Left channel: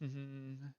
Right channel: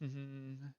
Okay.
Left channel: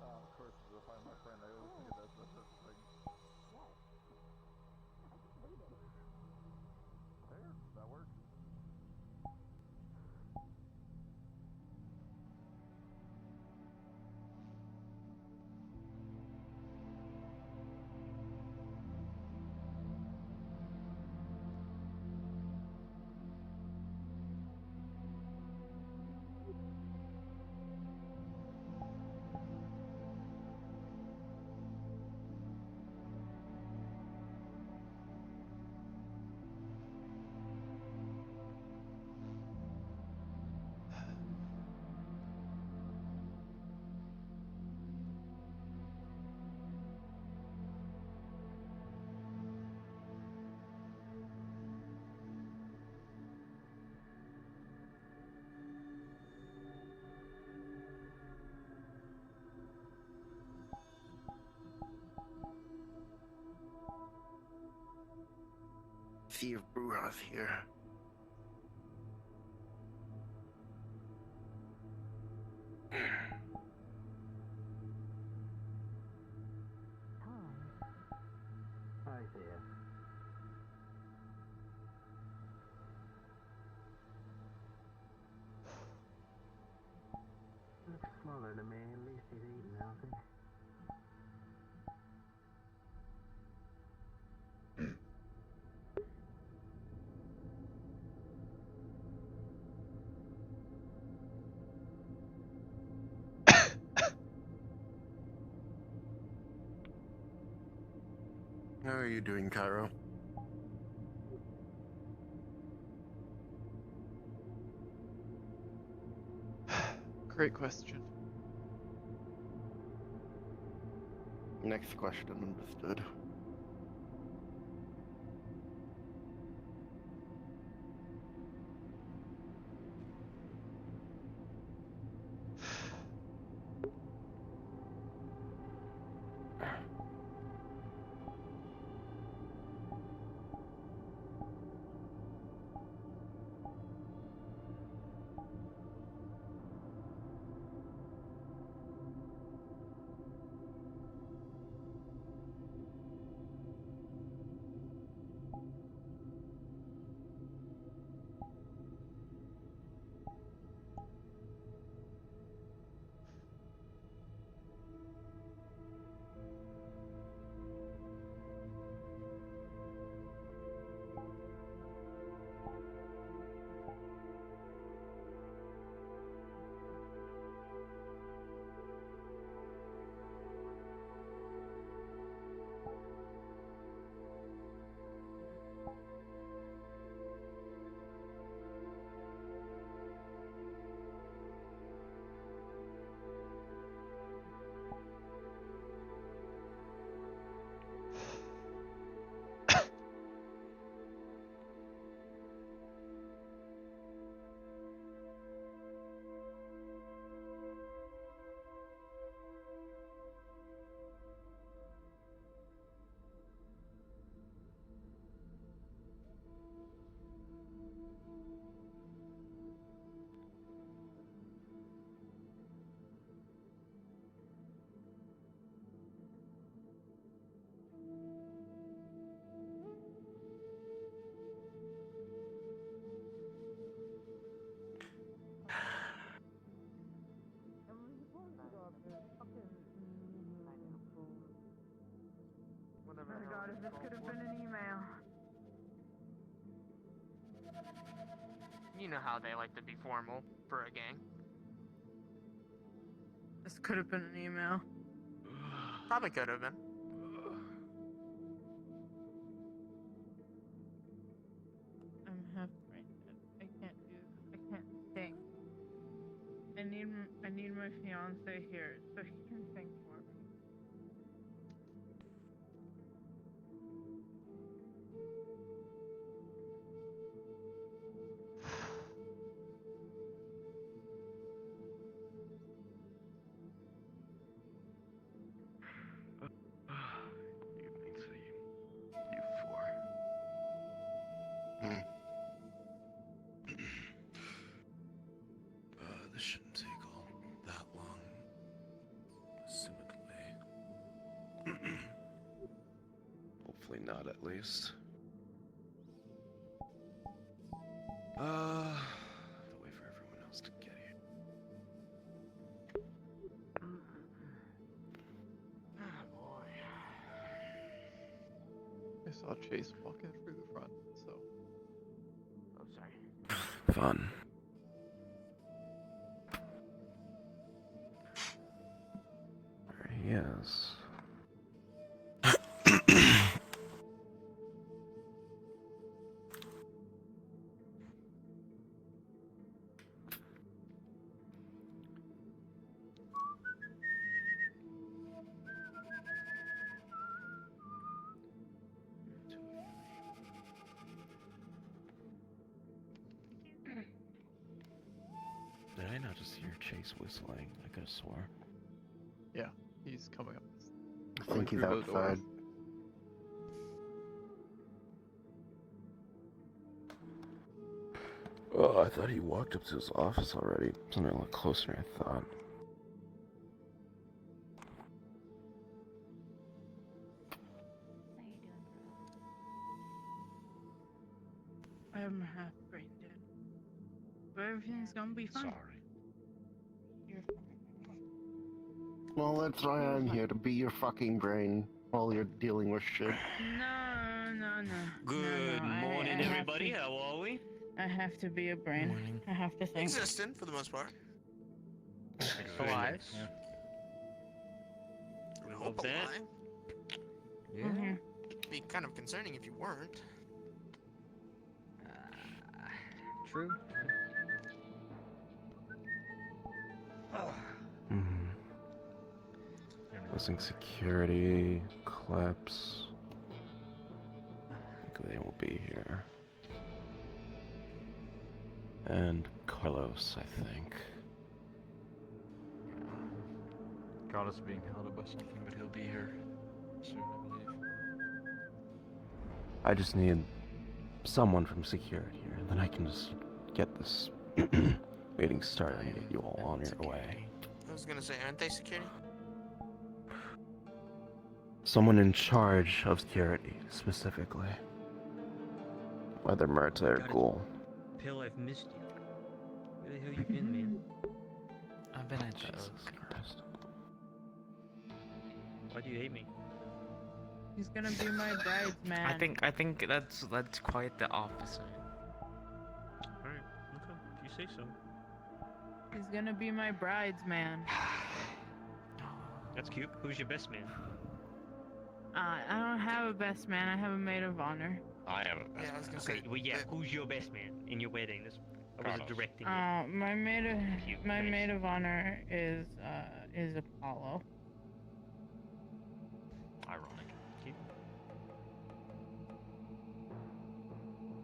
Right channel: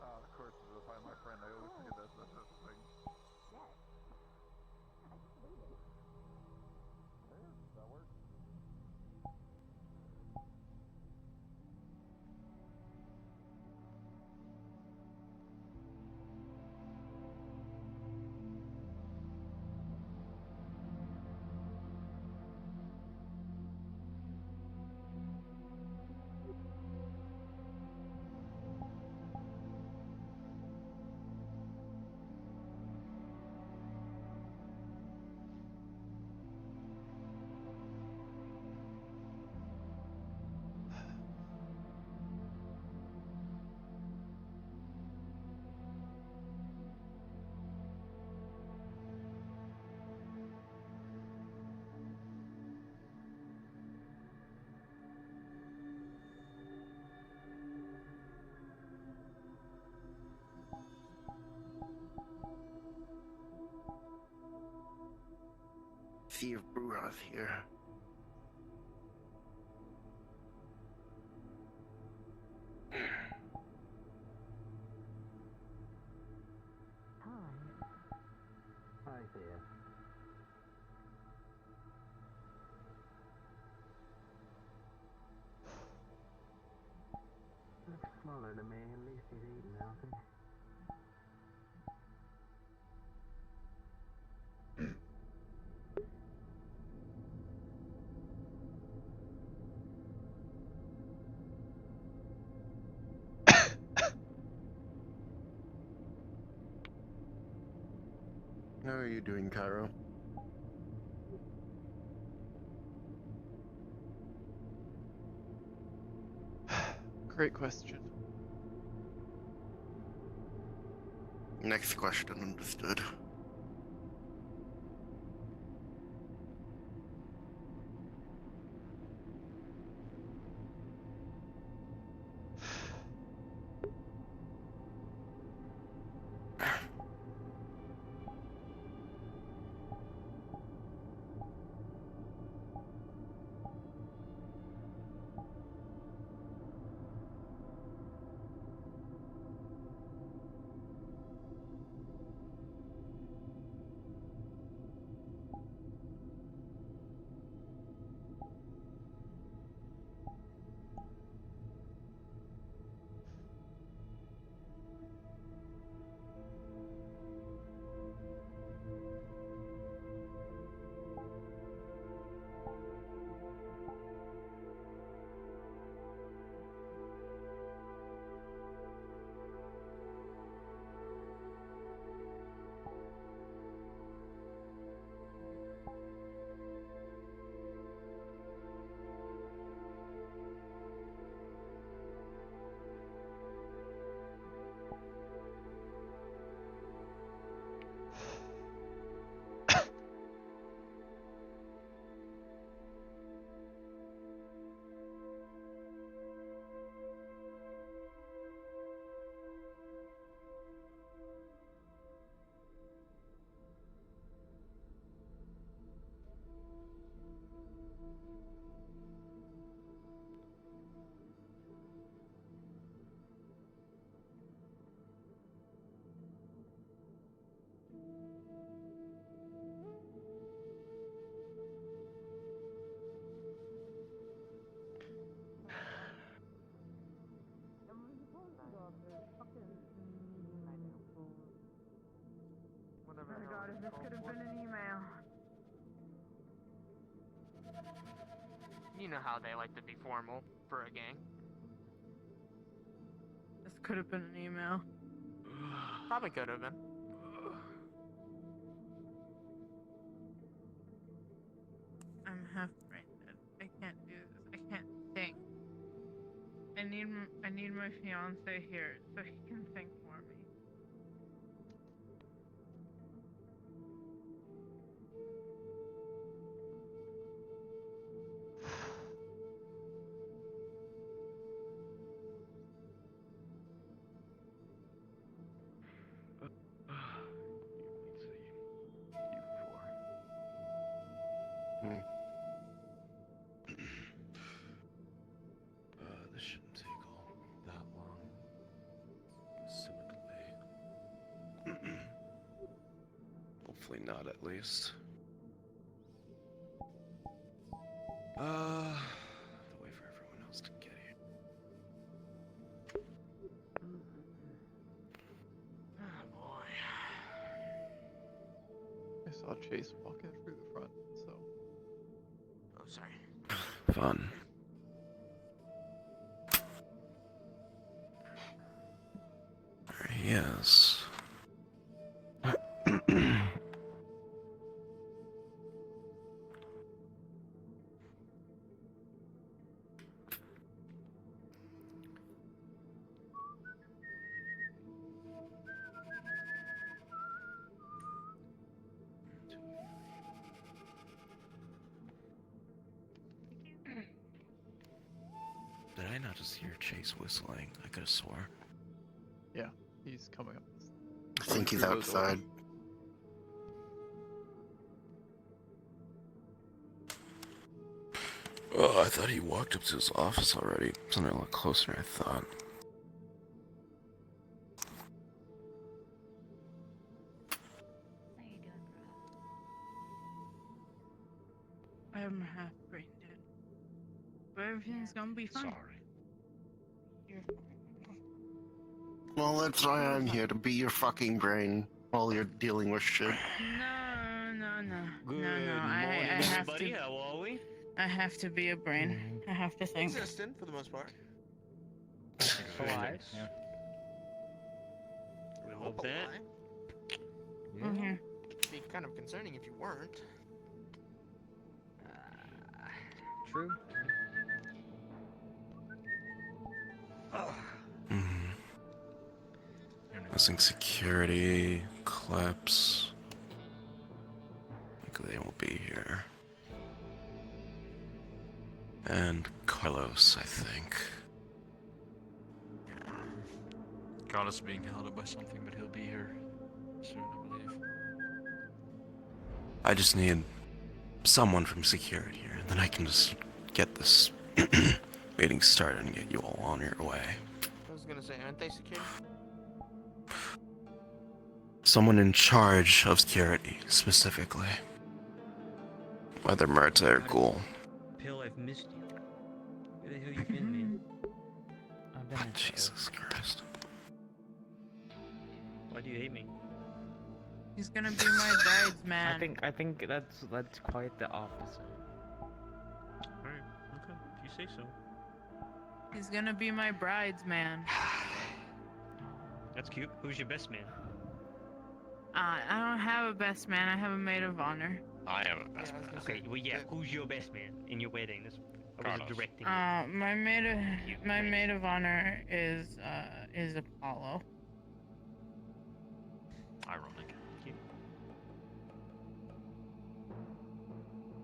Of course, if I'm my friend, I always say that's the first thing. There, that works. See if Bruja's here. Hi there. Looks smaller to me. At least he's eating healthy. How are you doing, Cairo? Great question. Next question, understood. to God, if this could have been an email. You know how they like to be formal for a gang. This could have been an email. Probably could have been. I'm half brain dead. I can't do this. I can't think. I need my fiance here so he can think for me. This shouldn't take all that long. Assumedly. Hopefully not, at least. Wait for everyone else to get here. Oh boy. I saw Chase walking through the front, so. Oh, sorry. Fun. There he is. Did I not just hear Chase whistling? I could have swore. Yeah, he's coming up. I think he's through those doors. outside. Oh, I thought he walked up to his office already. Something a lot closer than I thought. I'm half brain dead. But everything's gonna be fine. Sorry. You're Well, that's why I'm here, to be your fucking brain while you're dealing with shit. No. Good no. morning, I have everybody. to- How are we? I have to be a brain. Morning. I have to think. Consistent for the most part. Alive. Yeah. We love that. Mhm. It'd be kind of concerning if you weren't. True. Hmm. Missing security, clips. I think they won't be here. And Carlos, I think. Carlos being held up by something, but he'll be here soon, I believe. I just need someone from security here, and then I can just get this meeting started and get you all on your way. I was gonna say, aren't they secure? Someone in charge of security, specifically. Whether Murta or Ghoul. Pill, I've missed you. Where the hell you been, man? I've been in Jesus Christ. Why do you hate me? He's gonna be my bridesman. I think that's quite the opposite. Alright, okay. If you say so. He's gonna be my bridesman. That's cute. Who's your best man? I don't have a best man. I have a maid of honor. I have a best man. Okay, well, yeah, who's your best man in your wedding? I was directing it. My maid of Cute, my nice. maid of honor is Apollo. Ironic. Cute.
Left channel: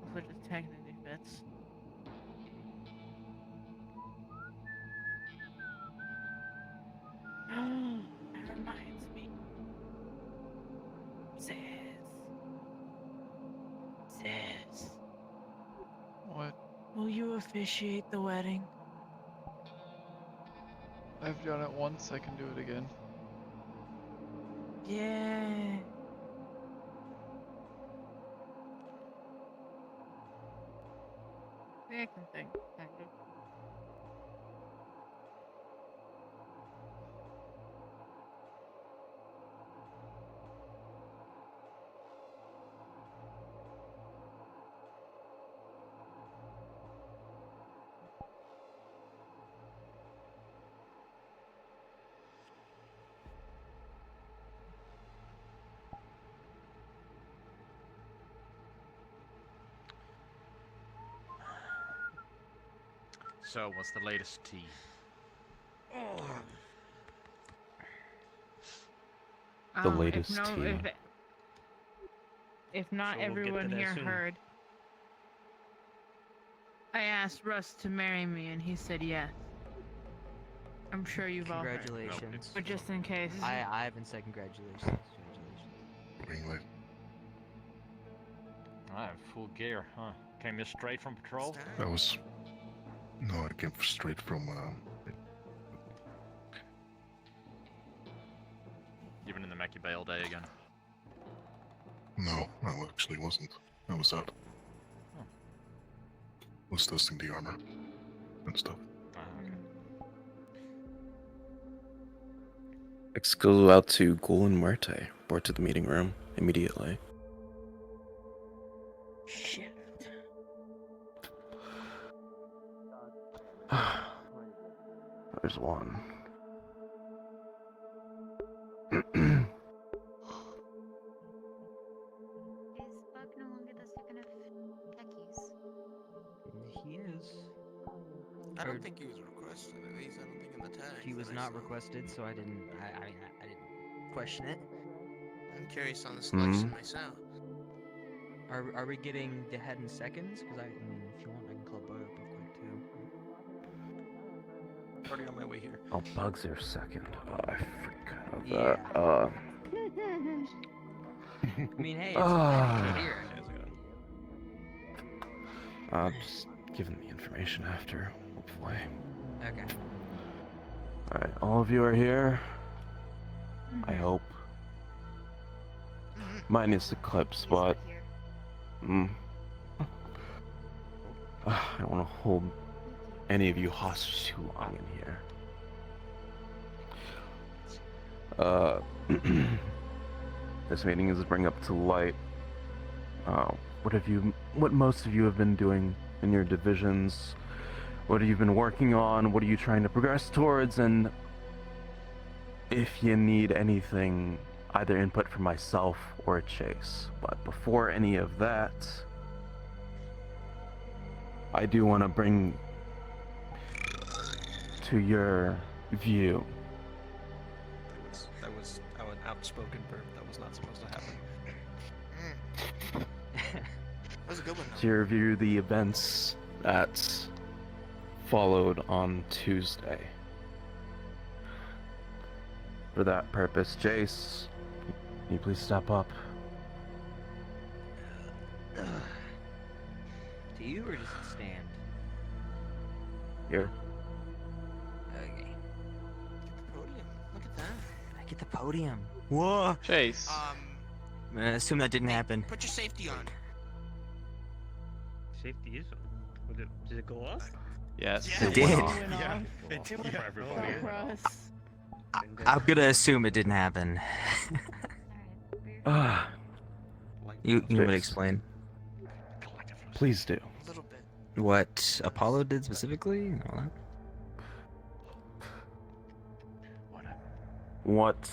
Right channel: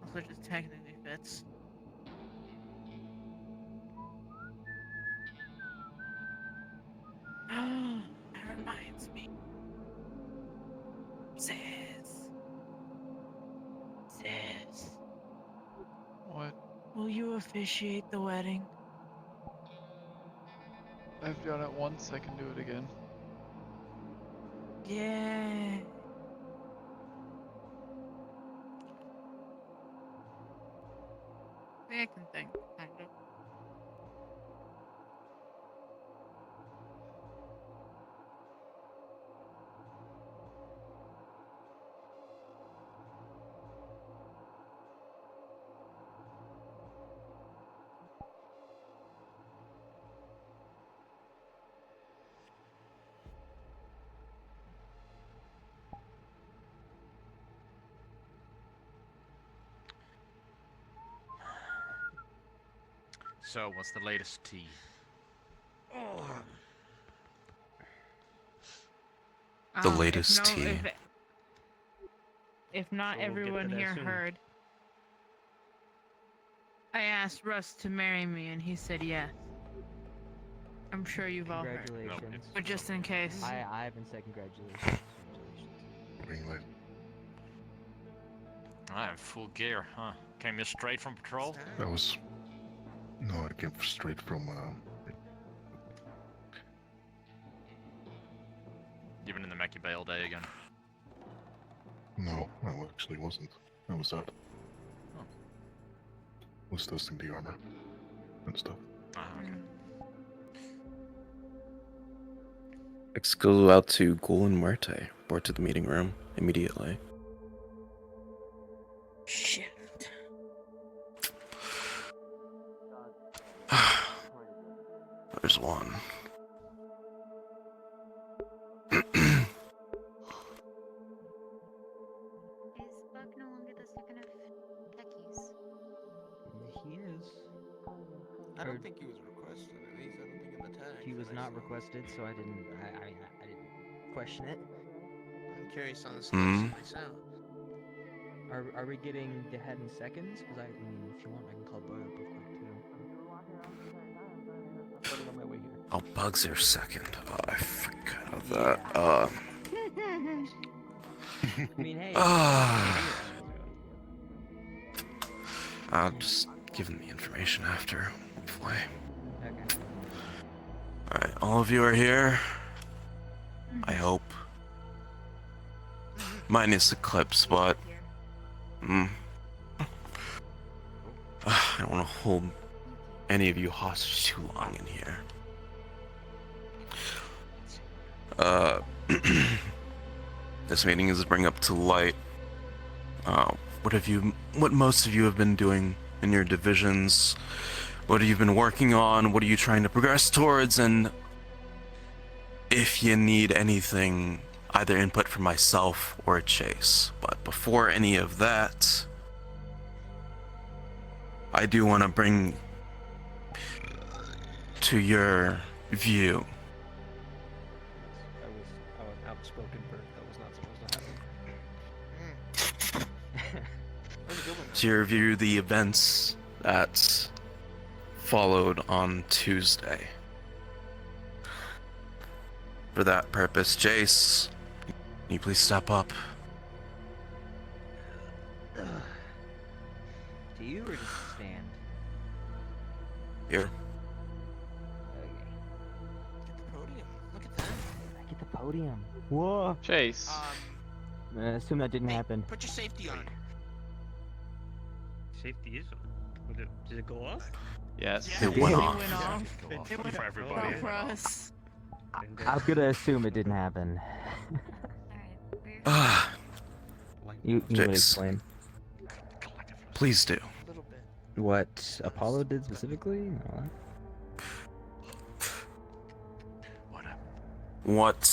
Also, just technically fits. That reminds me. Sis. What? Will you officiate the wedding? I've done it once, I can do it again. Yeah. Yeah, I can think. Kind of. So, what's the latest tea? The If latest no- tea. If not So we'll get to everyone that here soon. heard, I asked Russ to marry me, and he said yes. I'm sure you've all heard. Congratulations. But just in case. I haven't said congratulations. Congratulations. Anyway, I'm full gear, huh? Came here straight from patrol? that was. No, I came straight from. You've been in the Mackie Bay all day again. No, actually wasn't. I was out. Oh. Was testing the armor and stuff. Oh, okay. Let's go out to Ghoul and Muerte. Report to the meeting room immediately. Shit. There's one. Is Buck no longer the second of techies? He is. I Or- don't think he was requested. At least I don't think in the tag. He was that I not saw. requested, so I didn't question it. I'm curious on the selection myself. Are we getting the head in seconds? Because I mean, if you want, I can call Bug up real quick too. Already on my way here. Oh, Bugs are second. Oh, I forgot that. I mean, hey. Just give them the information after, hopefully. Okay. Alright, all of you are here. I hope. Minus Eclipse, but I don't want to hold any of you hostage too long in here. This meeting is to bring up to light what most of you have been doing in your divisions, what have you been working on, what are you trying to progress towards, and if you need anything, either input from myself or Chase. But before any of that, I do want to bring to your view That was an outspoken burp. That was not supposed to happen. That was a good one. to your view the events that followed on Tuesday. For that purpose, Jace, can you please step up? Do you or just stand? Here. Okay. Get the podium. Look at that. I get the podium. Whoa. Chase. I assume that didn't Hey, happen. Put your safety on. Safety is on. Did it go off? Yes. Yeah. It did. It did for everybody. Russ. I'm gonna assume it didn't happen. You would Jace. explain Please do. A little bit. what Apollo did specifically? and all that? What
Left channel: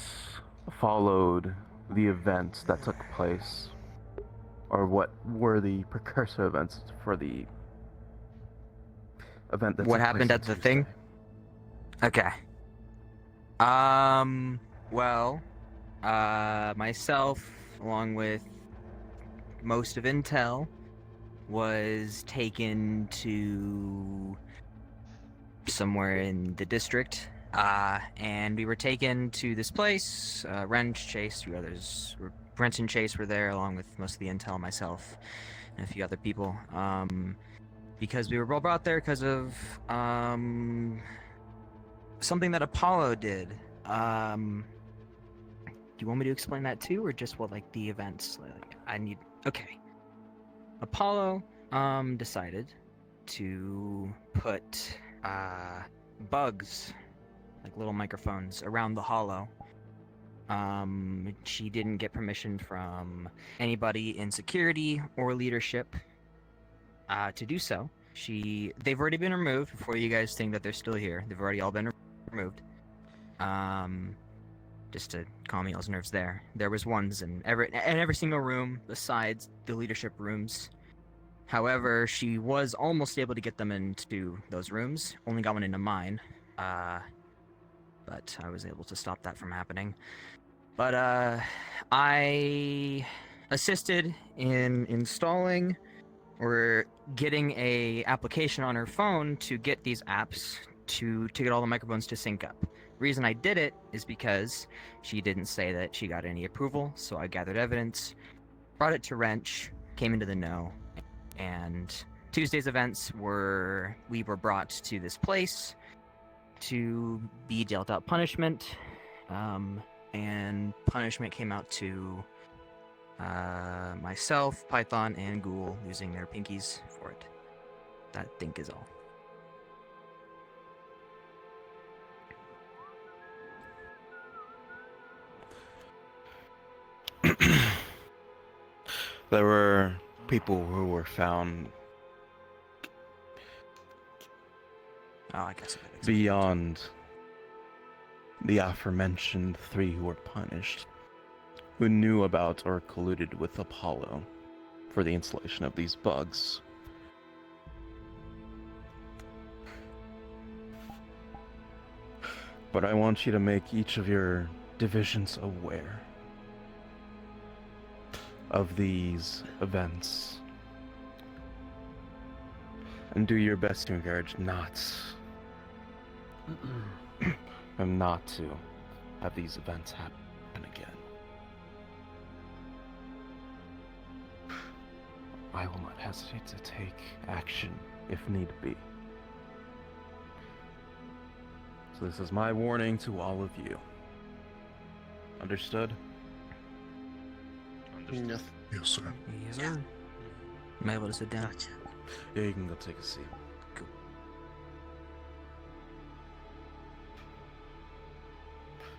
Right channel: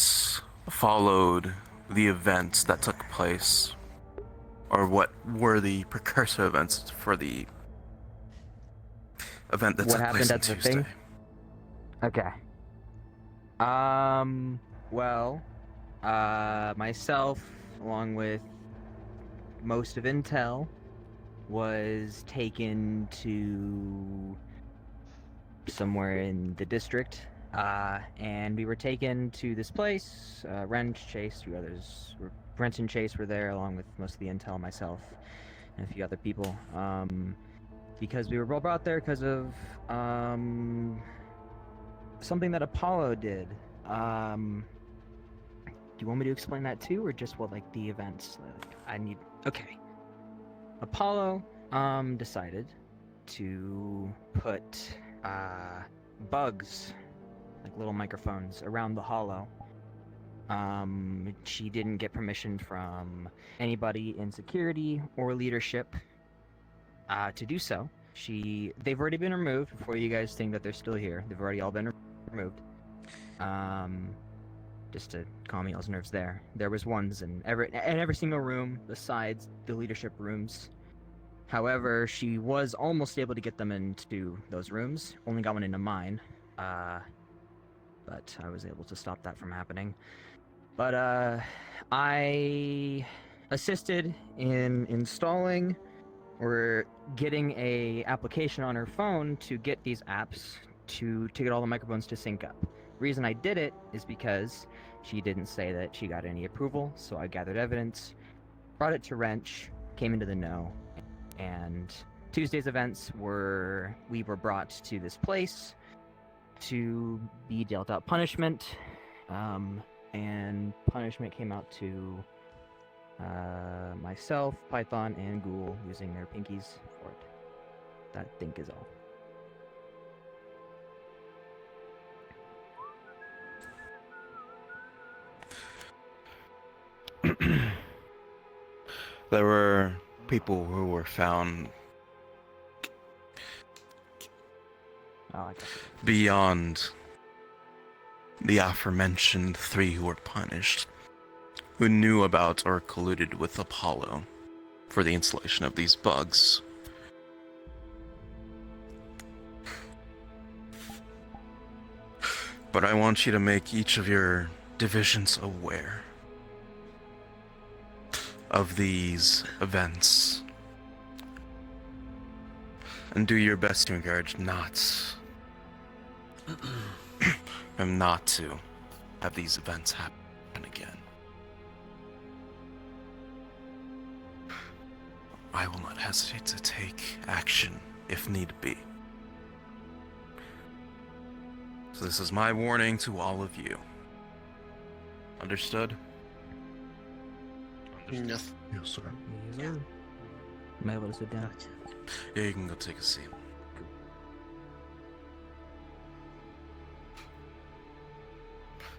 followed the events that took place? Or what were the precursor events for the event that What took happened place on at the Tuesday? thing? Okay. Well, myself, along with most of Intel, was taken to somewhere in the district, and we were taken to this place. Wrench, Chase, two others. Wrench and Chase were there, along with most of the Intel, myself, and a few other people. Because we were all brought there because of something that Apollo did. Do you want me to explain that too, or just what like the events? Okay. Apollo decided to put bugs, like little microphones, around the hollow. She didn't get permission from anybody in security or leadership to do so. They've already been removed. Before you guys think that they're still here, they've already all been removed. Just to calm y'all's nerves there. There was ones in every single room besides the leadership rooms. However, she was almost able to get them into those rooms. Only got one into mine. But I was able to stop that from happening. But I assisted in installing or getting a application on her phone to get these apps to get all the microphones to sync up. Reason I did it is because she didn't say that she got any approval, so I gathered evidence, brought it to Wrench, came into the know, and Tuesday's events we were brought to this place to be dealt out punishment, and punishment came out to myself, Python, and Ghoul using their pinkies for it. That I think is all. There were people who were found I guess beyond the aforementioned 3 who were punished, who knew about or colluded with Apollo for the installation of these bugs. But I want you to make each of your divisions aware of these events and do your best to encourage not to have these events happen again. I will not hesitate to take action if need be. So this is my warning to all of you. Understood? Yes. Yes, sir. Yes, sir. Am I able to sit down? Yeah, you can go take a seat. Cool.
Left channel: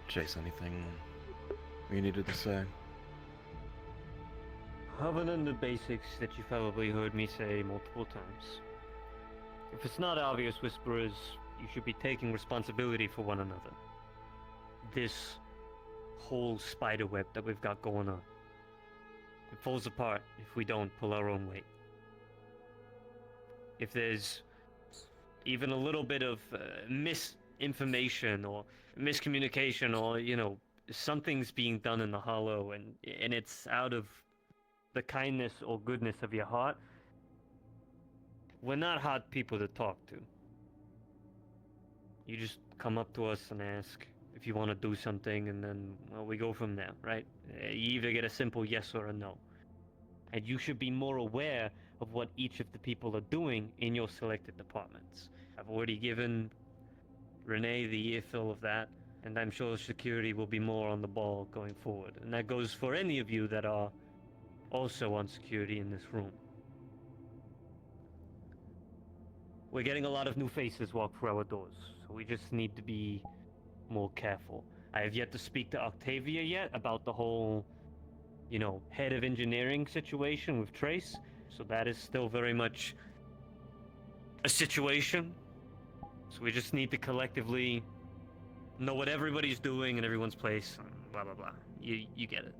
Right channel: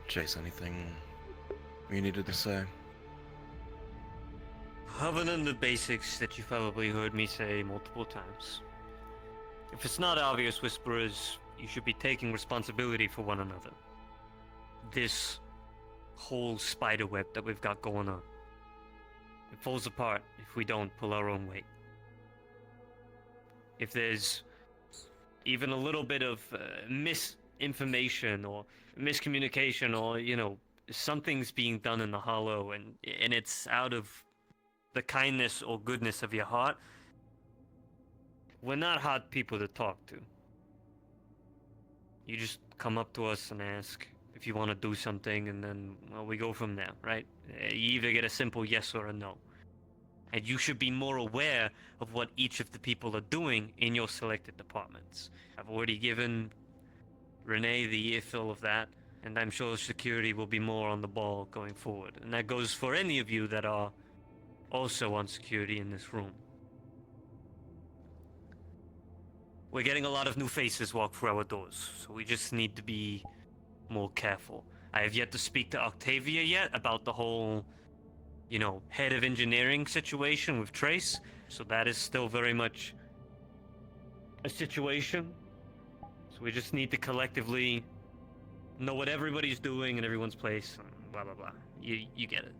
Chase, anything you needed to say? Other than the basics that you've probably heard me say multiple times. If it's not obvious, Whisperers, you should be taking responsibility for one another. This whole spider web that we've got going on. It falls apart if we don't pull our own weight. If there's even a little bit of misinformation or miscommunication or, something's being done in the hollow and it's out of the kindness or goodness of your heart, we're not hard people to talk to. You just come up to us and ask if you want to do something, and then, we go from there, right? You either get a simple yes or a no. And you should be more aware of what each of the people are doing in your selected departments. I've already given Renee the earful of that, and I'm sure security will be more on the ball going forward. And that goes for any of you that are also on security in this room. We're getting a lot of new faces walk through our doors, so we just need to be more careful. I have yet to speak to Octavia yet about the whole, head of engineering situation with Trace, so that is still very much a situation. So we just need to collectively know what everybody's doing in everyone's place, blah blah blah. You get it.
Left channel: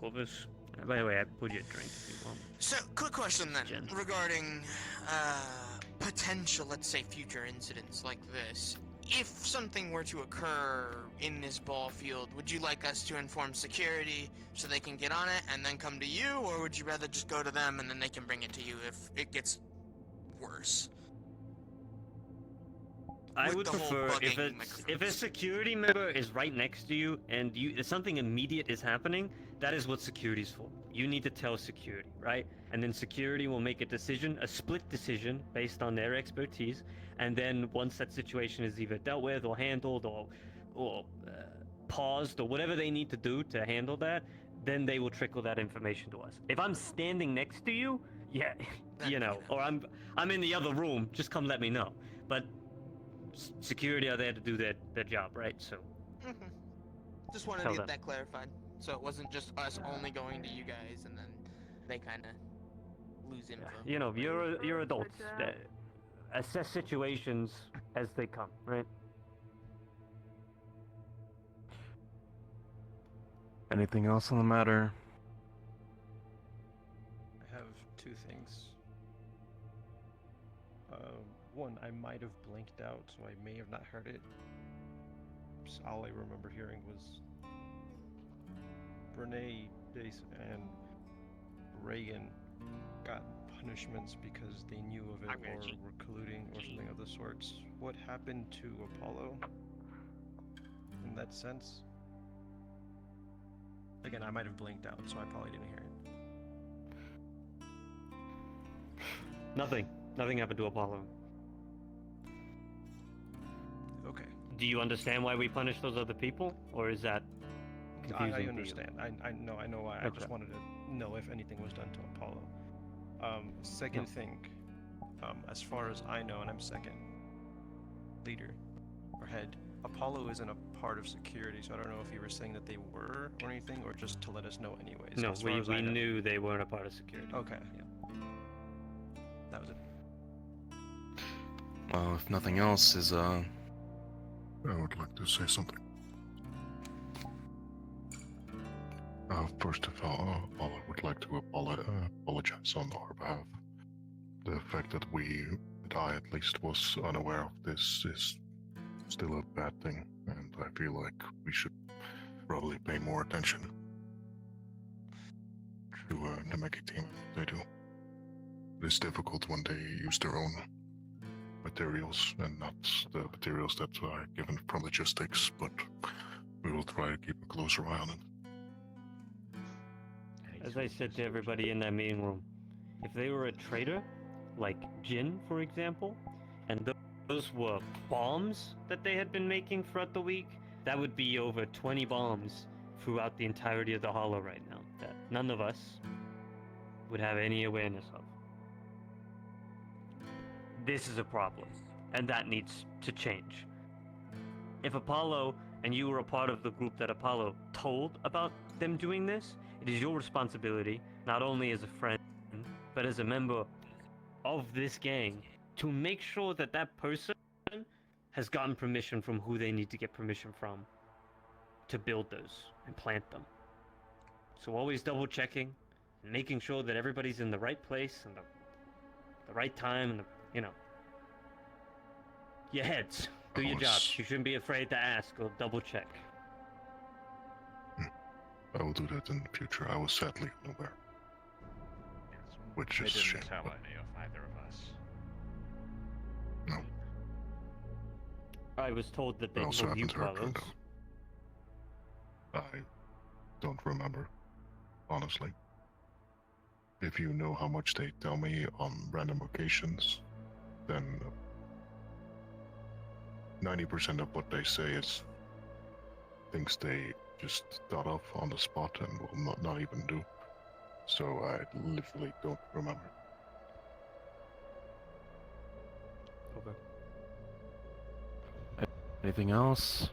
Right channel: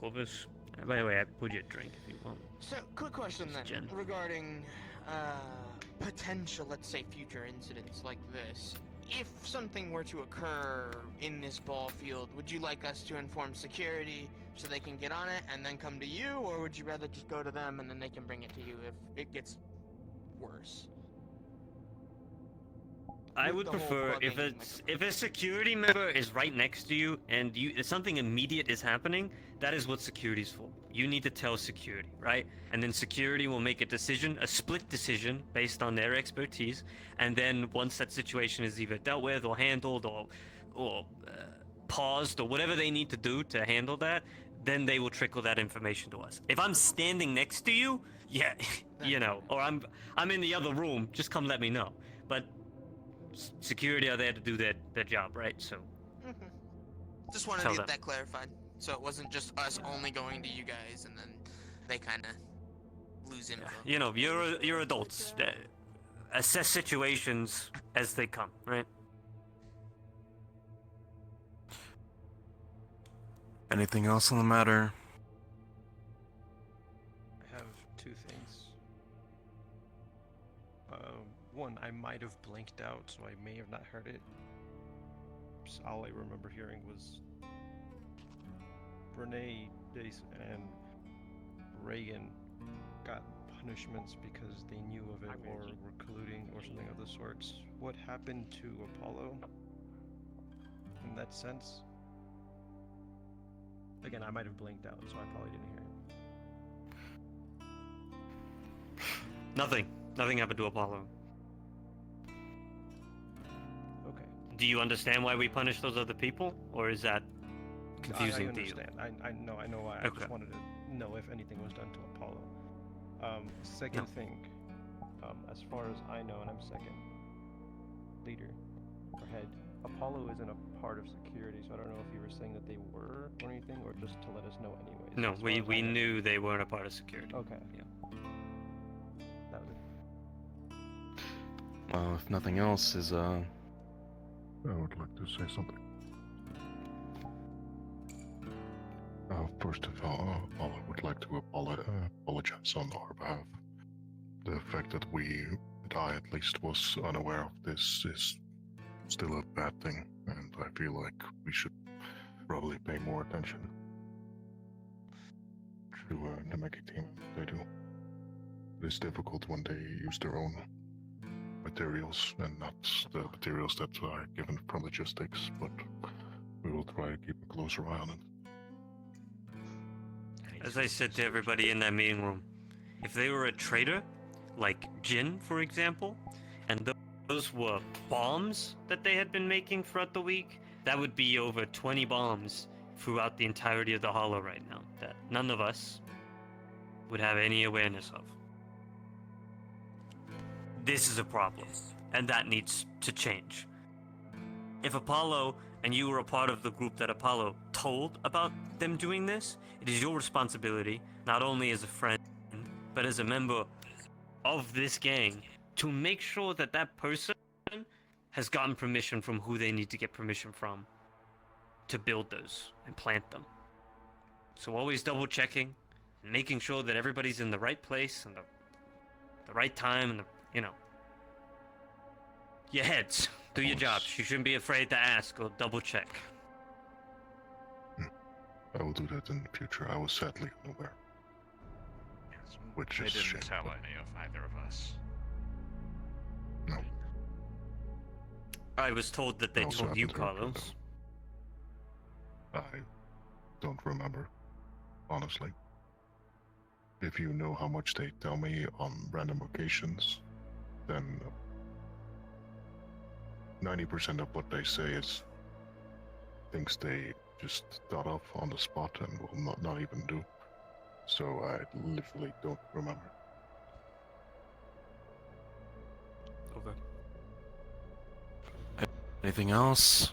Corvus? By the way, I put you a drink if you want. So, quick question then, Jen. regarding potential, let's say, future incidents like this. If something were to occur in this ball field, would you like us to inform security so they can get on it and then come to you, or would you rather just go to them and then they can bring it to you if it gets worse? I With would the whole prefer if bugging if a security member is right next to you and if something immediate is happening, that is what security's for. You need to tell security, right? And then security will make a decision, a split decision based on their expertise. And then once that situation is either dealt with or handled or paused or whatever they need to do to handle that, then they will trickle that information to us. If I'm standing next to you, yeah, or I'm in the other room, just come let me know. But security are there to do their job, right? So just wanted Tell to get them. that clarified, so it wasn't just us only going to you guys and then they kind of lose info. You're adults. Assess situations as they come, right? Anything else on the matter? I have two things. One, I might have blanked out, so I may have not heard it. So all I remember hearing was Renee and Reagan got punishments because they knew of it or were colluding or something of the sorts. What happened to Apollo in that sense? Again, I might have blinked out, so I probably didn't hear it. Nothing. Nothing happened to Apollo. Okay. Do you understand why we punish those other people, or is that confusing I to you? understand. I know why. I just wanted to know if anything was done to Apollo. Second thing, as far as I know, and I'm second leader or head, Apollo isn't a part of security, so I don't know if you were saying that they were or anything, or just to let us know anyways. No, As far as I we know. knew they weren't a part of security. Okay. Yeah. That was it. Well, if nothing else is, I would like to say something. First of all, I would like to apologize on our behalf. The fact that I at least was unaware of this is still a bad thing, and I feel like we should probably pay more attention to the Mickey team. They do. It's difficult when they use their own materials and not the materials that are given from logistics, but we will try to keep a closer eye on them. As I said to everybody in that meeting room, if they were a traitor, like Jin, for example, and those were bombs that they had been making throughout the week, that would be over 20 bombs throughout the entirety of the Hollow right now, that none of us would have any awareness of. This is a problem, and that needs to change. If Apollo and you were a part of the group that Apollo told about them doing this, it is your responsibility, not only as a friend, but as a member of this gang, to make sure that that person has gotten permission from who they need to get permission from to build those and plant them. So always double checking and making sure that everybody's in the right place and the right time and your heads. Do your jobs. You shouldn't be afraid to ask or double check. I will do that in the future. I was sadly unaware. Yes, Which they is a didn't shame, tell but- any of either of us. No. I was told that they I also told you, haven't heard from Carlos. I don't remember, honestly. If you know how much they tell me on random occasions, then 90% of what they say is things they just thought of on the spot and will not even do. So I literally don't remember. Okay. anything else?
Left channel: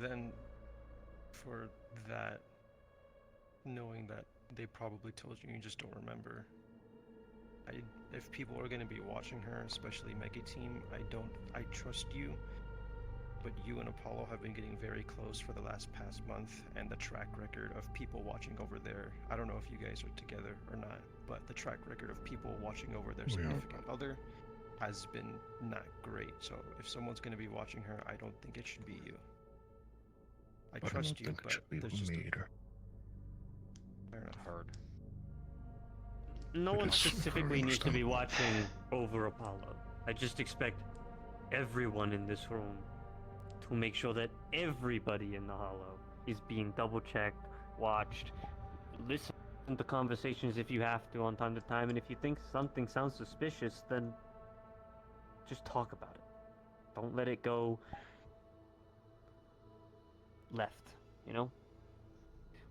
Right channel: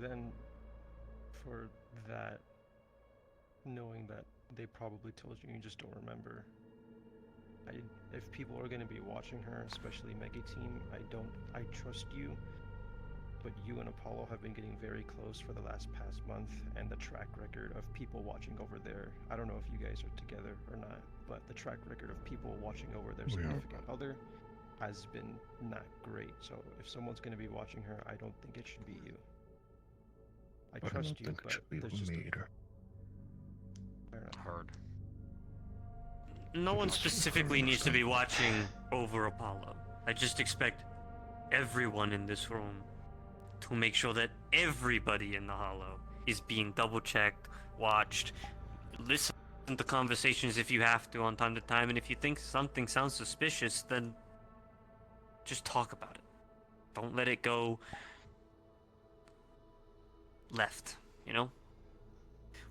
Then, for that, knowing that they probably told you, you just don't remember. If people are going to be watching her, especially Mega Team, I trust you, but you and Apollo have been getting very close for the past month, and the track record of people watching over there, I don't know if you guys are together or not, but the track record of people watching over their We are. significant other has been not great. So if someone's going to be watching her, I don't think it should be you. I I don't trust you, think it but should be there's with just me either. fair enough. Heard. No It one is specifically needs to be understandable. watching over Apollo. I just expect everyone in this room to make sure that everybody in the Hollow is being double-checked, watched, listen to conversations if you have to on time to time, and if you think something sounds suspicious, then just talk about it. Don't let it go left, you know?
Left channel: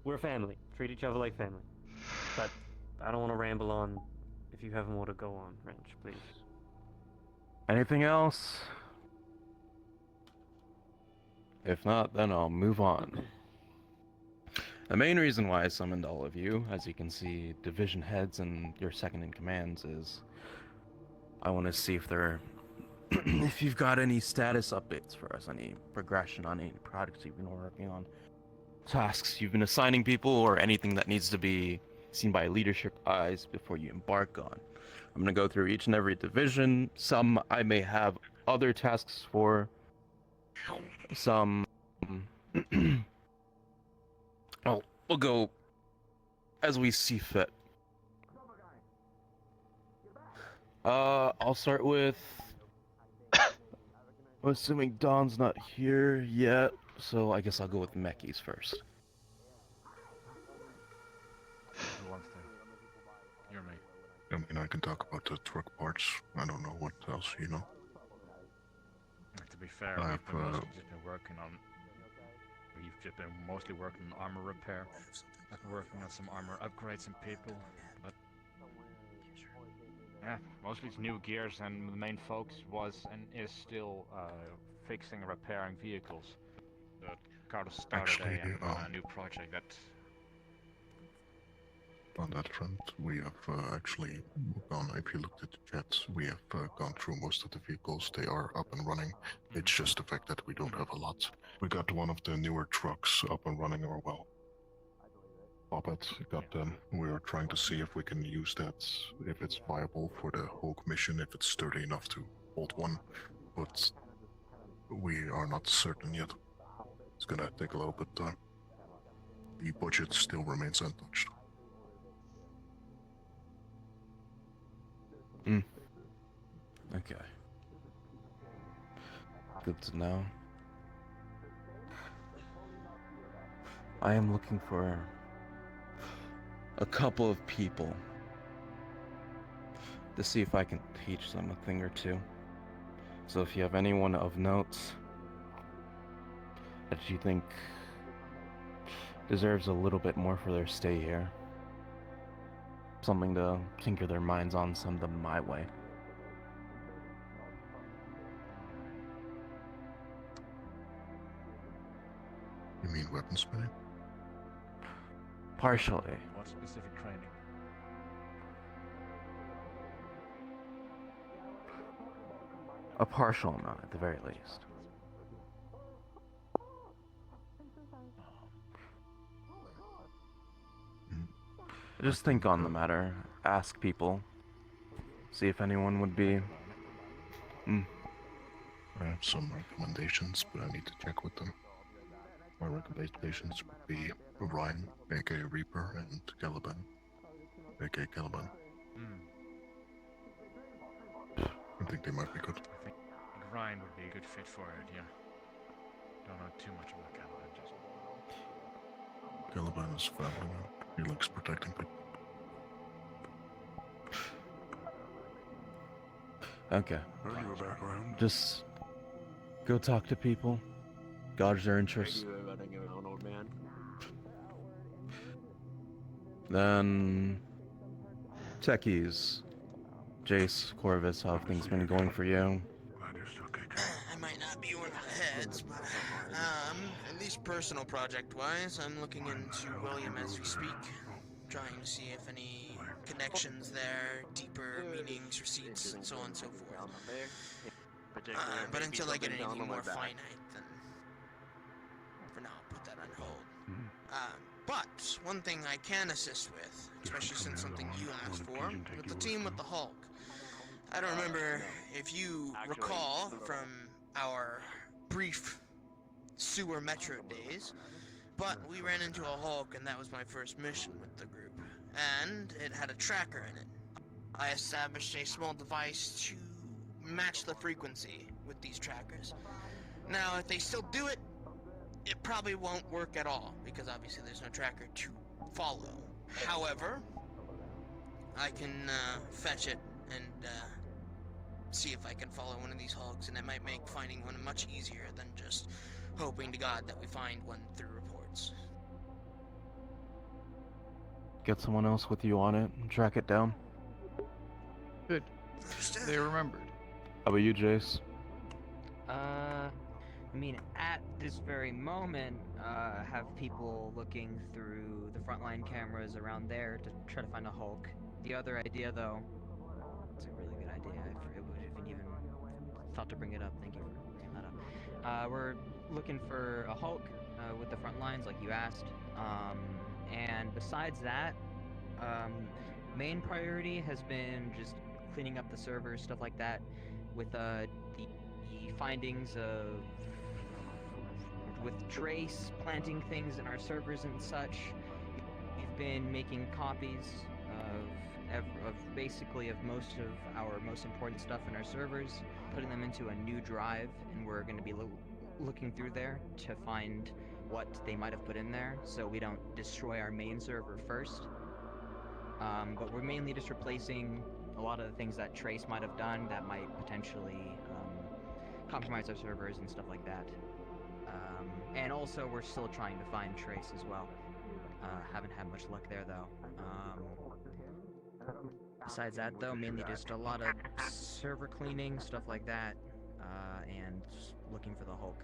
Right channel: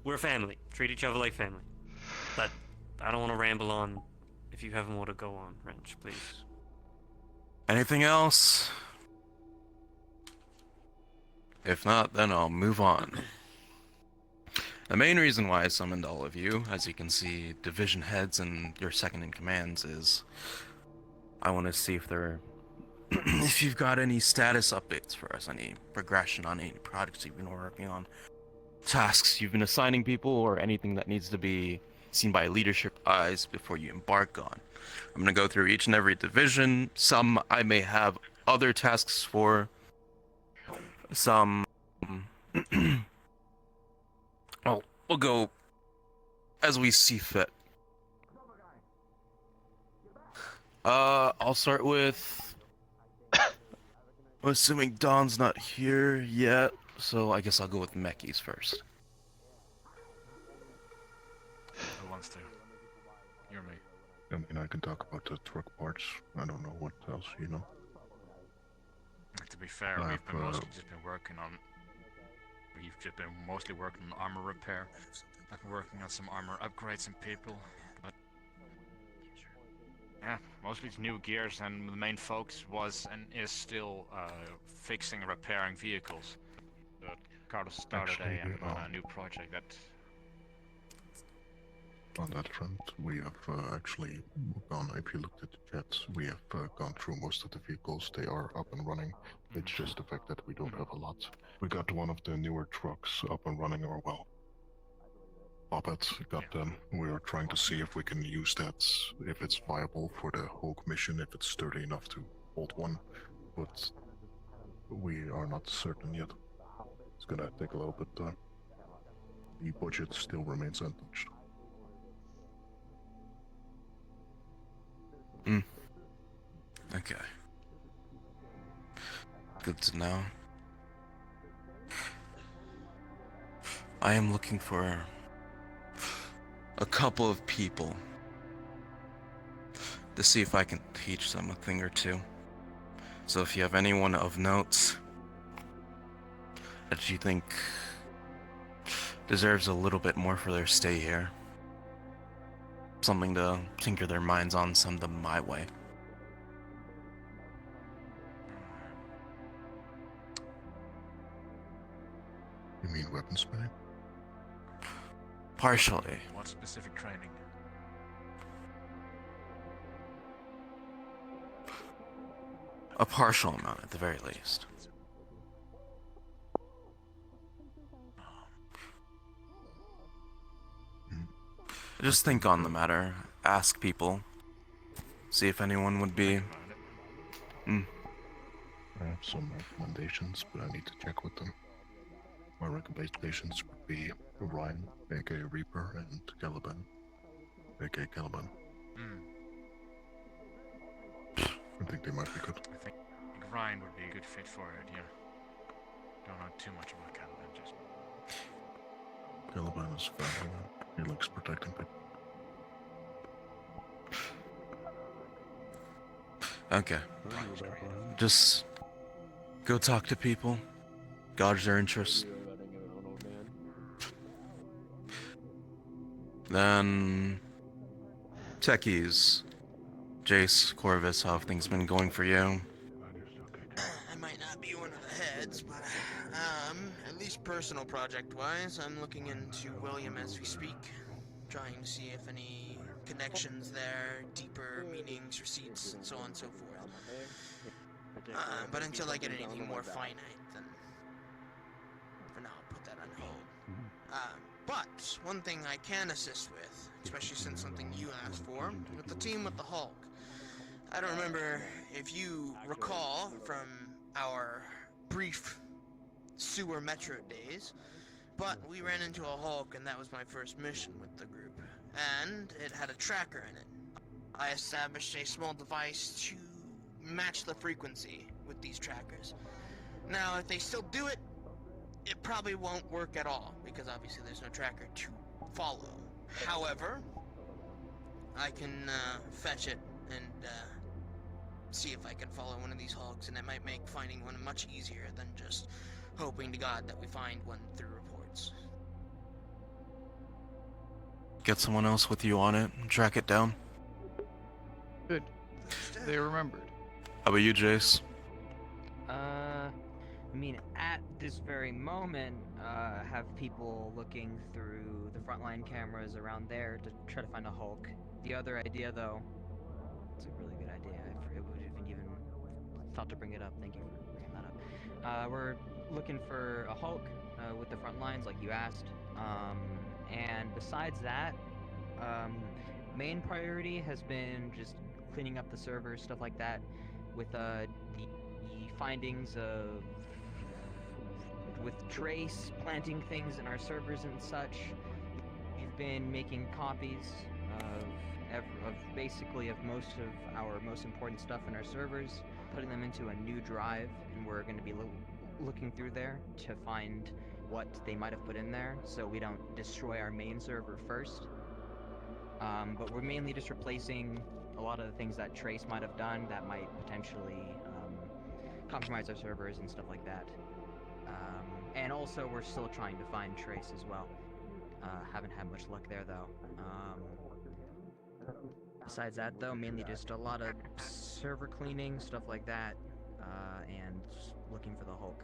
We're family. Treat each other like family. But I don't want to ramble on. If you have more to go on, Wrench, please. Anything else? If not, then I'll move on. The main reason why I summoned all of you, as you can see, division heads and your second in commands, is I want to see if if you've got any status updates for us, any progression on any projects you've been working on, tasks you've been assigning people, or anything that needs to be seen by leadership eyes before you embark on. I'm gonna go through each and every division. Some I may have other tasks for. Some, well, we'll go as we see fit. I'll start with. I'm assuming Don's not here yet, so I guess I'll go with Mekis first. Who wants to? You're me. I mean, I can talk about the truck parts. I don't know what else, you know. To be fair, I've, we've been mostly just been working on. We've just been mostly working on armor repair. I've been working on some armor upgrades and people, but yeah, mostly it's new gears, and the main focus was and is still fixing and repairing vehicles. But Carlos started Actually, a new project that. On that front, we have actually gone, if you looked at the chat, we have gone through most of the vehicles. They are up and running. It's just the fact that we don't have a lot. We got one of the newer trucks up and running, or well, Bobet got them. We are trying to see if we can use that, if it's viable for the Hulk mission, if it's sturdy enough to hold one, but we are not certain yet. It's gonna take a little bit of time. The budget still remains untouched. Okay. Good to know. I am looking for a couple of people to see if I can teach them a thing or two. So if you have anyone of note that you think deserves a little bit more for their stay here, something to tinker their minds on, send them my way. You mean weaponsmithing? Partially. What specific training? A partial amount, at the very least. Just think on the matter. Ask people. See if anyone would be... I have some recommendations, but I need to check with them. My recommendations would be Ryan, aka Reaper, and Caliban, aka Caliban. I think they might be good. I think Ryan would be a good fit for it, yeah. Don't know too much about Caliban, just... Caliban is family man. He likes protecting people. Okay. Just go talk to people, gauge their interest. Then techies, Jace, Corvus, how have things been going for you? I might not be one of the heads, but at least personal project-wise, I'm looking into William as we speak, trying to see if any connections there, deeper meanings, receipts, and so on and so forth. But until I get anything more finite, then for now I'll put that on hold. But one thing I can assist with, especially since something you asked for, with the team with the Hulk. I don't remember if you recall from our brief sewer metro days, but we ran into a Hulk and that was my first mission with the group. And it had a tracker in it. I established a small device to match the frequency with these trackers. Now, if they still do it, it probably won't work at all, because obviously there's no tracker to follow. However, I can fetch it and see if I can follow one of these hogs, and it might make finding one much easier than just hoping to God that we find one through reports. Get someone else with you on it and track it down. Good. They remembered. How about you, Jace? I mean, at this very moment, have people looking through the frontline cameras around there to try to find a Hulk. The other idea, though, it's a really good idea. I wouldn't even thought to bring it up. Thank you for bringing that up. We're looking for a Hulk with the front lines, like you asked. And besides that, Main priority has been just cleaning up the servers, stuff like that, with the findings of with Trace planting things in our servers and such. We've been making copies of basically of most of our most important stuff in our servers, putting them into a new drive, and we're going to be looking through there to find what they might have put in there, so we don't destroy our main server first. But we're mainly just replacing a lot of the things that Trace might have done that might potentially compromise our servers and stuff like that. And also, we're still trying to find Trace as well. Haven't had much luck there, though. Besides that, though, mainly just a lot of server cleaning, stuff like that, and looking for the Hulk.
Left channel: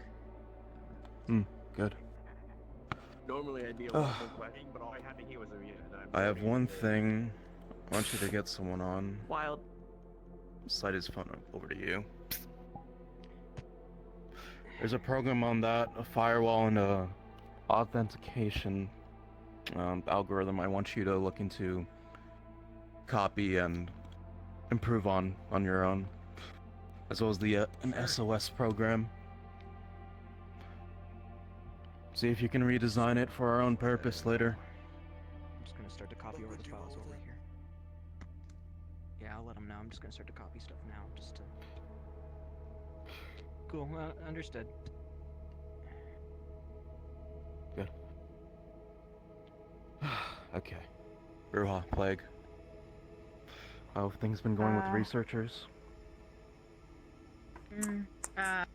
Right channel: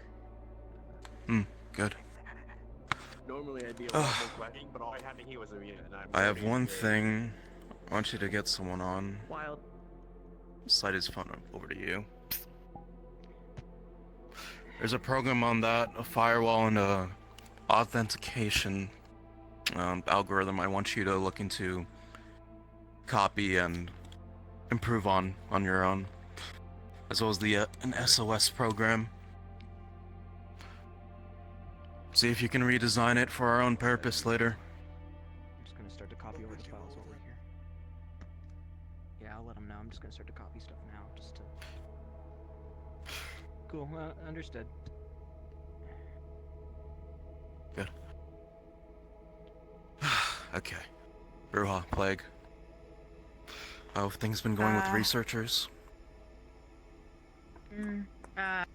Good. Normally I'd be a lot more questioning, but all I had to hear was Arena, and I have one thing. I want you to get someone on. Wild. Slide his phone over to you. There's a program on that, a firewall and a authentication algorithm I want you to look into, copy and improve on your own, as well as the an SOS program. See if you can redesign it for our own purpose later. I'm just gonna start to copy over the files over here. Yeah, I'll let them know. I'm just gonna start to copy stuff now, just to... Cool, understood. Good. Okay. Ruha, Plague. How have things been going with researchers? As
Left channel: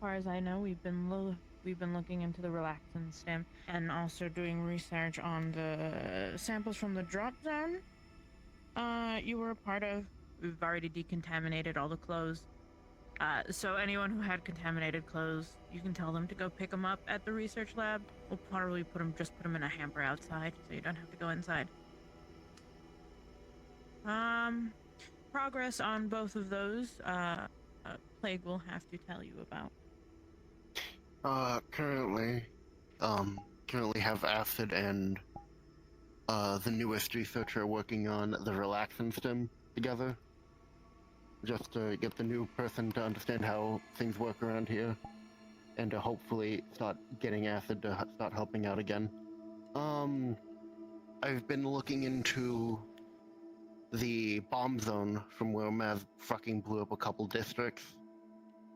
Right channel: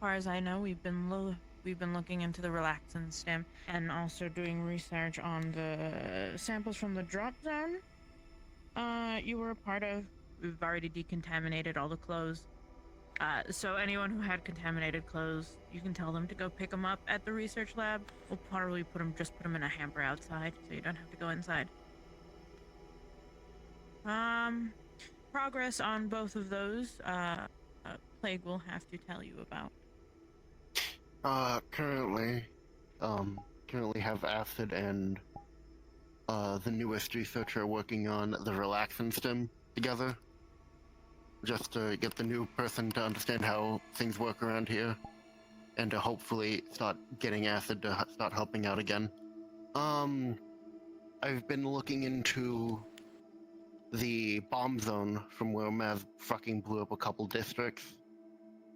far as I know, we've been looking into the relaxin stem and also doing research on the samples from the drop zone you were a part of. We've already decontaminated all the clothes. So anyone who had contaminated clothes, you can tell them to go pick them up at the research lab. We'll probably put them in a hamper outside, so you don't have to go inside. Progress on both of those, Plague will have to tell you about. Currently have Acid and the newest researcher working on the relaxin stem together, just to get the new person to understand how things work around here, and to hopefully start getting Acid to start helping out again. I've been looking into the bomb zone from where Mav fucking blew up a couple districts.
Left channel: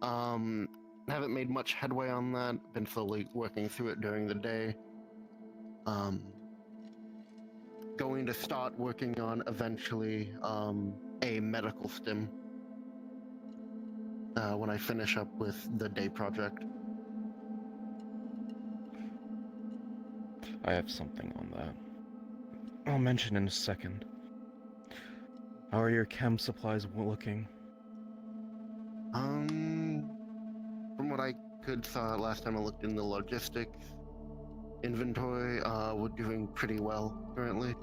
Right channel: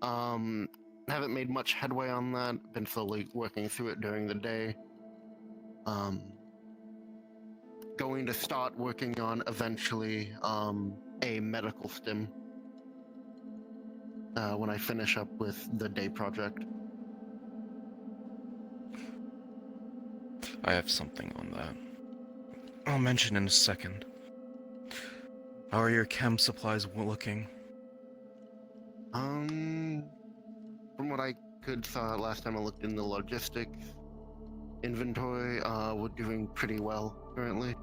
Haven't made much headway on that. Been slowly working through it during the day. Going to start working on eventually a medical stim when I finish up with the day project. I have something on that. I'll mention in a second. How are your chem supplies looking? From what I could saw last time I looked in the logistics inventory, we're doing pretty well currently.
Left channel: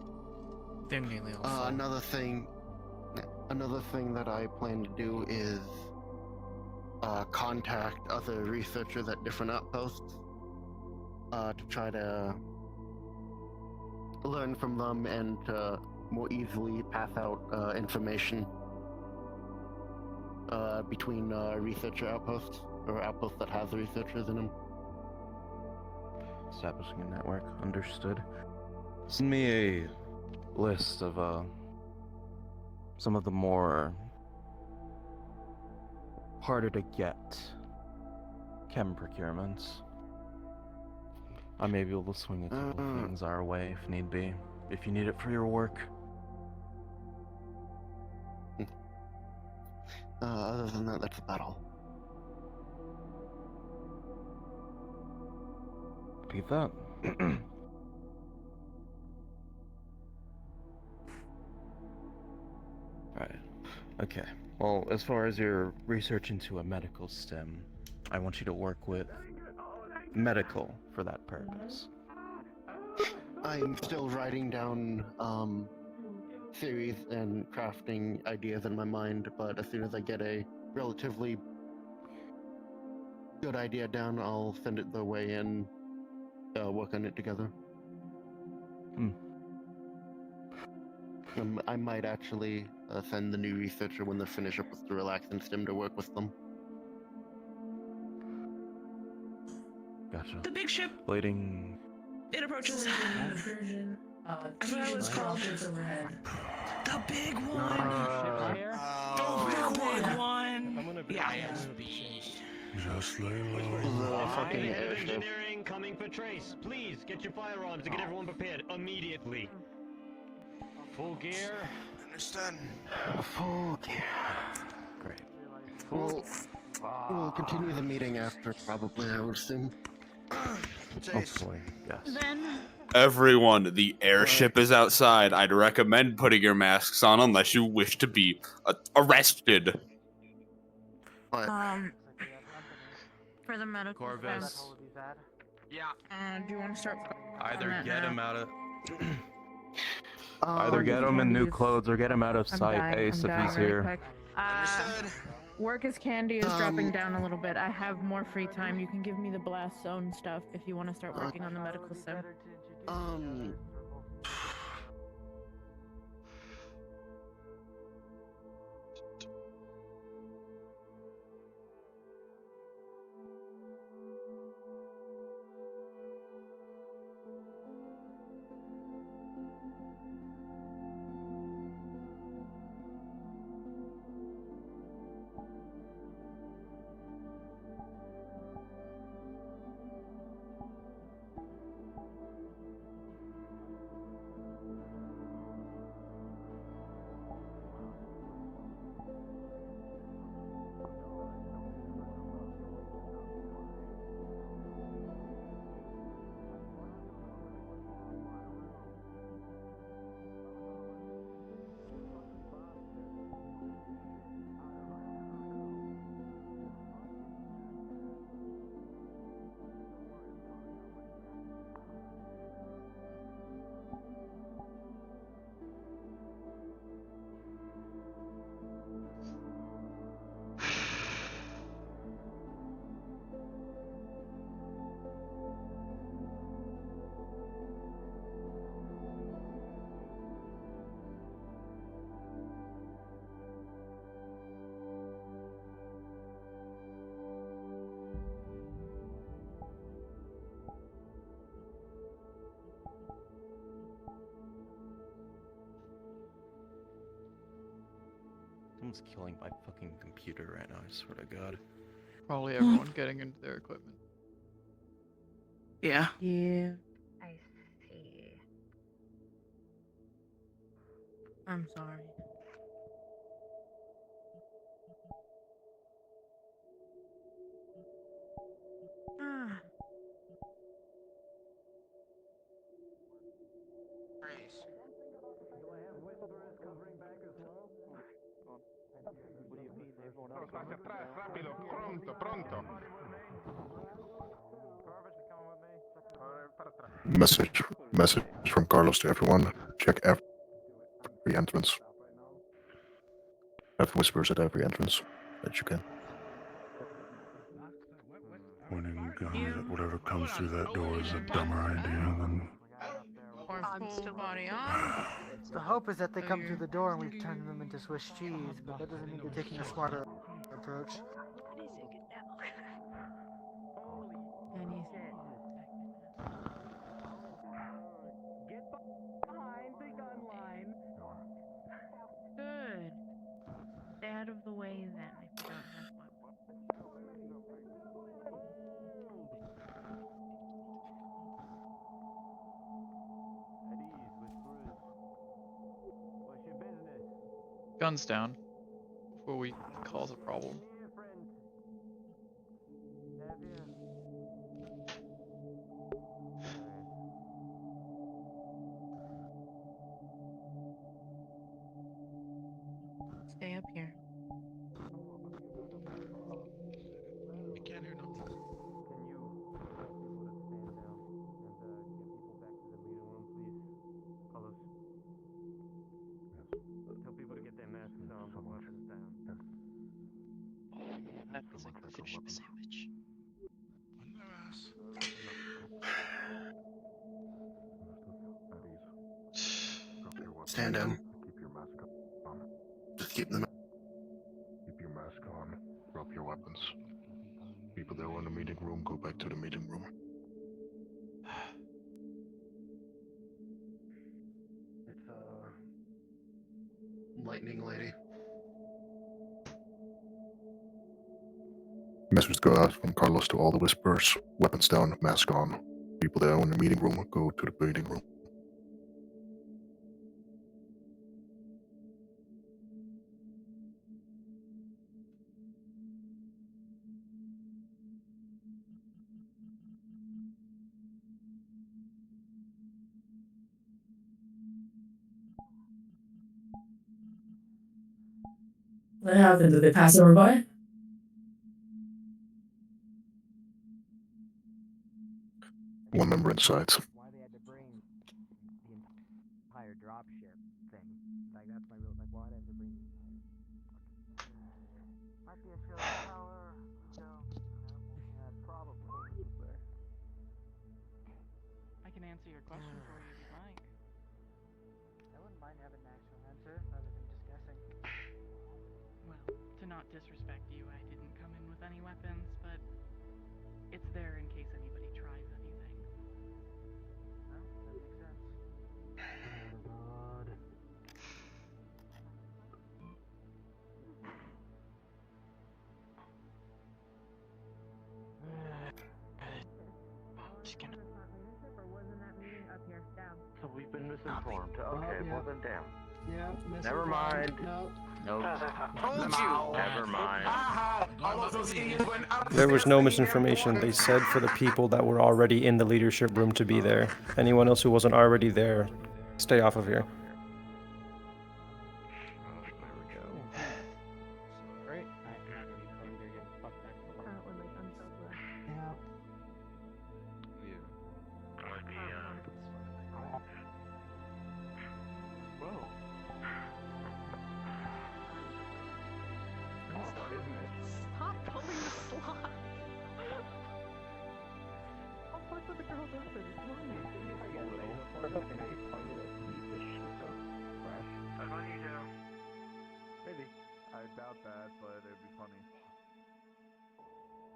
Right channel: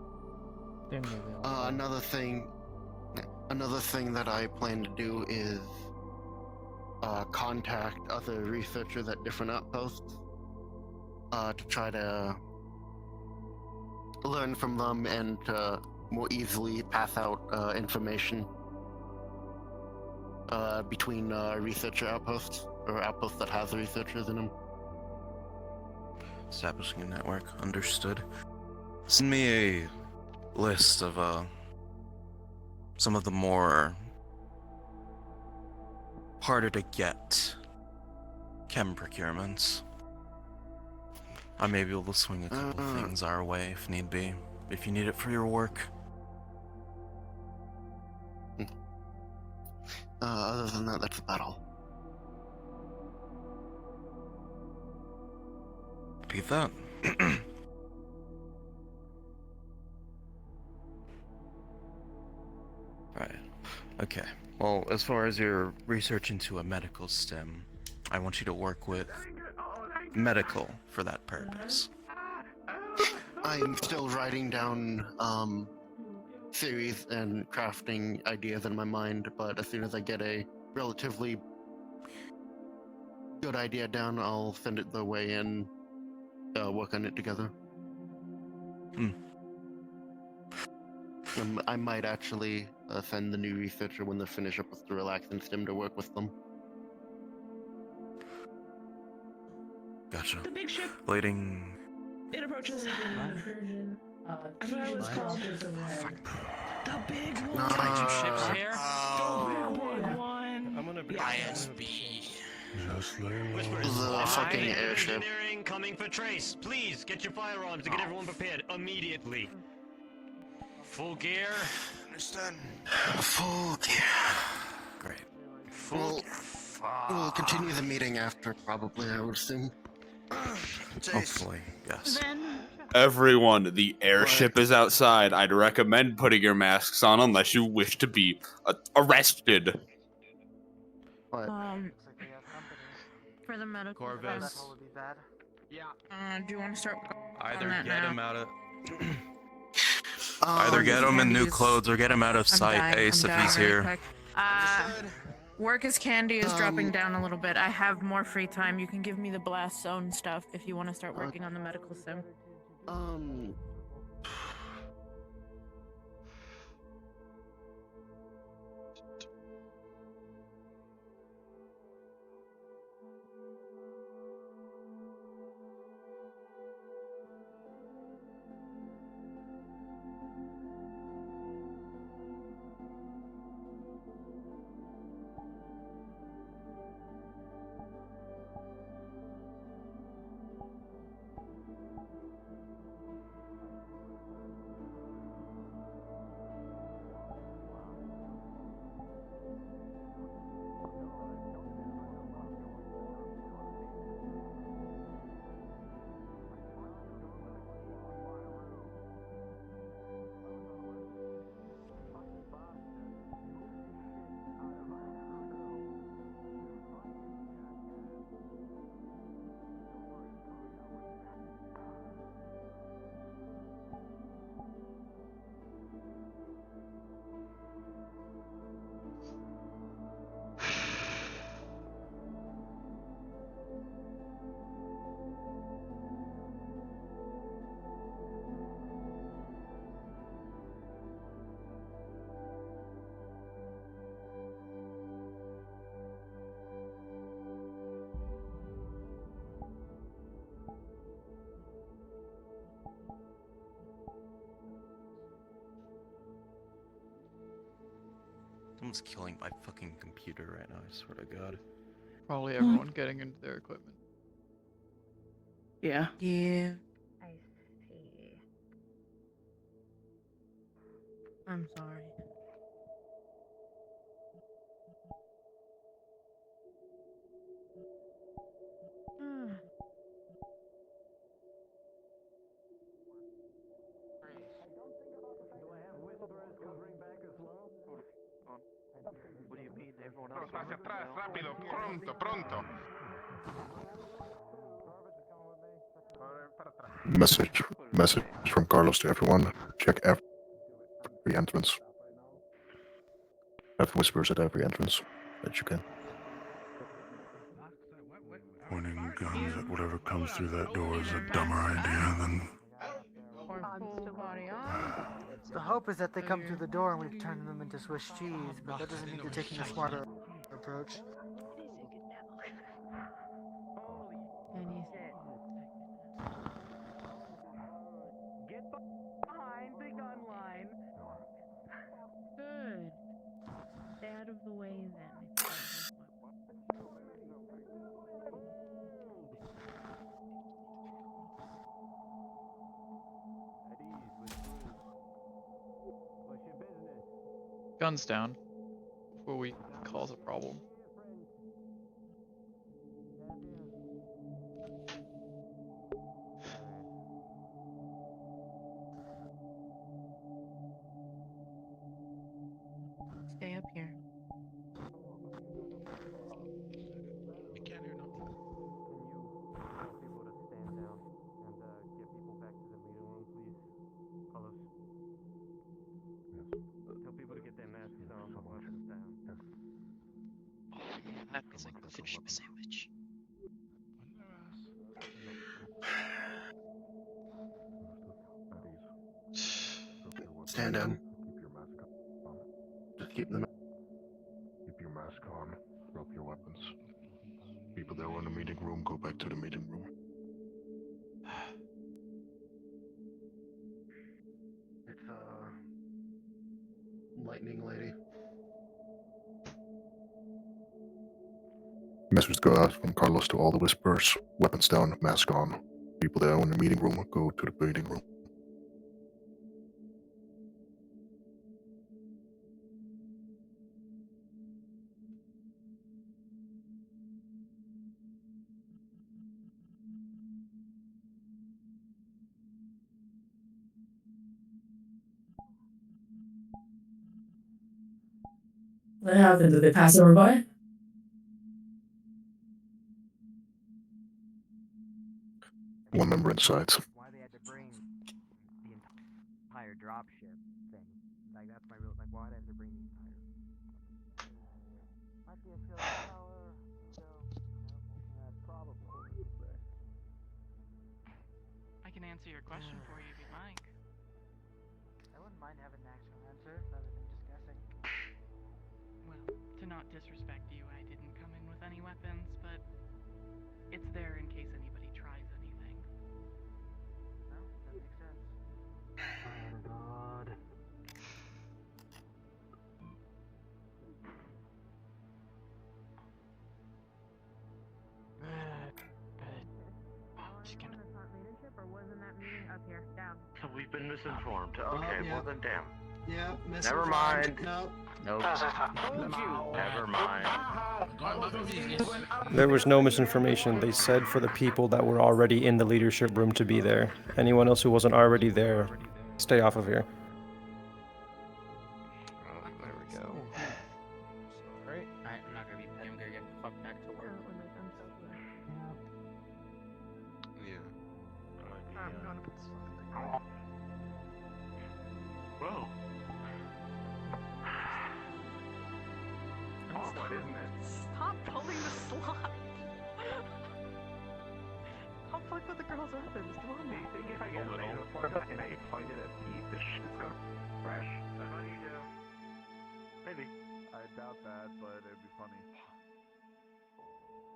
Another thing that I plan to do is contact other researchers at different outposts to try to learn from them and more easily pass out information between researcher outposts, or outposts that has researchers in them. Establishing a network, understood. Send me a list of some of the more harder to get chem procurements. I may be able to swing a couple things our way if need be, if you need it for your work. Other than that, that's about all. Repeat that. Right. Okay. Well, as far as your research into a medical stem, I want you to work with medical for that purpose. I'm still writing down theories and crafting ideas in my mind, but as soon as I get a relatively good idea down, I'll send it their way and work on it together. I might actually send the new researcher when they finish up with the relaxing stim to work with them. Gotcha. The big ship. Waiting. It approaches. I forgot what it's called. The big one. Ships here? The big one. I'm gonna be. Yeah. ISB. Just lay The fucking airship. Engineering coming for trace. Please get your firearms and get everyone prepared immediately. Full gear. Understand. Full gear. Great. We'll continue the meeting after, probably, I would assume. Hopefully, yes. Then Everyone, the airship is outside. I'd recommend putting your masks on unless you wish to be arrested. for the medical Corvus. stem, Yeah. do you want to start? Either that get now? him out of. Either get him in new Candy's- clothes or get him out of I'm sight, dying, Ace, I'm if he's dying really here. quick. Work as candy is dropping down a little bit. I have more free time. You can give me the blast zone stuff if you want to start working on the medical sim. Someone's killing my fucking computer right now, I swear to God. Probably everyone getting into their equipment. Yeah. Yeah. I see. I'm sorry. Message from Carlos to everyone. Check every entrance. Have whispers at every entrance that you can. Pointing guns at whatever comes through that door is a dumber idea than. The hope is that they come through the door and we turn them into Swiss cheese, but that doesn't mean they're taking a smarter approach. And you Get behind the gun line. good. Stay out of the way then. If you don't have one. Guns down. Before we cause a problem. Stay up here. I can't hear nothing. Tell people to get their masks on, put weapons down. Stand down. keep them. Keep your mask on. Drop your weapons. People that are in the meeting room, go back to the meeting room. It's lightning lady. Message go out from Carlos to all the Whisperers. Weapons down, mask on. People that are in the meeting room, go to the meeting room. What happened? Did they pass over by? One member inside. Why they had to bring the entire dropship thing? Like that's my real. Like why did they bring the entire? Might be a show power. Probably. I can answer your question for you if you'd like. I wouldn't mind having an actual answer rather than just guessing. Well, to not disrespect you, I didn't come in with any weapons, but it's there in case anybody tries anything. No, that makes sense. Oh God. So we've been misinformed. Okay, yeah. well then damn. Yeah, Never mind. No. Nope. Never mind. There was no misinformation. They said for the people that were already in the leadership room to be there. Anyone else who wasn't already there, stay off of here. Oh, there we go. Sorry. I'm not gonna be mad. I'm gonna get fucked back to work. Whoa. Stop pulling the slot! I'll fuck with the girls' weapons, come on. If I get a laser pointer and they point it at Pete, the shit's gonna crash. That's all you do. Maybe. I doubt that, but it'd be funny.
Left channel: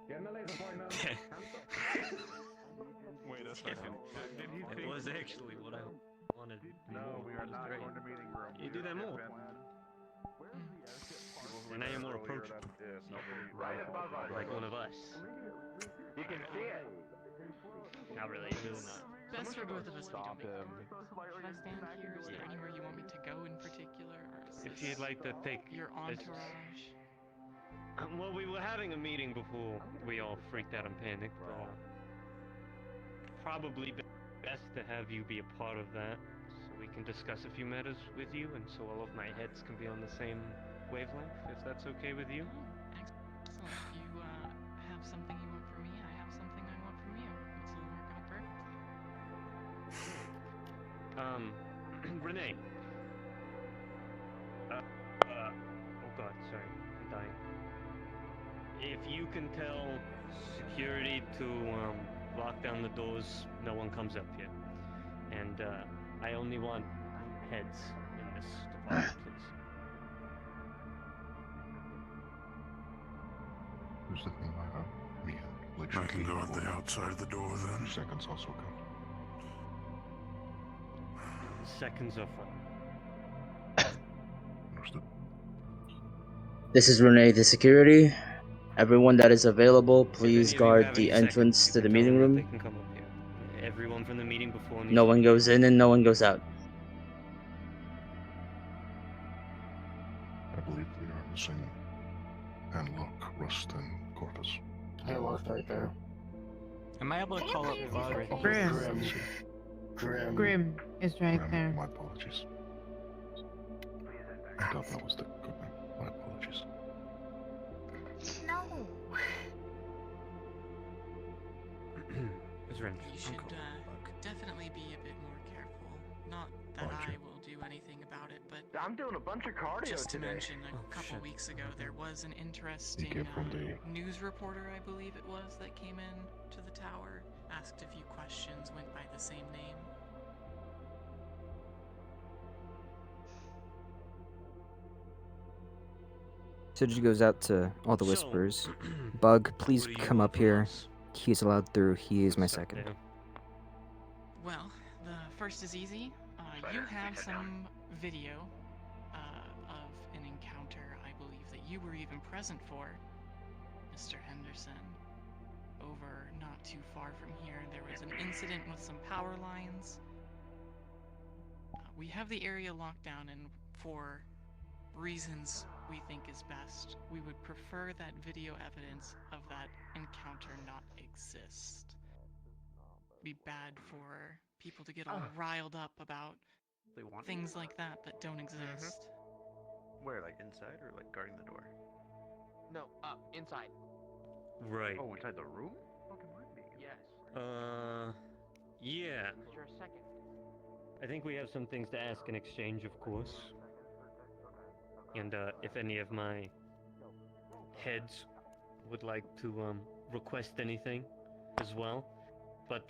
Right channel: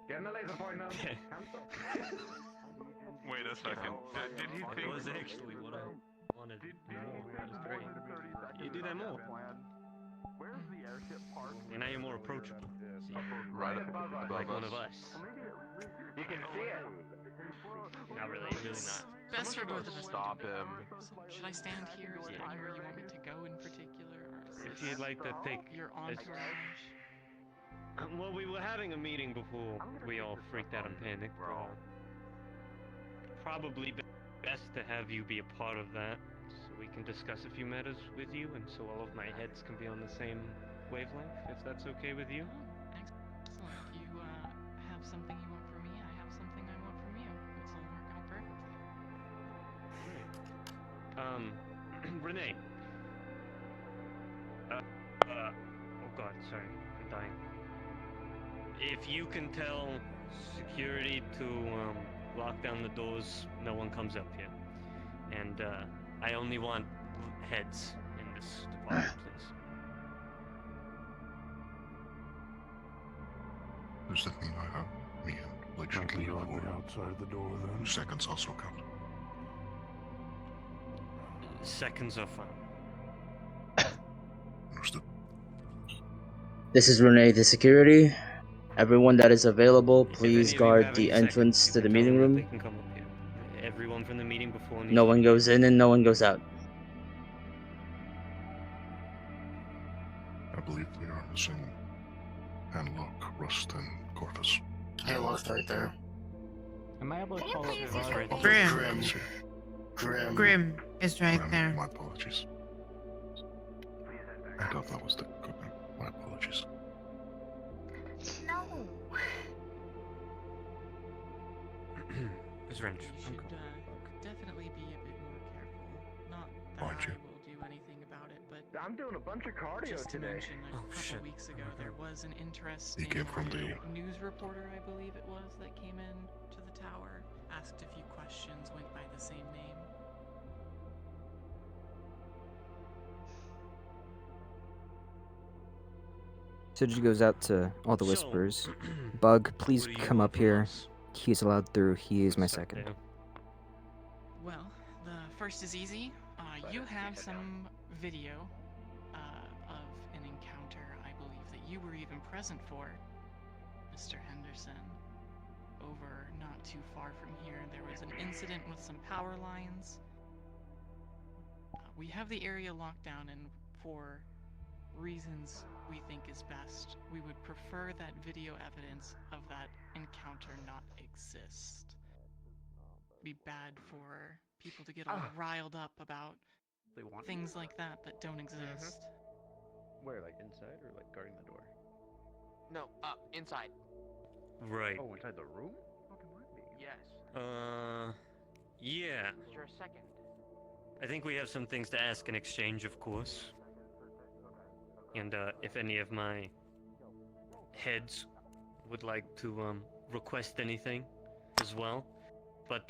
Get a laser pointer. Wait a second. Did he It think... was actually what I wanted. That was great. You do that more. Where's the airship part? And I am more approachable. Right above us. Like one of us. You can see it. Not really, really not. Best for both of us. Stop him. Should I stand here? Is there anywhere you want me to go in particular? Or is If you'd like to take your entourage? Well, we were having a meeting before we all freaked out and panicked, but probably best to have you be a part of that, so we can discuss a few matters with you, and so all of my heads can be on the same wavelength, if that's okay with you. Excellent. If you have something you want from me, I have something I want from you. This will work out perfectly. Renee. Oh god, sorry, I'm dying. If you can tell security to lock down the doors, no one comes up here. And I only want heads in this department, please. Who's the thing I have? Me and like I can go at the outside of the door then. Seconds also count. Seconds are fine. Understood. This is Renee, the security. Everyone that is available, please If any of you guard have the any entrance seconds, to you the can tell meeting them that room. They can come up here. Everyone from the meeting before needs No to one be goes in and no one goes out. I believe we are missing Handlock, Rust, and Corvus. Halo's right there. Am I able to call up Grim. Grim is right there. My apologies. I thought that was the equipment. My apologies. No. It's Ren. You should definitely be a bit more careful. Not that I will do anything about it, but I'm doing a bunch of cardio just to today. mention, a couple weeks ago there was an interesting came from the- news reporter, I believe it was, that came in to the tower, asked a few questions, went by the same name. Suji goes out to all the So, whispers. Bug, please what do you come want up from here. us? He's allowed through. He is my Start second. there. Well, the first is easy. You have some video of an encounter I believe that you were even present for, Mr. Henderson. Over not too far from here, there was an incident with some power lines. We have the area locked down, and for reasons we think is best, we would prefer that video evidence of that encounter not exist. It'd be bad for people to get all riled up about They want things like that don't exist. Where, like inside or like guarding the door? No, inside. Right. Oh, inside the room? Yes. Yeah. For a second. I think we have some things to ask in exchange, of course. And if any of my heads would like to request anything as well. But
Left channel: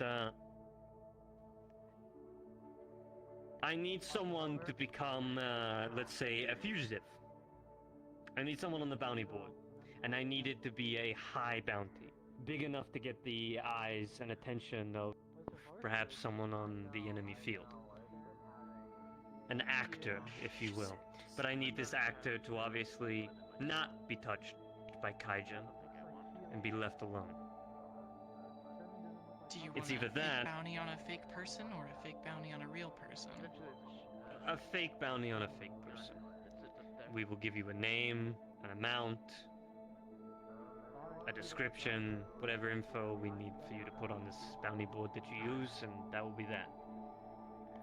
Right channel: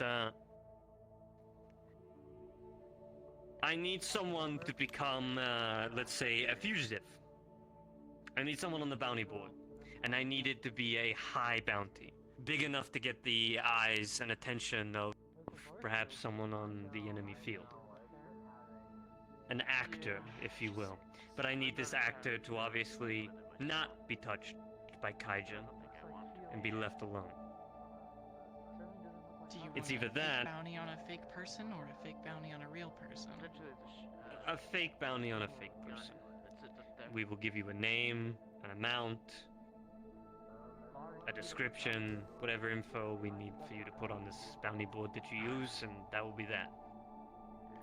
I need someone to become, let's say, a fugitive. I need someone on the bounty board. And I need it to be a high bounty. Big enough to get the eyes and attention of perhaps someone on the enemy field. An actor, if you will. But I need this actor to obviously not be touched by Kaijin and be left alone. Do you It's want either a fake that- bounty on a fake person or a fake bounty on a real person? A fake bounty on a fake person. We will give you a name, an amount, a description, whatever info we need for you to put on this bounty board that you use, and that will be that.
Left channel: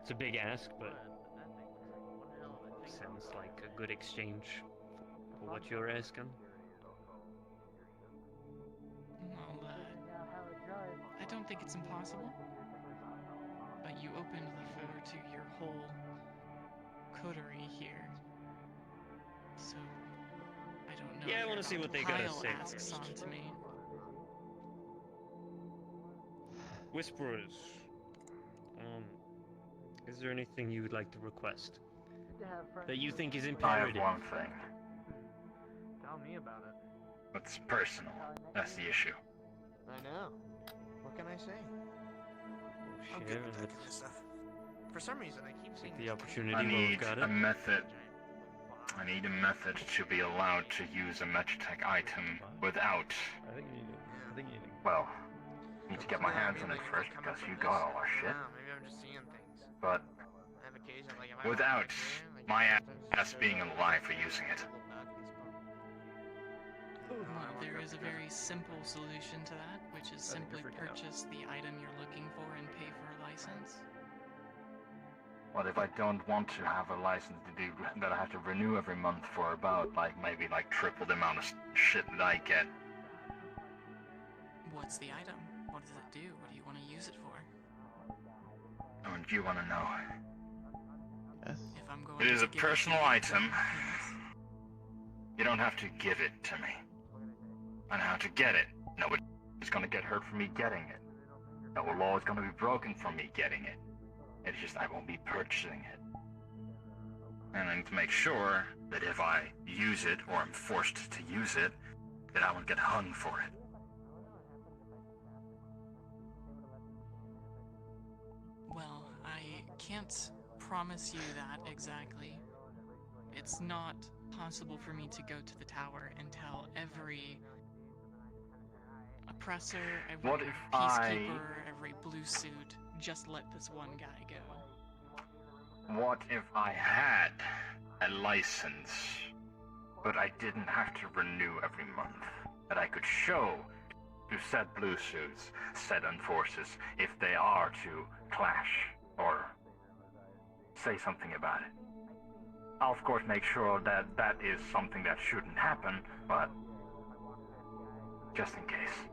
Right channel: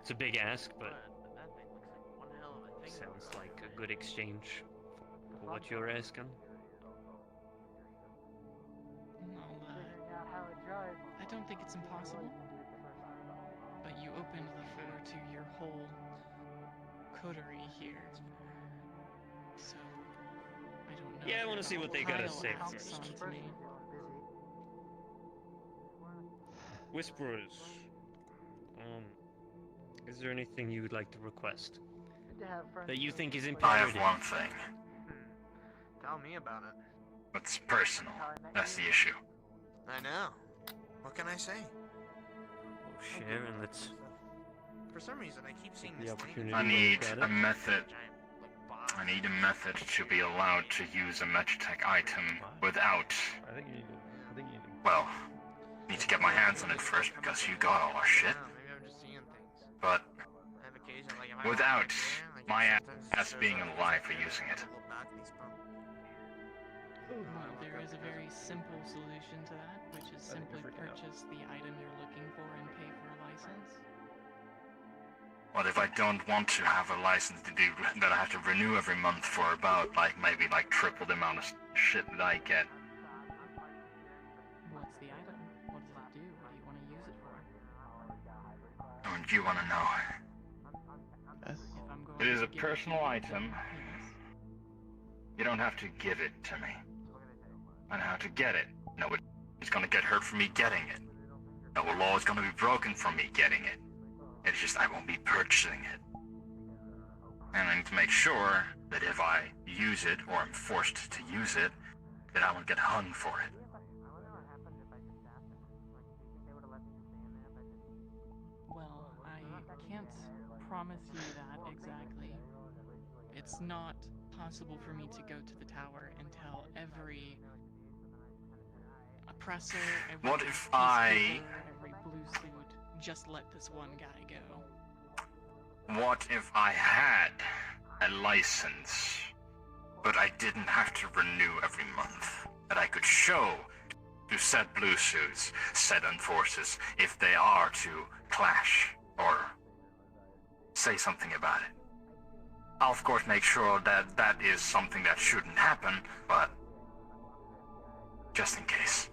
It's a big ask, but sounds like a good exchange for what you're asking. I don't think it's impossible. But you opened the floor to your whole coterie here. So, I don't know. Yeah, I want to see what they gotta Kyle say asks first. on to me. Whisperers, is there anything you would like to request that you think is I have imperative? one thing. Tell me about it. It's personal. That's the issue. I know. What can I say? I'm good Share with and that let's kind of stuff. For some reason, I keep seeing the this opportunity I to need look at a it. method. I need a method to be allowed to use a Magitech item without. I think you need to. Well, need to get my hands on it first because you got all our shit. Maybe I'm just seeing things. But I have occasion, like, if I without walk my ass being alive for using it. Well, there is a very simple solution to that, which is simply purchase the item you're looking for and pay for a license. What if I don't want to have a license to do that I have to renew every month for about maybe triple the amount of shit that I get? What's the item? What does it do? What do you want to use it for? Oh, and you want to know? If I'm going It is to a give personal you- item. You don't have to give it to me. I know how to get it. Nobody's gonna get hurt from me getting it. No law is gonna be broken from me getting it. It's just I won't be purchasing it. And I need to make sure that if I use it, or am forced to use it, that I won't get hung for it. Well, I can't promise you that exactly. It's not possible for me to go to the tower and tell every oppressor, every What if peacekeeper, every blue suit, just let this one guy go. What if I had a license, but I didn't have to renew every month? That I could show to said blue suits, said enforcers, if they are to clash or say something about it. I'll of course make sure that that is something that shouldn't happen, but just in case.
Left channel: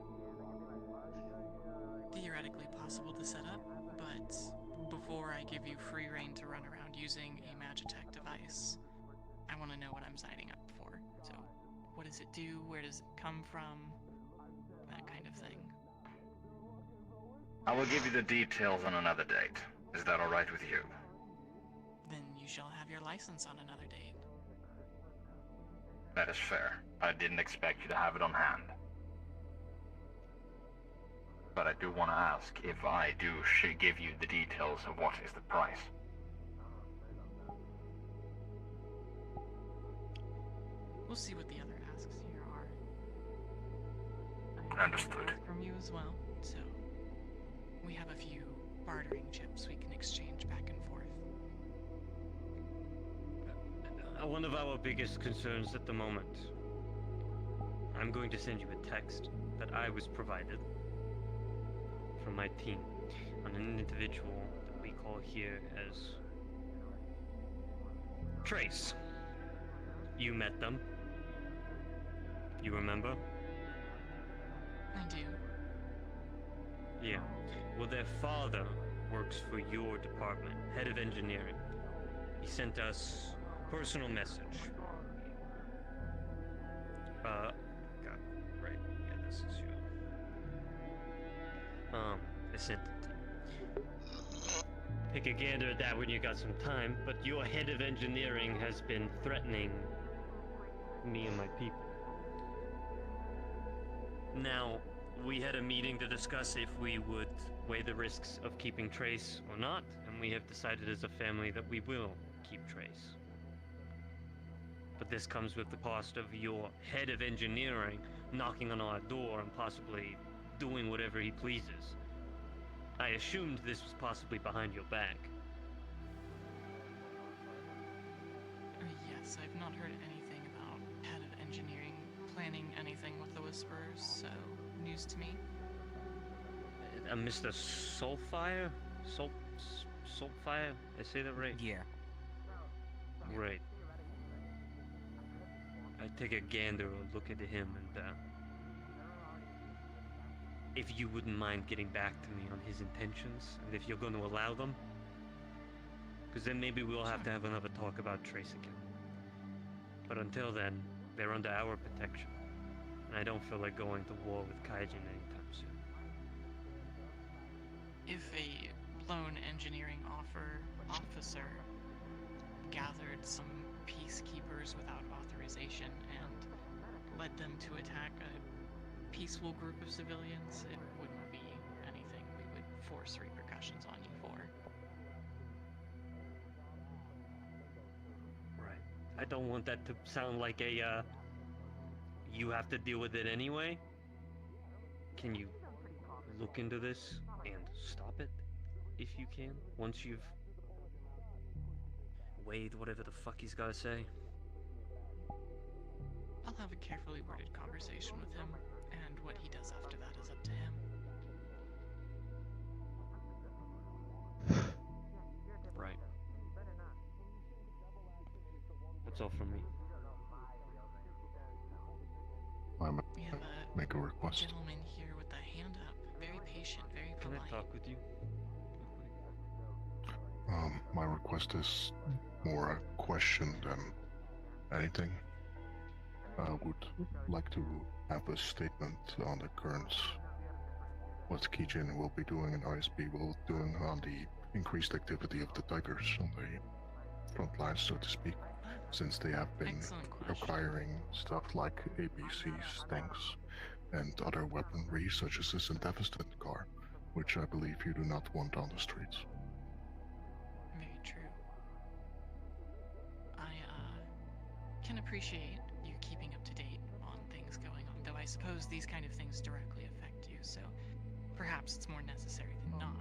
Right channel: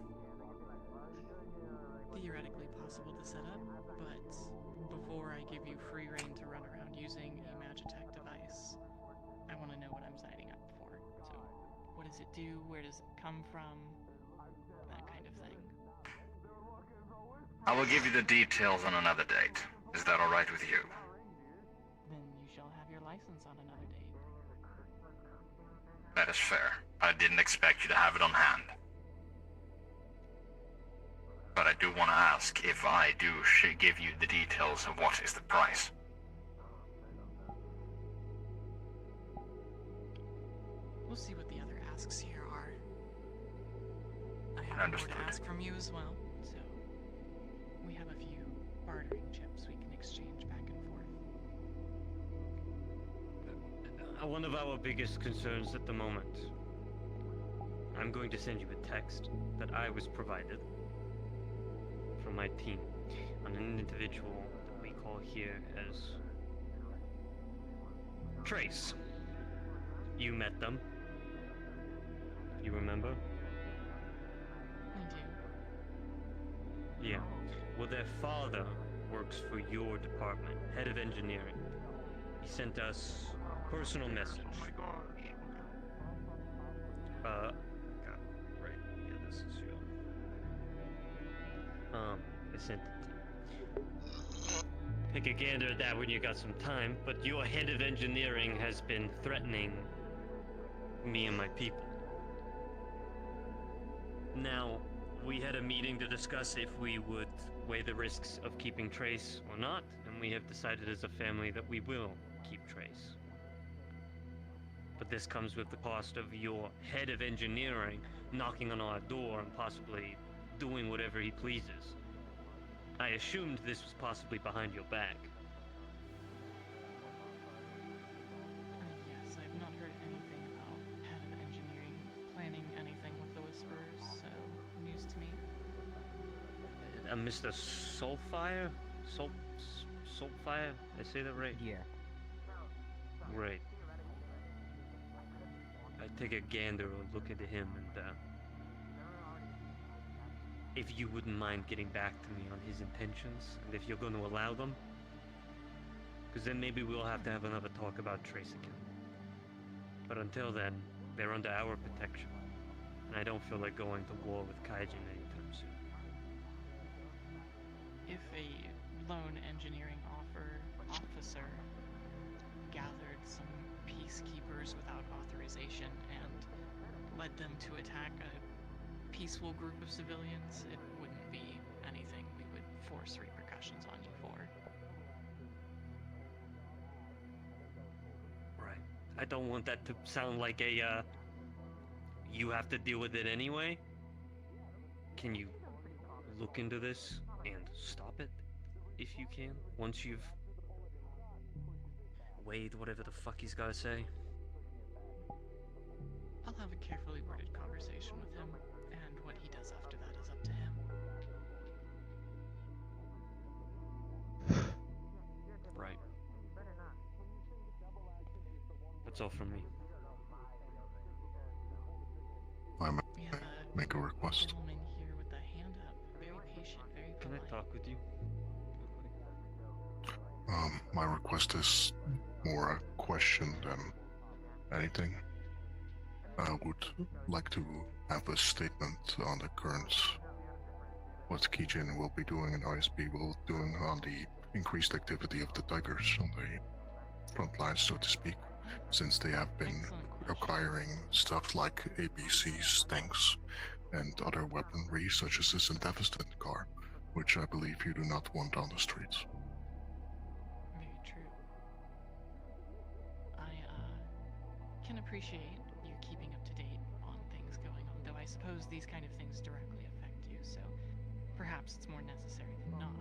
Theoretically possible to set up, but before I give you free reign to run around using a Magitech device, I want to know what I'm signing up for. So, what does it do? Where does it come from? That kind of thing. I will give you the details on another date. Is that alright with you? Then you shall have your license on another date. That is fair. I didn't expect you to have it on hand. But I do want to ask if I do give you the details of what is the price. We'll see what the other asks here are. I have more to ask from you as well, so we have a few bartering chips we can exchange back and forth. One of our biggest concerns at the moment. I'm going to send you a text that I was provided from my team on an individual that we call here as Trace. You met them. You remember? I do. Yeah. Well, their father works for your department, head of engineering. He sent us a personal message. God, right. Yeah, this is your. I sent it. Take a gander at that when you got some time, but your head of engineering has been threatening me and my people. Now, we had a meeting to discuss if we would weigh the risks of keeping Trace or not, and we have decided as a family that we will keep Trace. But this comes with the cost of your head of engineering knocking on our door and possibly doing whatever he pleases. I assumed this was possibly behind your back. Yes, I've not heard anything about head of engineering planning anything with the Whisperers, so news to me. Mr. Soulfire? Soulfire? I say that right? Yeah. Right. I take a gander or look at him and, if you wouldn't mind getting back to me on his intentions, and if you're going to allow them, because then maybe we'll have to have another talk about Trace again. But until then, they're under our protection, and I don't feel like going to war with Kaijin anytime soon. If a lone engineering officer gathered some peacekeepers without authorization and led them to attack a peaceful group of civilians, it wouldn't be anything we would force repercussions on you for. Right. I don't want that to sound like a, you have to deal with it anyway. Can you look into this and stop it, if you can, once you've weighed whatever the fuck he's gotta say? I'll have a carefully worded conversation with him, and what he does after that is up to him. Right. That's all from me. I We have make a a request. gentleman here with a hand up, very patient, very Can polite. I talk with you? My request is more a question than anything. I would like to have a statement on the current, what Kijin will be doing and ISB will be doing on the increased activity of the Tigers on the front lines, so to speak, since they have been acquiring stuff like APCs, things, and other weaponry such as this Devastating car, which I believe you do not want on the streets. Very true. I can appreciate you keeping up to date on things going on, though I suppose these kind of things directly affect you, so perhaps it's more necessary than not.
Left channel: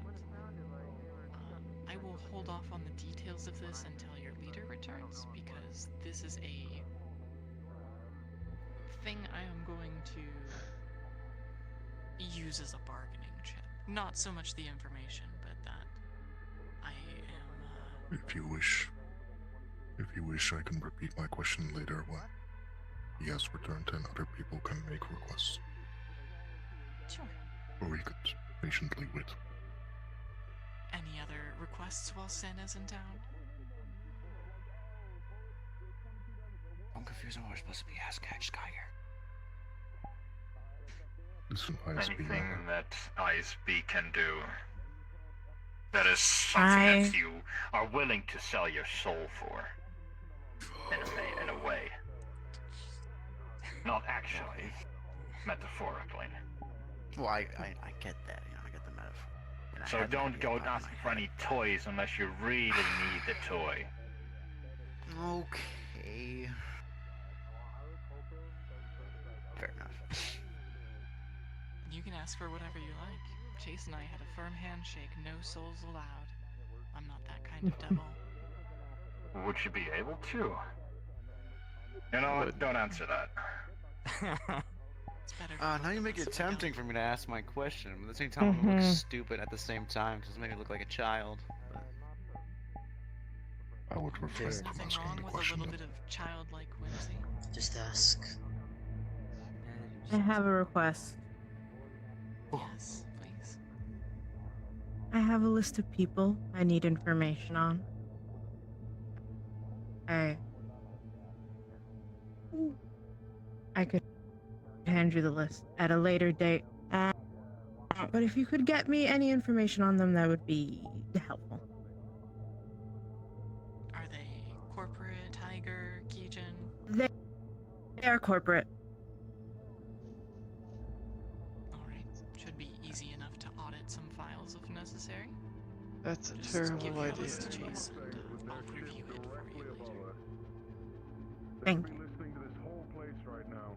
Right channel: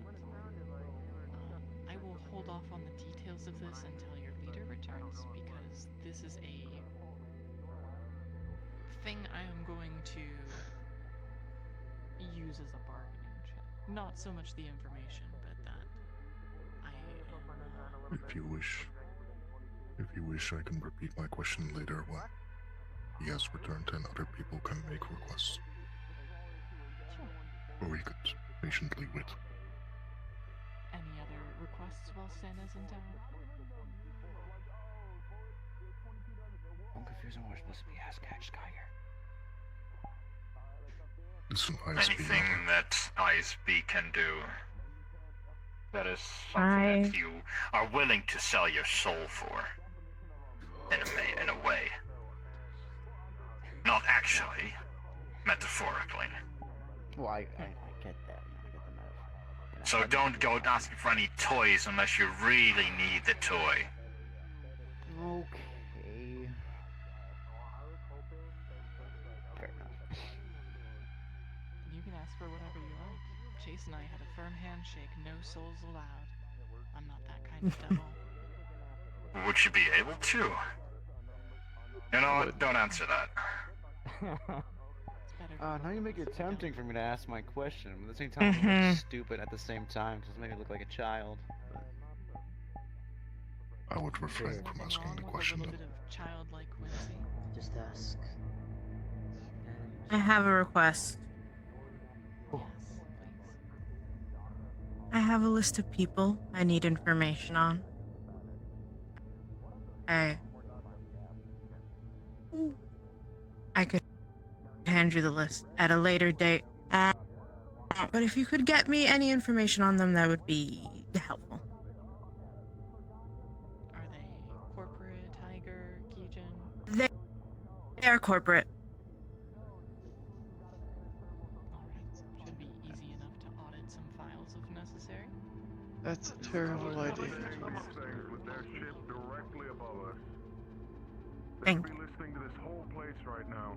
I will hold off on the details of this until your leader returns, because this is a thing I am going to use as a bargaining chip. Not so much the information, but that I am... If you wish, I can repeat my question later when he has returned and other people can make requests. Sure. Or we could patiently wait. Any other requests while Sen is in town? I'm confused on what we're supposed to be asking Skyer. It's an ISB Anything matter. that ISB can do, that is something that you are willing to sell your soul for, in a way. actually. Metaphorically. Well, I get that. You know, I get the metaphor. And I So had don't go asking for any toys unless you really need the toy. Okay. Fair enough. You can ask for whatever you like. Chase and I had a firm handshake, no souls allowed. I'm not that kind of devil. Would you be able to? You know what? Don't answer that. Now you make it tempting for me to ask my question, but at the same time, I'm a little stupid at the same time, just make me look like a child. I would refrain from asking the question A then. bit of childlike whimsy. Just ask. I have a request. Yes, please. I have a list of people I need information on. I could hand you the list at a later date. But if you could get me any information on them, that would be helpful. Are they corporate, Tiger, Kijin? They are corporate. Alright, should be easy enough to audit some files if necessary. That's a Just terrible give the idea. list to Chase and, I'll review it for you later. Thank you. Listening to this whole place right now.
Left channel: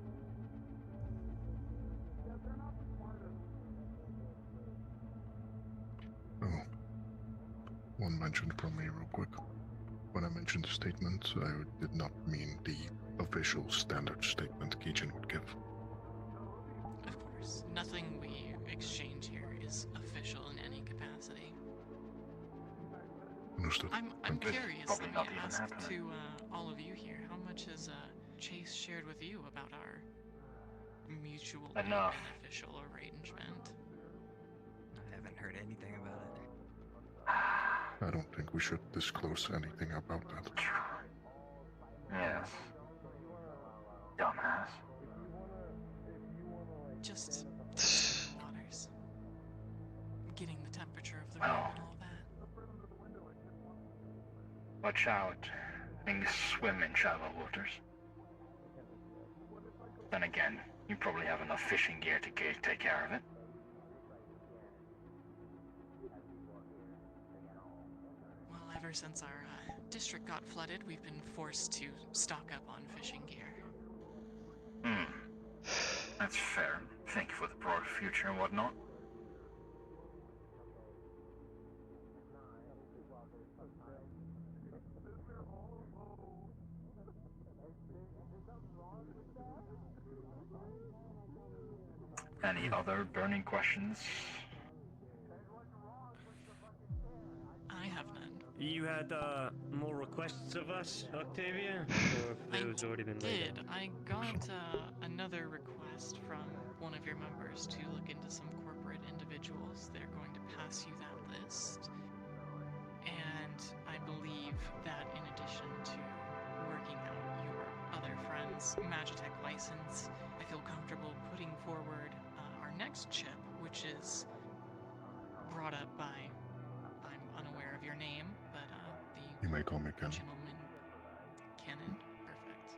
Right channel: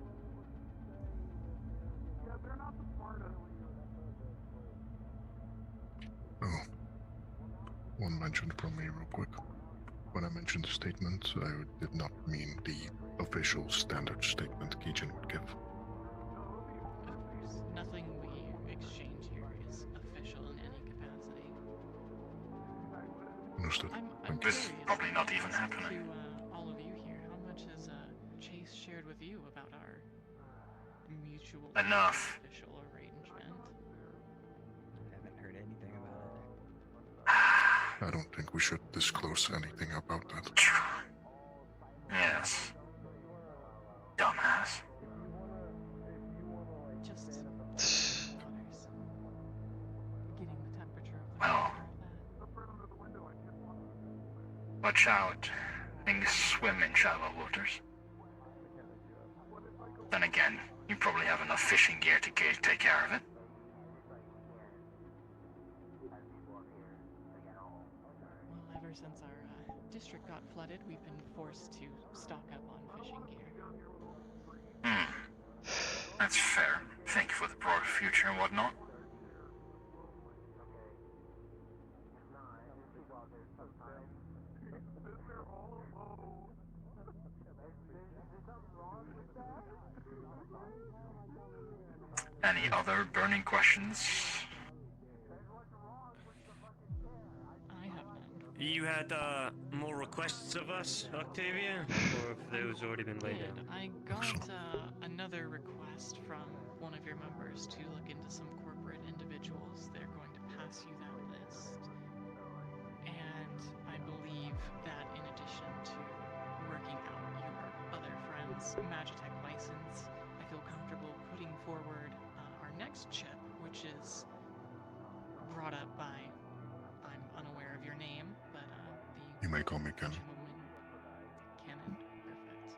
Oh, one mention from me real quick. When I mentioned the statement, I did not mean the official standard statement Kijin would give. Of course, nothing we exchange here is official in any capacity. Understood. I'm Thank you. curious, Probably not even ask happening. to all of you here, how much has Chase shared with you about our mutual Enough. official arrangement? I haven't heard anything about it. I don't think we should disclose anything about that. Yes. Dumbass. Just Connors. Getting the temperature of the room and all that. Watch out. Things swim in shallow waters. Then again, you probably have enough fishing gear to take care of it. Well, ever since our district got flooded, we've been forced to stock up on fishing gear. That's fair. Thank you for the broad future and whatnot. Any other burning questions? I have none. You had more requests of us, Octavia? Or have those already been laid out? I got another request from one of your members to look into some corporate individuals. They're going to pass you that list. And I believe that in addition to working out your other friend's Magitech license, I feel comfortable putting forward our next chip, which is brought up by, I'm unaware of your name, but You may call me Ken. gentleman Cannon. Perfect.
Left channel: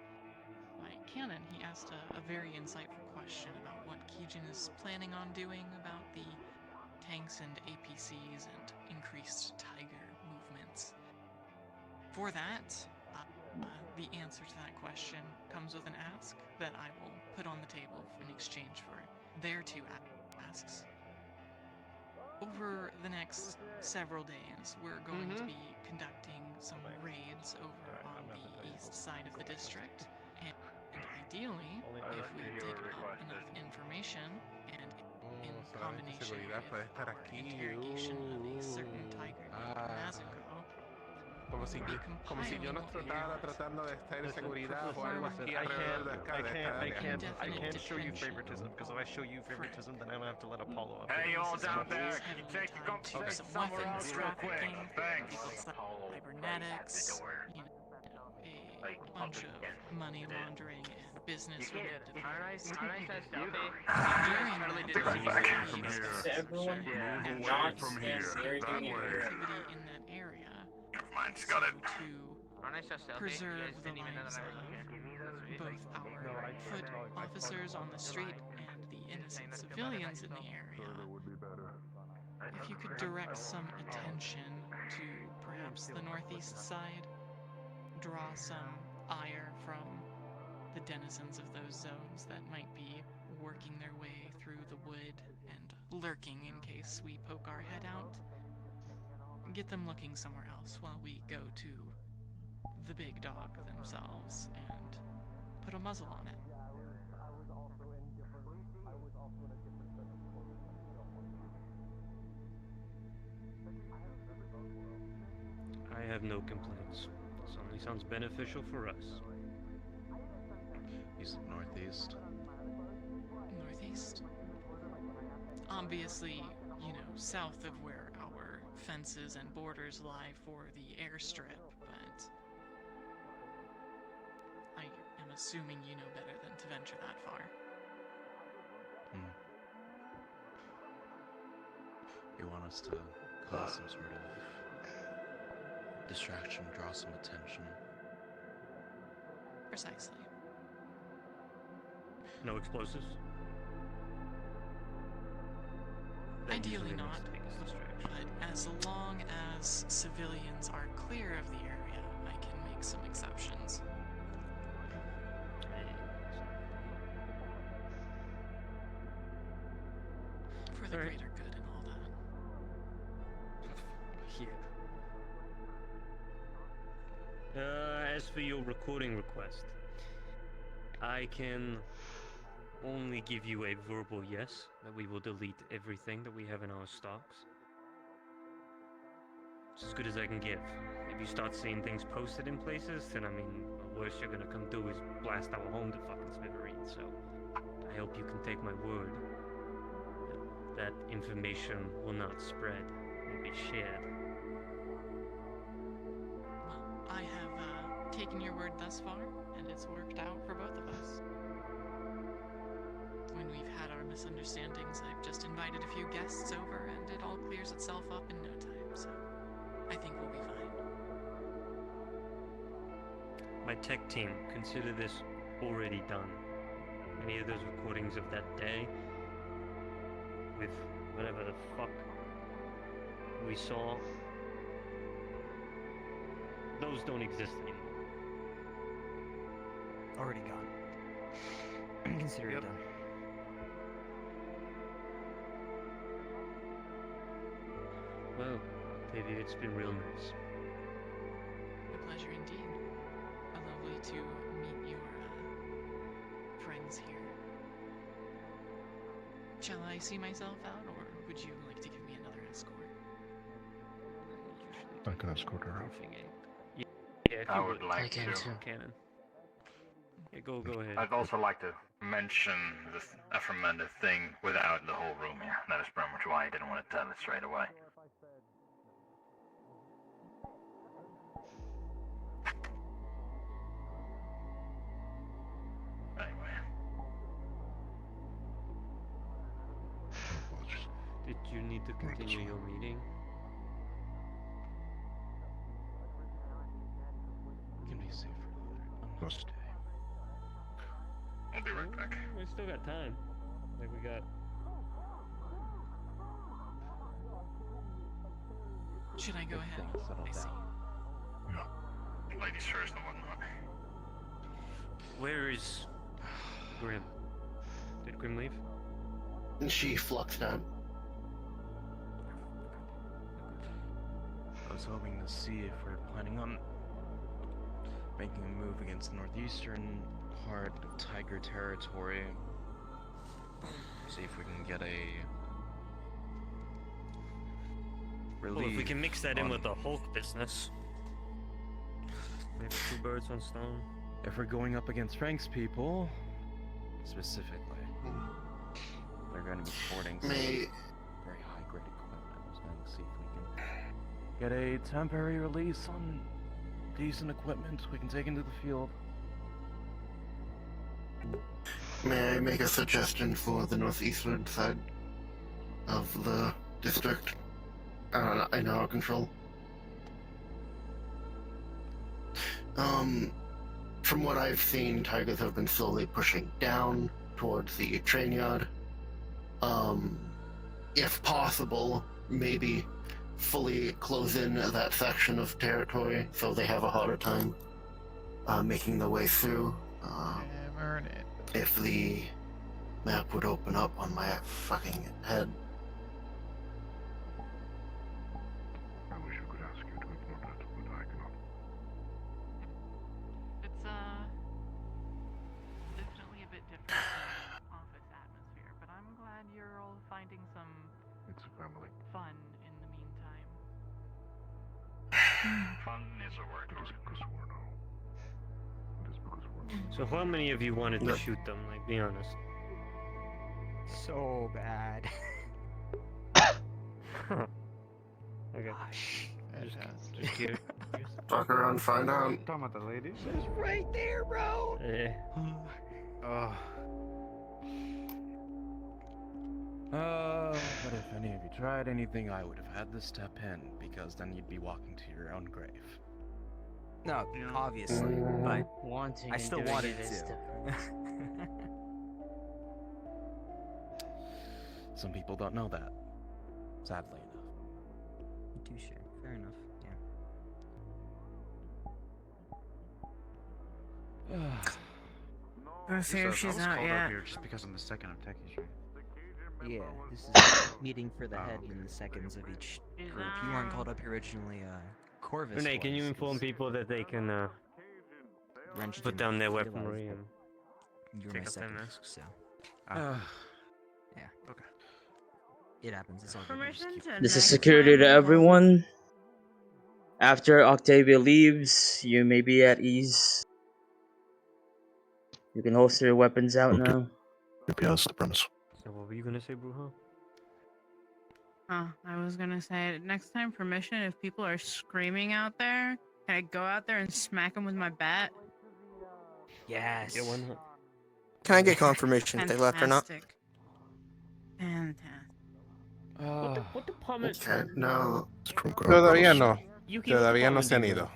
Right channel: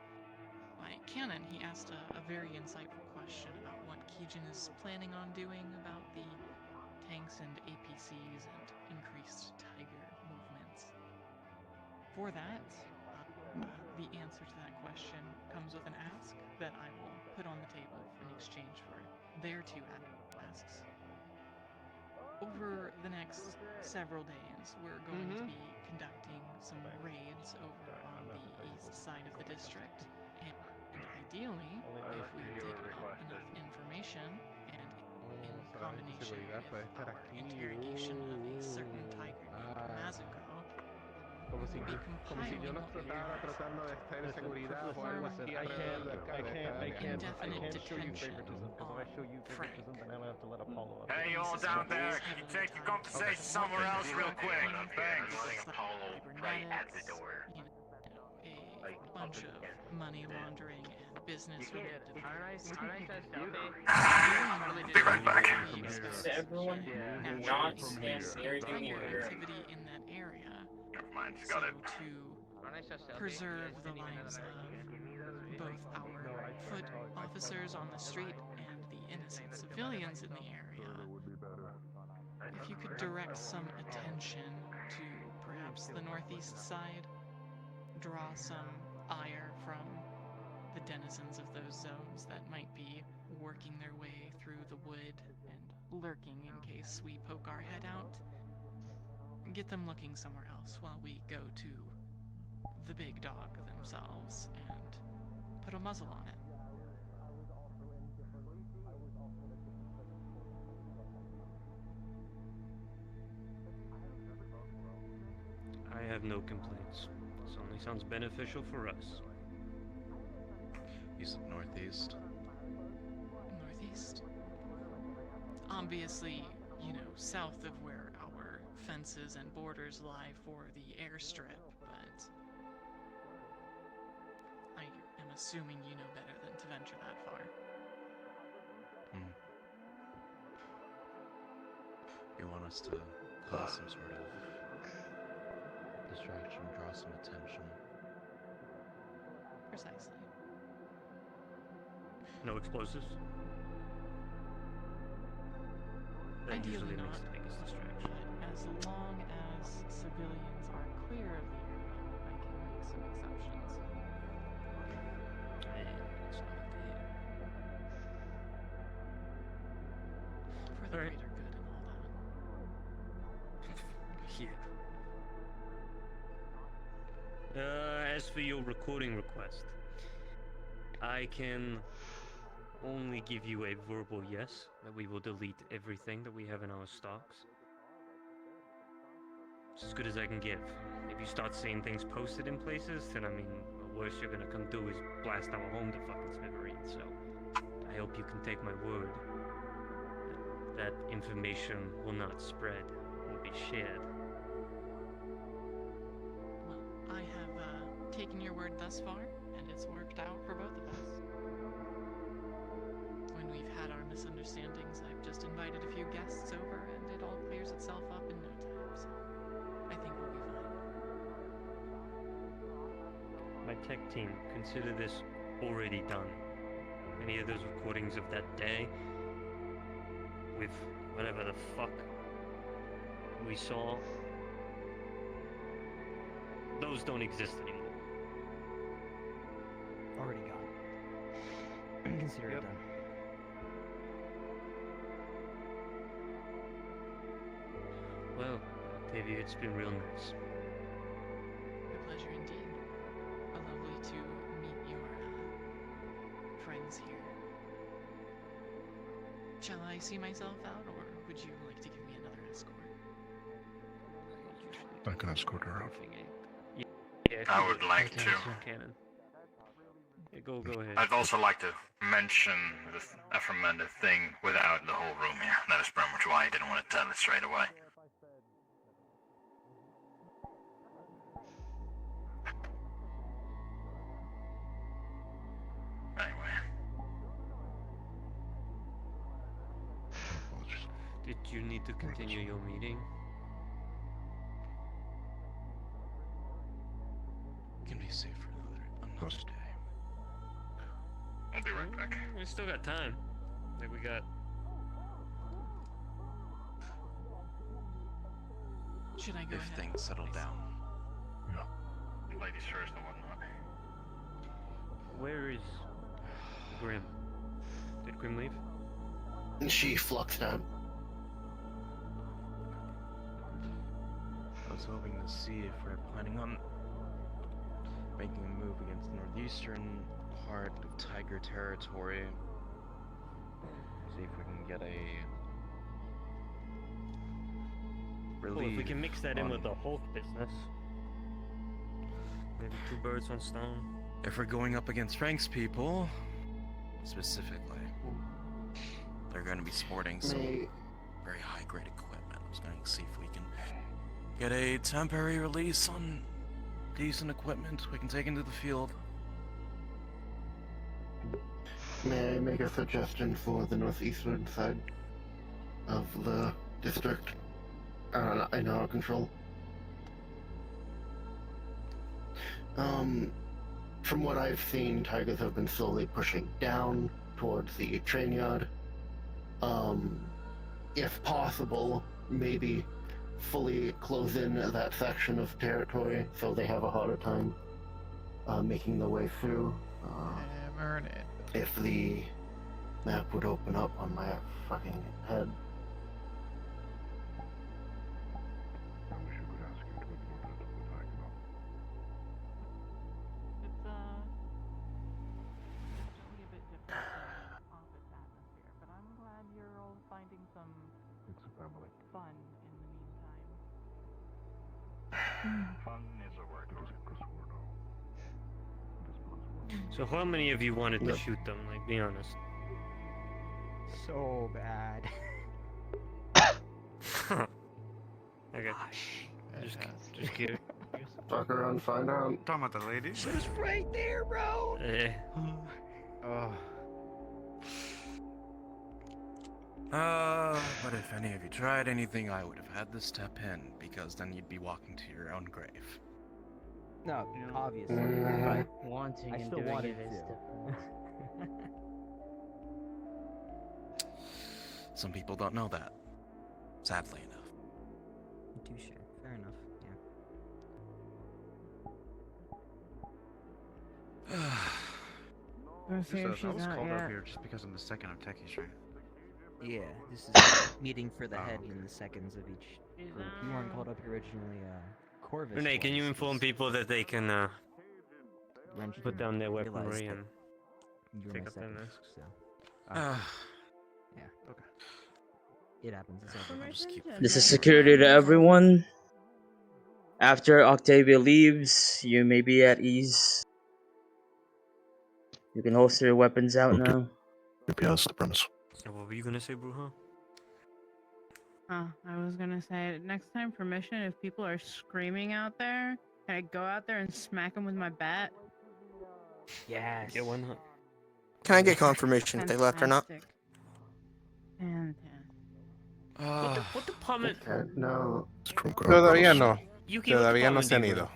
By Cannon, he asked a very insightful question about what Kijin is planning on doing about the tanks and APCs and increased Tiger movements. For that, the answer to that question comes with an ask that I will put on the table in exchange for their two asks. Over the next several days, we're going to be conducting some raids over on the east side of the district, and ideally, if we did have enough information, and in combination with our interrogation of a certain tiger named Mazuko, Como si yo no estuviera tratando de estar en seguridad o algo así. I can't show you favoritism, because if I show you favoritism, then I'm gonna have to let Apollo up. Hey, you all down there, can you take your conversation somewhere else real quick? Thanks. Cybernetics, a bunch of money laundering and business related Be right back. everyone not stand activity in that area. Mine's got it. To preserve the lives of both our foot officers officers on the street and the innocent civilians in the area, if you could direct some attention to perhaps the northeast side, draw some ire from the denizens of those zones that might be working their way through the wood and lurking in case we poke our head out, get them looking somewhere else while we go to the big dog themselves and put a muzzle on it. I have no complaints. This only sounds beneficial for us. He's northeast. Northeast? Obviously, you know, south of where our fences and borders lie for the airstrip, but I am assuming you know better than to venture that far. You want us to cause some sort of distraction, draw some attention. Precisely. No explosives? That Ideally usually not, makes the biggest distraction. but as long as civilians are clear of the area, I can make some exceptions. For the Alright. greater good and all that. Yeah. As for your recording request, I can only give you a verbal yes that we will delete everything that we have in our stocks. It's as good as I can give. If you start seeing things posted in places, then I mean, the worst you're gonna come do is blast our home to fucking smithereens. So I hope you can take my word that information will not spread, will be shared. Well, I have taken your word thus far, and it's worked out for both of us. When we've had our misunderstandings, I've just invited a few guests over, and it all clears itself up in no time, so I think we'll be fine. My tech team, consider this already done. Any of those recordings of that day, with whatever the fuck we saw, those don't exist anymore. Already gone. Consider it done. Well, Octavia, it's been real nice. A pleasure indeed. Lovely to meet your friends here. Shall I see myself out, or would you like to give me another escort? I can escort her out. Yeah, if I you would like to. Cannon. Yeah, go ahead. I'd also like to mention the aforementioned thing without the whole room here. That is pretty much why I didn't want to tell it straight away. Did you need to continue your meeting? Can be safe for another day. I'll be right back. We still got time. Like we got. Should I go If ahead? things settle down. Ladies first and whatnot. Where is Grim? Did Grim leave? And she fluxed out. I was hoping to see if we're planning on making a move against the northeastern part of Tiger territory. See if we can get a relief. Well, if we can mix that in on- with the Hulk business, maybe two birds, one stone. If we're going up against Frank's people, specifically, they're going to be sporting some very high-grade equipment. I was going to see if we can get a temporary release on decent equipment we can take into the field. May I make a suggestion for the northeastern side of the district in our control? From what I've seen, tigers have been slowly pushing down towards the train yard. If possible, maybe fully close in that section of territory so they have a harder time making their way through. Hammer it. If the map would open up on my fucking head. I wish I could ask you to ignore that, but I cannot. It's definitely a bit different from office atmosphere, but I'm glad you're all finding some It's a family. fun in the meantime. Fun is a word. It is because we're now. It is because we're So how many of you wanted to shoot them? Like, be honest. So bad. Okay. Fantastic. Talk around, find out. Talking about the lady? She's right there, bro. Yeah. Oh. But if any of you tried anything, I would have had to step in, because then you'd be walking to your own grave. No, obviously, but Wanting I and still doing wanted it is to. different. Some people don't know that, sadly enough. Touche. Fair enough. Yeah. Let's see if I she's was not called yet. up here just because I'm the second of Techie Street. Yeah, this is a meeting for the head and the seconds of each group. You weren't called up here originally, Corvus Renee, can you was, inform 'cause people that they can Wrench put didn't down their realize weaponry that and you were take my up their second, masks? so Uh, yeah. Okay. It happens. It's all good. I'll just keep- This is security to everyone. After Octavia leaves, you may be at ease. You can holster your weapons out now. Yes, the premise. So what were you gonna say, Bruja? Oh, I was gonna say, next time for mission, if people are screaming out there, can I go out there and smack them with my bat? Yes. Yeah, why not? Can I get confirmation if they left or not? Fantastic. Fantastic. What department? No. Todavía no. You came Todavía no se han department, ido.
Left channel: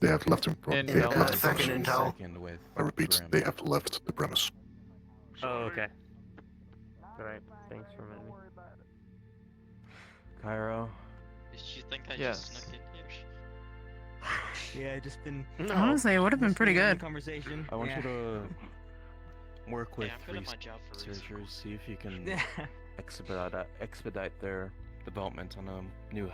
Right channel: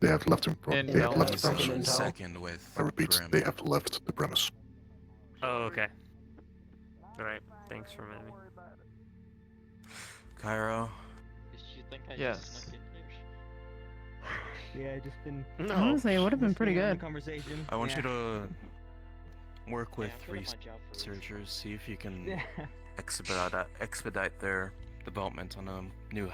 They have left him. They Intel. have left the Second premise. intel. Second with I repeat, Grim. they have left the premise. Oh, okay. Alright, thanks for reminding me. Cairo. Did you think I Yes. just snuck in here? Yeah, just been. No. Honestly, it would have been just pretty having a good. Conversation. I want yeah. you to work with I'm good at my job for a reason. researchers, see if you can Yeah. expedite their development on a new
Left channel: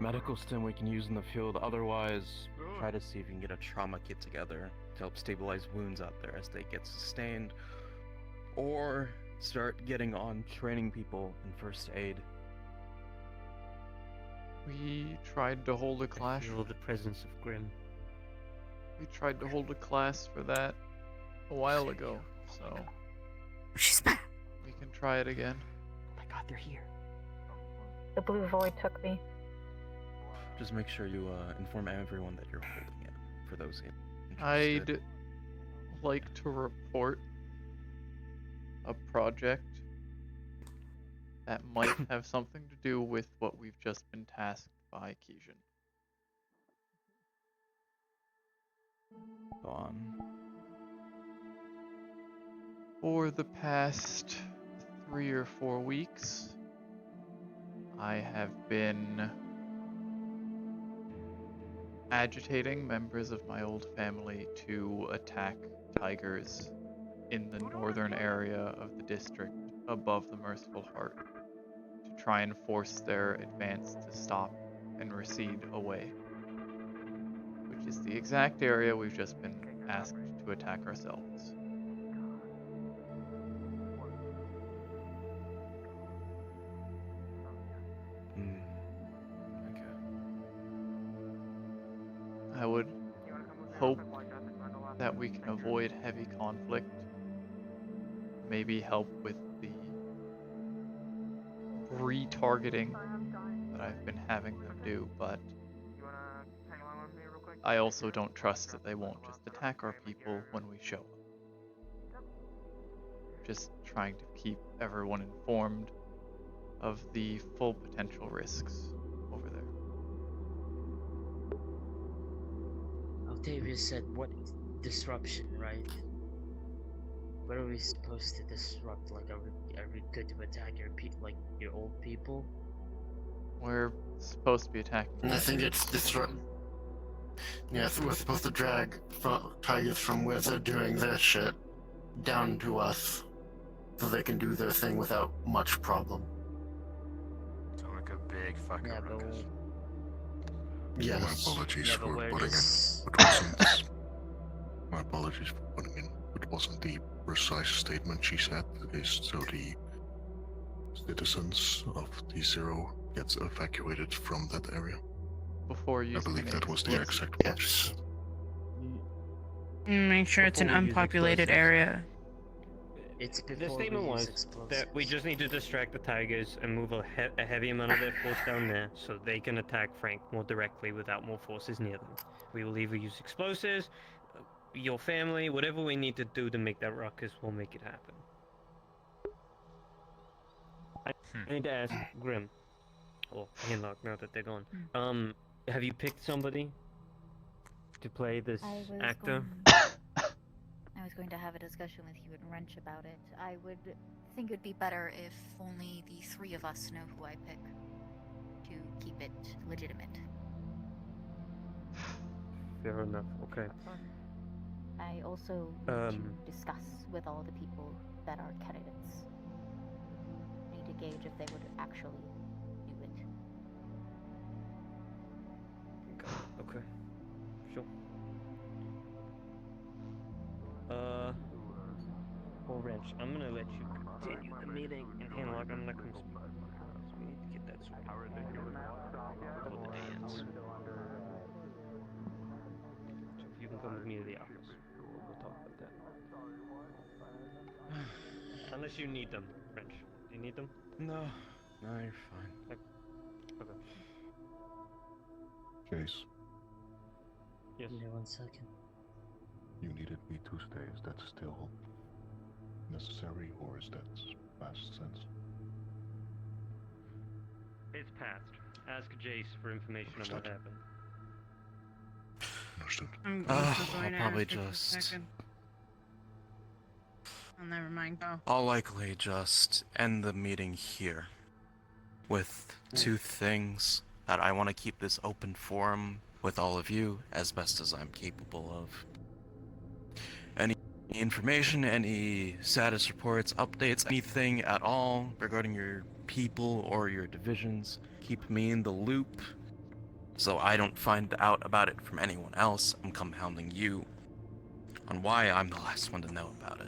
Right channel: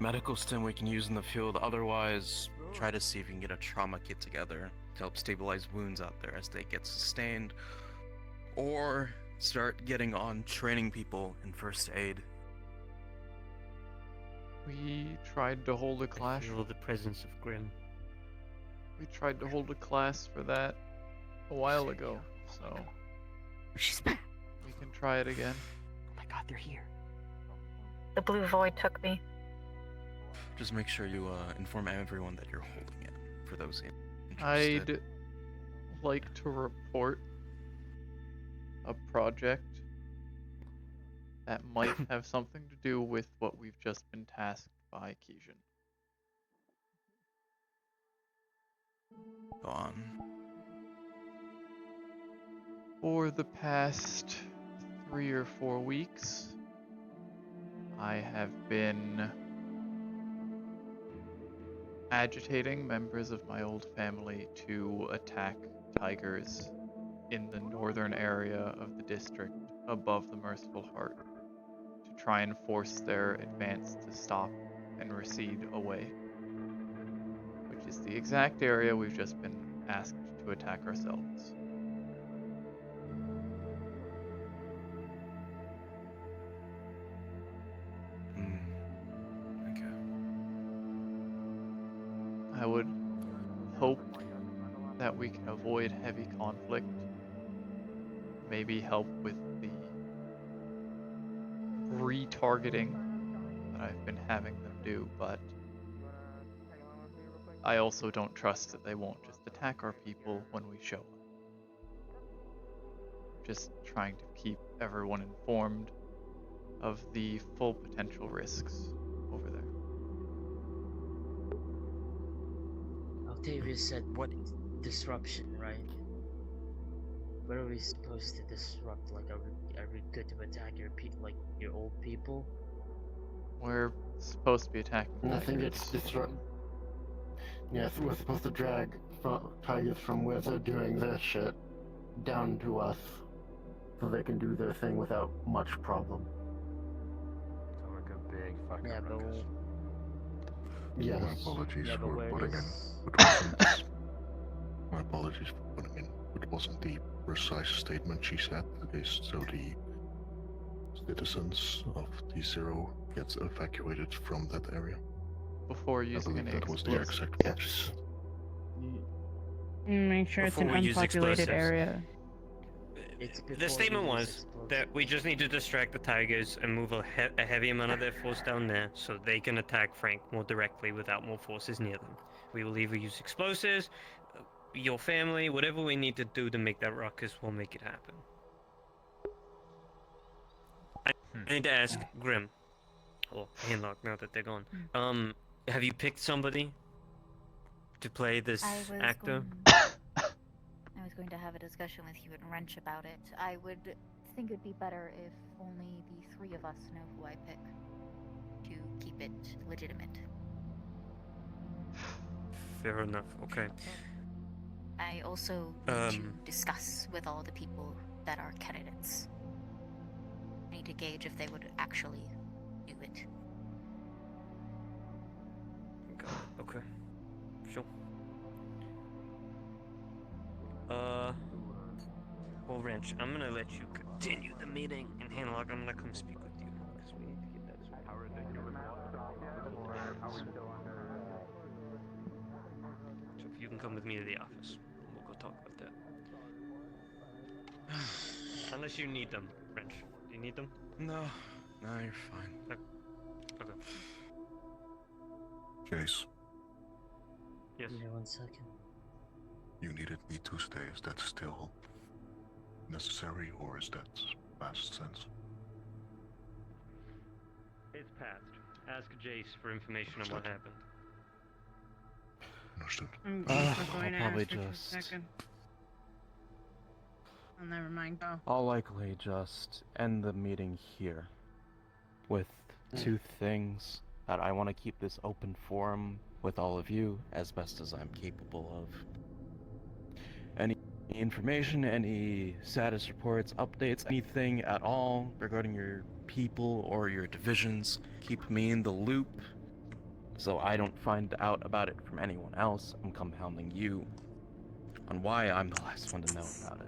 medical stim we can use in the field. Otherwise, try to see if you can get a trauma kit together to help stabilize wounds out there as they get sustained, or start getting on training people in first aid. We tried to hold a class. Feel the presence of Grim. We tried to hold a class for that a while ago, so She's back. we can try it again. Oh my God, they're here. The blue void took me. Just make sure you inform everyone that you're holding it for those interested. I'd like to report a project that might have something to do with what we've just been tasked by Keishan. Go on. For the past 3 or 4 weeks, I have been agitating members of my old family to attack tigers in the northern area of the district above the Merciful Heart to try and force their advance to stop and recede away, which is the exact area we've just been asked to attack ourselves. Okay. I would hope that we can avoid heavy conflict, maybe help with the retargeting that I've been having them do, but I also don't trust that they won't just attack our people when we show up. Just trying to keep everyone informed of the full potential risks over there. Octavia said What? disruption, right? What are we supposed to disrupt? Like, are we good to attack your old people? We're supposed to be attacking Nothing tigers. gets disrupted. Yes, we're supposed to drag tigers from where they're doing their shit down to us, so they can do their thing without much problem. Like a big fucking Yeah, but ruckus. Yes. My apologies yeah, but for where putting does... in. It wasn't. My apologies for putting in. It wasn't the precise statement she said. It is so the citizens of T0 gets evacuated from that area. Before I using believe an that was the explosive. exact words. Make sure it's an Before we use unpopulated explosives. area. It's The before statement we use was explosives. that we just need to distract the tigers and move a heavy amount of their force down there so they can attack Frank more directly without more forces near them. We will either use explosives, your family, whatever we need to do to make that ruckus, we'll make it happen. I need to ask Grim, or Hinlock, now that they're gone. Have you picked somebody to play this actor? I was going to have a discussion with you and Wrench about it. I would think it would be better if only the three of us know who I pick to keep it legitimate. Fair enough, okay. I also need to discuss with all the people that are candidates. I need to gauge if they would actually do it. Okay. Sure. Well, Wrench, I'm gonna let you continue the meeting, and Hanlock, I'm gonna come speak with you, because we need to get that sorted. How ridiculous. So if you can come with me to the office, we'll go talk about that. Unless you need them, Wrench. Do you need them? No, you're fine. Okay. Chase, Yes. Yeah, 1 second. you needed me to stay. Is that still necessary, or is that past sense? It's past. Ask Jace for information on what happened. Understood. I'm I'll also going to probably ask for just- 2 seconds. Oh, never mind. Go. I'll likely just end the meeting here with 2 things that I want to keep this open forum with all of you as best as I'm capable of. Any information, any status reports, updates, anything at all regarding your people or your divisions, keep me in the loop so I don't find out about it from anyone else and compounding you on why I'm the last one to know about it.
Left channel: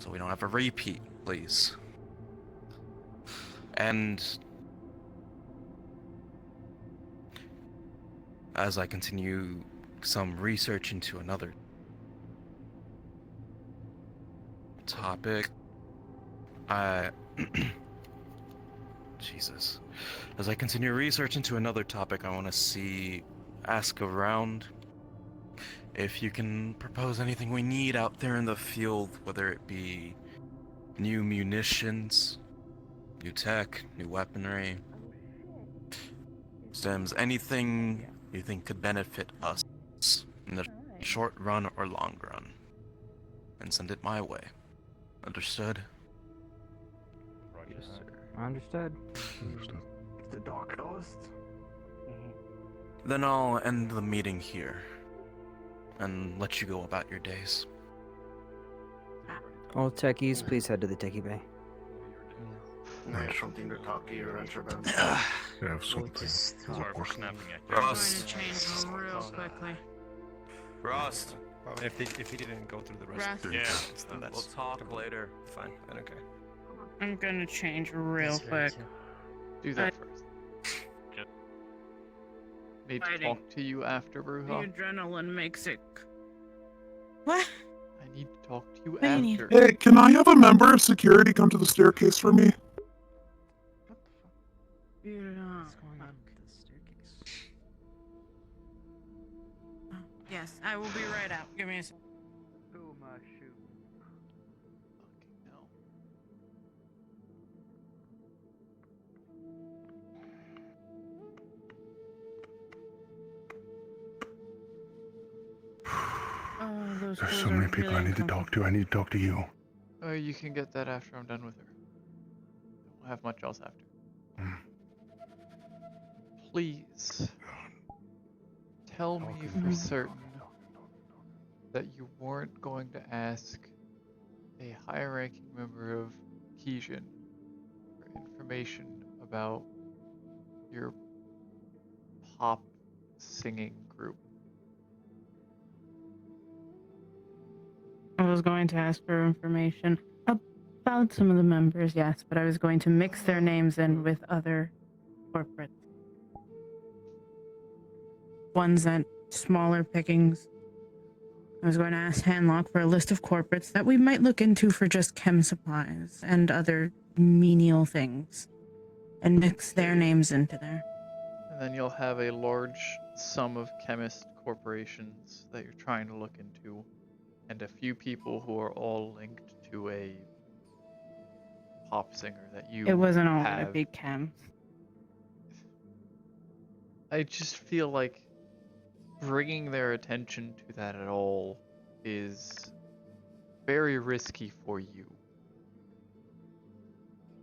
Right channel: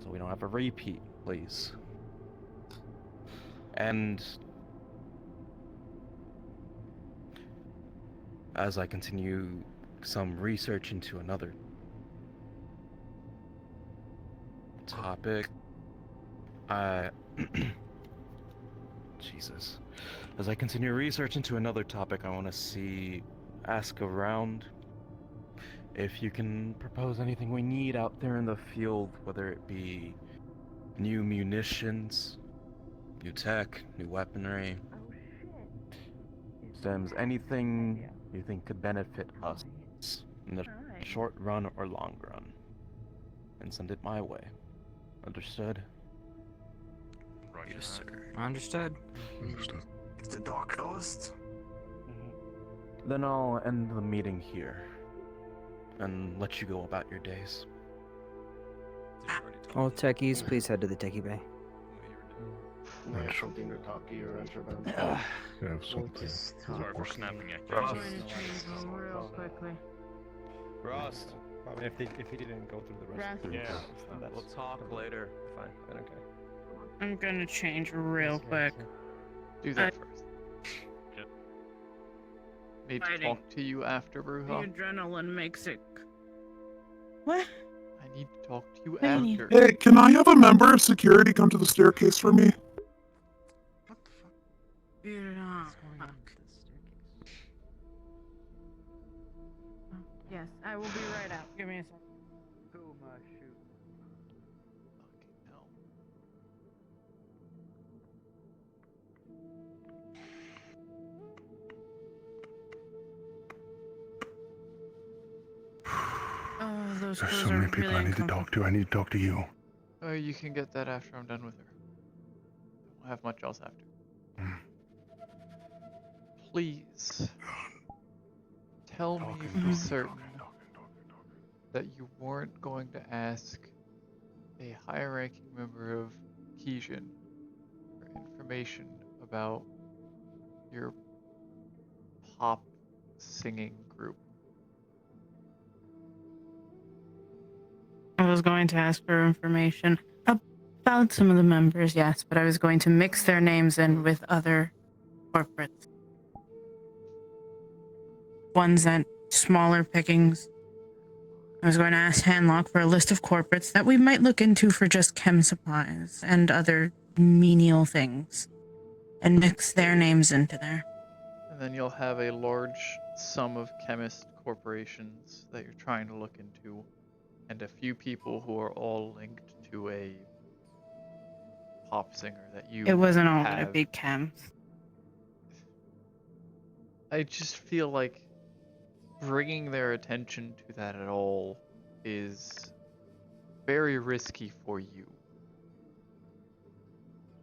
So we don't have a repeat, please. And as I continue some research into another topic, Jesus. As I continue research into another topic, I want to ask around if you can propose anything we need out there in the field, whether it be new munitions, new tech, new weaponry, stems, anything you think could benefit us in the short run or long run, and send it my way. Understood? Yes, sir. Understood. Understood. Is the door closed? Then I'll end the meeting here and let you go about your days. All techies, please head to the techie bay. I have something to talk to you, Wrench, about. I have something. Sorry for snapping at you. Roast. Real quickly. Rost. If he didn't go through the rest of the Yeah. then that's We'll talk later. fine. Then okay. I'm gonna change real quick. Do that first. Need to Fighting. talk to you after, The Bruja. adrenaline makes it. What? I need to talk to you Hey. after. Hey, can I have a member of security come to the staircase for me? What's going on with the staircase? Yes, I will be right out. Give me a second. Oh my shoot. Fucking hell. Those There's clothes so many are people really I need to talk to. I need to talk to you. You can get that after I'm done with her. Don't have much else after. Please tell me for certain that you weren't going to ask a high-ranking member of Kijin for information about your pop singing group. I was going to ask for information about some of the members, yes, but I was going to mix their names in with other corporates. Ones at smaller pickings. I was going to ask Hanlock for a list of corporates that we might look into for just chem supplies and other menial things, and mix their names into there. And then you'll have a large sum of chemist corporations that you're trying to look into, and a few people who are all linked to a pop singer that you It wasn't all have. gonna be chems. I just feel like bringing their attention to that at all is very risky for you.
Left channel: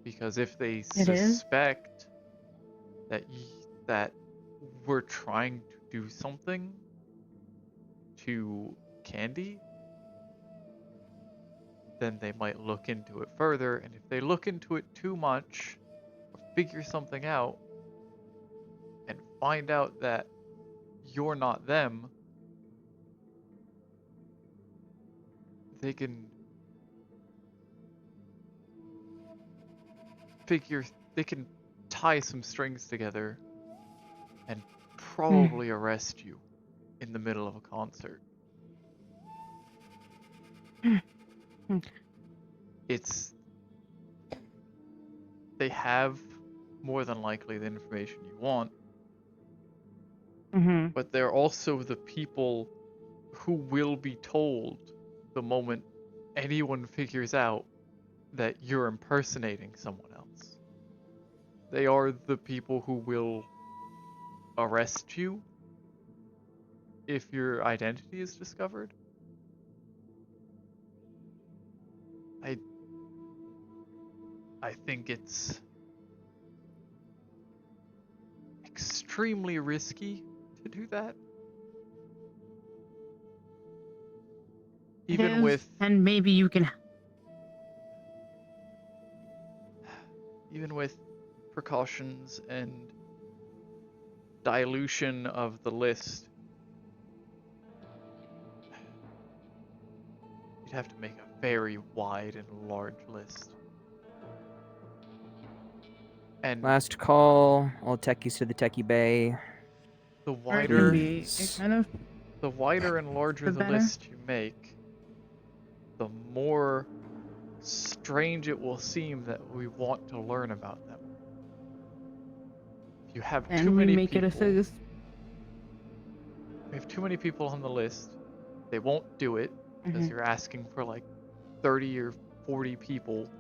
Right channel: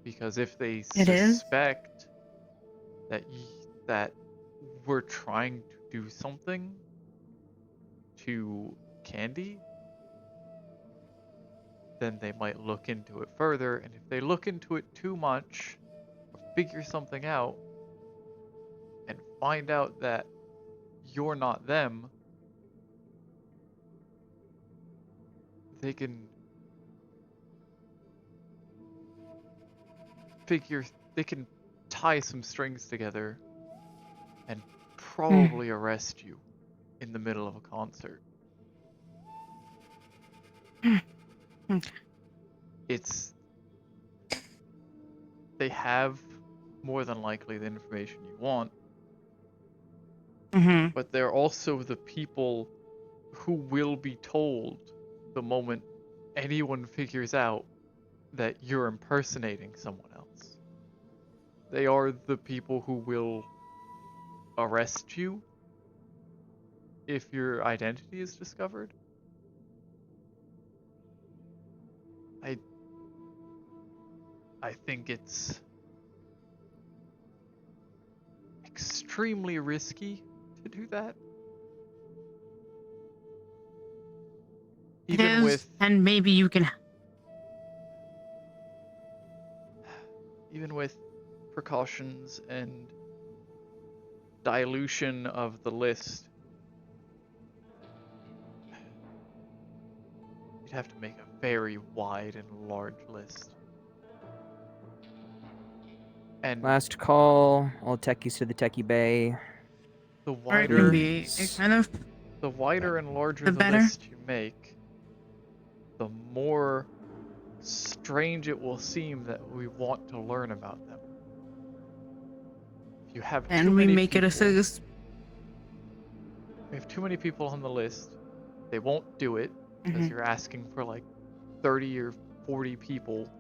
Because if they It is? suspect that we're trying to do something to Candy, then they might look into it further, and if they look into it too much, or figure something out, and find out that you're not them, they can tie some strings together and probably arrest you in the middle of a concert. They have more than likely the information you want, but they're also the people who will be told the moment anyone figures out that you're impersonating someone else. They are the people who will arrest you if your identity is discovered. I think it's extremely risky to do that. Even with and maybe you can precautions and dilution of the list, you'd have to make a very wide and large list. And last call, all techies to the techie bay. the wider the wider and larger the list you make, the more strange it will seem that we want to learn about them. If you have too many people, if you have too many people on the list, they won't do it because you're asking for like 30 or 40 people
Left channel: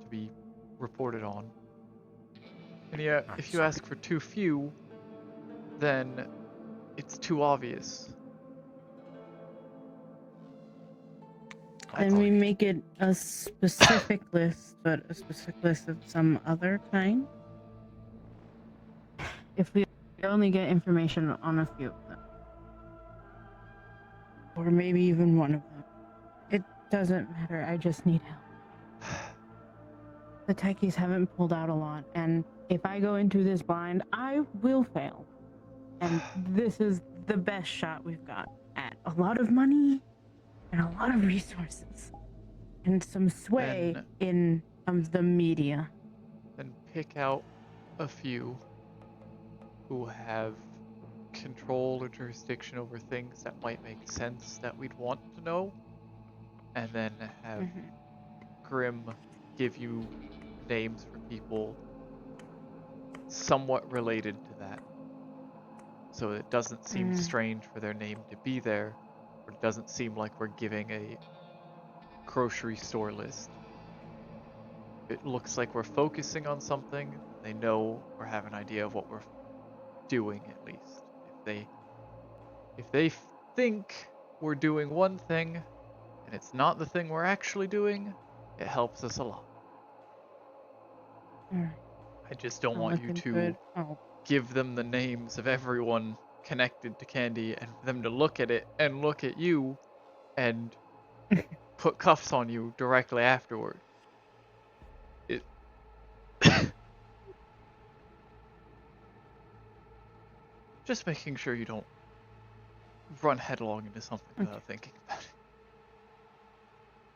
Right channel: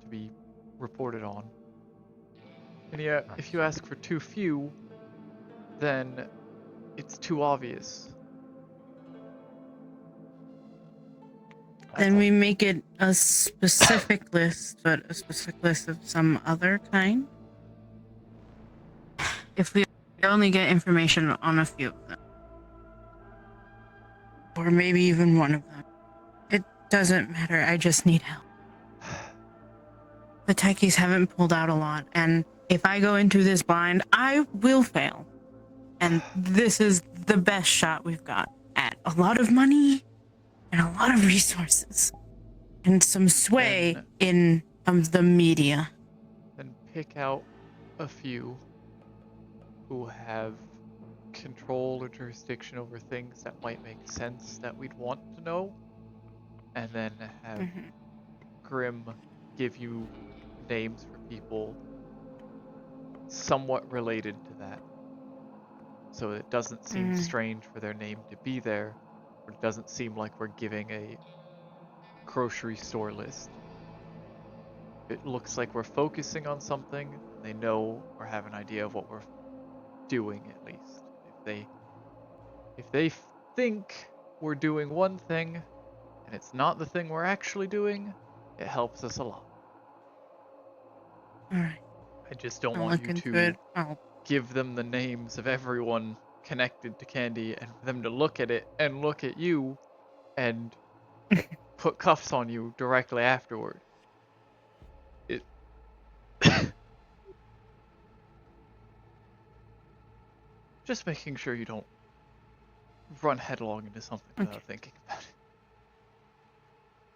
to be reported on. And yet, if you ask for too few, then it's too obvious. Then we make it a specific list, but a specific list of some other kind. If we only get information on a few of them, or maybe even one of them, it doesn't matter. I just need help. The techies haven't pulled out a lot, and if I go into this blind, I will fail. And this is the best shot we've got at a lot of money and a lot of resources and some sway in the media. Then pick out a few who have control or jurisdiction over things that might make sense that we'd want to know, and then have Grim give you names for people somewhat related to that, so it doesn't seem strange for their name to be there, or it doesn't seem like we're giving a grocery store list. It looks like we're focusing on something, and they know or have an idea of what we're doing, at least. If they think we're doing one thing, and it's not the thing we're actually doing, it helps us a lot. Alright. I just don't I'll want look you into to it. give them the names of everyone connected to Candy, and for them to look at it and look at you and put cuffs on you directly afterward. It just making sure you don't run headlong into something without thinking about it.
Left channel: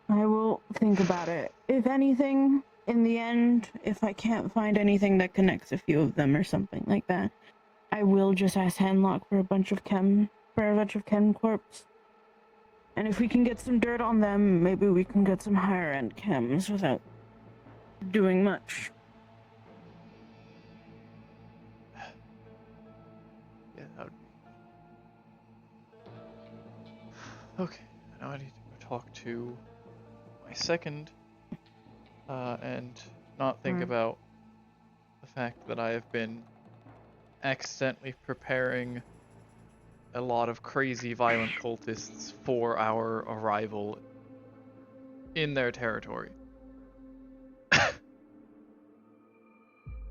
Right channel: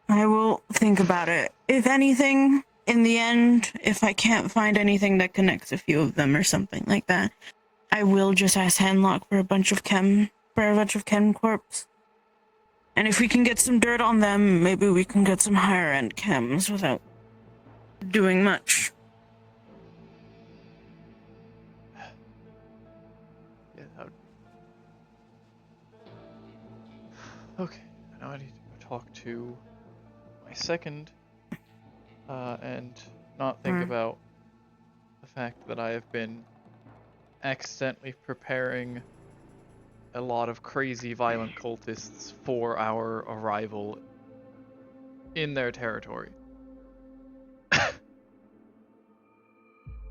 I will think about it. If anything, in the end, if I can't find anything that connects a few of them or something like that, I will just ask Handlock for a bunch of chem corps. And if we can get some dirt on them, maybe we can get some higher end chems without doing much. Yeah, that would be... Okay, now I need to go talk to my second, and not think about the fact that I have been accidentally preparing a lot of crazy violent cultists for our arrival in their territory.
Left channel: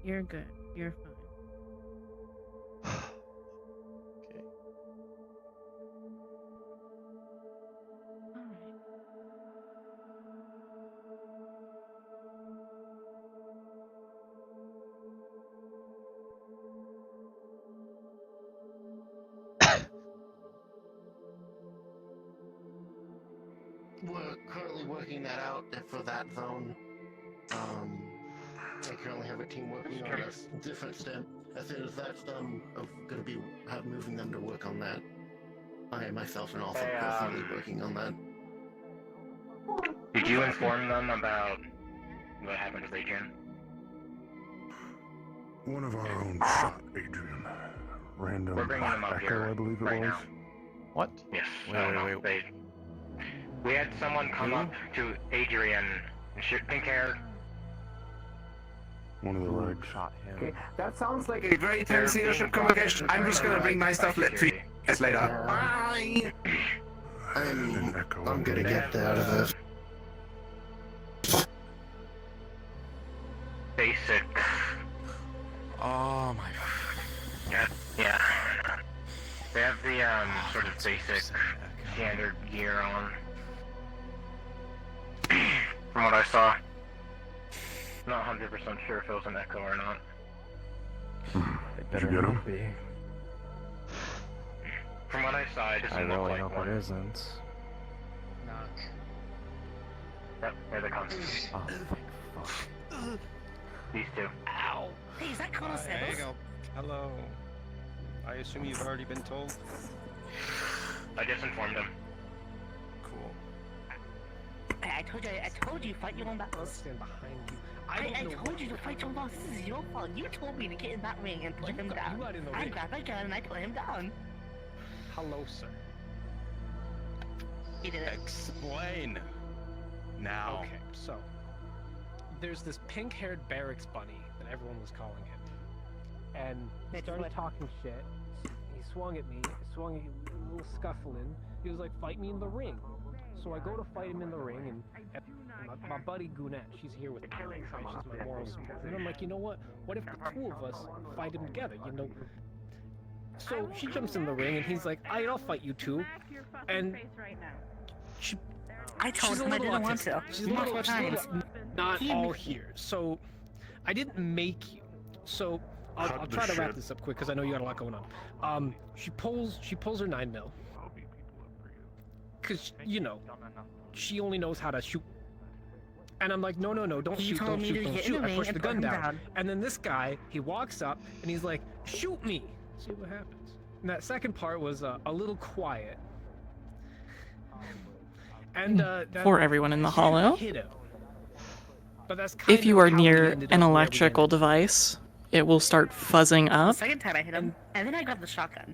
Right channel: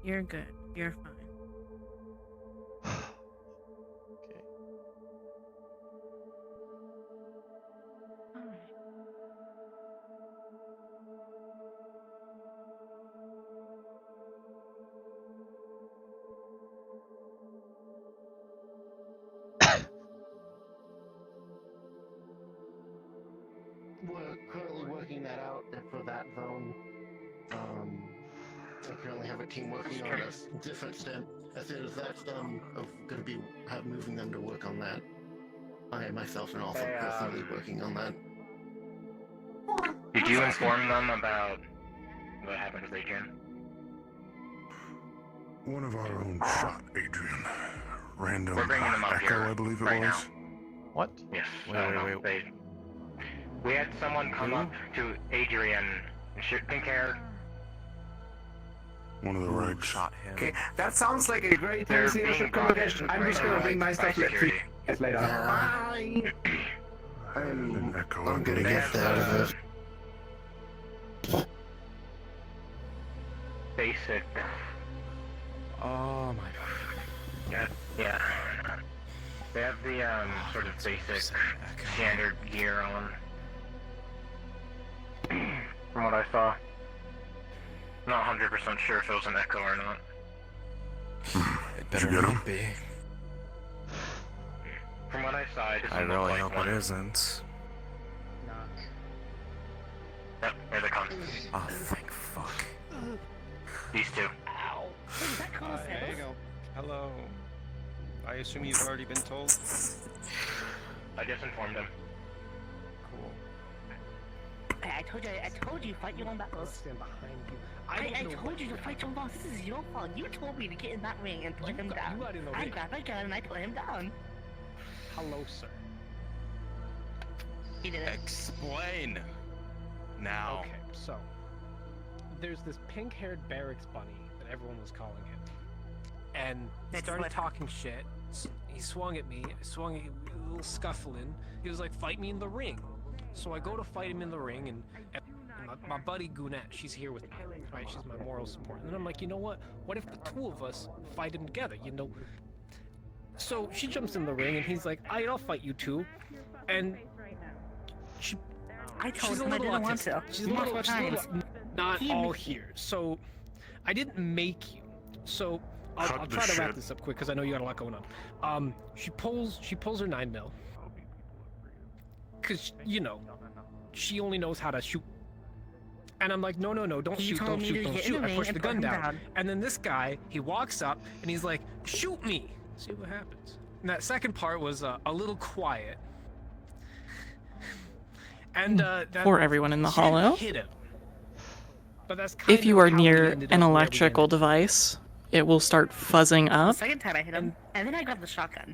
You're good. You're fine. Okay. We're currently working that out for that zone. I currently have a team working on a different stem. As soon as that's done, I'm going to be moving them to work on that. I myself am also personally working on that. Did you inform them about what happened to Adrian? One of our own shot Adrian. We're Random bringing them up echo, here I believe it right was. now. What? Yes. Wait. We had someone come up to Adrian, pink hair. One of the rigs. Shot him. Okay, that sounds like a very tense leadership convocation. I'm just gonna bring my stuff to you guys later. Bye! I'm gonna get that out of this. Basic. Oh my. Yeah. They have the sort of basic standard gear on. From what I saw. Not 100% sure if it was an echo or not. Did you get him? From what I saw, it I doesn't look really like hope one. it isn't. Knock. Yep, here they come. Oh, thank fuck. These two. Ow. Hey, is that Colonel Sales? Hello. I assume you've already been told? I just informed them. Hey, I told you, fight your own battles. Stand behind you. I told you to fight your own battles. This is your fault. You told me to get in that ring and put him down. I grabbed my gun and I put him down. Hello, sir. He did it. Explain. Now. Okay, so there's this pink-haired barracks bunny that everyone was calling him, and he started talking shit. He swung at me, a little scuffling. He was like, "Fight me in the ring." So I go to fight him in the ring, and my buddy Gunette, she's here with me, right? She's my moral support. And I'm like, you know what? What if the two of us fight him together? You know. So she jumps in the ring, and he's like, I'll fight you two. And I told him I didn't want to. She's Multiple times. not all here. So I didn't make you. So I'll try to wrap this up quick because I know you got a lot going on. She pulls her 9mm. Because, you know, she only knows how to shoot. And I'm like, no, don't shoot, don't shoot, don't shoot. I push the gun down. And then this guy, he walks up and he's like, shoot me. See what happens. And that second part was a little quiet. And for everyone in the hollow, hit him. But that's if you are how we near ended an up where we electrical device, it will start fuzzing The up. second time I hit him, and then I grabbed the shotgun.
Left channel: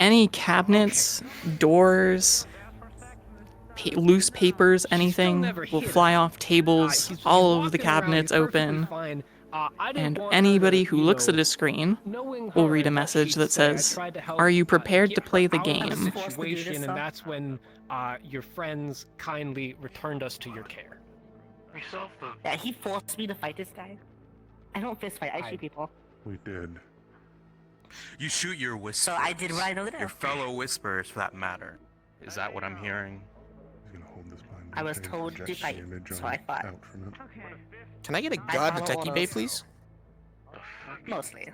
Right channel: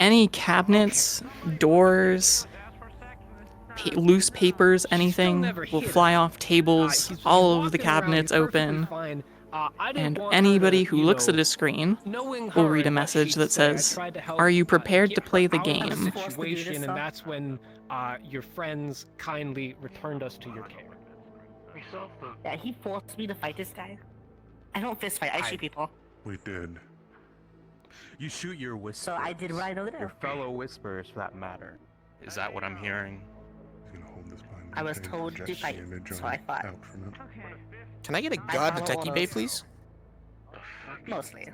Any cabinets, doors, loose papers, anything will fly off tables, all of the cabinets open. Fine. I didn't And want anybody to, who looks at a screen will read a message that says, "Are you prepared to play the out of game?" the situation, and that's when your friends kindly returned us to your care. Yeah, he forced me to fight this guy. I don't fist fight, I shoot people. We did. You shoot your whisperers. So I did what I know to do. Your fellow whisperers, for that matter. Is that what I'm hearing? I was told to fight, so I fought. Can I get a god detective bay, please? Mostly.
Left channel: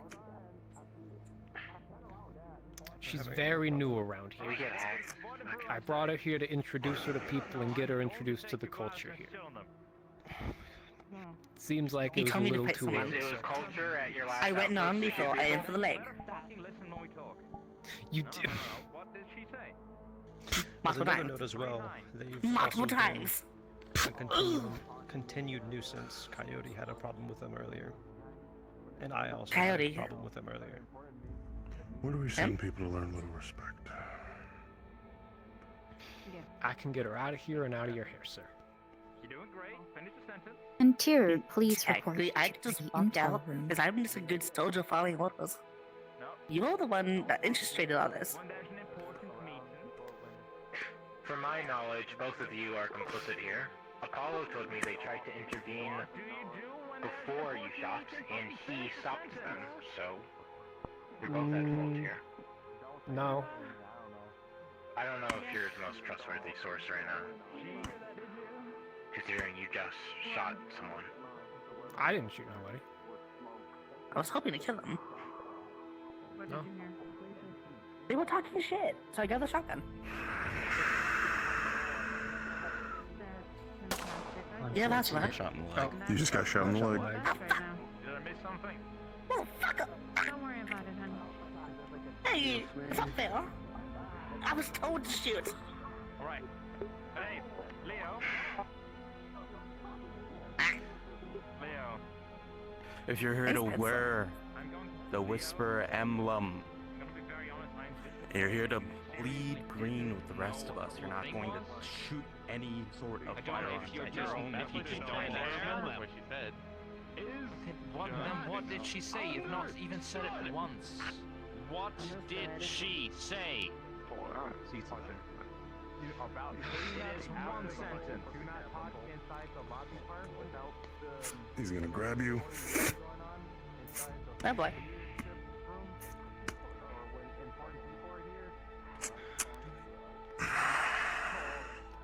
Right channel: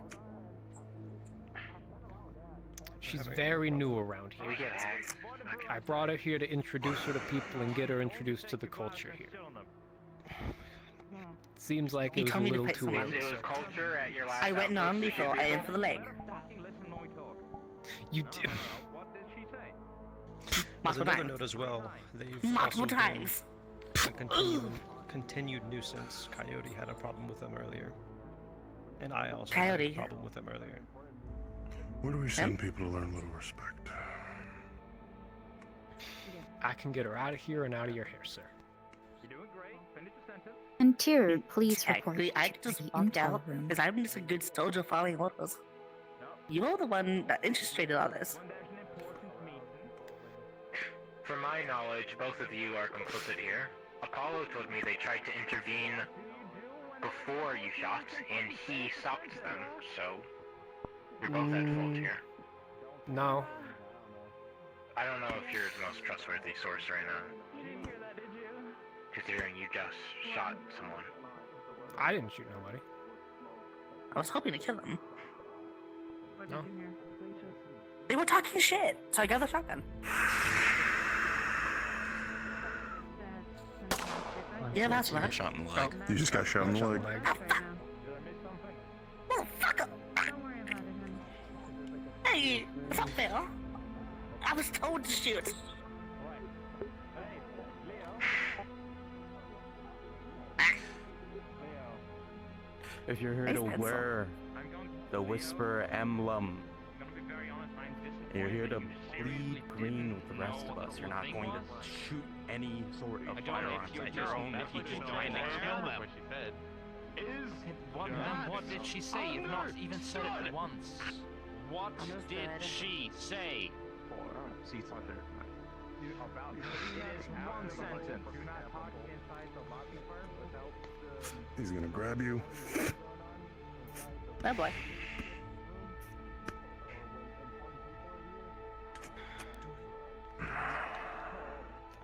She's very new around here. I brought her here to introduce her to people and get her introduced to the culture here. Seems like it was a little too early. I went on before I aimed for the leg. You did. As another note as well, they've Multiple also been times. a continued nuisance. Coyote had a problem with them earlier. And I also had Coyote. a problem with them earlier. Where do we send people to learn a little respect? I can get her out of here and out of your hair, sir. Interior, please report Technically, I to just the walked intel out room. because I'm just a good soldier following orders. You're the one that illustrated all this. From my knowledge, both of you are complicit here. Apollo told me they tried to intervene before you shot, and he stopped them, so you're both at fault here. No. I don't know if you're the most trustworthy source right now, considering you just shot someone. I didn't shoot nobody. I was hoping to kill them. No. They were talking shit, so I got the shotgun. Yeah, that's right. Shot in the leg. You just got shot in the leg. Motherfucker! Hey, it's not fair. I was told to shoot. If you're here to wear the Whisper emblem, you're here to bleed green with the rest of us. You're not going to shoot any sort of firearms at your own people. What she said. Then what did she say? You've not even said it once. What did she say? It is one sentence. Do not talk inside the lobby part without the... He's gonna grab you. Oh boy.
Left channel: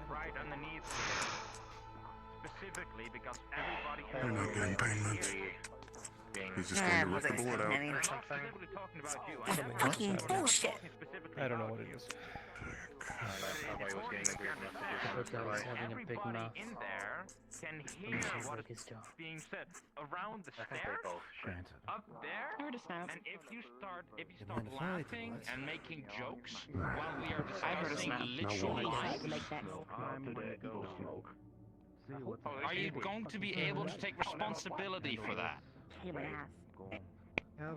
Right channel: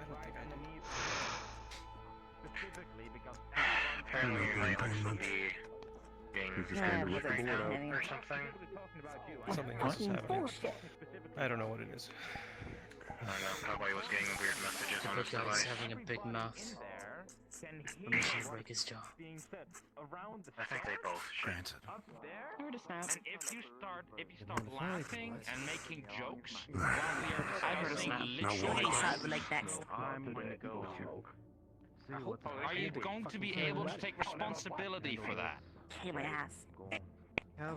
Right underneath. Specifically because You're not getting paid much. He's just going to rip the board out. Something else is happening. I don't know what it is. Nobody was getting weird messages on Look at us having a big mouth. Can Let me see work his job. being said around the I think they both Granted. up there. And if you start laughing and making jokes while we are discussing literally are you going to be able to take responsibility for that? Kick my ass. I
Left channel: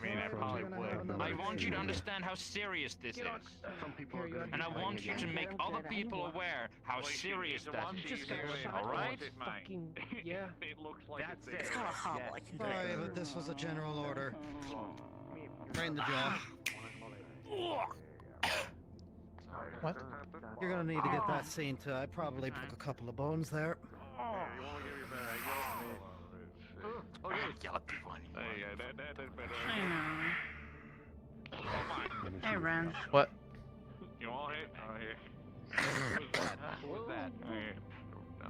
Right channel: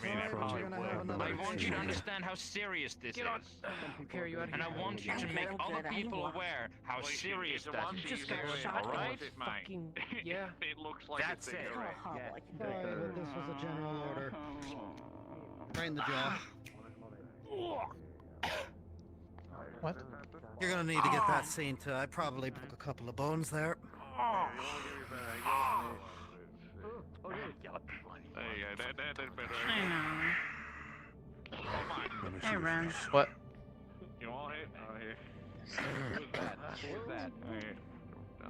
mean, I probably would. I want you to understand how serious this is. And I want you to make other people aware how serious that is. Alright? Yeah. That's it. Sorry, but this was a general order. Right in the jaw. What? You're gonna need to get that seen to. I probably broke a couple of bones there. Hey, Ren. What? You all hit? Oh, here. Who's that? Who's that?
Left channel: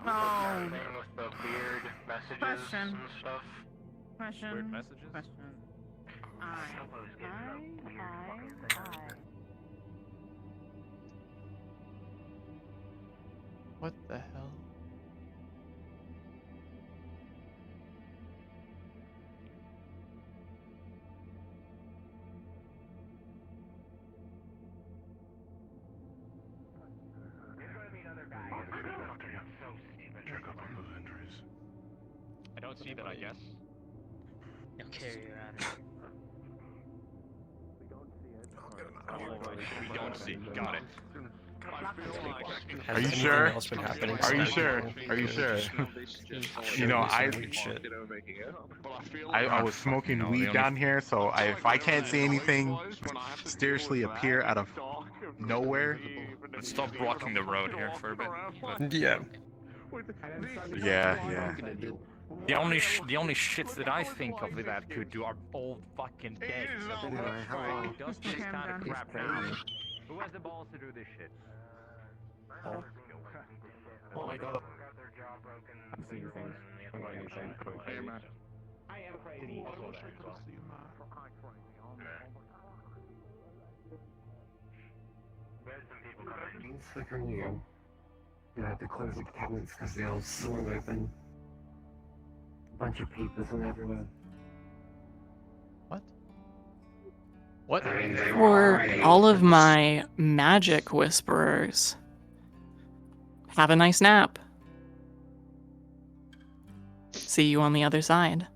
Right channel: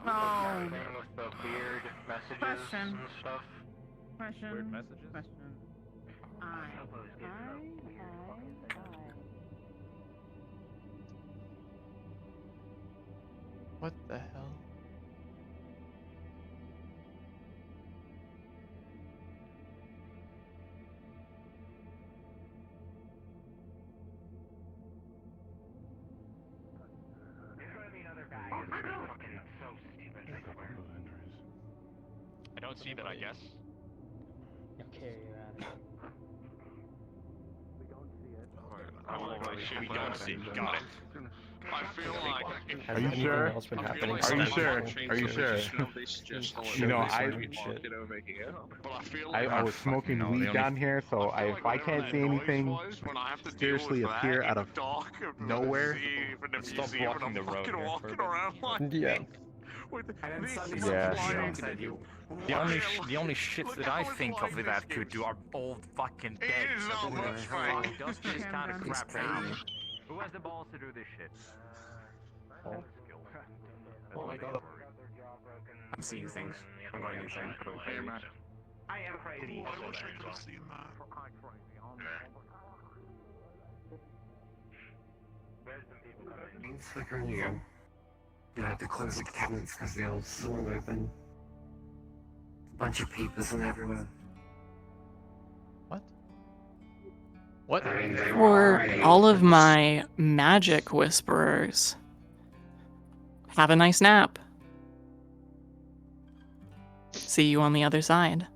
Oh. With the weird messages Question. and stuff. Question. Weird messages? Question. What the hell? I don't see that, I guess. Okay, We don't see. Got it. I feel like I can Are you sure? Else been happening Are you sure? Are you sure? You know, I was smoking weed down here, so if I can't see anything mysteriously appear out of nowhere, Let's stop blocking the road here for a bit. Yeah. Yeah. The only shit that I think of that could do are old fucking dead. Anyway, hello. Does this kind of crap town? Who has the balls to do this shit? Oh my god. I'm seeing things. I'm going to think. You have to close the cabinets because they all swung open. A bunch of papers and everywhere. What? For all of my magic whisperers, have a nice nap. See you on the other side.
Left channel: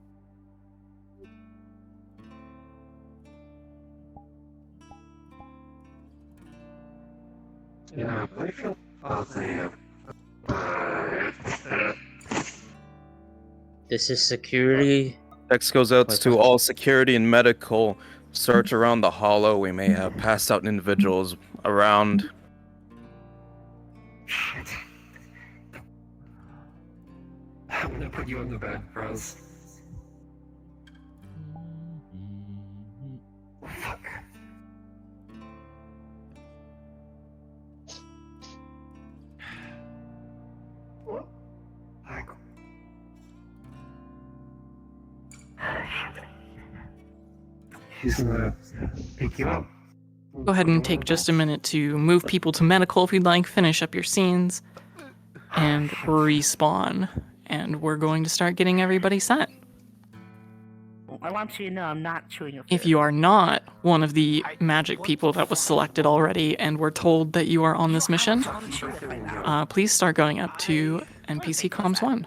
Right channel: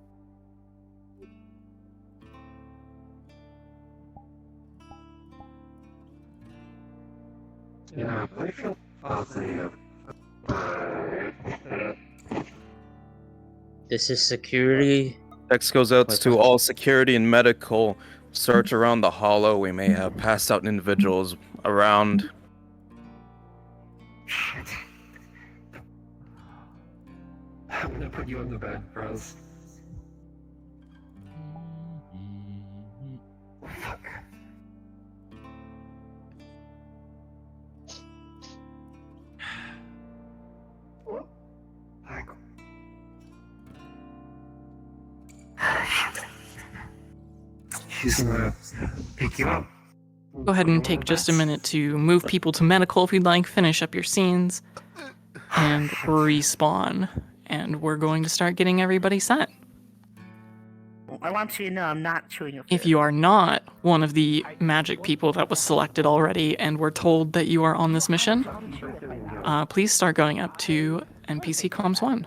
Yeah, I feel awesome. This is security. Text goes out to all security and medical. Search around the hollow. We may have passed out individuals around. Shit. I'm gonna put you on the bed, bros. Fuck. What? She's gonna pick you up. Go ahead and take just a minute to move people to medical if you'd like, finish up your scenes, and respawn. And we're going to start getting everybody set. I want you to know I'm not chewing your If you are not one of the magic people that was selected already and were told that you are on this mission, please start going up to NPC Comms 1.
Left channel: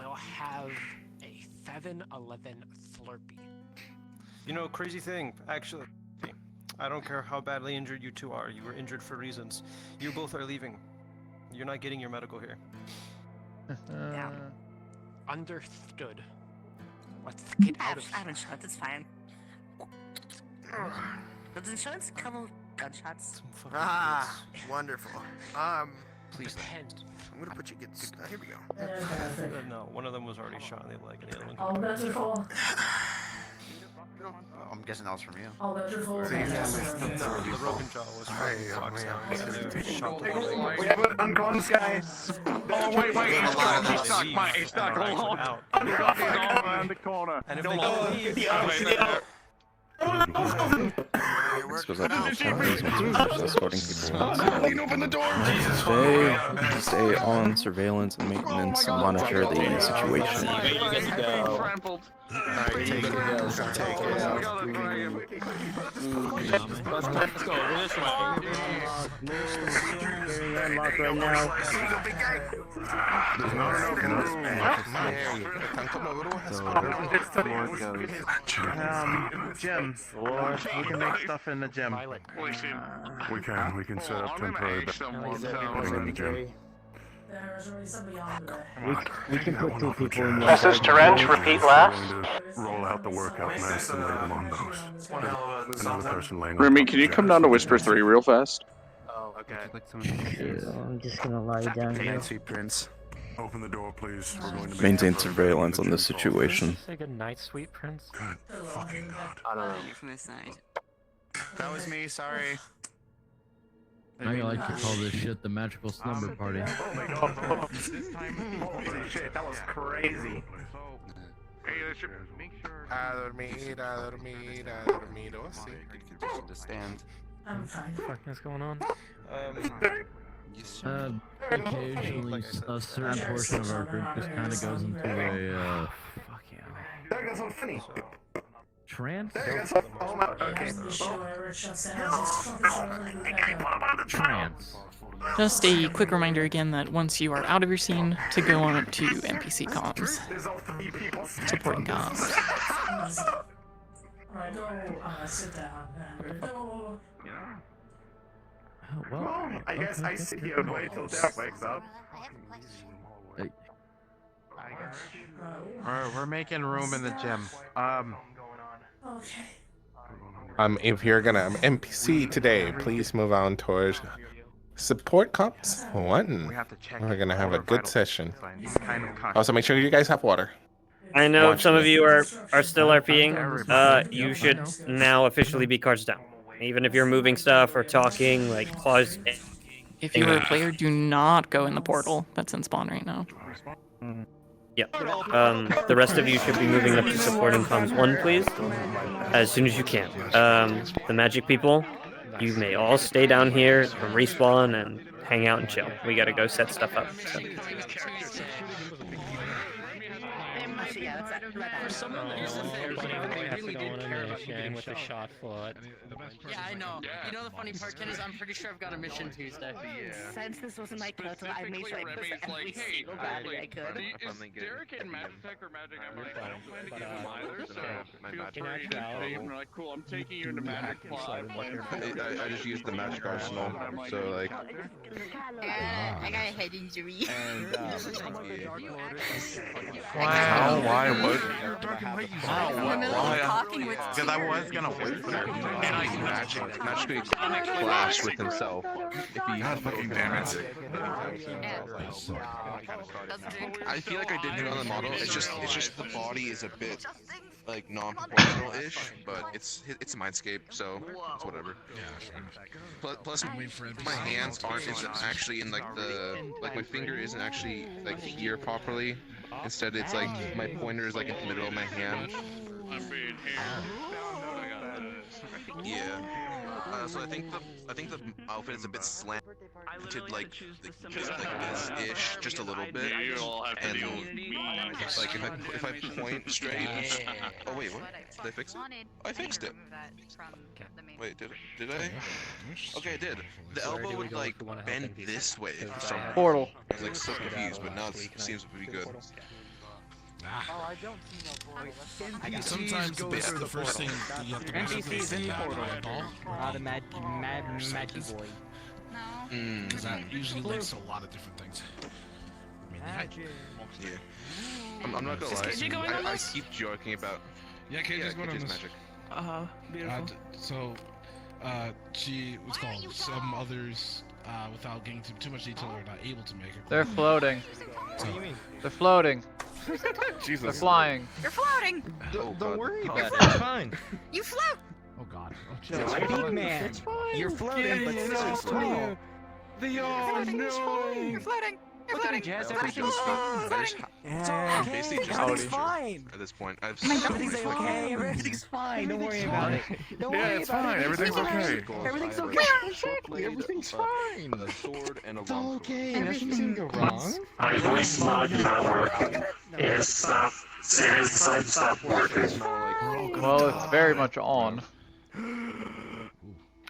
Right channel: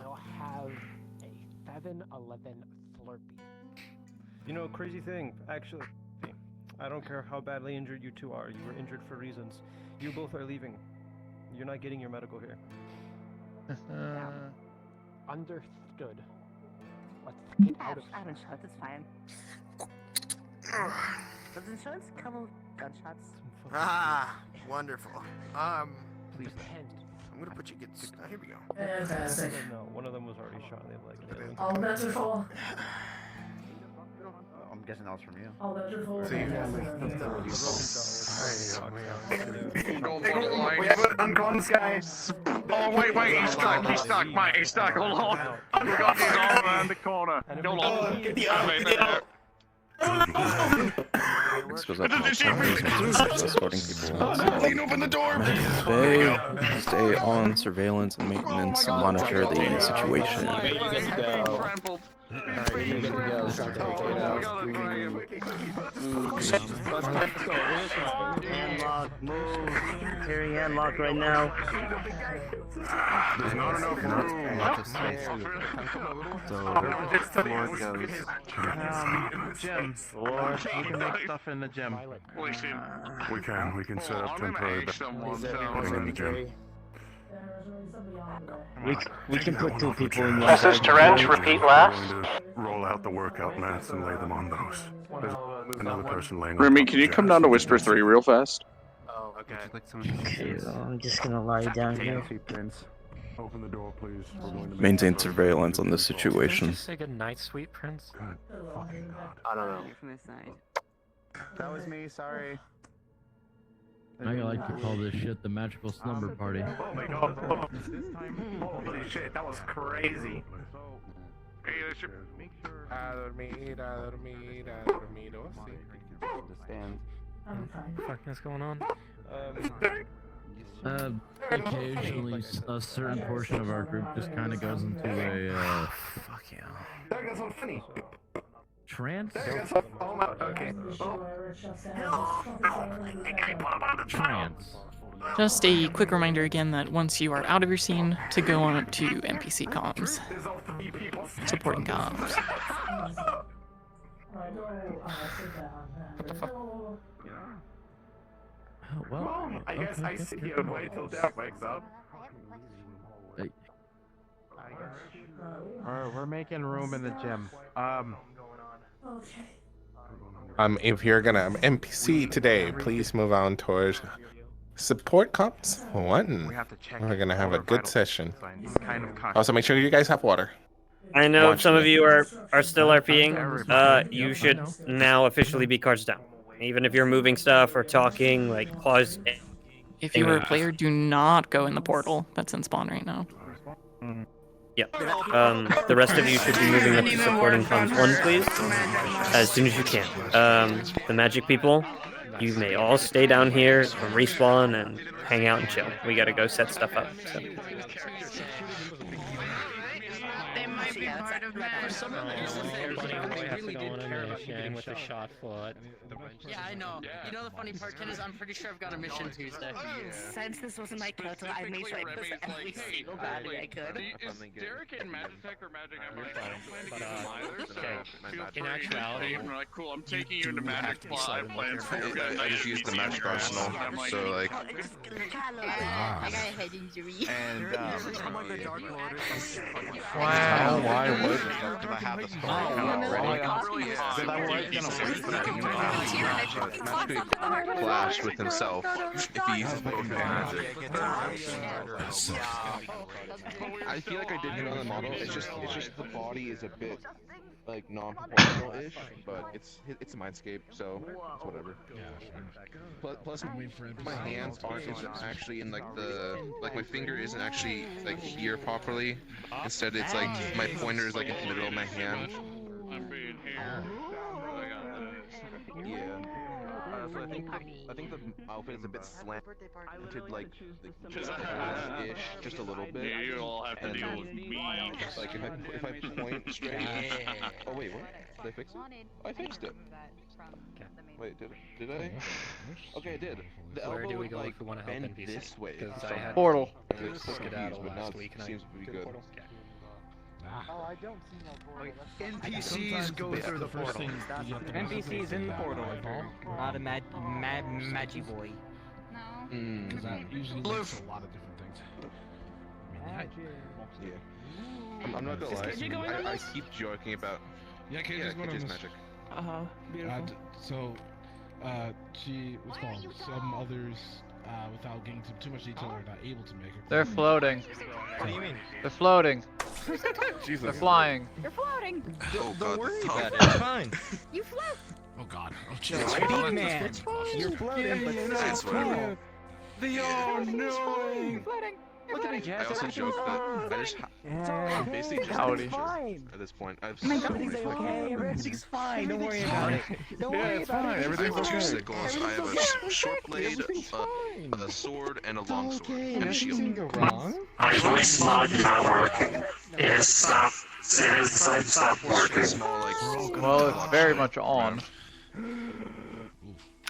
You know, crazy thing, actually. I don't care how badly injured you two are. You were injured for reasons. You both are leaving. You're not getting your medical here. Understood. Let's get out of insurance, it's fine. Does insurance cover gunshots? Ah, wonderful. Please. I'm gonna put you good. Here we go. No, one of them was already shot in the leg. And the other one. All bets are full. I'm guessing that was from you. All bets are full. I'm gone, guys. Oh, wait, he's stuck, Mike, he's stuck, hold on. I'm around the corner. This goes up to all templates once escorting people Open the door! Stay on surveillance and maintenance and monitor the situation. Carrying unlocked right now. There's not enough room. Gym. Or we can make stuff in the gym. We can set up temporary putting in the gym. We can put two people in the This is Terrence, repeat last. Going to roll out the workout mats and lay them on those. There's another person laying on Remy, top can of you come Jackson. down to Whisper 3 real fast? Oh, okay. I'm just gonna lie down here. Open the door, please. We're going to Maintain surveillance on this situation. Say good night, sweet prince. Good fucking God. I don't know. That was me, sorry. I like to call this shit the magical slumber party. Oh my god. Holy shit, that was crazy. Hey, that's your... A dormido, sí. Stand. What the fuck is going on? Occasionally, a certain portion of our group just kind of goes into a, Fuck yeah. That's so funny. trance? Okay. Trance. Just a quick reminder again that once you are out of your scene, to go on up to NPC comms. Supporting comms. Well, I guess I sit here and wait till Dad wakes up. We're making room in the gym. Okay. If you're gonna NPC today, please move on towards support comps 1. We're gonna have a good session. Also, make sure you guys have water. I know Watch some of me. you are still RPing. You should now officially be cards down. Even if you're moving stuff or talking, like pause. If you were a player, do not go in the portal that's in spawn right now. Yeah. The rest of you should be moving up to supporting comms 1, please, as soon as you can. The magic people, you may all stay down here and respawn and hang out and chill. We gotta go set stuff up. So. Yeah, that's right. For someone that used to say they really did care about you getting with the shot foot. Yeah, I know. You know the funny part, Ken, is I'm pretty sure I've got a mission Tuesday. Since this wasn't my total, I made sure I put every single battery I could. Is Derek in Magitech or Magic? I don't plan to get him either, so feel free. You're like, cool, I'm taking you to Magic Live. I just used the magic arsenal, so like. I got a head injury. And Wow. Why would? Because I was gonna wait for that to magically clash with himself if he fucking magic anytime soon. I feel like I did good on the model. It's just the body is a bit like non-proportional-ish, but it's a mindscape, so it's whatever. Plus, my hands isn't actually in like my finger isn't actually like here properly. Instead, it's like my pointer is like in the middle of my hand. Yeah. So I think the outfit is a bit slanted, like this-ish, just a little bit. And like if I point straight. Oh wait, what? Did I fix it? I fixed it. Wait, did I? Okay, I did. The elbow would like bend this way. Portal. I was like so confused, but now it seems to be good. NPCs go through the portal. NPCs in the portal. Not a magic boy. Because that usually leads to a lot of different things. Yeah. I'm not gonna lie. I keep joking about. Yeah, KJ's going on this. Magic. Beautiful. What's called? Some others, without getting into too much detail, are not able to make it. They're floating. What do you mean? They're floating. Jesus. They're flying. You're floating. Don't worry about it. It's fine. You float. Oh God. Big man. You're floating, but so small. They are no. You're floating. Look at me, Jazz. I also joke that I basically just Howdy. at this point. I've Everything's okay. Everything's fine. Don't worry about it. Don't worry about it. Everything's okay. Everything's I have okay. a short blade, a sword, and a long sword. And a shield. Nothing go wrong. My voice mod not working. It stopped. Seriously, stop working. Well, it's very much on.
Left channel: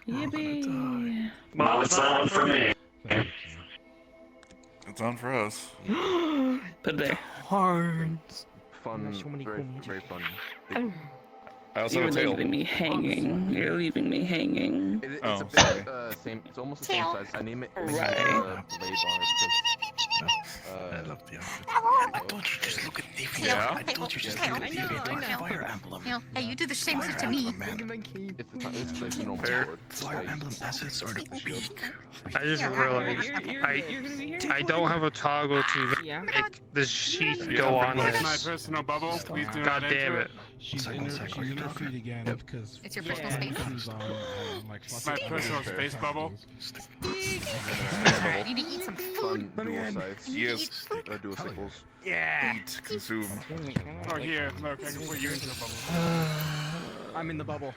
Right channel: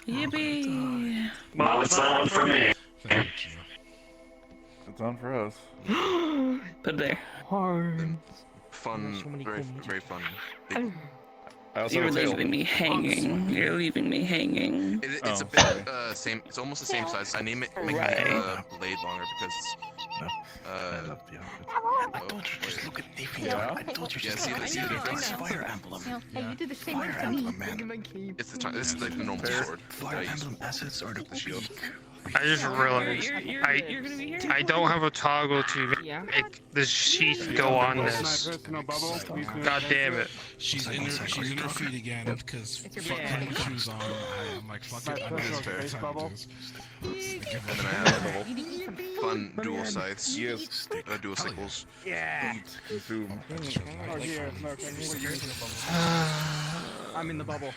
Yippee! Well, it's on for me. It's on for us. Put it there. Fun, very fun. I also You're have a tail. leaving me hanging. You're leaving me hanging. It's a bit same. It's almost the same size. I name it blade longer because. I love the outfit. I told you just look at the Yeah. I told you just Yeah, look at see, the Fire Emblem. Hey, you do the same Fire thing to me. Emblem, man. It's this is like the normal sword. Fire Emblem assets are the peak. I just realized I don't have a toggle to make the sheath go on this. God damn it. She's in her feet again because fucking shoes on. Like fucking space bubble. Fun dual sights. Yes. Dual sickles. Yeah. Eat, consume. Oh yeah, look. I'm in the bubble.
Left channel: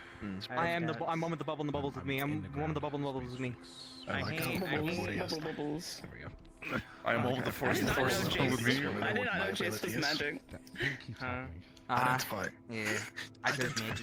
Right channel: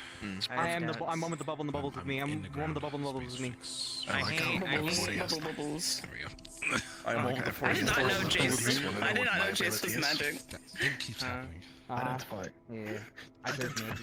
I'm one with the bubble and the bubbles with me. I'm one with the bubble and the bubbles with me. I am over the force with me. I did not know Chase was magic. Identify. Yeah. Identify.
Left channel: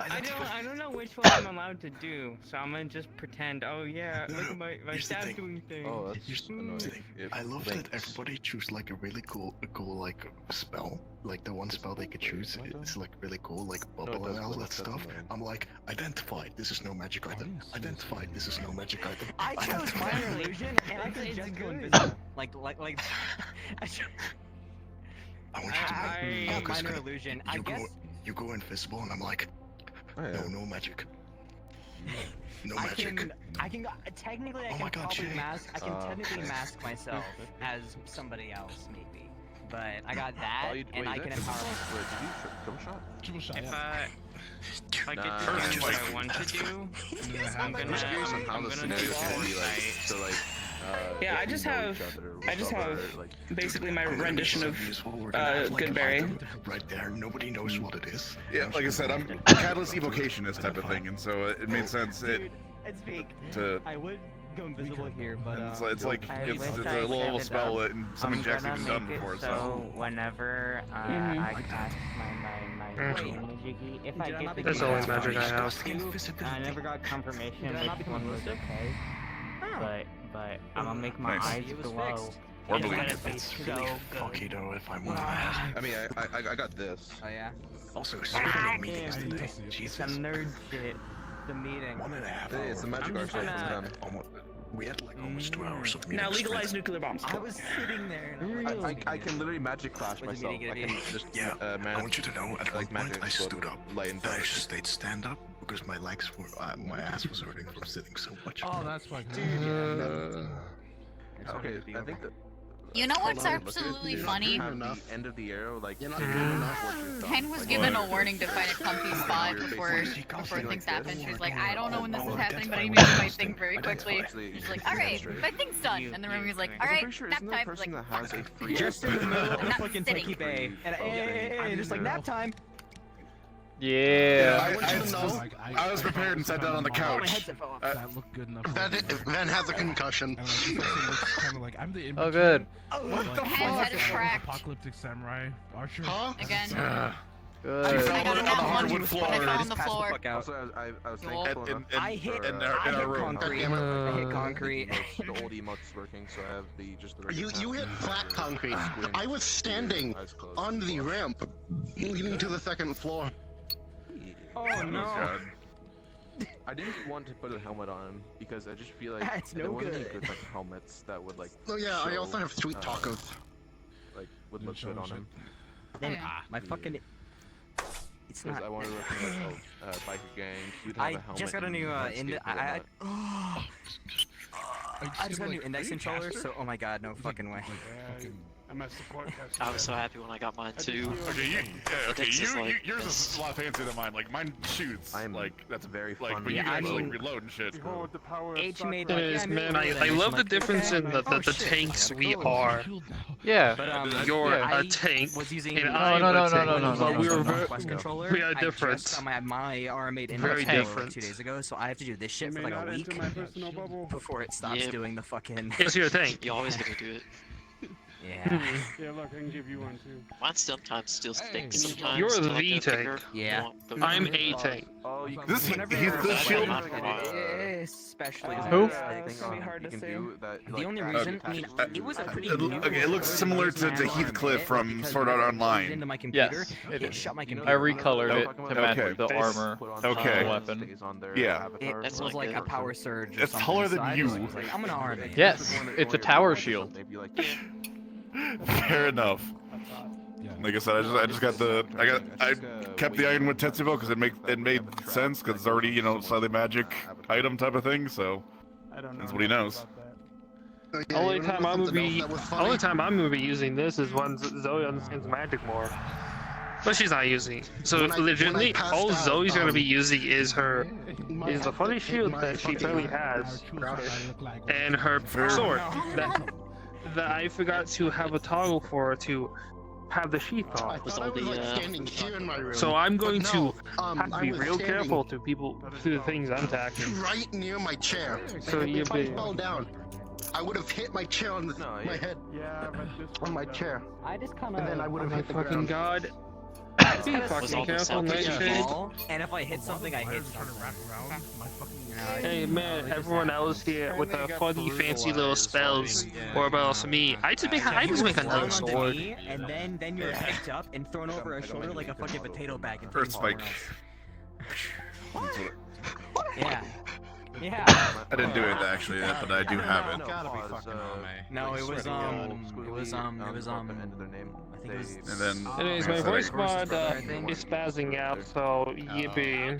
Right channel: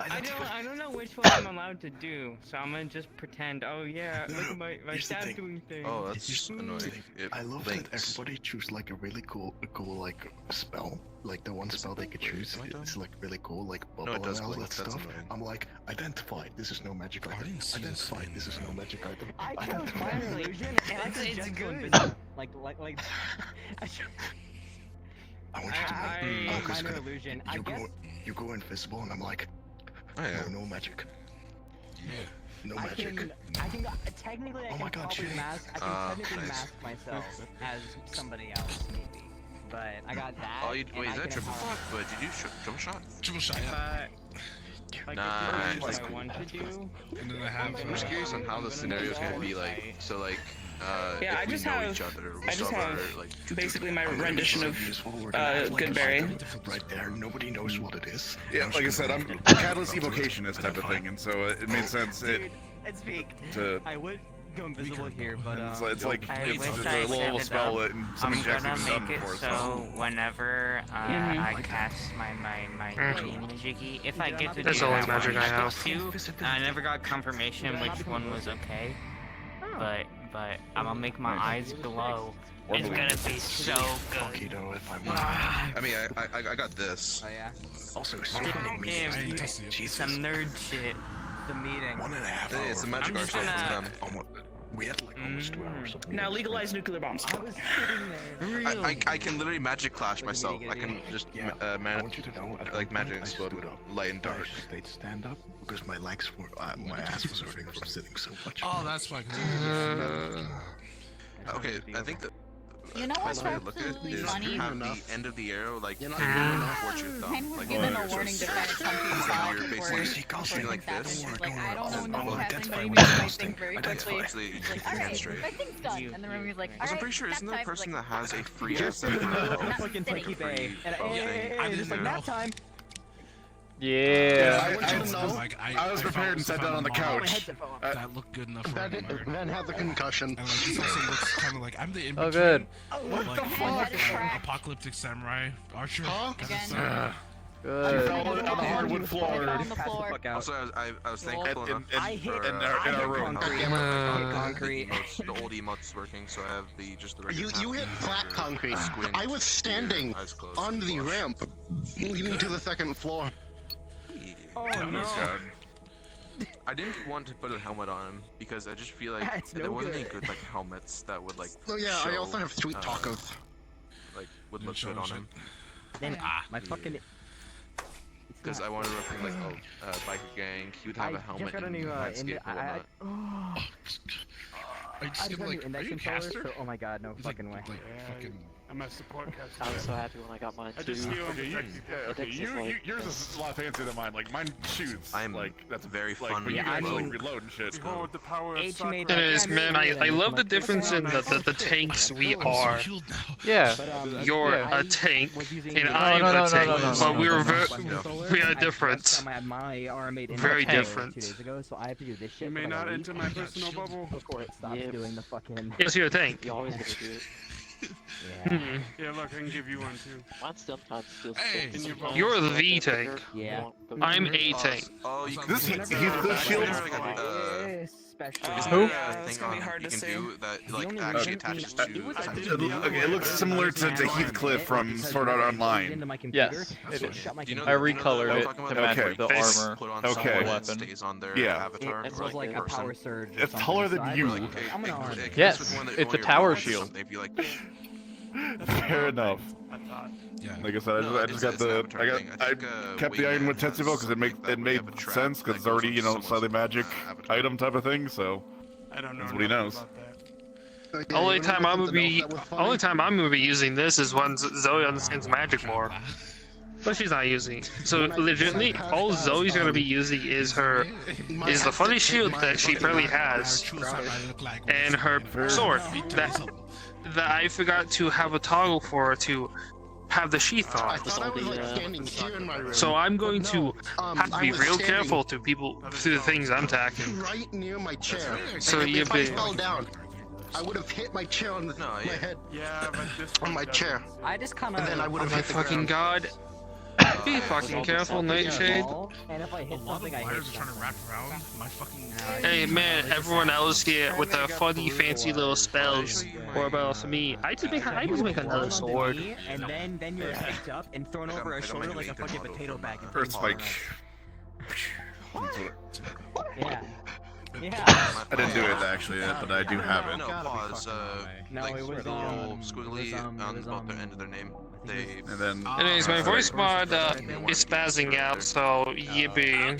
I don't know which one I'm allowed to do, so I'm gonna just pretend. Oh yeah, look at my stab doing thing. Oh, that's just annoying. I love that everybody choose like a really cool like spell. Like the one spell they could choose is like really cool, like bubble and all that stuff. I'm like, identify. This is no magic item. Identify. This is no magic item. I chose minor illusion, and I can just go invisible. Like. I want you to know. Minor illusion. You go invisible, and I'm like, no magic. No magic. I can technically. I can probably mask. I can technically mask myself as somebody else, maybe. But I got that, and I can empower. Wait, did you jump shot? Triple shot. If I get to do what I want to do, I'm just curious on how the scenario can be like. So like. Yeah, I just have basically my rendition of Goodberry. Right there, nobody knows what it is. Yeah, like I said, I'm a catalyst evocationist type of thing, and so it made sense. It's fake. I would go invisible here, but it's a little spell that something Jack's even done before. So whenever I cast my Jiggy, if I get to That's do only that magic I have. twice, I never got confirmation which one was okay. But I'm gonna make my eyes glow. It's gonna be so good. Fuck you know if I'm. I mean, I got this. Oh yeah. Also, speaking of meetings today, Some nerd shit. The meeting. 1.5 Hey, it's a magic art show for them. We had like almost 2 hours of meetings. Now legalize nuclear bombs. I was sitting there. I can literally magic clash myself. I can just I want you to know, at like one point magic I sword, stood up. light and I dark. just stayed stand up because my legs were, my ass was hurting from sitting so much. Oh, that's fucking. Okay, I think that. You know what's absolutely funny? The end of the arrow, like. Hen was given a warning to kind of come to his spot before things happen. She was like, I don't know when this is happening, but I need to do things very quickly. She's like, alright, my thing's done. And then Remy's like, alright, I'm pretty sure isn't there a person that has a free. Just in the middle of the fucking Techie Bay. And hey, just like nap time. Yeah, I was prepared and sat down on the couch. That looked good enough. Then has a concussion. Oh, good. What the fuck? Apocalyptic samurai archer. Again. Good. On the hardwood floor. Also, I was thankful I hit concrete. I hit concrete. The old emote's working, so I have the You hit flat concrete. I was standing on the ramp, leading to the second floor. Oh no! I didn't want to put a helmet on him because I just feel like That's there no wasn't good. any good like helmets that would like. Oh yeah, I also show, have sweet tacos. Like would look good on him. Then my fucking. Because I wanted to look like biker gang. You'd have a helmet. Just got a new I just got a new index controller, so oh my god, no fucking way. I'm a support caster. I was so happy when I got mine too. Yours is a lot fancier than mine. Like mine shoots. Like that's very like fun. when you Yeah, I guys like mean, reload and shit. H made It like, is, yeah, man. me- I love the difference in the tanks we are. Yeah. You're Yeah. a tank, and No, I'm no, a no, tank. no, no, But no, we're no, we are I different. just got my RMA made Very index different. 2 days ago, so I have to do this shit You for may like a not week enter my personal bubble. before it stops doing the fucking. Yes, you're a tank. You always gotta do it. Yeah. Yeah, look, I can give you one too. Mine sometimes still sticks. Sometimes You're I the like V to tank. figure Yeah. out I'm a tank. This he's the shield. Especially. Who? It's gonna be hard to say. The only reason, I mean, it was like Okay, it looks similar to Heathcliff from Sword Art Online. Yes, it is. I recolored it to match the armor of the weapon. Yeah. It was like a power surge. It's taller than you. I'm an RMA. Yes, it's a tower shield. Fair enough. Like I said, I just got I kept the Ironwood Tetsubo because it made sense because it's already slightly magic item type of thing, so that's what he knows. Only time I'm gonna be using this is when Zoe understands magic more. But she's not using it. So legitimately, all Zoe's gonna be using is the funny shield that she barely has, and her sword that I forgot to have a toggle for to have the sheath on. So I'm going to have to be real careful to the things I'm attacking. Right near my chair. So And you if I fell down, I would have hit my chair on my head. On my chair. I just kind of. And then I would have hit the Fucking ground. god. Be fucking careful, Nightshade. And if I hit something, I hit something. Hey man, everyone else here with their funny, fancy little spells or about me. I just make another sword. And then you're picked up and thrown over a shoulder like a fucking potato bag. And Earth spike. Yeah. Yeah. I didn't do it actually yet, but I do have it. No, it was And then. Anyways, my voice mod is spazzing out, so yippee.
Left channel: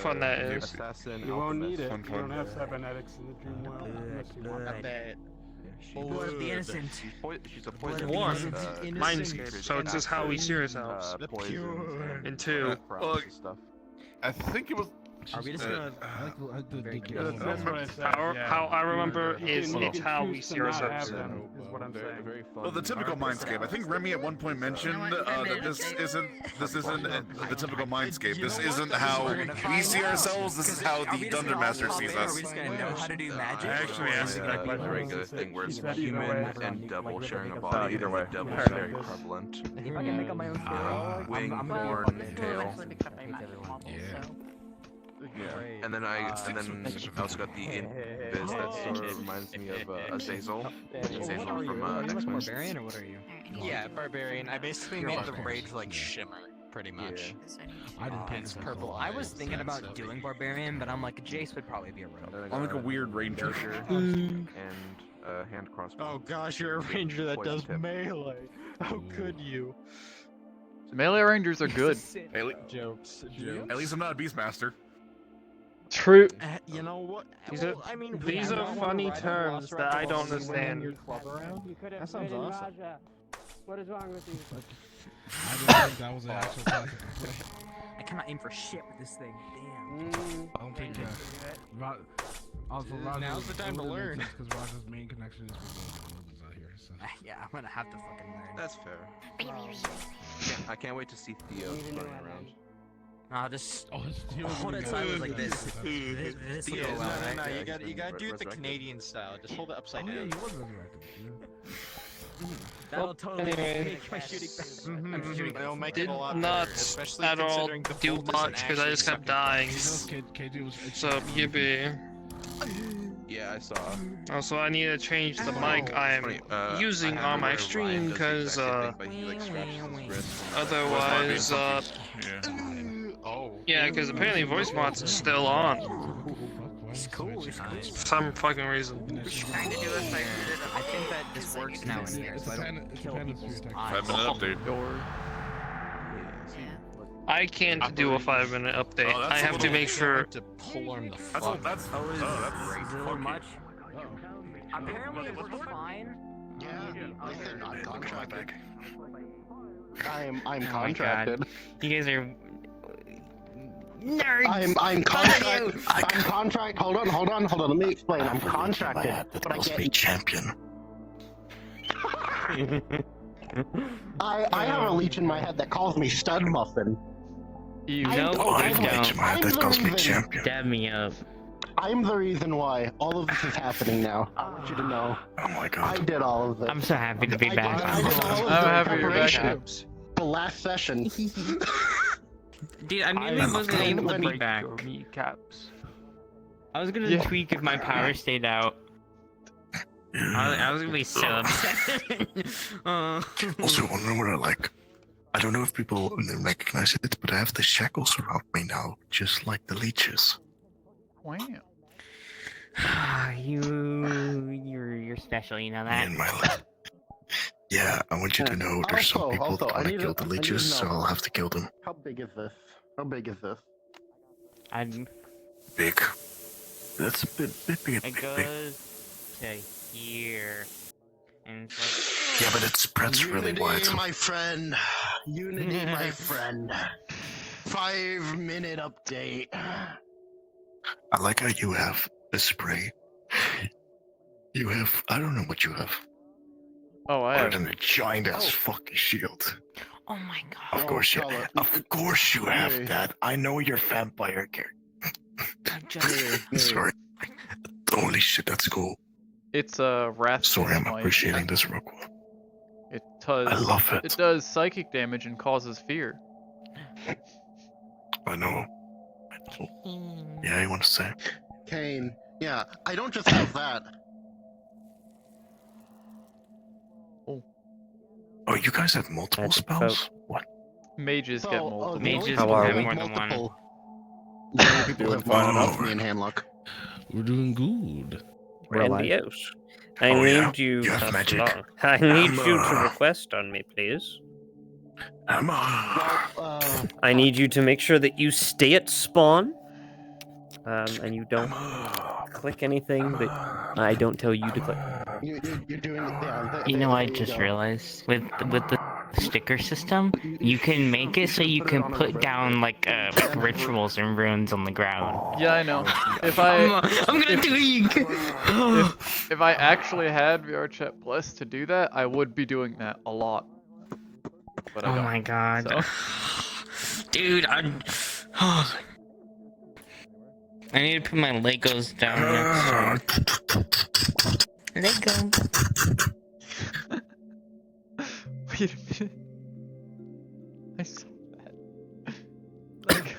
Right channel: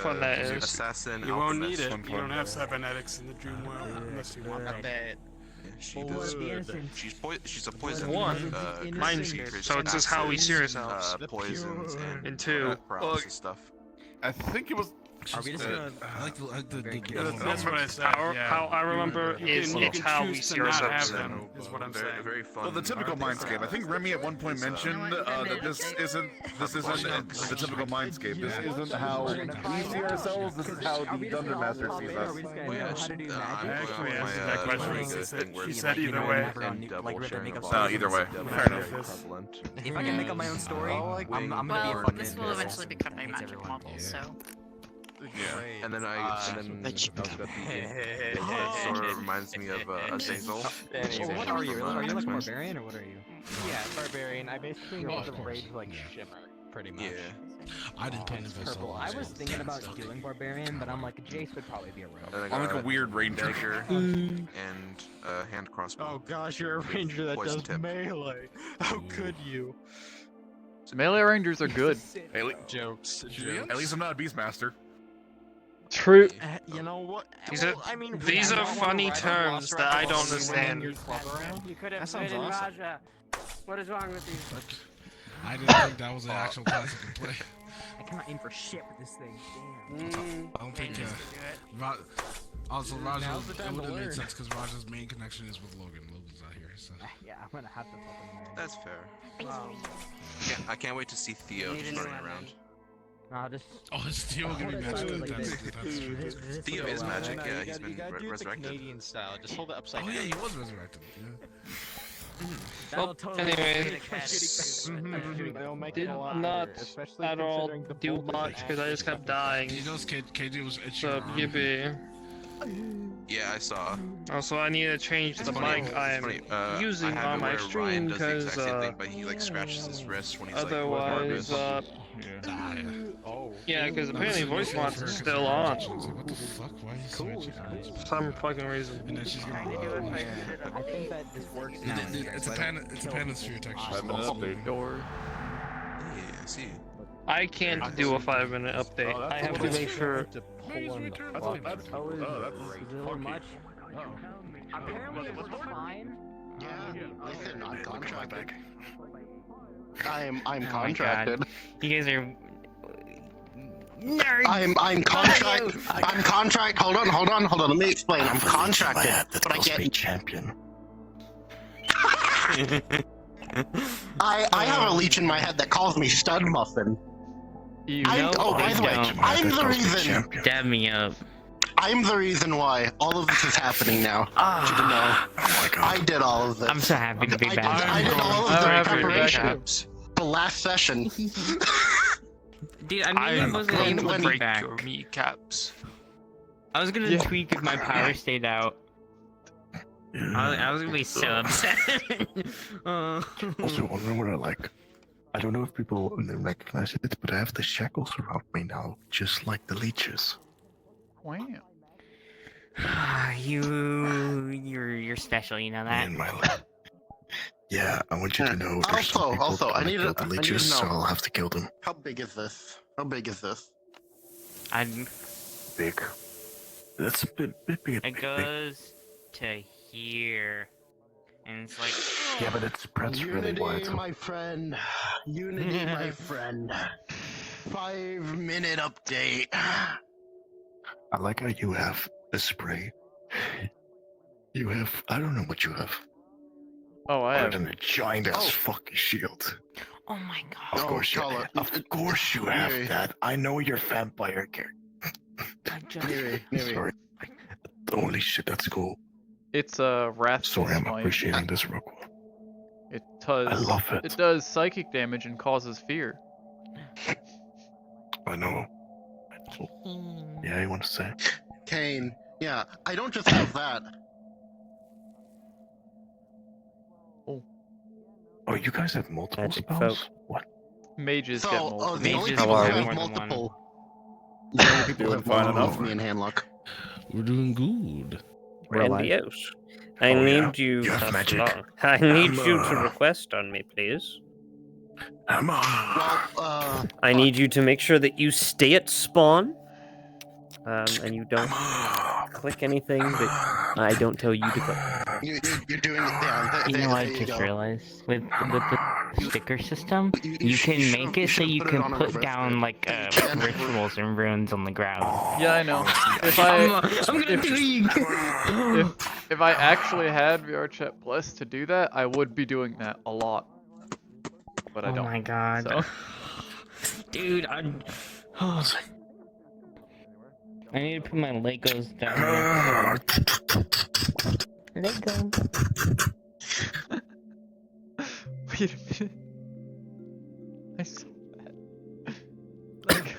Fun that is. You won't need it. You don't have cybernetics in the dream world unless you want that. She's a poison. One, mind so it's just how we see ourselves. And two, I think it was. Are we just gonna? That's what I said. How I remember is it's how we see not ourselves. have them, is what I'm saying. Well, the typical mindscape. I think Remy at one point mentioned that this isn't the typical mindscape. This isn't how we see ourselves. This is how the Dungeon Master sees us. I actually answered that question. She said either way. And double sharing a Either way. equivalent. If I can make up my own story, I'm gonna be. This will eventually become my magic model. So. Yeah. And then I also got the imp that sort of reminds me of Azazel. What are you? Are you like a barbarian or what are you? Yeah, barbarian. I basically made the rage like shimmer, pretty much. Yeah. I didn't play this Purple. I was thinking about doing barbarian, but I'm like, Jace would probably be a rogue. I'm like a weird ranger. And hand crossbow. Oh gosh, you're a ranger that does melee. How could you? So melee rangers are good. Jokes. At least I'm not a beastmaster. True. You know what? These are funny terms that I don't understand. You could have played in Raja. What is wrong with you? I didn't think that was an actual concept to play. I cannot aim for shit with this thing. Damn. I don't think also Now's the time to learn. Makes sense because Raja's main connection is with Logan. Logan's out here, so. Yeah, I'm gonna have to fucking learn. That's fair. I can't wait to see Theo running around. Nah, just. Oh, it's Theo hold it sideways like this. Theo is magic. You gotta do it the Canadian style. Just hold it upside down. Oh yeah, he was resurrected. That'll totally Anyways, did not at all do much because I just kept dying. So, yippee. Yeah, I saw. Also, I need to change the mic I am using on my stream because otherwise, yeah, because apparently voice mods is still on. For some fucking reason. I think that this works now. It's a panasphere texture. 5-minute update. I can't do a 5-minute update. I have to make sure. That's much. Fine. Yeah, listen, I'm contracted. I'm contracted. You guys are nerds. I'm contracted. I'm contract. Hold on. Let me explain. I'm contracted, but I get champion. I have a leech in my head that calls me Stud Muffin. You know they don't. I'm the reason. Dab me up. I'm the reason why all of this is happening now. You to know. Oh my god. I did all of this. I'm so happy to be back. I'm happy you're back. The last session. Dude, I really wasn't able to be back. Kneecaps. I was gonna tweak if my power stayed out. I was gonna be so upset. Also, wondering what I don't know if people recognize it, but I have the shackles around me now, just like the leeches. Wow. You're special, you know that. Yeah, I want you to know there's some people that want to kill the leeches, so I'll have to kill them. How big is this? I'm big. That's a bit big. It goes to here. And it's like... Yeah, but it spreads really wide. My friend. Unity, my friend. 5-minute update. I like how you have a spray. You have... I don't know what you have. Oh, I have... a giant-ass fucking shield. Oh my god. Of course you have that. I know you're vampire character. Sorry. Holy shit, that's cool. It's a wrathful Sorry, I'm smite. appreciating this real quick. It does. I love it. It does psychic damage and causes fear. I know. Yeah, you want to say? Kane. Yeah, I don't just have that. Oh, you guys have multiple Magic spells? folk. What? Mages get multiple. Mages How are we? Multiple. Young people Doing have fine multiple enough. in Handlock. We're doing good. Grandiose. I Oh, yeah? need you. You have That's magic. long. I need you to Hammer. request on me, please. Hammer. I need you to make sure that you stay at spawn, and you don't click anything that I don't tell you to click. You're doing it there. You know, I just realized with the sticker system, you can make it so you can put down like rituals and runes on the ground. Yeah, I know. If if I actually had VR Chat Plus to do that, I would be doing that a lot. But I don't. Oh my god. So. Dude, I need to put my Legos down. Lego. Wait a minute. I saw that. Like.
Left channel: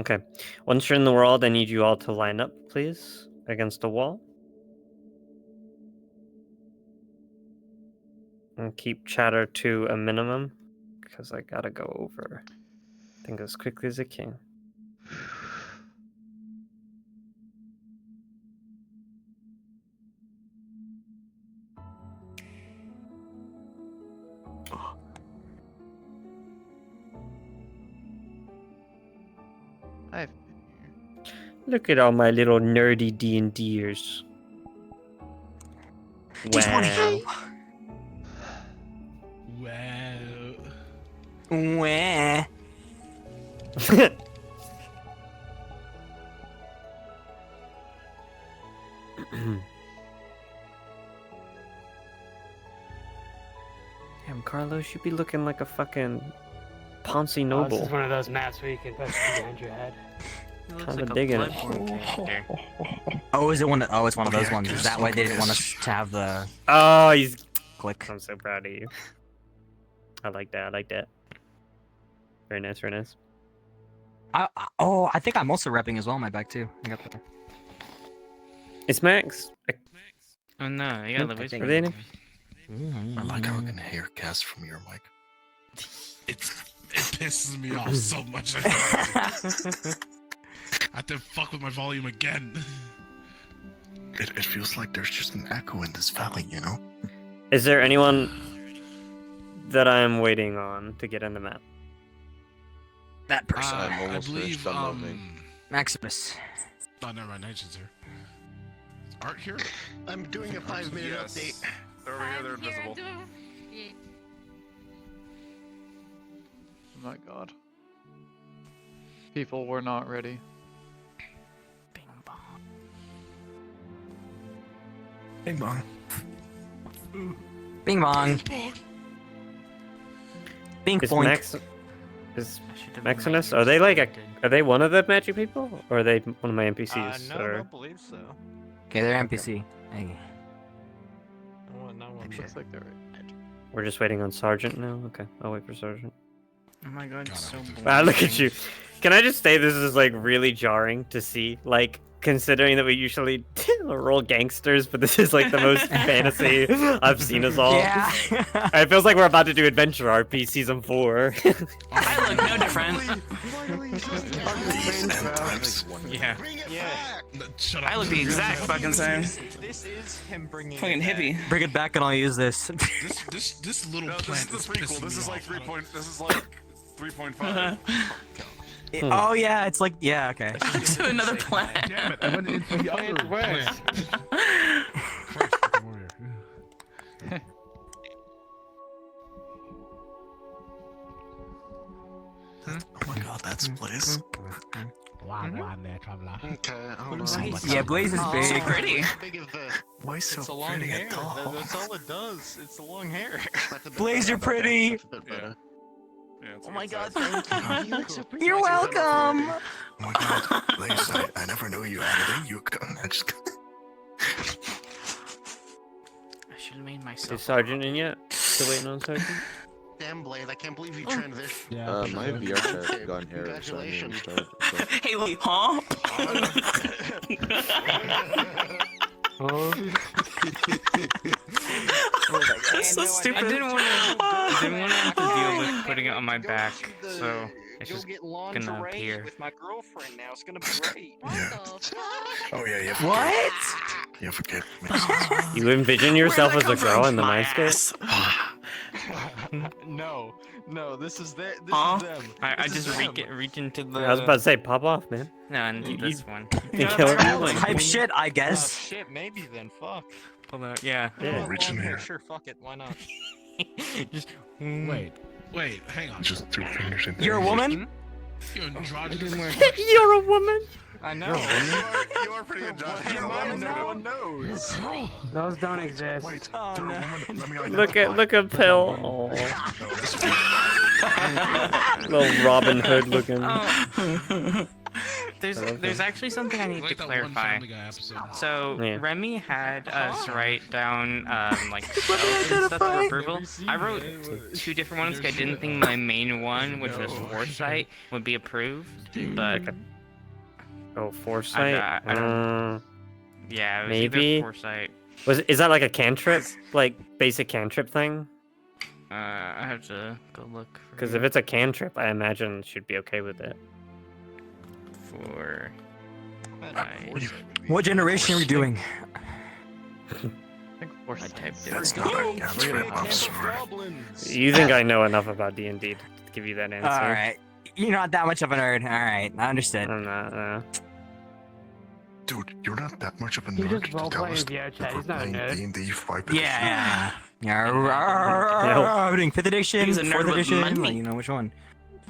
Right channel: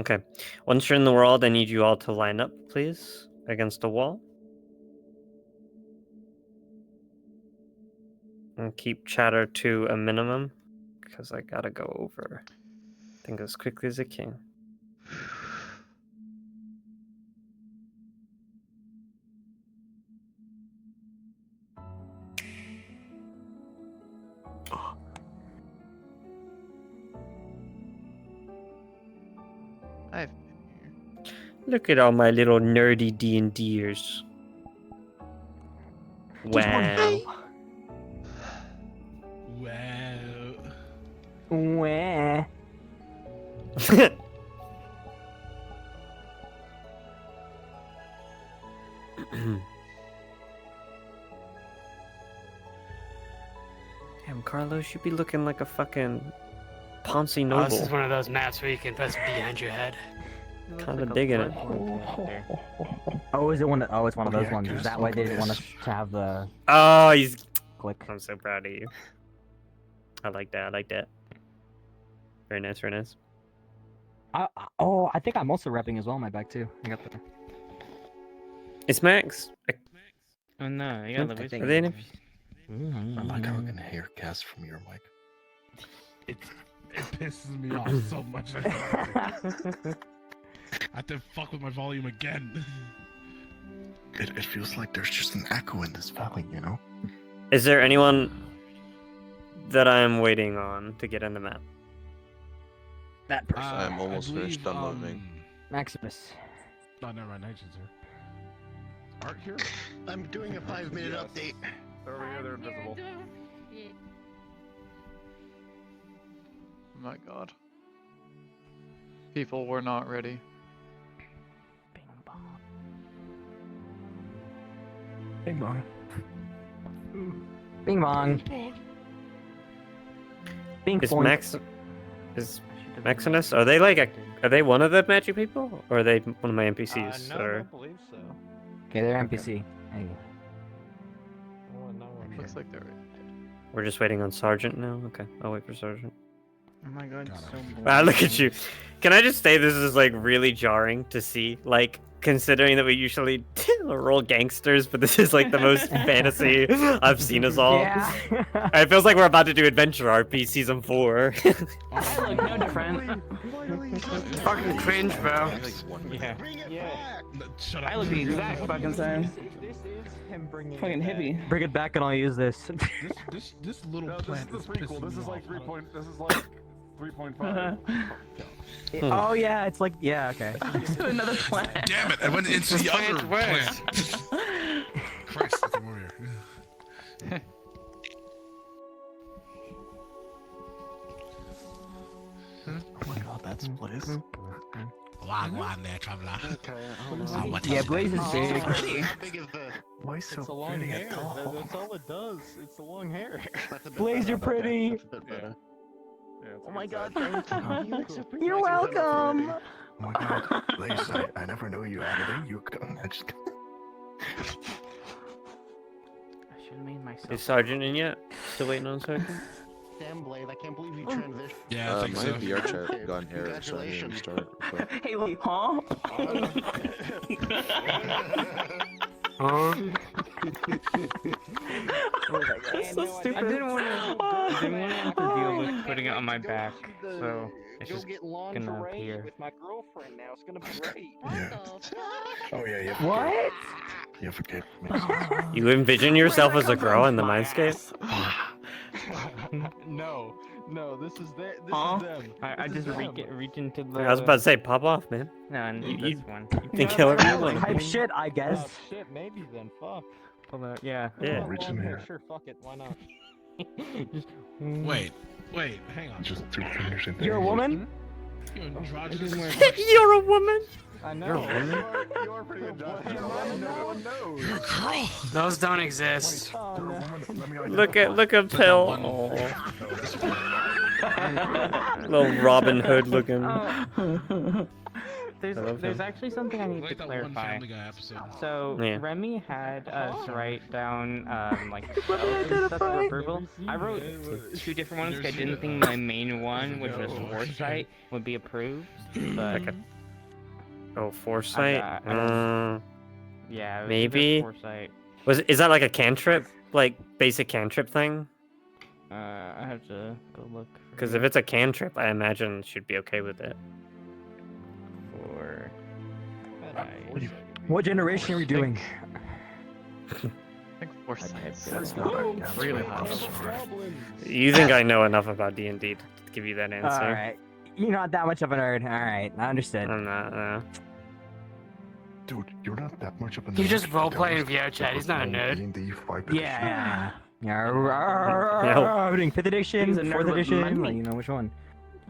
Okay. Once you're in the world, I need you all to line up, please, against a wall. And keep chatter to a minimum, because I gotta go over, I think, as quickly as I can. I've Look at all my little nerdy D&Ders. Wow. Wow. Wah. Damn, Carlos, you be looking like a fucking Ponzi This noble. is one of those maps where you can press behind your head. Kind of digging it. Oh, is it one? Oh, it's one of those ones. Is that why they didn't want us to have the? Oh, he's. Click. I'm so proud of you. I like that. I like that. Very nice. Very nice. I think I'm also repping as well. My back too. I got the. It's Max. Oh no, you got the Are wizard. they in it? I like how I can hear cast from your mic. It pisses me off so much. I have to fuck with my volume again. It feels like there's just an echo in this valley, you know? Is there anyone that I'm waiting on to get in the map? That person. I'm almost finished unloading. Maximus. Oh, never mind. Nation's here. Is Art here? I'm doing a 5-minute update. They're over here, they're invisible. Oh my god. People were not ready. Bing bong. Bing bong. Bing Is boink. Maximus? Are they are they one of the magic people, or are they one of my NPCs? No, I or don't believe so. Okay, they're NPC. Hey. Looks like they're right. we're just waiting on Sergeant now. Okay, I'll wait for Sergeant. Oh my god, it's so Wow, look at you. Can I just say this is like really jarring to see? Like, considering that we usually roll gangsters, but this is like the most fantasy I've seen us all. Yeah. It feels like we're about to do Adventure RP Season 4. I look no different. Fucking cringe, bro. Yeah. Shut up. I look the exact fucking same. This is him bringing. Fucking hippie. Bring it back and I'll use this. This little No, plant this is the is prequel. pissing This me is like off. This is like 3.5. Oh yeah, it's like yeah, okay. To another planet. Damn it! I went into the other plant. Christ, come over here. Oh my god, that's Blaze. Yeah, Blaze is big. Pretty. How big of the? Why so It's a long pretty hair. and tall? That's all it does. It's the long hair. That's a bit Blaze, better. you're pretty. That's a bit better. it's Oh my god, thank you. You're welcome. Oh my god, Lace, I never knew you had it in you. I just. I should have made myself. Is Sergeant in yet? Still waiting on Sergeant? Damn, Blade, I can't believe you transitioned. Yeah, my VR chat got error, so I need to restart. But... Hey, wait, huh? That's so stupid. I didn't want to have to deal with putting it on my back, so it's just gonna appear. With my girlfriend now, it's gonna be great. Oh yeah, yeah. What? Yeah, forget. You envision yourself as a girl in the mindscape? No, this is them. I just reach into the. I was about to say, pop off, man. No, I need You- this one. you can kill everyone. Type shit, I guess. Shit, maybe then. Fuck. Hold on, yeah. Yeah. Reach in here. Sure, fuck it. Why not? Just. Wait, hang on. Just 2 fingers in there. You're a woman? You're androgynous. You're a woman. I know. You're a woman. You are pretty androgynous. No one knows. Those don't exist. Look at Pill. Oh. Little Robin Hood looking. There's actually something I need to clarify. So Yeah. Remy had us write down like stuff for approval. I wrote 2 different ones. 'Cause I didn't think my main one, which was foresight, would be approved. But Foresight. yeah, it was Maybe. either foresight. Is that like a cantrip, like basic cantrip thing? I have to go look. Because if it's a cantrip, I imagine it should be okay with it. For What generation are we doing? I think foresight. That's not Really high. You think I know enough about D&D to give you that answer? Alright. You're not that much of a nerd. Alright, I understood. I'm not. Dude, you're not that much of a nerd. He just to tell roleplaying us VR chat. He's not a playing nerd. D&D 5th Yeah. Yeah. No. Doing 5th edition, He's a nerd 4th with edition. money. Like, you know which one?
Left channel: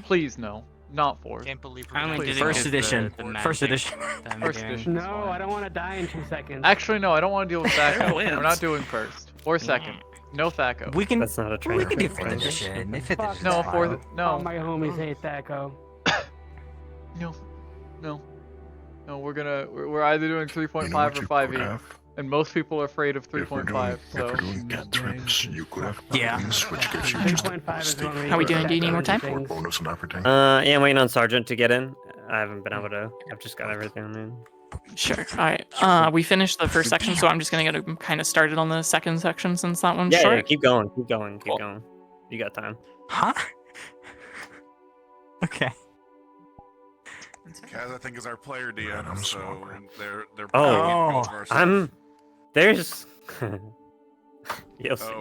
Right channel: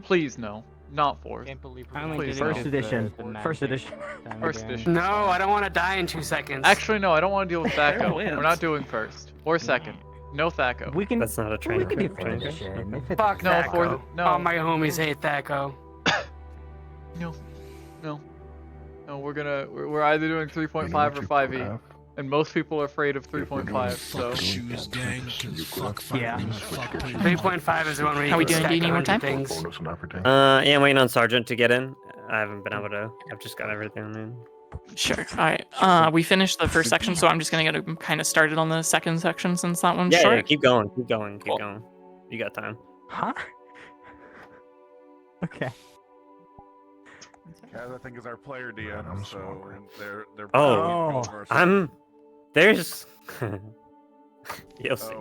Please no, not 4th. Can't believe I only Please, did it First with edition. the First magic edition. that I'm First doing. edition. No, I don't want to die in 2 seconds. Actually, no, I don't want to deal with Thaco. Wins. We're not doing first or second. No Thaco. We can. That's not a train. We can do train. 5th edition. Okay. Fifth Fuck edition. No, Thaco. 4th. No. All my homies hate Thaco. No, we're either doing 3.5 or 5e, and most people are afraid of 3.5. So Yeah. 3.5 is the one where you How we can doing? Do you stack need more on time? things. Yeah, I'm waiting on Sergeant to get in. I haven't been able to. I've just got everything in. Sure. All right. We finished the first section, so I'm just gonna get kind of started on the second section since that one's Yeah, short. keep going. Keep going. You got time. Huh? Okay. Kaz, I think, is our player DM, so they're. Oh, there's. You'll see.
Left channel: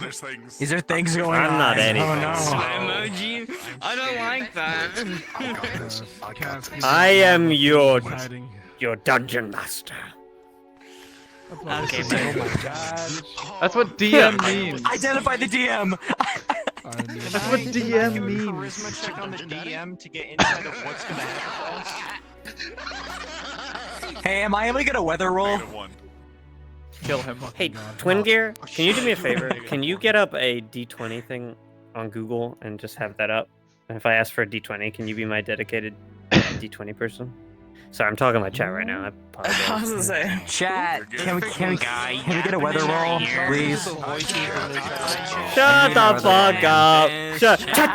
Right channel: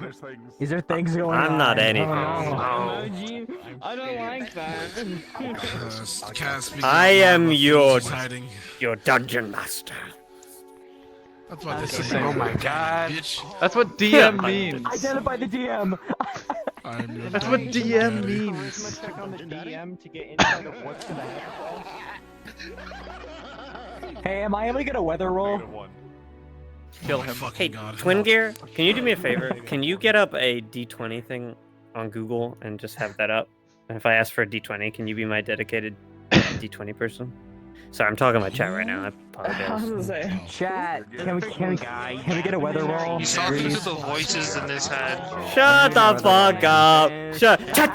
There's things. Is there things going on? I'm not anything. Emoji? I don't like that. I am your dungeon master. Oh my god. that's what DM means. Identify the DM. That's what DM means. Click on the DM to get insight of what's gonna happen. Hey, am I able to get a weather roll? Kill him. Hey, Twin Gear, can you do me a favor? Can you get up a D20 thing on Google and just have that up? And if I ask for a D20, can you be my dedicated D20 person? Sorry, I'm talking to my chat right now. I apologize. Chat, can we get a weather roll, please? The voices in this head. Shut the fuck up! Shut! Chat!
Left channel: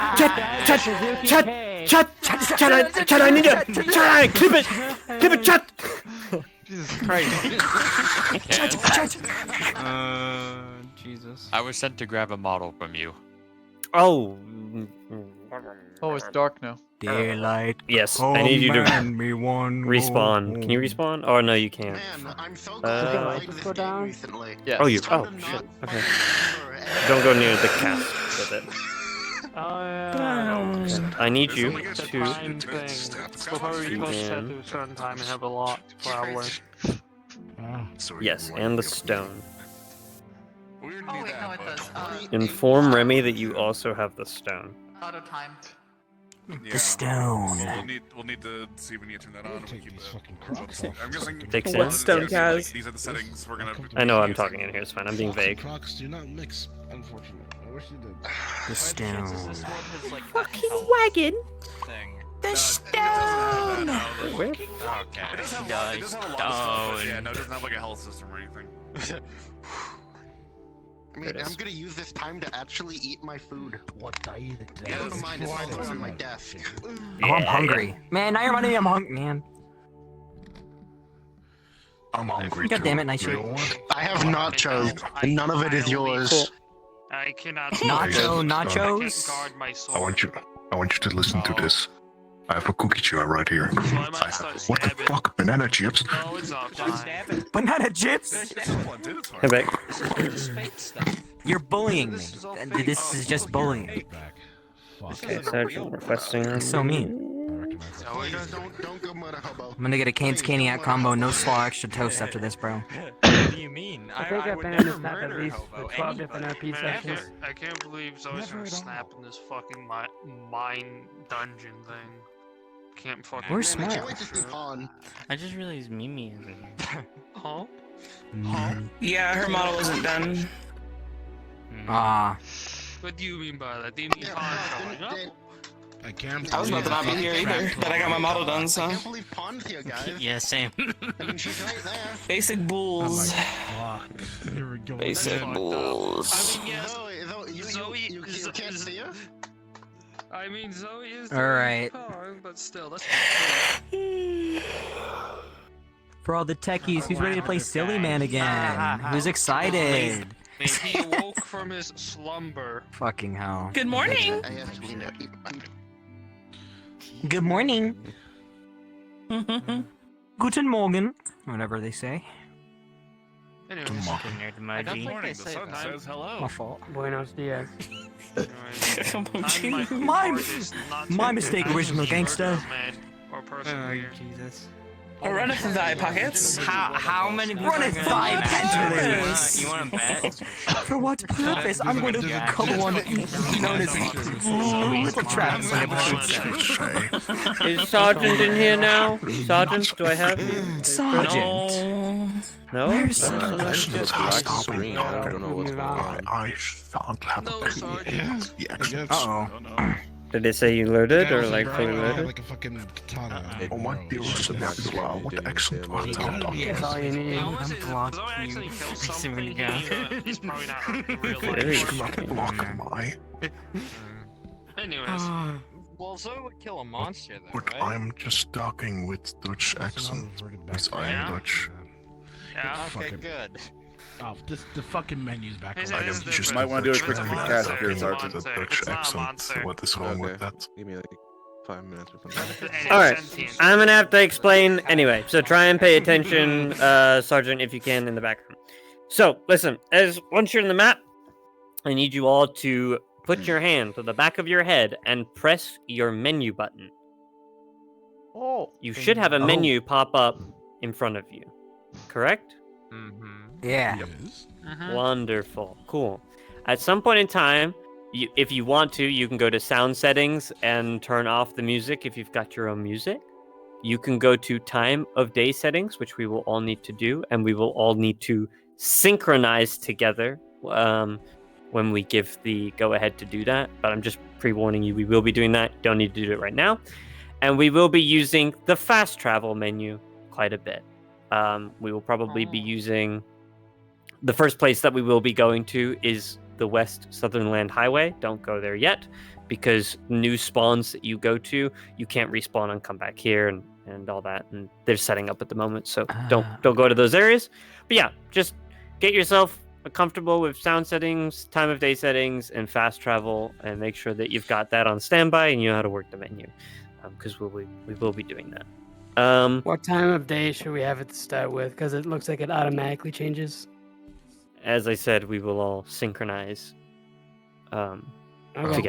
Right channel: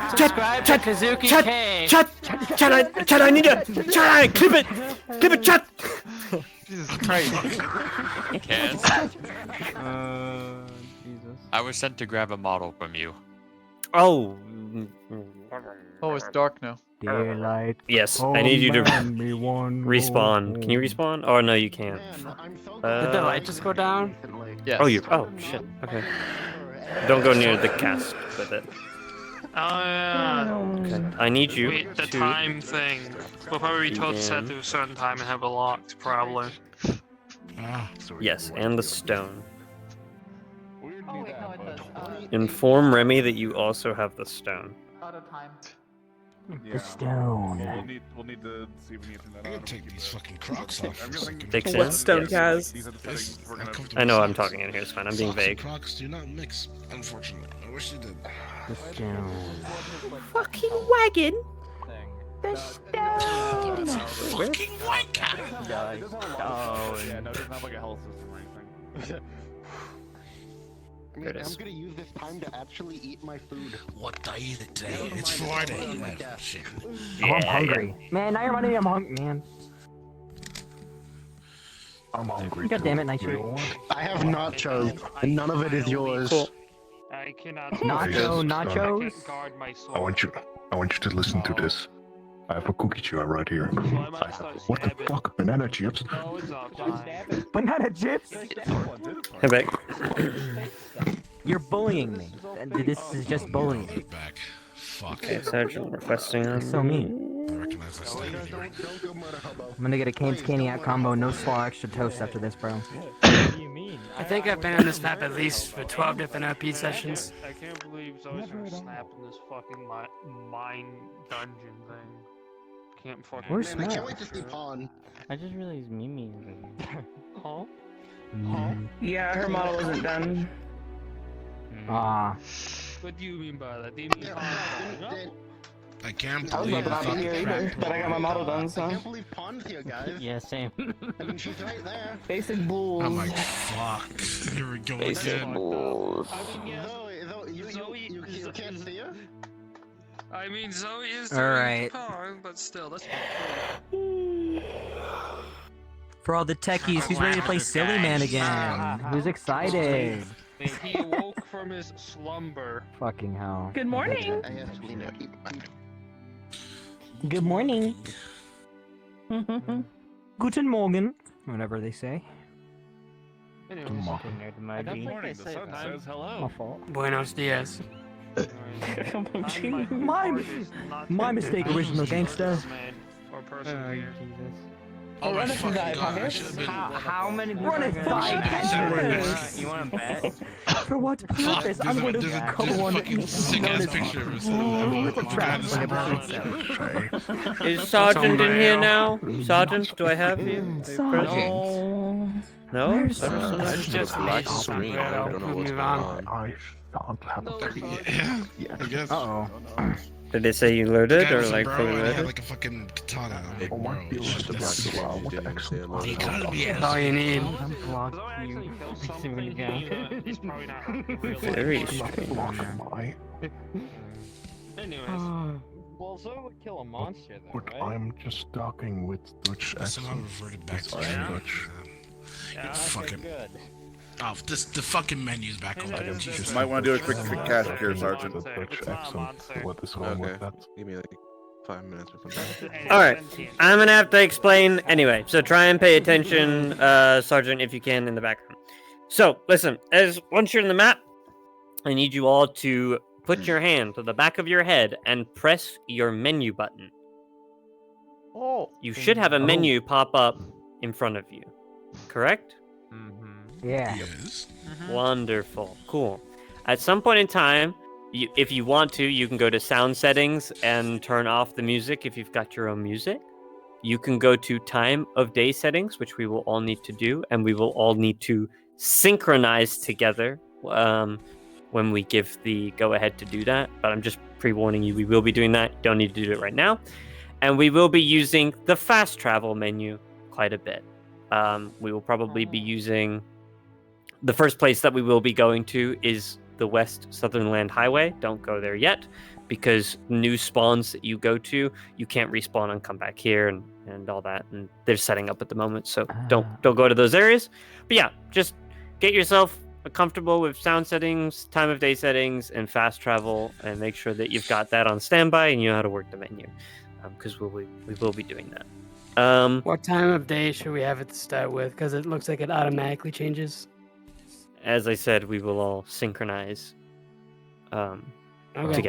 I need to. Chat! Clip it! Chat! Jesus Christ. Kaz, Jesus. I was sent to grab a model from you. Oh. Oh, it's dark now. Daylight. Yes, I need you to respawn. Can you respawn? Oh no, you can't. Did the light just go down? Yes. Oh, shit. Okay. Don't go near the cast with it. Okay. I need you The to. time thing. We'll probably be told to set to a certain time and have a lot, probably. Yes, and the stone. Inform Remy that you also have the stone. Yeah. The stone. We'll need to see if we need to turn that on. Take these fucking Crocs off. I'm guessing. Takes What in? stone, Yes. Kaz? These are the settings we're gonna. I know I'm talking in here. It's fine. I'm being Socks and vague. Crocs do not mix, unfortunately. I wish you did. The stone. Fucking wagon. The stone. Where? Yeah, no, it doesn't have like a health system or anything. I'm gonna use this time to actually eat my food. What day the day? Never mind, It's it's Friday. already on my desk. Oh, I'm hungry. Man, now you're running me. I'm hungry, man. I'm hungry. God damn it, nice You know shit. I have nachos, and none of it is yours. Cool. I cannot. Nachos. Guard my soul. I want you to listen to this. I have a cookie jar right here. What the fuck? Banana chips? No, it's not fine. Banana chips. Hey, back. You're bullying me. This is just bullying. Okay, Sergeant requesting on. That's so mean. I'm gonna get a Cane's Caniac combo, no slaw, extra toast after this, bro. What do you mean? I think I've been on this map at least for 12 different RP sessions. I can't believe Zoe's gonna snap in this fucking mine dungeon thing. Can't fucking. We're smart. I can't wait to see Pawn. I just realized Mimi isn't here. Huh? Yeah, her model isn't done. Ah. What do you mean by that? Do you mean I can't I was believe not here either, but I got my model done, so. I can't believe Pawn's here, guys. Yeah, same. I mean, she's right there. Basic I'm bulls. like, fuck. Here we go. Basic again. bulls. I mean, yes. You can't see her? I mean, Zoe is. All right. But still, that's not true. For all the techies, who's ready to play Silly Man again? Who's excited? He awoke from his slumber. Fucking hell. Good morning. I have to clean up. Good morning. Guten Morgen. Whatever they say. Anyways, Good morning. the sun says hello. My fault. Buenos dias. My mistake, original gangster. Or person. Jesus. We're running from Diet Pockets. How many people Run are it gonna 5 times. You want to bet? For what purpose? I'm going to come on known as little traps. Is Sergeant in here now? Sergeant, do I have you? Sergeant. No? I just have a black screen. I don't know what's going on. I shan't have I guess. Uh-oh. Did they say you loaded or like Bro, fully I had loaded? like a fucking katana. It was the black screen. You didn't even say it was That's all you need. Zoe actually killed something. He's probably not real. Very strange. Anyways. Well, Zoe would kill a monster, though, But right? I'm just talking with Dutch accent. Because I am Dutch. Yeah. Fucking. Good. Oh, the fucking menu's back Is on. it- is it- Just might want to do a quick cast here, Sergeant. The Dutch accent. What is wrong with that? Give me like 5 minutes or something. Alright, I'm gonna have to explain anyway, so try and pay attention, Sergeant, if you can, in the background. So, listen, once you're in the map, I need you all to put your hand to the back of your head and press your menu button. Oh. You should have a menu pop up in front of you, correct? Yeah. Yes. Wonderful. Cool. At some point in time, if you want to, you can go to sound settings and turn off the music if you've got your own music. You can go to time of day settings, which we will all need to do, and we will all need to synchronize together when we give the go-ahead to do that. But I'm just pre-warning you, we will be doing that. Don't need to do it right now. And we will be using the fast travel menu quite a bit. We will probably be using... The first place that we will be going to is the West Southern Land Highway. Don't go there yet, because new spawns that you go to, you can't respawn and come back here and all that. And they're setting up at the moment, so don't go to those areas. But yeah, just get yourself comfortable with sound settings, time of day settings, and fast travel, and make sure that you've got that on standby and you know how to work the menu, because we will be doing that. What time of day should we have it to start with? Because it looks like it automatically changes. As I said, we will all synchronize together.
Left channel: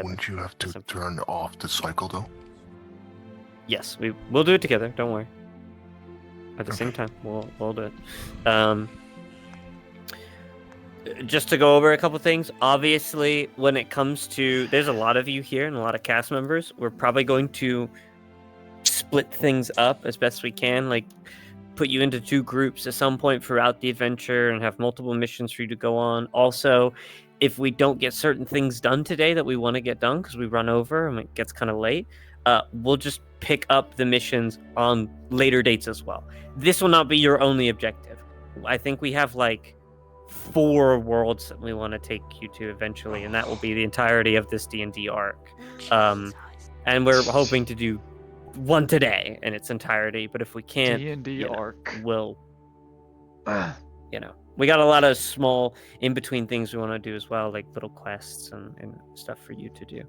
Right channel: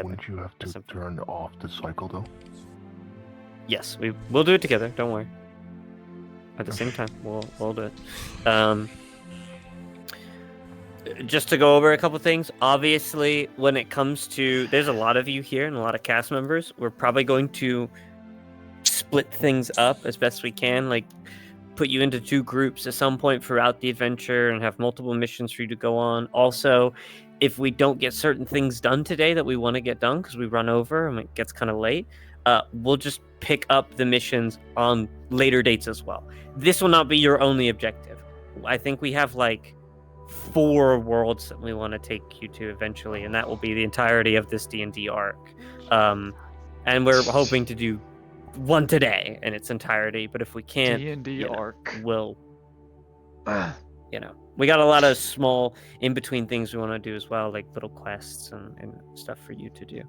Wouldn't you have to turn off the cycle though? Yes, we'll do it together. Don't worry. At the same time, we'll do it. just to go over a couple things, obviously, when it comes to, there's a lot of you here and a lot of cast members. We're probably going to split things up as best we can, like put you into 2 groups at some point throughout the adventure and have multiple missions for you to go on. Also, if we don't get certain things done today that we want to get done because we run over and it gets kind of late, we'll just pick up the missions on later dates as well. This will not be your only objective. I think we have like 4 worlds that we want to take you to eventually, and that will be the entirety of this D&D arc. And we're hoping to do one today in its entirety, but if we can't, D&D arc. We'll, we got a lot of small in-between things we want to do as well, like little quests and stuff for you to do.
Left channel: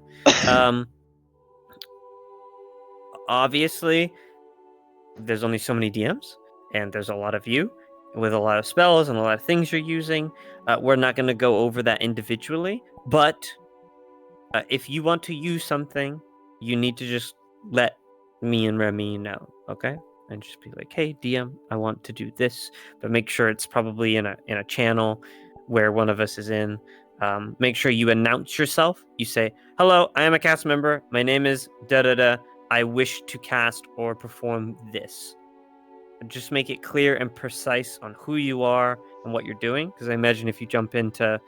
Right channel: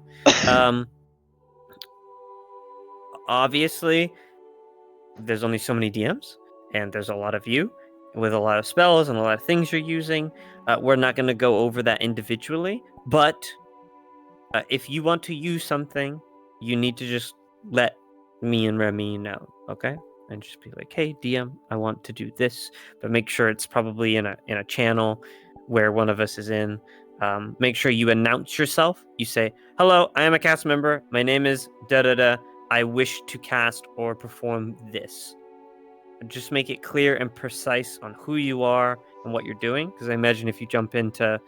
Obviously, there's only so many DMs, and there's a lot of you with a lot of spells and a lot of things you're using. We're not going to go over that individually, but if you want to use something, you need to just let me and Remy know, okay? And just be like, hey, DM, I want to do this, but make sure it's probably in a channel where one of us is in. Make sure you announce yourself. You say, hello, I am a cast member. My name is da-da-da. I wish to cast or perform this. Just make it clear and precise on who you are and what you're doing, because I imagine if you jump into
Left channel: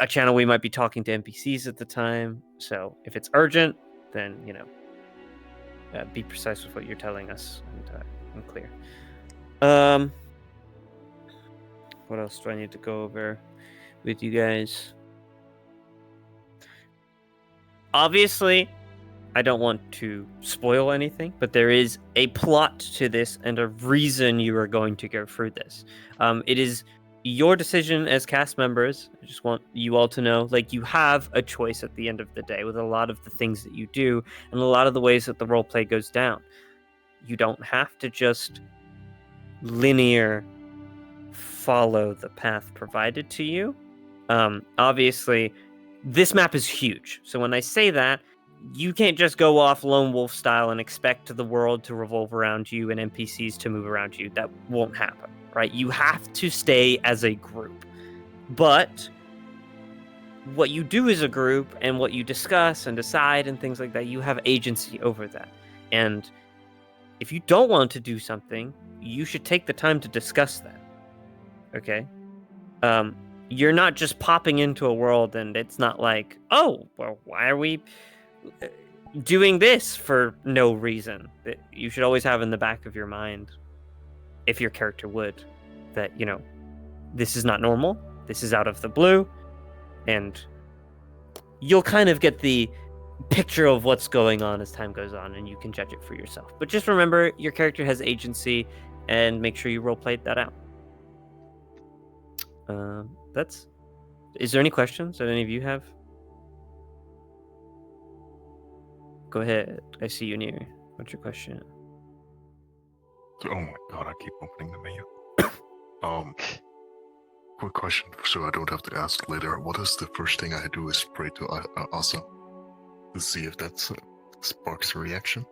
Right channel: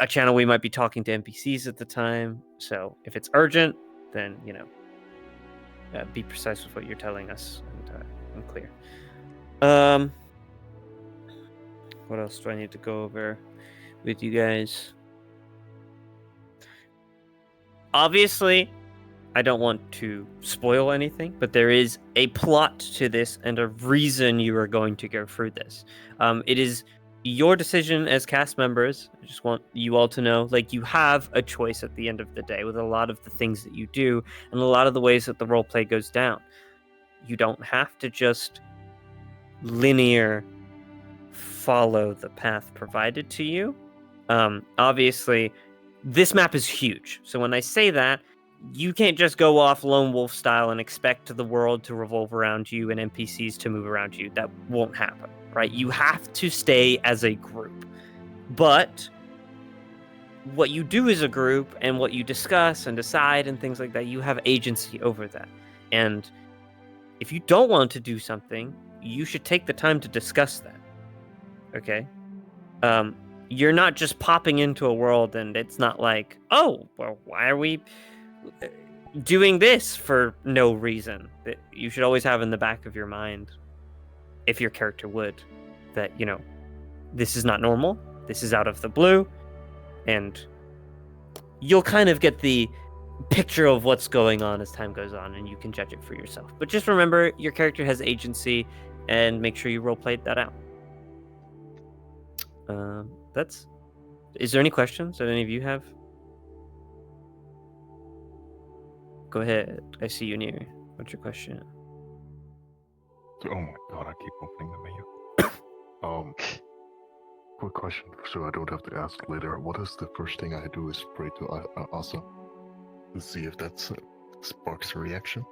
a channel, we might be talking to NPCs at the time. So if it's urgent, then, be precise with what you're telling us and clear. What else do I need to go over with you guys? Obviously, I don't want to spoil anything, but there is a plot to this and a reason you are going to go through this. It is your decision as cast members. I just want you all to know, like, you have a choice at the end of the day with a lot of the things that you do and a lot of the ways that the roleplay goes down. You don't have to just linear follow the path provided to you. Obviously, this map is huge. So when I say that, you can't just go off lone wolf style and expect the world to revolve around you and NPCs to move around you. That won't happen, right? You have to stay as a group. But what you do as a group and what you discuss and decide and things like that, you have agency over that. And if you don't want to do something, you should take the time to discuss that. Okay? You're not just popping into a world and it's not like, oh, well, why are we doing this for no reason? That you should always have in the back of your mind, if your character would, that, this is not normal, this is out of the blue, and you'll kind of get the picture of what's going on as time goes on, and you can judge it for yourself. But just remember, your character has agency, and make sure you roleplay that out. Is there any questions that any of you have? Go ahead. I see you near. What's your question? Oh my god, I keep opening the menu. Quick question, so I don't have to ask later. What is the first thing I do is pray to Asa to see if that sparks a reaction?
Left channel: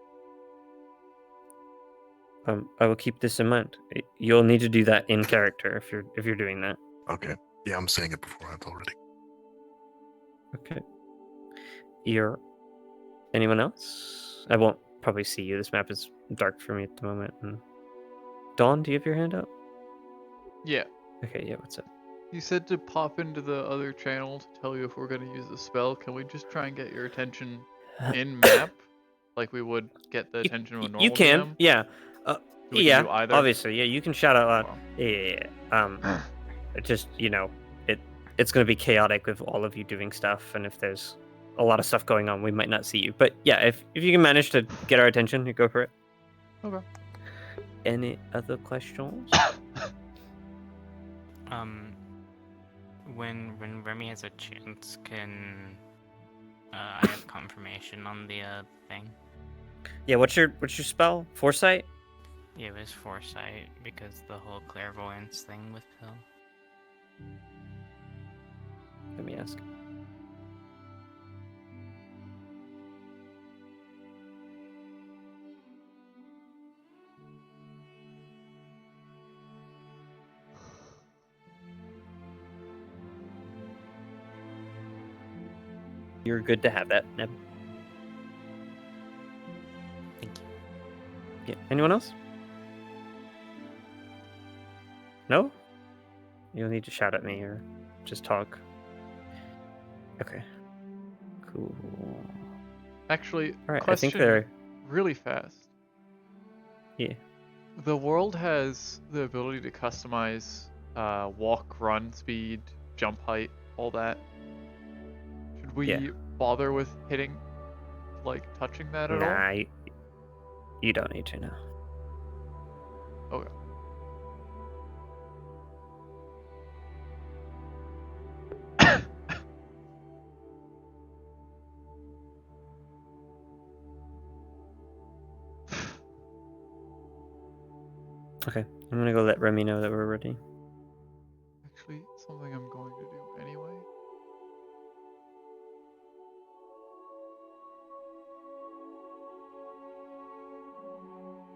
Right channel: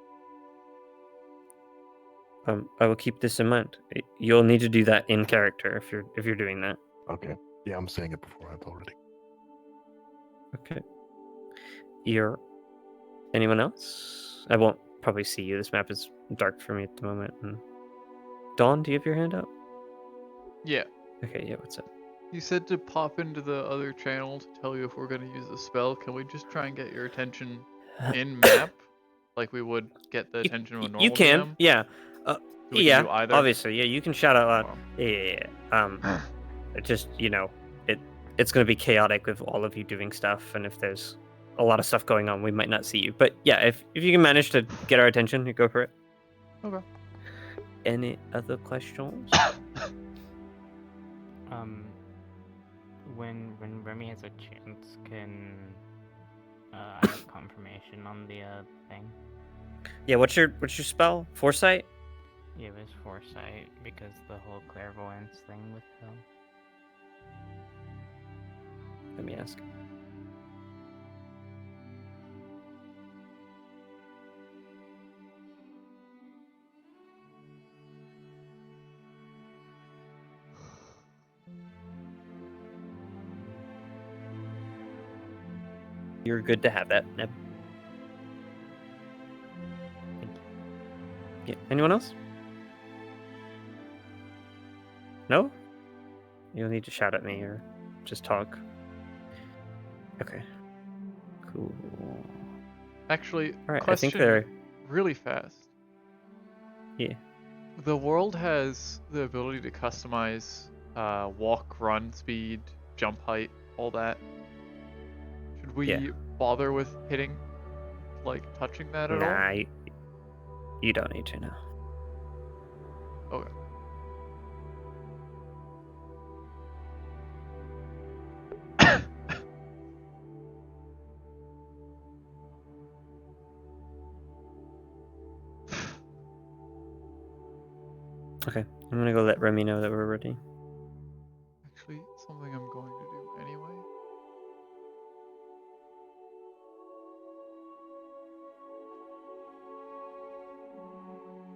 I will keep this in mind. You'll need to do that in character if you're doing that. Okay. Yeah, I'm saying it beforehand already. Okay. Anyone else? I won't probably see you. This map is dark for me at the moment. And Dawn, do you have your hand up? Yeah. Okay, yeah, what's up? You said to pop into the other channel to tell you if we're going to use the spell. Can we just try and get your attention in map? Like we would get the attention of a normal You can, DM? yeah. We can do either? Obviously, yeah, you can shout out loud. Yeah. Just, it's going to be chaotic with all of you doing stuff, and if there's a lot of stuff going on, we might not see you. But yeah, if you can manage to get our attention, you go for it. Okay. Any other questions? When Remy has a chance, can I have confirmation on the thing? Yeah, what's your spell? Foresight? Yeah, it was foresight because the whole clairvoyance thing with Pill. Let me ask. You're good to have that, Neb. Yeah. Anyone else? No? You'll need to shout at me or just talk. Okay. Cool. Actually, All right, question I think they're really fast. Yeah. The world has the ability to customize walk, run, speed, jump height, all that. Should we bother with hitting, like, touching that at all? Nah, you don't need to know. Okay. Okay, I'm gonna go let Remy know that we're ready. Actually, something I'm going to do anyway.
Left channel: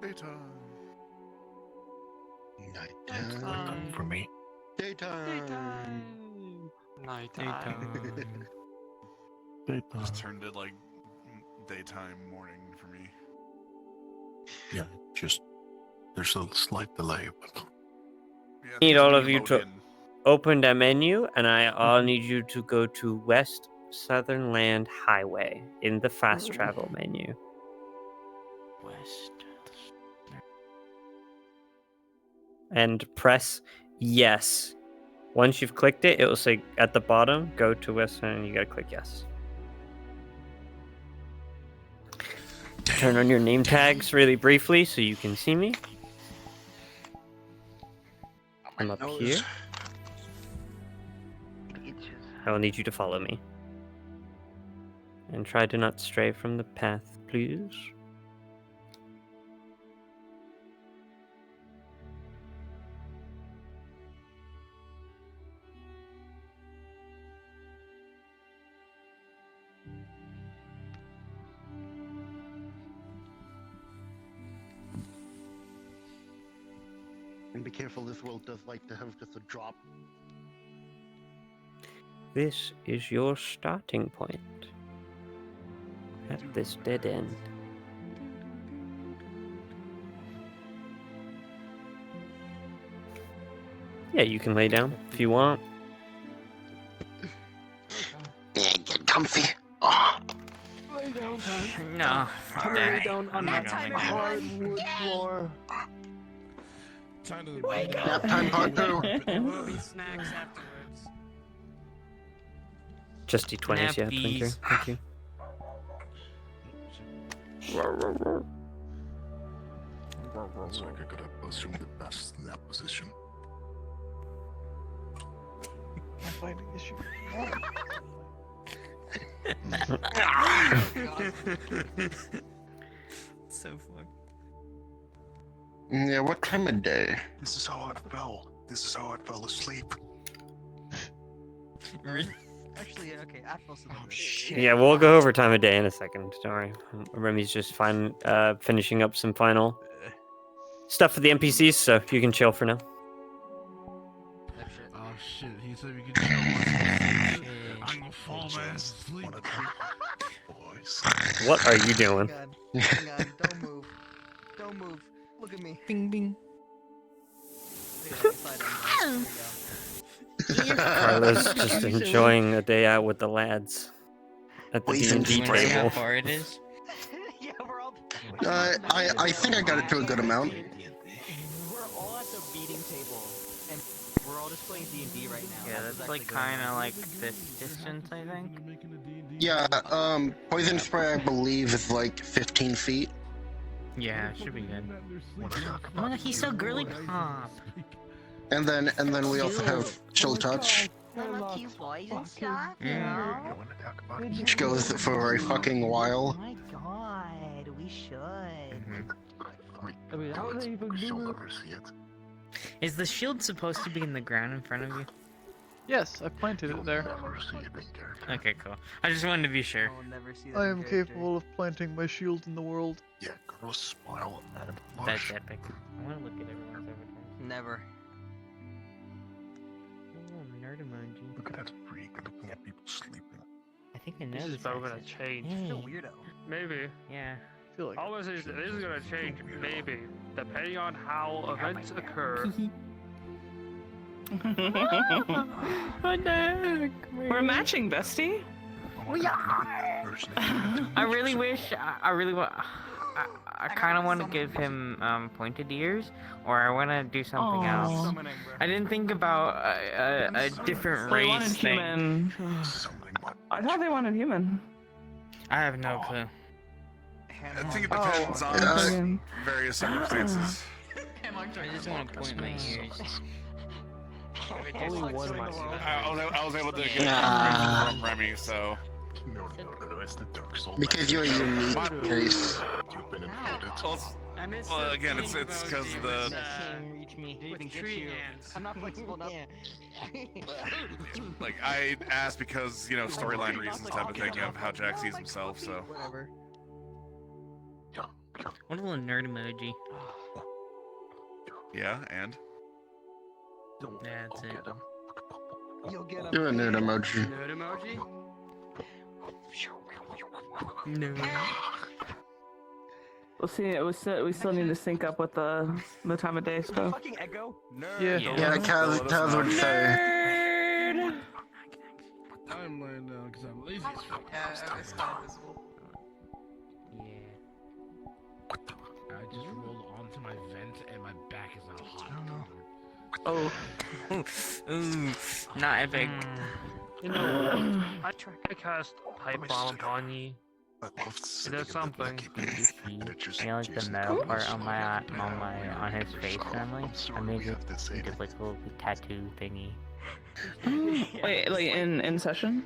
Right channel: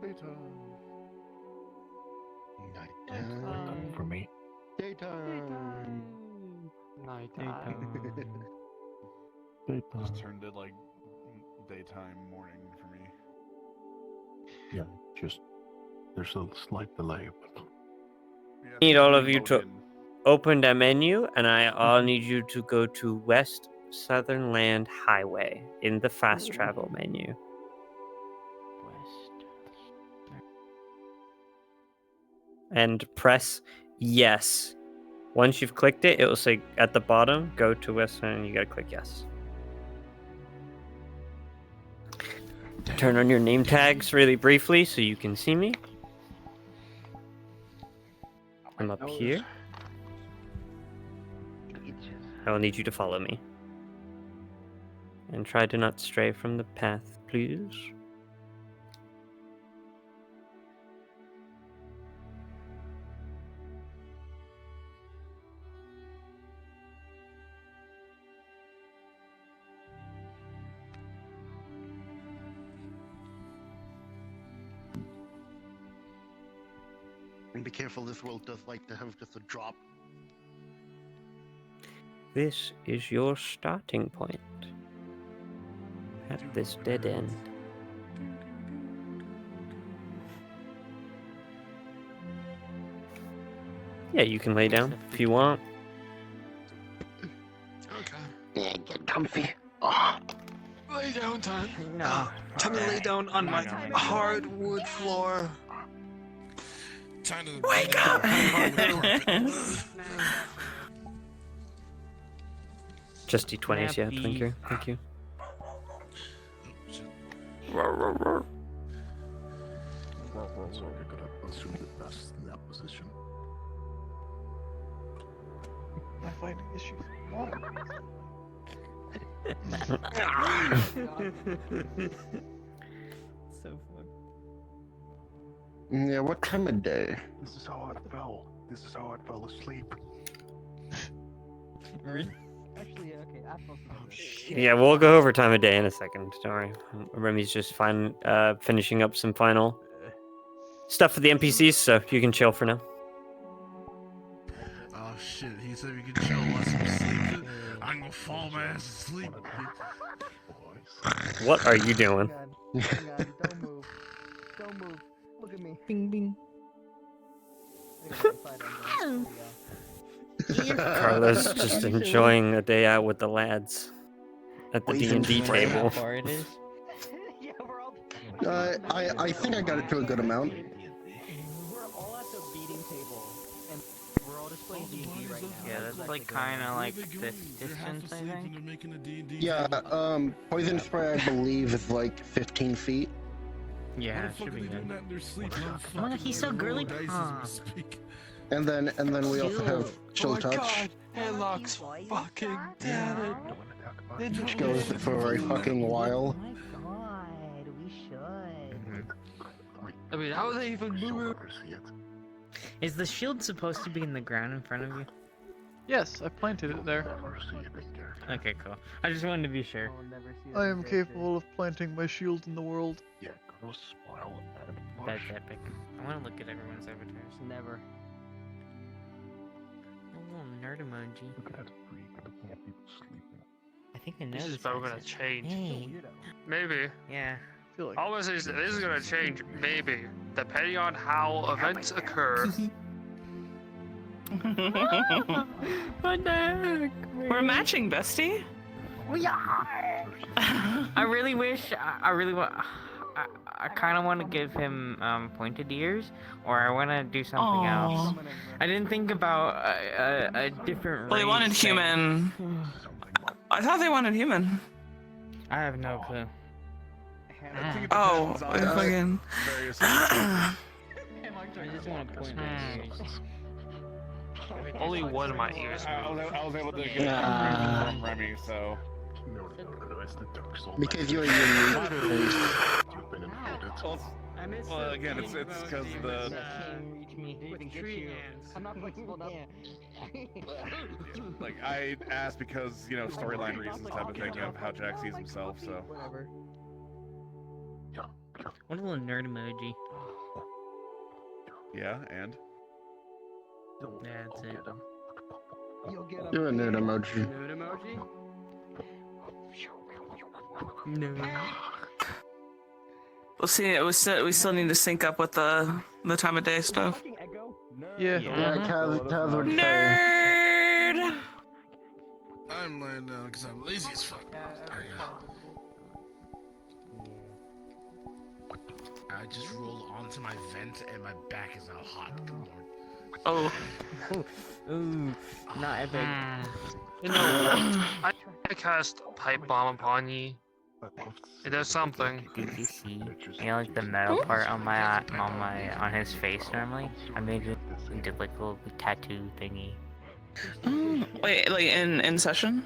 Daytime. Nighttime for me. Daytime. Daytime. Daytime. Just turned it like daytime, morning for me. Yeah, just there's a slight delay, but Need all of you to open the menu, and I'll need you to go to West Southern Land Highway in the fast travel menu. And press yes. Once you've clicked it, it will say at the bottom, go to West and you gotta click yes. Turn on your name tags really briefly so you can see me. I'm up here. I will need you to follow me. And try to not stray from the path, please. And be careful, this world does like to have just a drop. This is your starting point at this dead end. Yeah, you can lay down if you want. Yeah, get comfy. Lay down, time. No. Time to lay down on my hardwood floor. Time to wake up. Just D20s, yeah, Twinker. Thank you. so I could assume the best in that position. I'm finding issue. So fun. Yeah, what time of day? This is how I fell. This is how I fell asleep. Actually, yeah, okay, I feel so. Yeah, we'll go over time of day in a second. Don't worry. Remy's just finishing up some final stuff for the NPCs, so you can chill for now. Oh shit, he said we could chill once we sleep. I'm gonna fall my ass asleep. What are you doing? Hang on, don't move. Don't move. Look at me. Bing bing. Carla's just enjoying a day out with the lads at the D&D table. I think I got it to a good amount. Yeah, that's like kind of like this distance, I think. Yeah, poison spray I believe is like 15 feet. Yeah, it should be good. Oh, he's so girly pop. And then we also have chill touch, which goes for a fucking while. Oh my god, we should. I mean, how would they even move? Is the shield supposed to be in the ground in front of you? Yes, I planted it there. Okay, cool. I just wanted to be sure. I am capable of planting my shield in the world. Yeah, girl, smile and That's blush. epic. I want to look at everyone's avatars. Never. Nerd emoji. Look at that freak looking at people sleeping. I think I know This is this probably gonna accent. change. Hey. Maybe. Yeah. I feel like All this is gonna change, maybe, depending on how events occur. What the heck? We're matching, bestie. We are. I really wish. I really want. I kind of want to give him pointed ears, or I want to do something else. I didn't think about a different Well, race. they wanted thing. human. I thought they wanted human. I have no clue. I think it depends on fucking- various circumstances. I just want to point my ears. Only one of my ears. I was able to get that from Remy, so. Because you're a unique race. Well, again, it's because the. I'm not flexible enough. Like, I asked because, storyline reasons type of thing of how Jack sees himself, so. Whatever. What a little nerd emoji. Yeah, and? That's it. You're a nerd emoji. Nerd emoji? No. We'll see. We still need to sync up with the time of day stuff. Yeah. Yeah, Kaz would say. Nerd. I'm laying down because I'm lazy as fuck. I just rolled onto my vent and my back is all hot. Oh. Ooh, not epic. You know, I cast Pipe Bomb upon ye. It does something. You know, like the metal part on on his face normally. I made it into like a little tattoo thingy. Wait, like in session?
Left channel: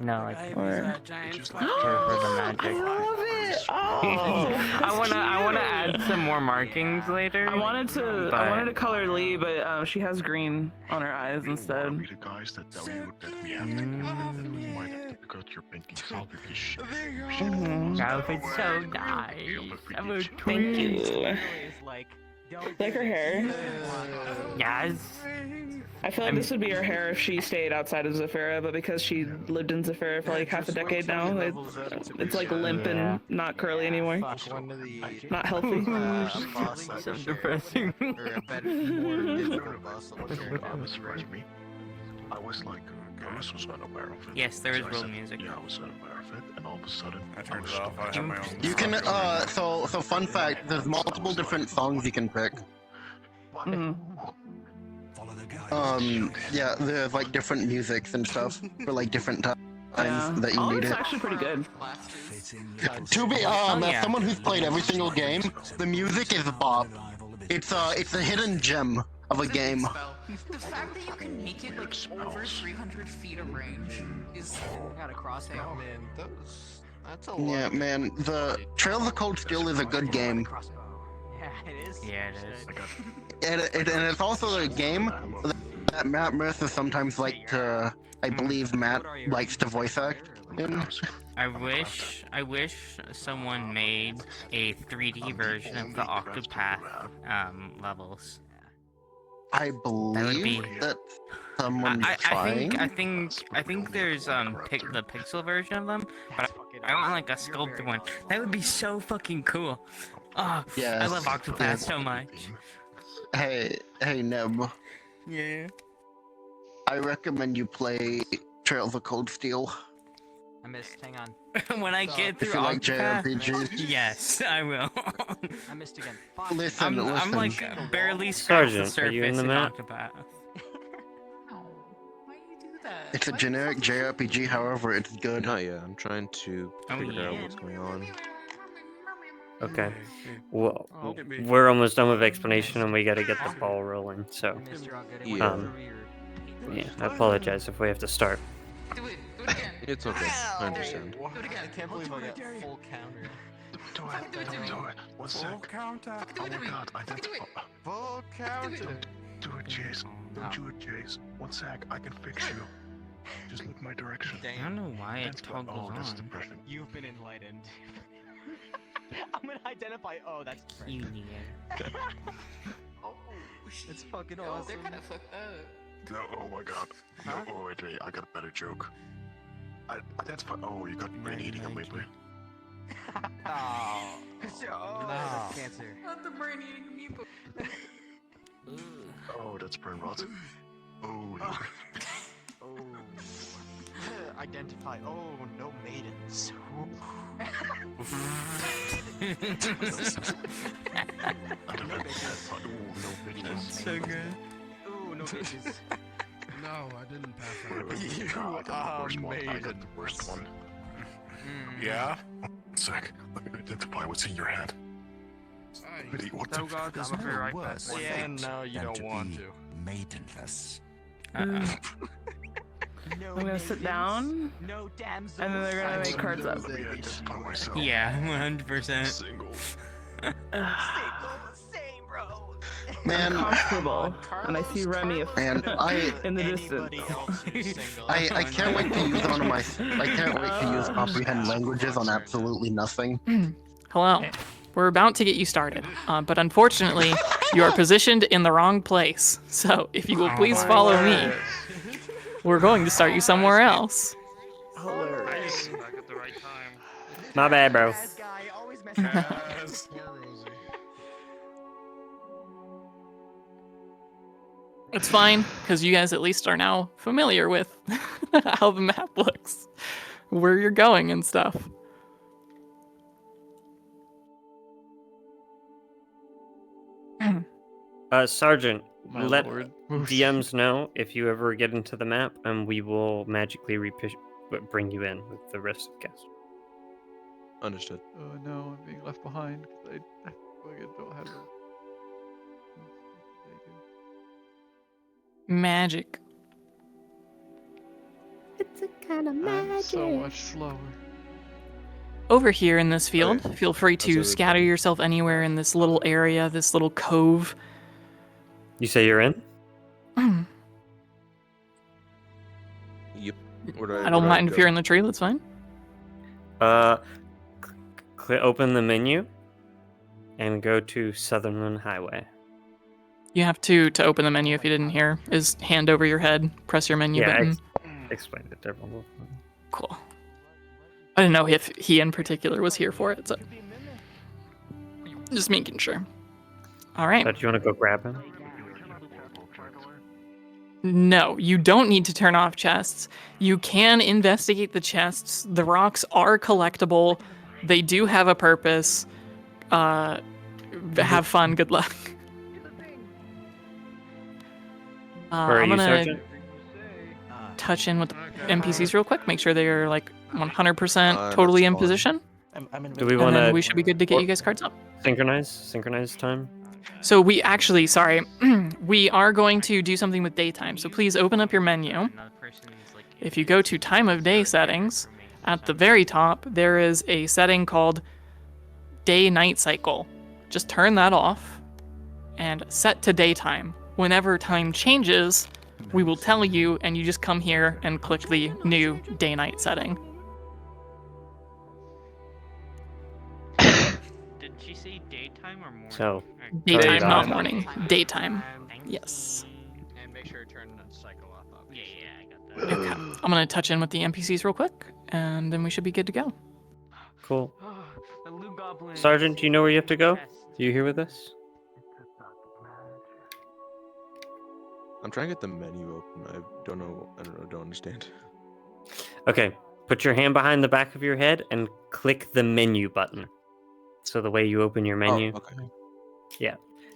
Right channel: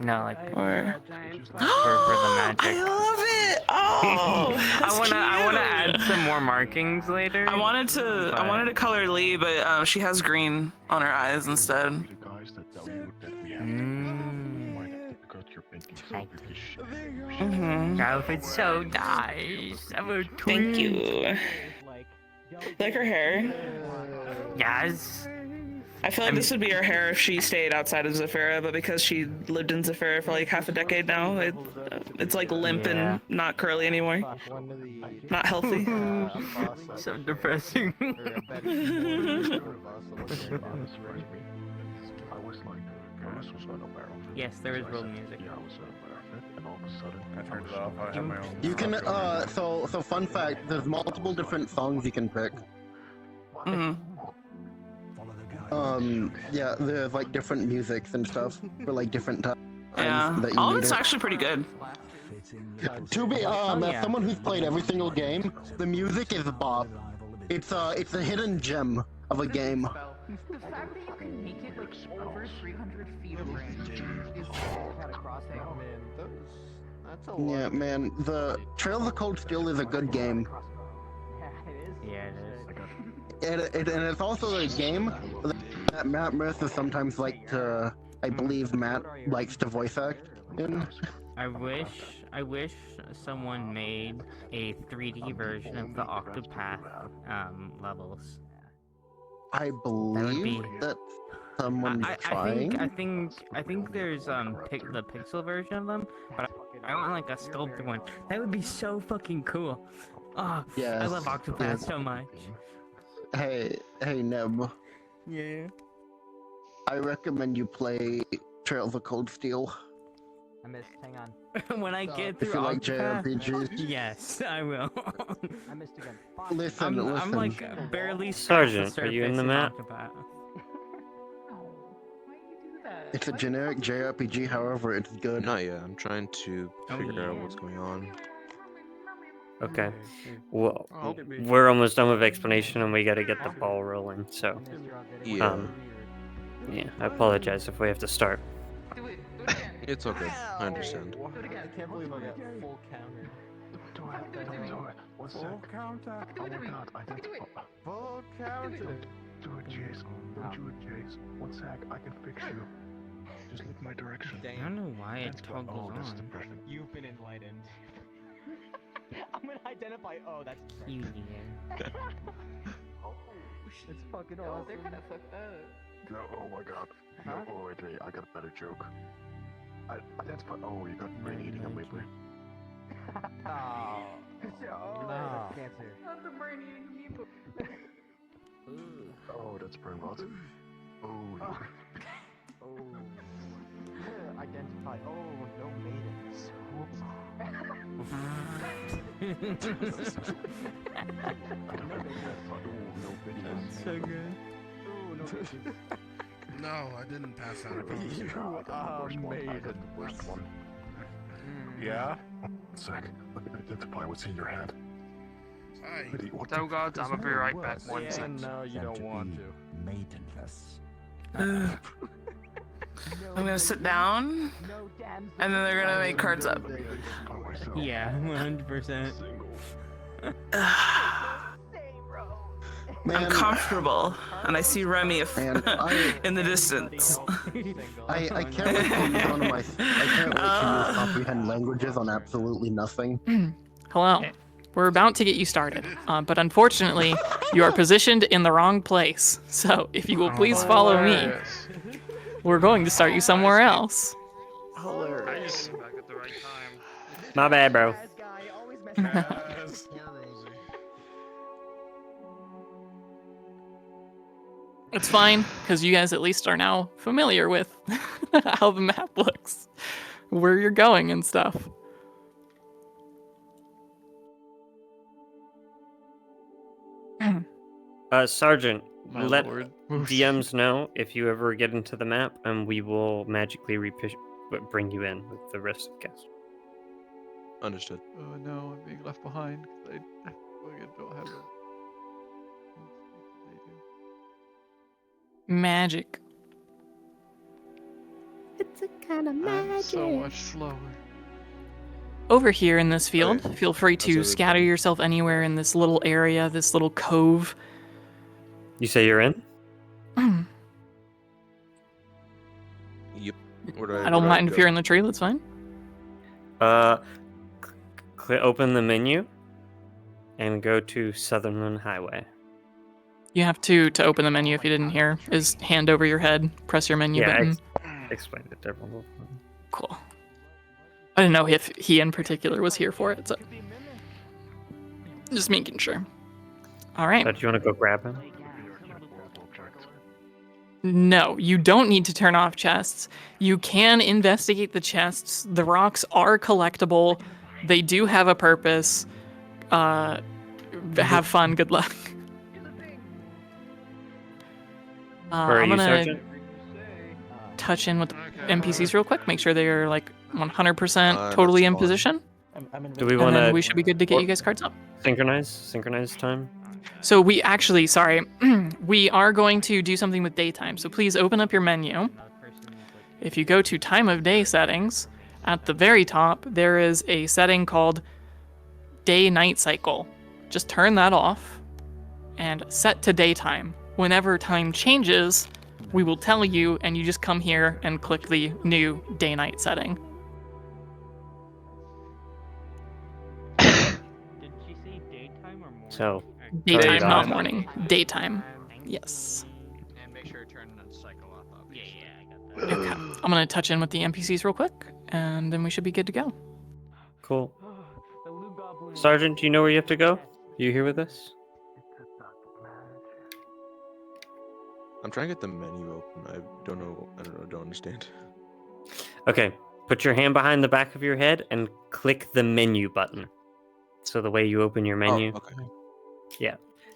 No, like Or... for the magic. I love it. Oh, I wanna add some more markings later. I wanted to color Lee, but she has green on her eyes instead. That outfit's so nice. Thank you. Like her hair. Yes. I feel like this would be her hair if she stayed outside of Zephyra, but because she lived in Zephyra for like half a decade now, it's like limp and not curly anymore. Not healthy. So depressing. Yes, there is real music. I turned it off. I have my own. You can, so fun fact, there's multiple different songs you can pick. Yeah, there's like different musics and stuff for like different times that you All need it's it. actually pretty good. To be as someone who's played every single game, the music is bop. It's a hidden gem of a game. The fact that you can make it like over 300 feet of range is got a crosshair. Man, that's a lot. Yeah, man, the Trails of Cold Steel is a good game. Yeah, it is. And it's also a game that Matt Mercer sometimes like to, I believe Matt likes to voice act in. I wish someone made a 3D version of the Octopath levels. I believe that someone's trying. I think there's the pixel version of them, but I want like a sculpted one. That would be so fucking cool. Oh, Yes, I love Octopath yes. so much. Hey, Neb. Yeah. I recommend you play Trails of Cold Steel. I missed. Hang on. When I get through If you like Octopath, JRPGs. yes, I will. I missed again. Listen, I'm like barely Sergeant, are you in the map? It's a generic JRPG, however, it's good. Not yet. I'm trying to figure out what's going on. Okay. Well, we're almost done with explanation and we gotta get the ball rolling, so. Yeah. Yeah, I apologize if we have to start. It's okay. I understand. I can't believe I got full counter. Do it. What's that? Full counter. Oh my god, identify. Full counter. Do it, Chase. Don't do it, Chase. One sec, I can fix you. Just look my direction. I don't know why it toggles Oh, that's on. depression. You've been enlightened. I'm gonna identify. Oh, that's You It's fucking awesome. No, oh my god. No, wait, I got a better joke. That's fine. Oh, you got brain eating amoeba. Cancer. Not the brain eating amoeba. Oh, that's brain rot. Oh. Identify. Oh, no maidens. So good. Ooh, no bitches. No, I didn't pass out. You made it. The worst one. Yeah? Sick. Let me identify what's in your hand. Wait, what So gods, I'm gonna be right back. Yeah, no, you don't want to. Maidenless. I'm gonna sit down, and then they're gonna make cards up. Yeah, 100%. Man, I'm comfortable, and I see Remy Man, in the distance. I can't wait to use one of my. I can't wait to use comprehend languages on absolutely nothing. Hello. We're about to get you started, but unfortunately, you are positioned in the wrong place. So if you will please follow me, we're going to start you somewhere else. Hilarious. My bad, bro. It's fine, because you guys at least are now familiar with how the map looks, where you're going and stuff. Sergeant, My let lord. DMs know if you ever get into the map, and we will magically bring you in with the rest of the cast. Understood. Oh no, I'm being left behind because I fucking don't have the. Magic. It's a kind of I'm so much slower. Over here in this field, Okay. feel free to scatter yourself anywhere in this little area, this little cove. You say you're in? Yep. I don't mind if you're in the tree, that's fine. Open the menu and go to Sutherland Highway. You have to open the menu if you didn't hear, is hand over your head, press your menu button. Explained it to everyone. Cool. I didn't know if he in particular was here for it, so just making sure. All right. Do you want to go grab him? No, you don't need to turn off chests. You can investigate the chests. The rocks are collectible. They do have a purpose. Have fun. Good luck. Where are I'm you, gonna Sergeant? touch in with the NPCs real quick. Make sure they are like 100% totally in position. Do we want to? We should be good to get you guys cards up. Synchronize time. So we actually, sorry, we are going to do something with daytime. So please open up your menu. If you go to time of day settings, at the very top, there is a setting called day-night cycle. Just turn that off and set to daytime. Whenever time changes, we will tell you, and you just come here and click the new day-night setting. Did she say daytime or morning? So, Daytime, not morning. Daytime. Yes. And make sure to turn the cycle off. Obviously. Okay. I'm gonna touch in with the NPCs real quick, and then we should be good to go. Cool. Sergeant, do you know where you have to go? Are you here with us? I'm trying to get the menu open. I don't know. I don't understand. Okay. Put your hand behind the back of your head and click the menu button. So the way you open your menu. Oh, okay. Yeah.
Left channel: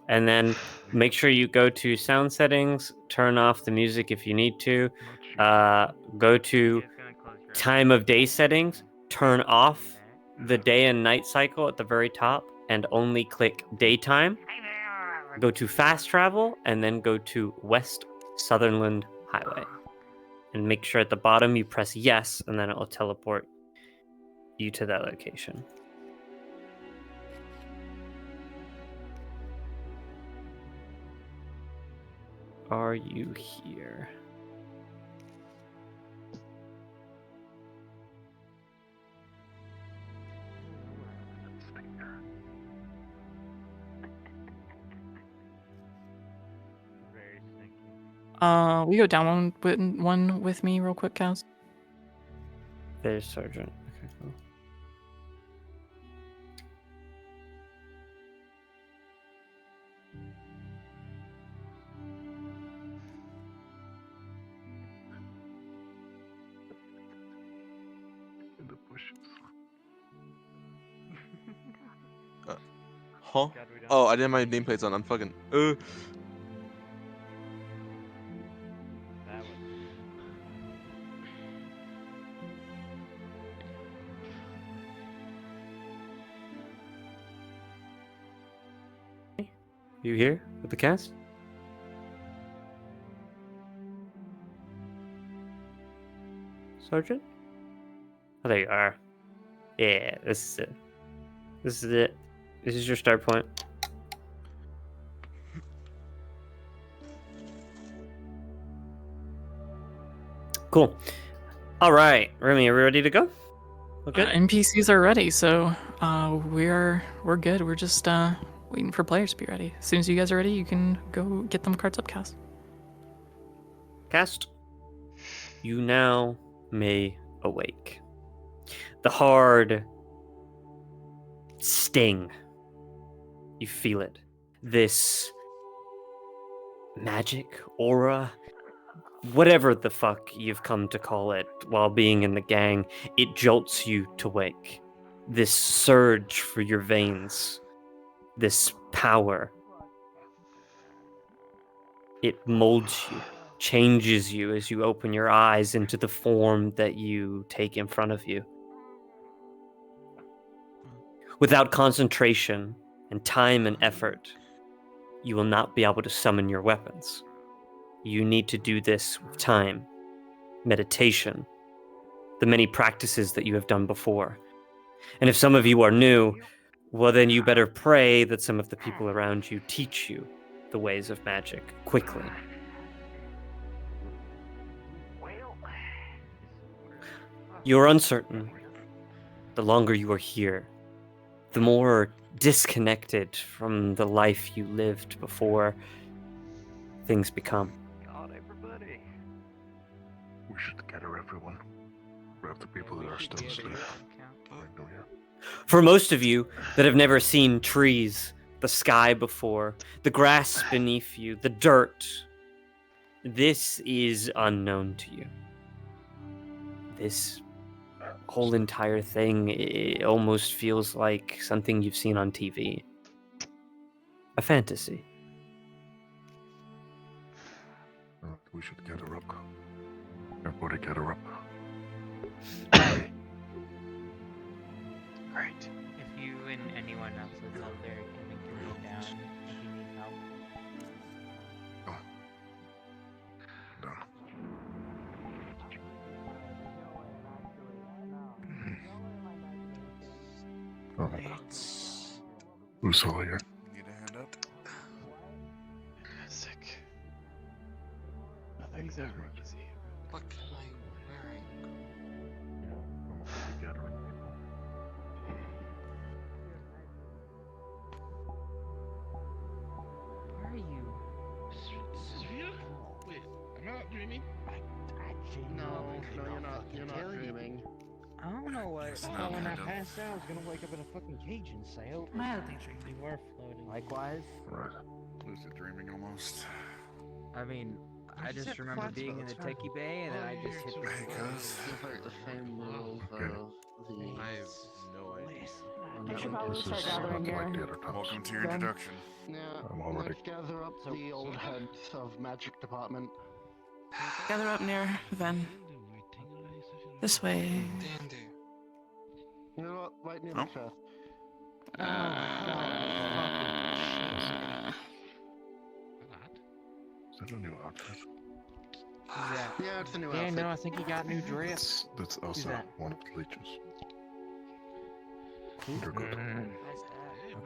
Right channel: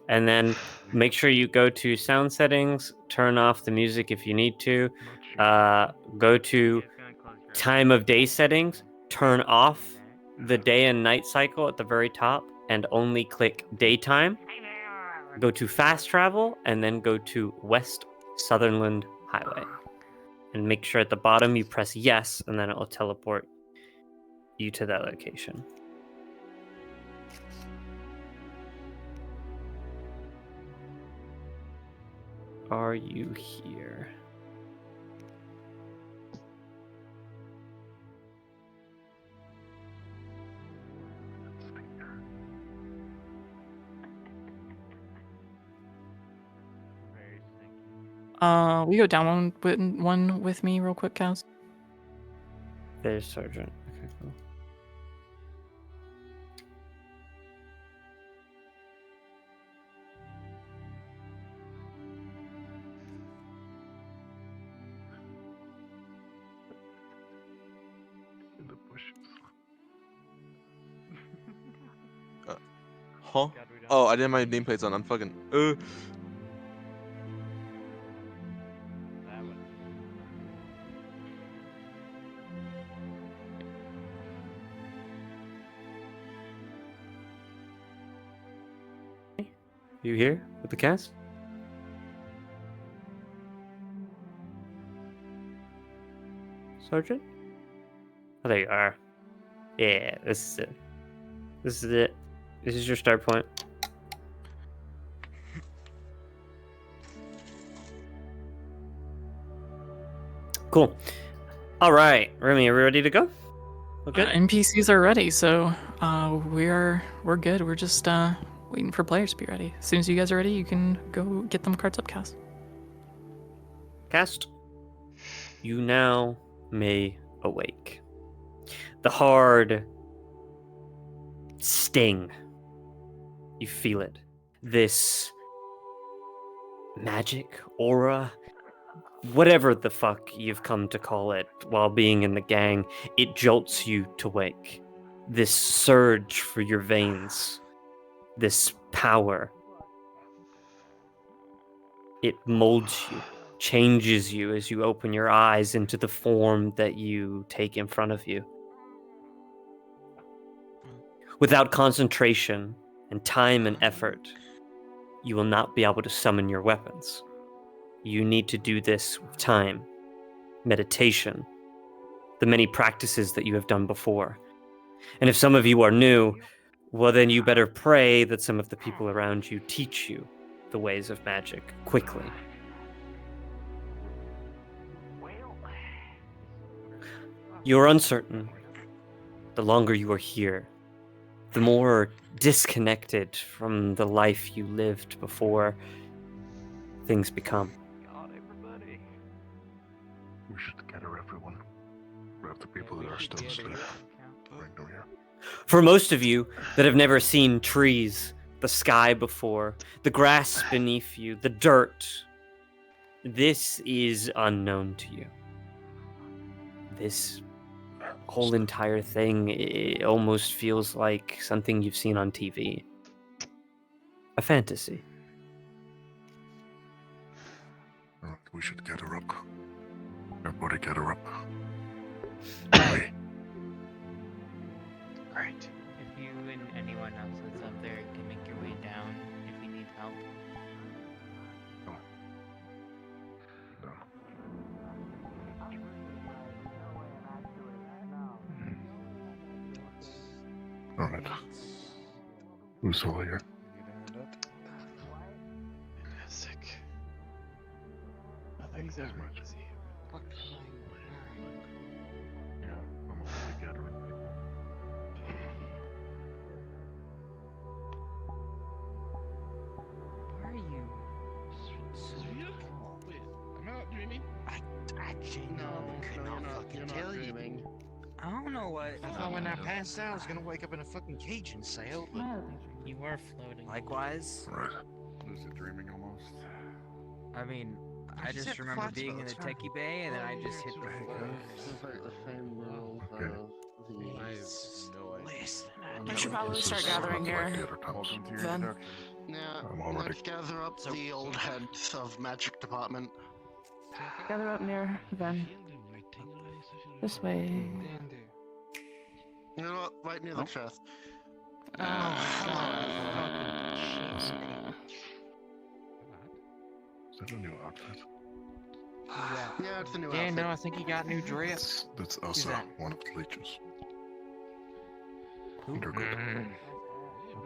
And then make sure you go to sound settings, turn off the music if you need to. Go to time of day settings, turn off the day and night cycle at the very top, and only click daytime. Go to fast travel, and then go to West Sutherland Highway. And make sure at the bottom you press yes, and then it will teleport you to that location. Are you here? We go down one with me real quick, Cows. There's Sergeant. Okay, cool. In the bushes. Huh? Oh, I didn't have my nameplates on. I'm fucking. You here with the cast? Sergeant? Oh, there you are. Yeah, this is it. This is it. This is your start point. Cool. All right, Remy, are we ready to go? Okay. NPCs are ready, so we're good. We're just waiting for players to be ready. As soon as you guys are ready, you can go get them cards up, Cast. Cast, you now may awake. The hard sting, you feel it. This magic, aura, whatever the fuck you've come to call it while being in the gang, it jolts you to wake. This surge for your veins, this power, it molds you, changes you as you open your eyes into the form that you take in front of you. Without concentration and time and effort, you will not be able to summon your weapons. You need to do this with time, meditation, the many practices that you have done before. And if some of you are new, well, then you better pray that some of the people around you teach you the ways of magic quickly. You're uncertain. The longer you are here, the more disconnected from the life you lived before things become. We should gather everyone. Grab the people that are still asleep. For most of you that have never seen trees, the sky before, the grass beneath you, the dirt, this is unknown to you. This whole entire thing, it almost feels like something you've seen on TV. A fantasy. We should gather up. Everybody gather up. Great. If you and anyone else that's out there can make your way down if you need help. Alright. Who's all here? Sick. Nothing's ever easy. Gathering people. Why are you? Wait, I'm not dreaming. No, you're not. You're not dreaming. I don't know what. So when I passed out, I was gonna wake up in a fucking Cajun sail. Mildly dreamy. You were floating. Likewise. Right. Lucid dreaming almost. I mean, I just remember being in the techie bay and then I just hit the floor. It's like the same rules of the. I have no idea. We should probably start gathering here. Welcome to your Then. introduction. Yeah, let's gather up the old heads of magic department. Gather up near Ven. This way. You know what? Right near the chest. Is that a new outfit? Yeah, it's a new Yeah, outfit. no, I think he got a new dress. That's also one of the leeches. They're good.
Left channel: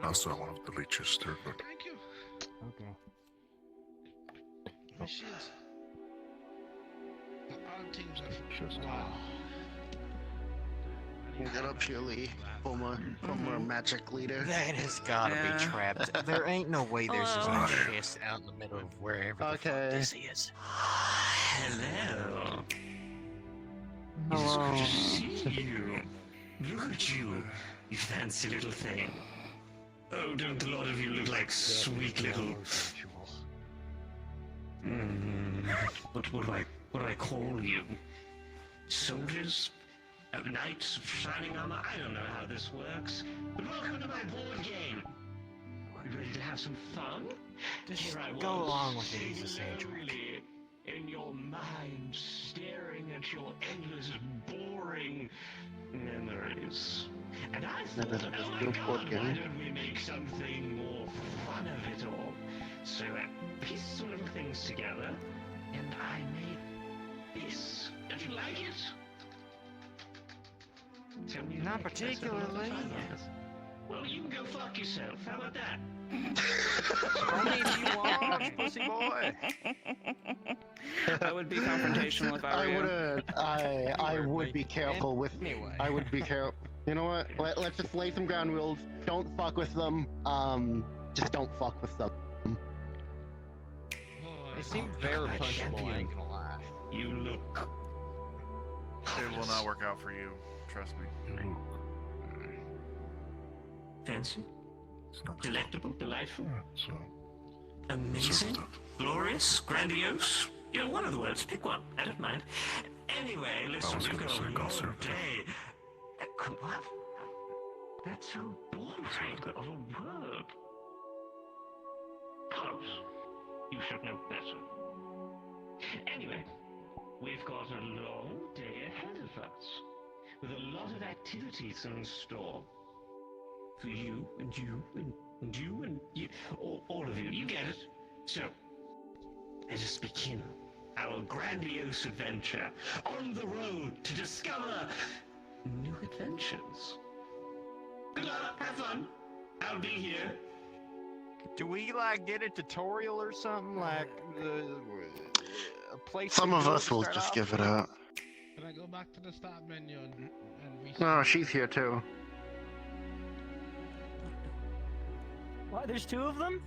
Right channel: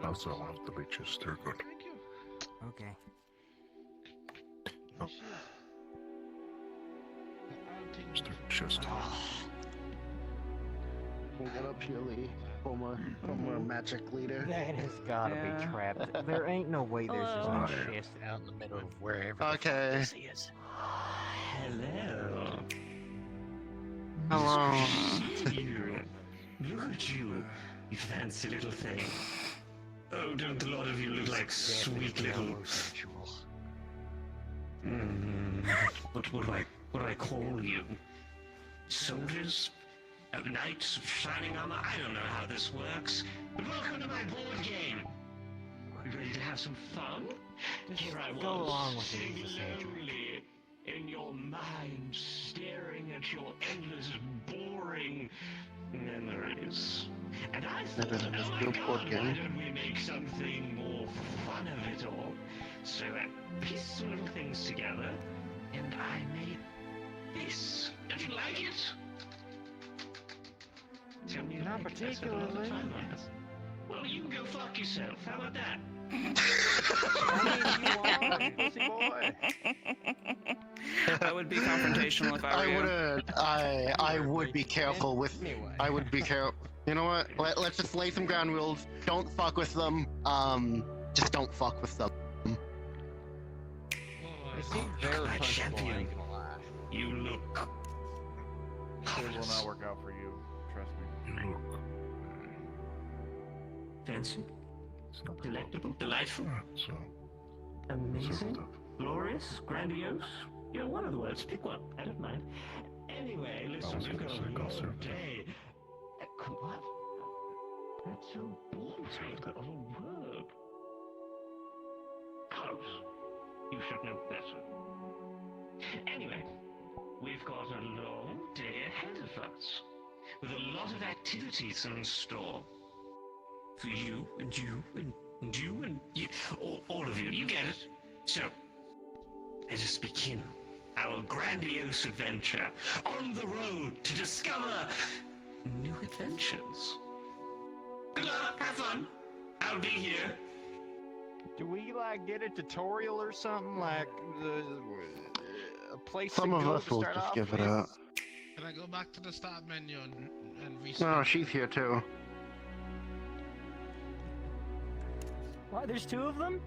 Also one of the leeches. They're good. Okay. Oh. Just Get up here, Lee. Former magic leader. That has gotta be trapped. There ain't no way there's just a chest out in the middle of wherever the fuck this is. Hello. Hello. You. Look at you, you fancy little thing. Oh, don't a lot of you look like sweet little... What would I call you? Soldiers? Knights of shining armor? I don't know how this works. But welcome to my board game. Are you ready to have some fun? Here I was, go along with it, sitting lonely in your mind, staring at your endless, boring memories. And I thought, oh my God, why don't we make something more fun of it all? So I pieced some little things together, and I made this. Don't you like it? Tell me you Not like it. Let's have a look at particularly. time on this. Well, you can go fuck yourself. How about that? Pussy boy. I would be confrontational if I were you. I would be careful with. I would be careful. You know what? Let's just lay some ground rules. Don't fuck with them. Just don't fuck with them. They seem very punchable, I ain't gonna lie. You look. It will not work out for you. Trust me. Fancy. Delectable. Delightful. Amazing. Glorious. Grandiose. You know, one of the words. Pick one. I don't mind. Anyway, listen, you've got a long day. What? That's so boring of a word. Close. You should know better. Anyway, we've got a long day ahead of us, with a lot of activities in store. For you, and you, and you, and you, all of you, you get it. So, let us begin our grandiose adventure on the road to discover new adventures. Good luck, have fun. I'll be here. Do we like get a tutorial or something like a place? Some to of go us to will start just off give it with? up. Can I go back to the start menu and Oh, she's here too. What? There's two of them?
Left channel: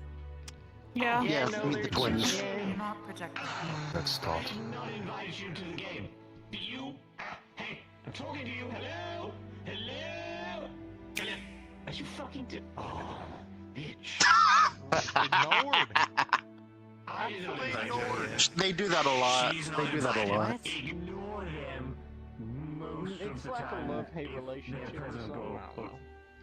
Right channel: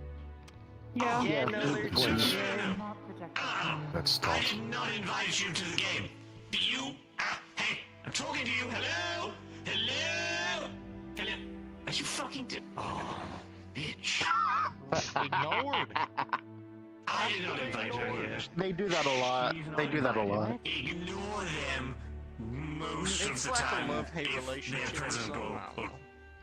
Yeah. Yeah, no, they're twins. That's tough. I did not invite you to the game. Do you? Hey, I'm talking to you. Hello? Hello? Hello? Are you fucking Oh, bitch. Ignored. I did not invite her here. They do that a lot. She's They not do that a lot. invited. Ignore them most of It's the like time. a love-hate If relationship their or presence something, go, I don't know.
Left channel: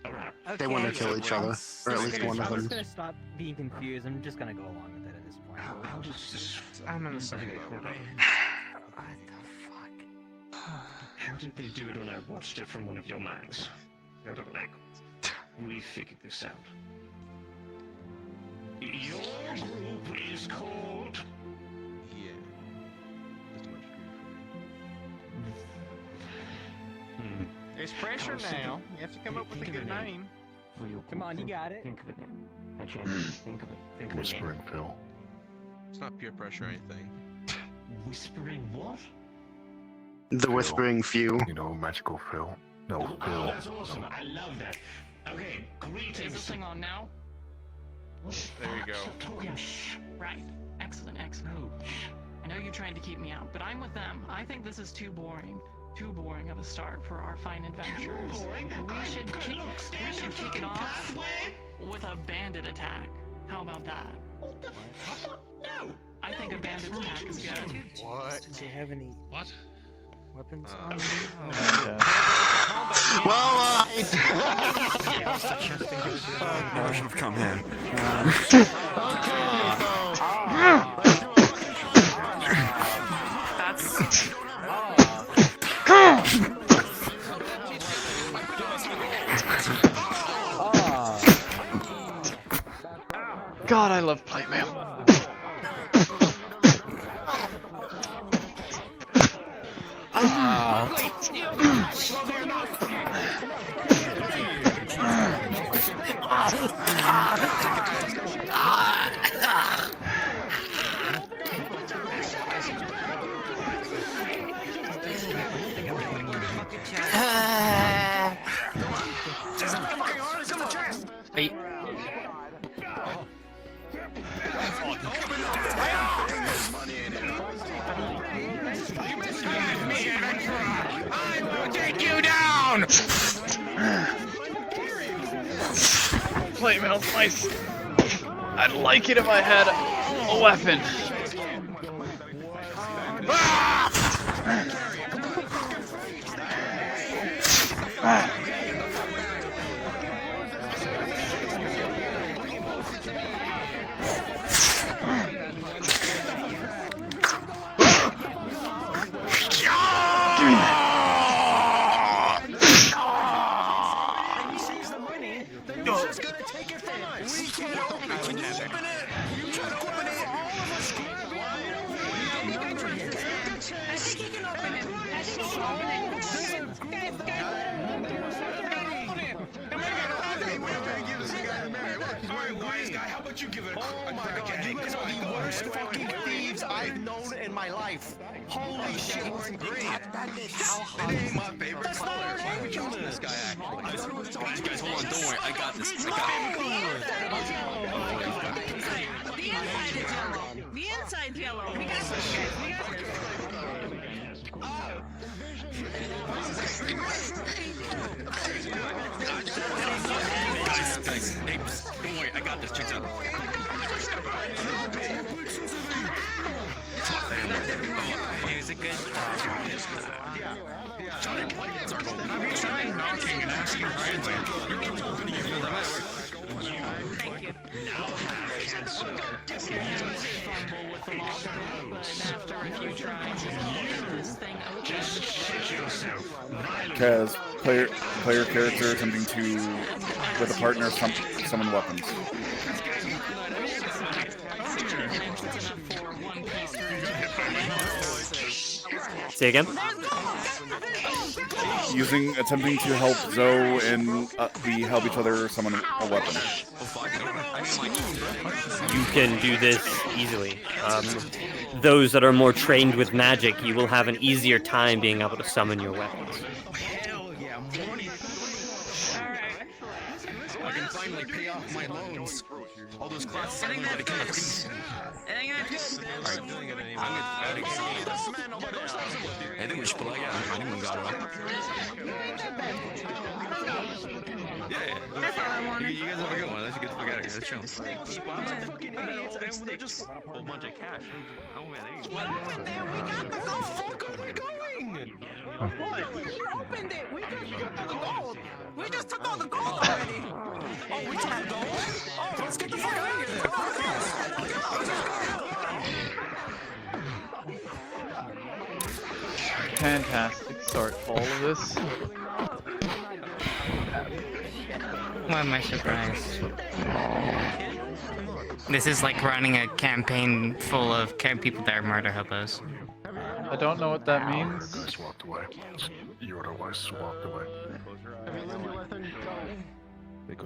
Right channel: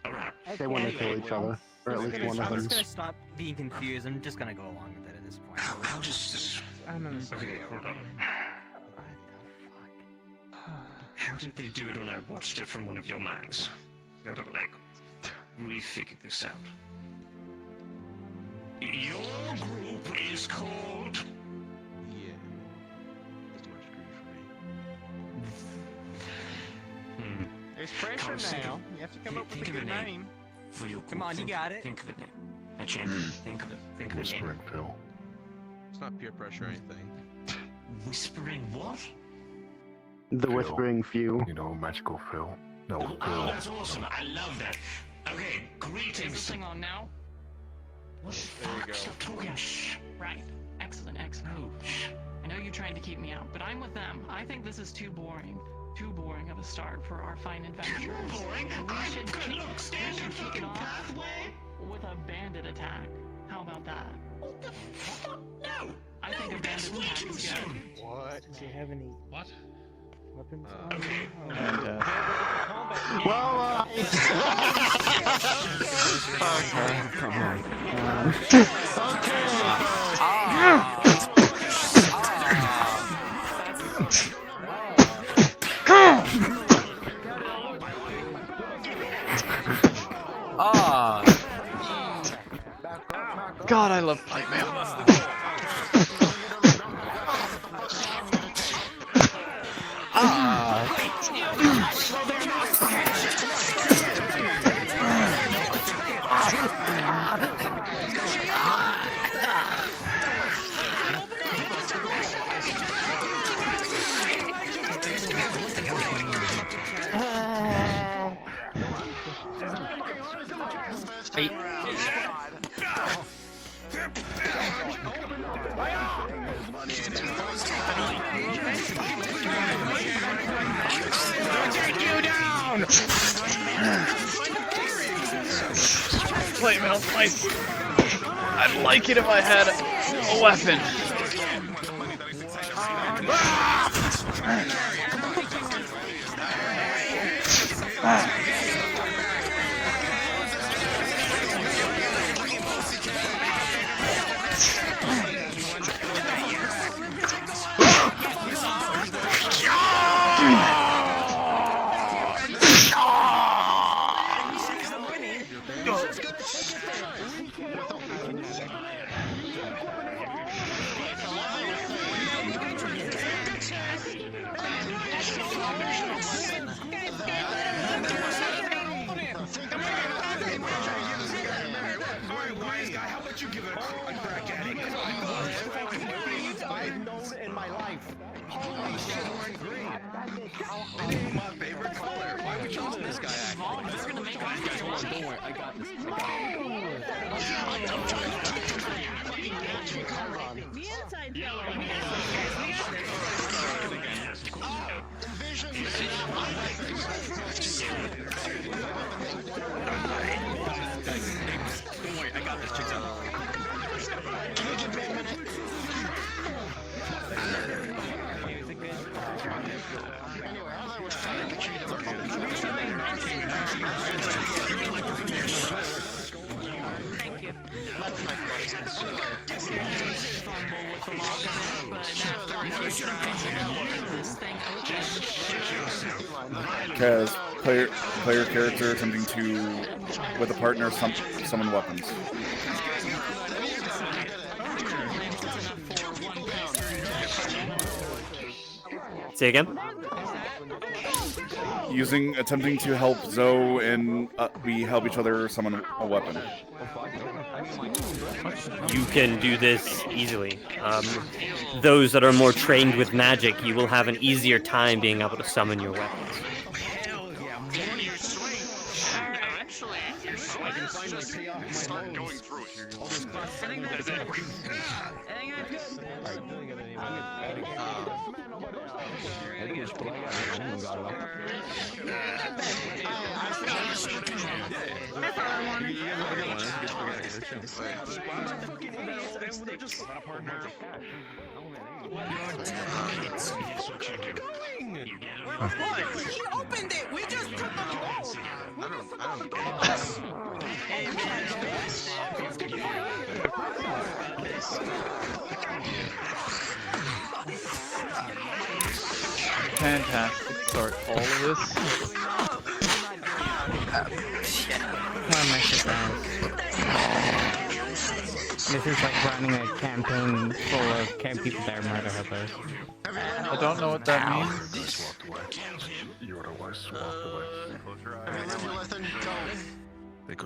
alright. They want to kill each other, or at least one of I'm them. just gonna stop being confused. I'm just gonna go along with it at this point. I'll just... I'm in the Okay, hold on. How did they do it when I watched it from one of your minds? Gotta, like, refigure this out. Your group is called... Yeah. That's much good for me. There's pressure now. You have to come up with a Think of good a name. name. For your Come on, you think- got it. Think of it. I changed it. Think of it. Think of it. Whispering Phil. It's not peer pressure or anything. Whispering what? The Whispering Few. You know, magical Phil. No, Oh, Phil. that's awesome. I love that. Okay, greetings. Is this thing on now? There we go. Stop talking. Right. Excellent, excellent. I know you're trying to keep me out, but I'm with them. I think this is too boring. Too boring of a start for our fine adventures. We should kick it off with a bandit attack. How about that? What the fuck? No! I think a bandit attack is good. What? Do you have any What? weapons? God, I love plate mail. Hey. plate mail's nice. I'd like it if I had a weapon. How about you give it a crack at it? Come on, I've known in my life. Oh, this guy's wearing green. My favorite color. Why are we trusting this guy, actually? Guys, hold on, don't worry. I got this. The inside yellow. We got this, guys. We got this. Don't worry, I got this. Checks out. Is it good? Thank you. Shut the fuck up! Get your hands fumble with the Just shit yourself. Kaz, player character attempting to, with a partner, summon weapons. Say again? Attempting to help Zoe and we help each other summon a weapon. You can do this easily. Those that are more trained with magic, you will have an easier time being able to summon your weapons. Hell yeah, I can finally pay off my loans. All those classes I learned at the campus. That's all I wanted. We just took on the gold. We just took on the gold. Fantastic start to all of this. Why am I surprised? This is like running a campaign full of people that are murder hippos. I don't know what that means. Just walked away. You otherwise walked away.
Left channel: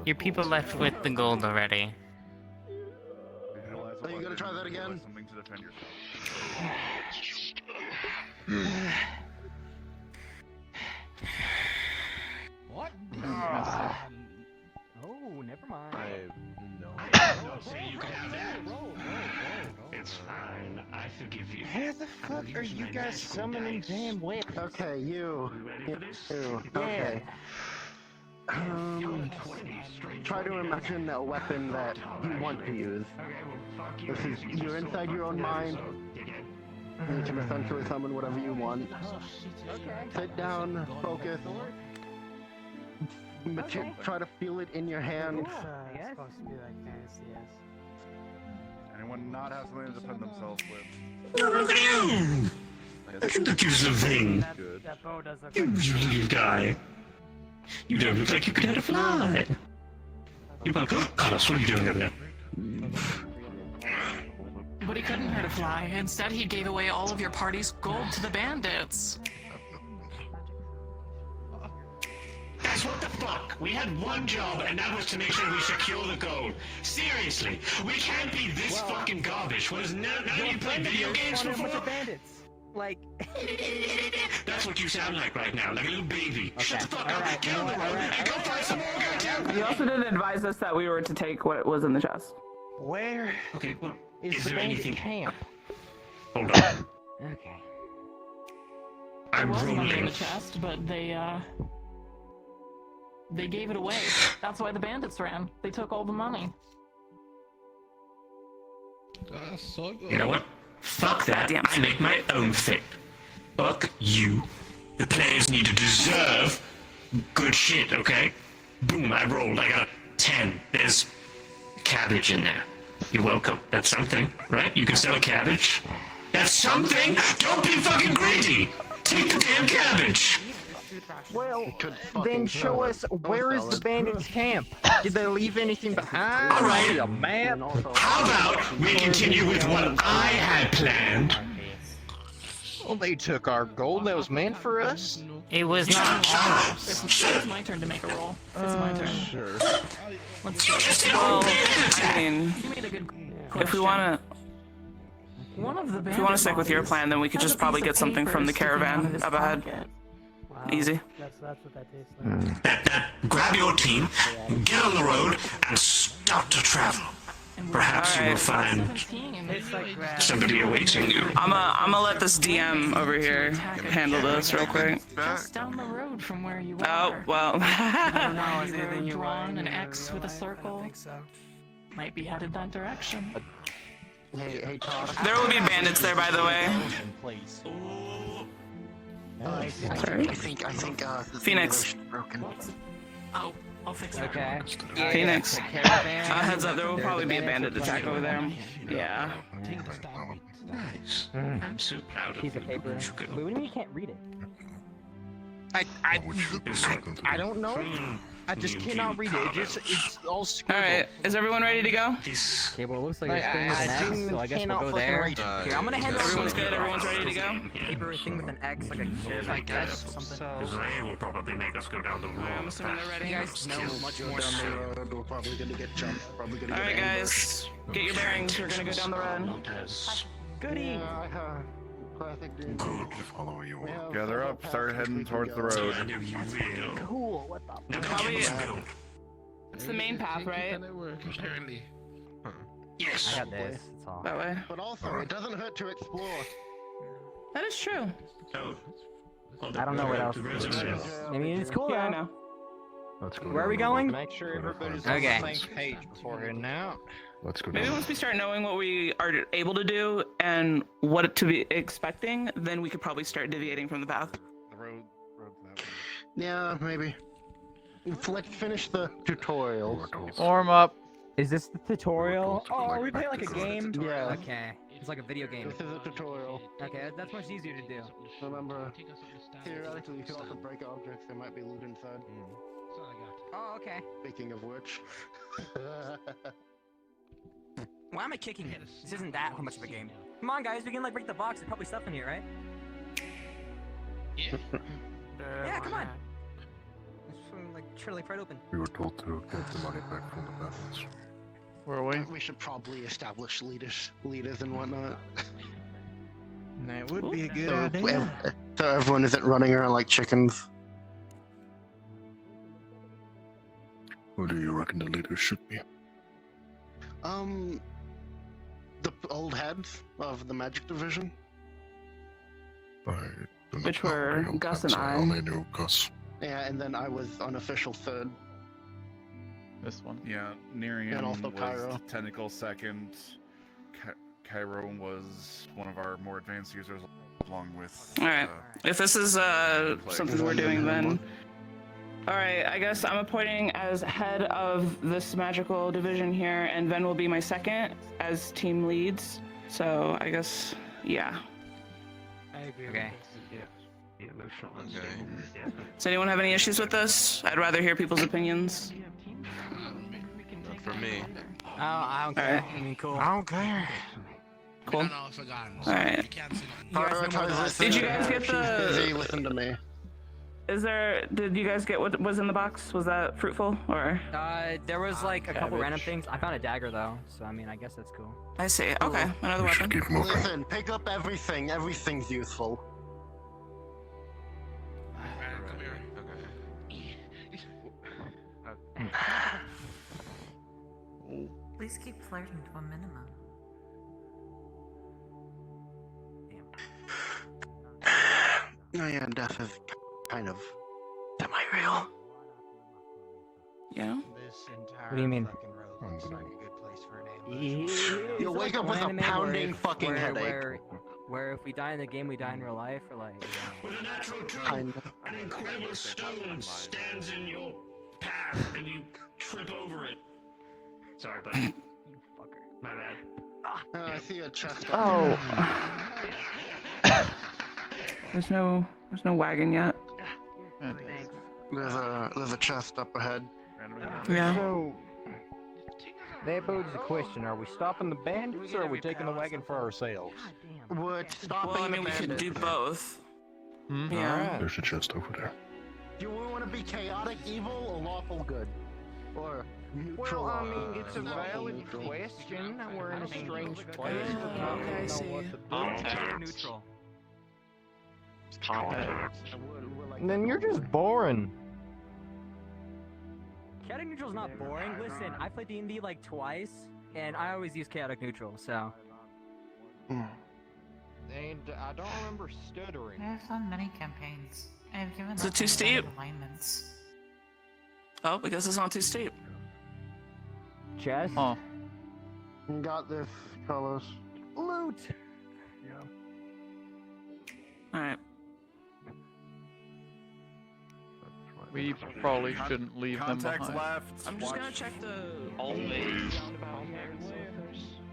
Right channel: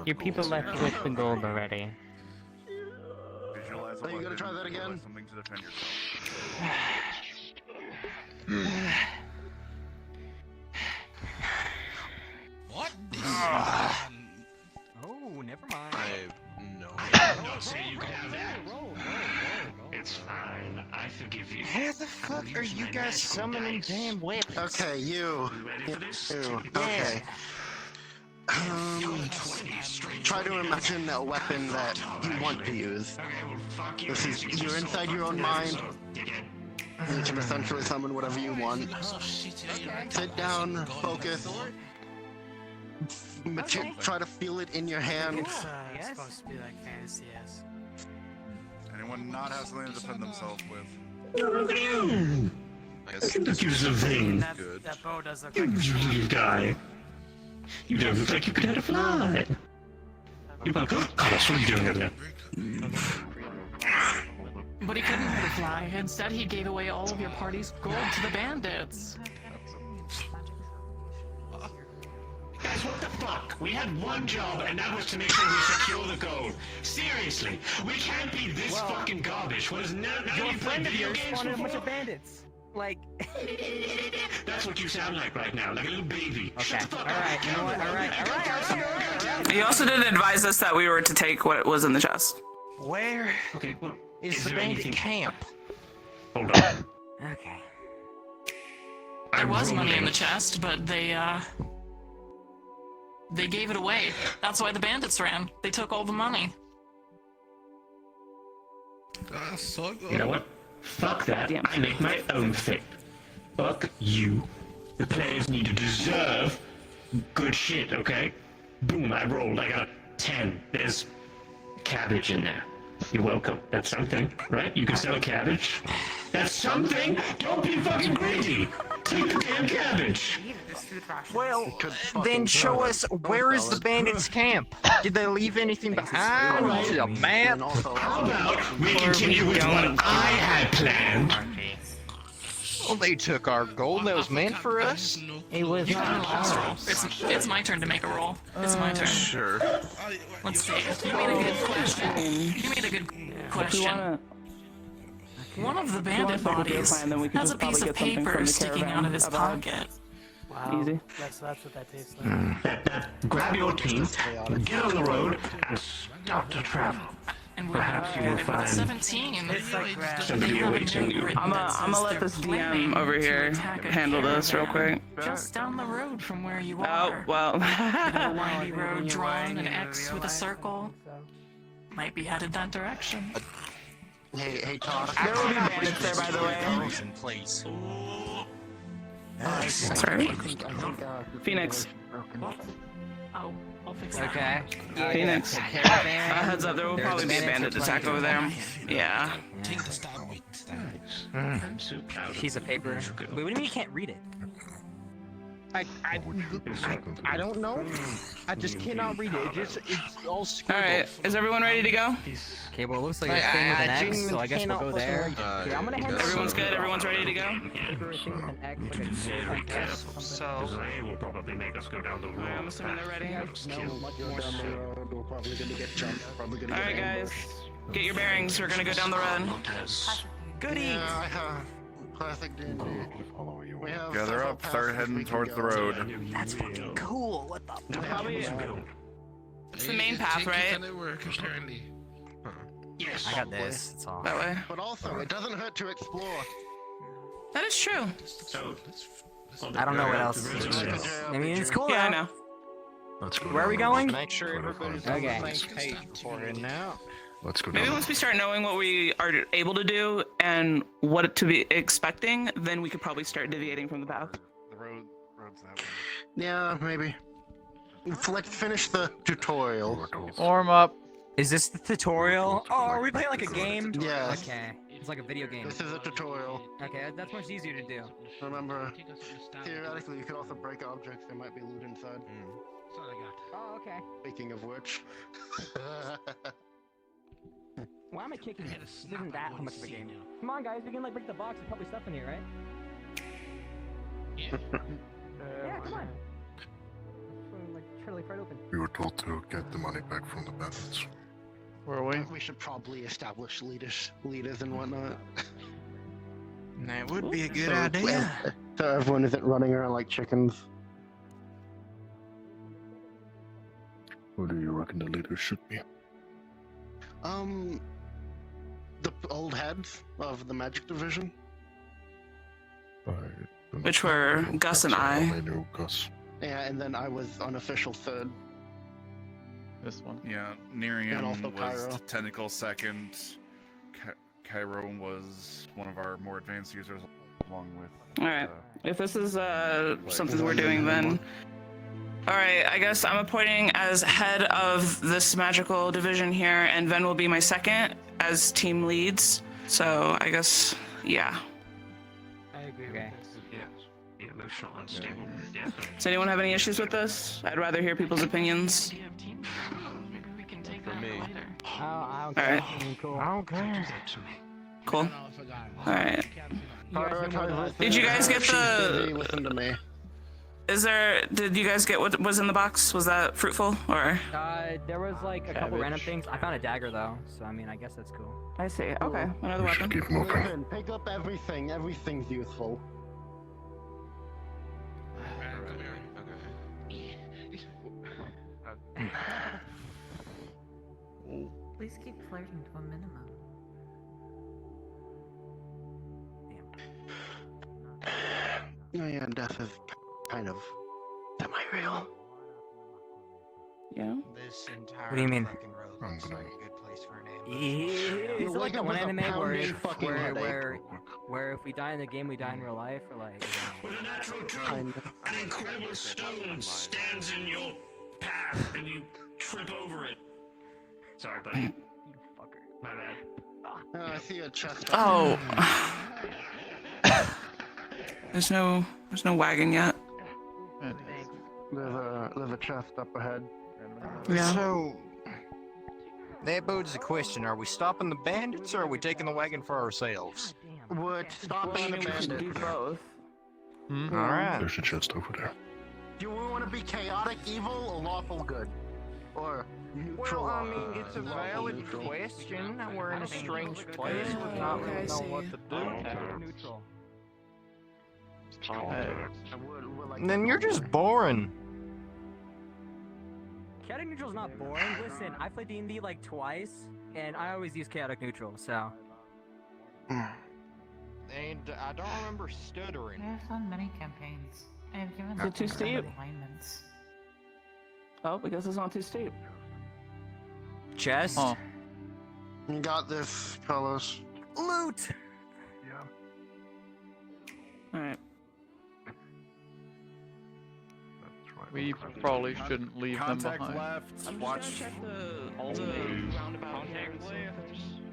Your people left with the gold already. Are you gonna try that again? Something to defend yourself. What? Oh, never mind. It's fine. I forgive you. How the fuck are you guys summoning damn whips? Okay, you. Okay. Try to imagine a weapon that you want to use. This is, you're inside your own mind. You can essentially summon whatever you want. Sit down, focus. Try to feel it in your hand. It's supposed to be like this, yes. Anyone not have something to defend themselves with? Do something. That bow does look You little guy. You don't look like you could have a fly. You're welcome. Carlos, what are you doing over there? But he couldn't hurt a fly. Instead, he gave away all of your party's gold to the bandits. What the fuck? We had one job, and that was to make sure we secure the gold. Seriously, we can't be this fucking garbage. What is now you play video games Spawned a bunch before? of bandits. Like. That's what you sound like right now, like a little baby. Shut the fuck up. You know what? Alright. He also didn't advise us that we were to take what was in the chest. Where? Okay, well, Is is the there bandit anything? camp? Hold on. Okay. I'm There was money in rolling. the chest, but they They gave it away. That's why the bandits ran. They took all the money. You know what? Fuck that. I make my own thing. Fuck you. The players need to deserve good shit, okay? Boom, I rolled. I got a 10. There's cabbage in there. You're welcome. That's something, right? You can sell a cabbage. That's something? Don't be fucking greedy! Take the damn cabbage! Well, then show us where is the bandits' camp? Did they leave anything behind? All right. See a map? How about we continue with what I had planned? Well, they took our gold that was meant for us. It was not ours. It's my turn to make a roll. It's my turn. Sure. Let's see. Well, I mean, you made a good question. If we wanna, One of the if we wanna stick with your plan, then we could just probably get something from the caravan up ahead. Wow. Easy. That's what that tastes like. Grab your team, get on the road, and start to travel. Perhaps you will find somebody awaiting you. I'm gonna let this DM over here handle this real quick. Just down the road from where you Oh, are. well. The road drawn, an X with a circle. Might be headed that direction. There will be bandits there, by the way. Sorry. Phoenix. Oh, I'll fix it. Okay. Phoenix. Heads up, there will probably be a bandit attack over there. Yeah. I'm so proud. Piece of paper. Wait, what do you mean you can't read it? I don't know. I just cannot read it. It's all scribbled. Alright, is everyone ready to go? Okay, well, it looks like it's thing with an X, so I guess we'll go there. Everyone's good? Everyone's ready to go? Everything with an X, like a J, I guess. So. Will probably make us go down the road. Alright, I'm assuming they're ready. Alright, guys. Get your bearings. We're gonna go down the road. Goody! Gather up, start heading towards the road. That's fucking cool. What the? Probably. It's the main path, right? Apparently. Yes. I got this. It's all. That way. But also, it doesn't hurt to explore. That is true. So, I don't know what else. I mean, it's cool. Yeah, I know. Where are we going? Make sure everybody's on the same page before heading out. Let's go Maybe down. once we start knowing what we are able to do and what to be expecting, then we could probably start deviating from the path. The road's that way. Yeah, maybe. Let's finish the tutorial. Warm up. Is this the tutorial? Oh, are we playing like a game? Yeah. Okay. It's like a video game. This is a tutorial. Okay, that's much easier to do. Remember, theoretically, you could also break objects. There might be loot inside. Oh, okay. Speaking of which. Why am I kicking it? This isn't that much of a game. Come on, guys, we can like break the box. There's probably stuff in here, right? Yeah, come on. It's from like truly pried open. We were told to get the money back from the bandits. Where are we? We should probably establish leaders and whatnot. That would be a good So, idea. so everyone isn't running around like chickens. Who do you reckon the leader should be? The old heads of the magic division. Which were Gus and I. knew Gus. Yeah, and then I was unofficial third. This one. Yeah, Nerium And also was Cairo. technical second. Cairo was one of our more advanced users, along with. Alright. If this is something we're doing, then. Alright, I guess I'm appointing as head of this magical division here, and Ven will be my second as team leads. So I guess, yeah. I agree with this. Does anyone have any issues with this? I'd rather hear people's opinions. Not for me. I don't care. Alright. Cool. I don't care. Cool. Alright. Did you guys get the... Listen to me. Did you guys get what was in the box? Was that fruitful, or? There was like a couple random things. I found a dagger though, so I mean, I guess that's cool. I see. Okay, another weapon. Listen, pick up everything. Everything's useful. Please keep flirting to a minimum. Oh yeah, death is kind of semi-real. You know? What do you mean? You'll wake up with a pounding fucking headache. Where if we die in the game, we die in real life, or like. With a natural Kind truth, an incredible stone stands in your path, and you trip over it. Sorry, buddy. You fucker. My bad. I see a chest. Oh. There's no wagon yet. There's a chest up ahead. Yeah. So, that poses a question. Are we stopping the bandits or are we taking the wagon for ourselves? We're stopping the We can bandits. do both. Hmm? Yeah. Alright. There's a chest over there. Do we want to be chaotic evil or lawful good? Or neutral? Well, I mean, it's a lawful valid neutral? question. We're in a strange place. Oh, okay, I see. Neutral. Then you're just boring. Chaotic neutral's not boring. Listen, I played D&D like twice, and I always use chaotic neutral. So. And I don't remember stuttering. I've done many campaigns. I've given Is it up too on steep? alignments. Oh, because it's not too steep. Chest. Oh. You got this, Carlos. Loot. Alright. We probably shouldn't leave them behind. I'm just gonna check the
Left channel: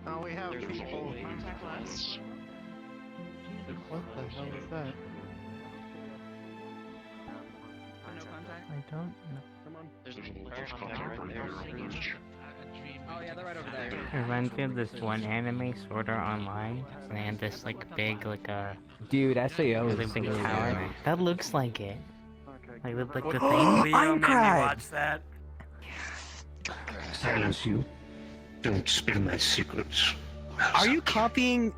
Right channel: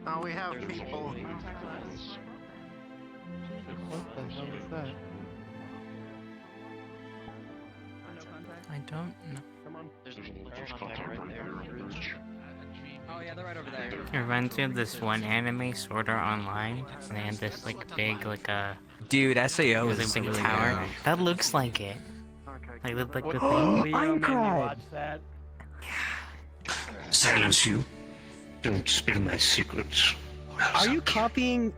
Oh, we have people. What the hell is that? I don't know. Come on. There's a contact right there. Oh yeah, they're right over there. It reminds me of this one anime, Sword Art Online. And they had this like big Dude, SAO really is big tower. tower. That looks like it. Like the What? thing. I'm Maybe cried. watch that. Silence you. Don't spill my secrets. Are you copying?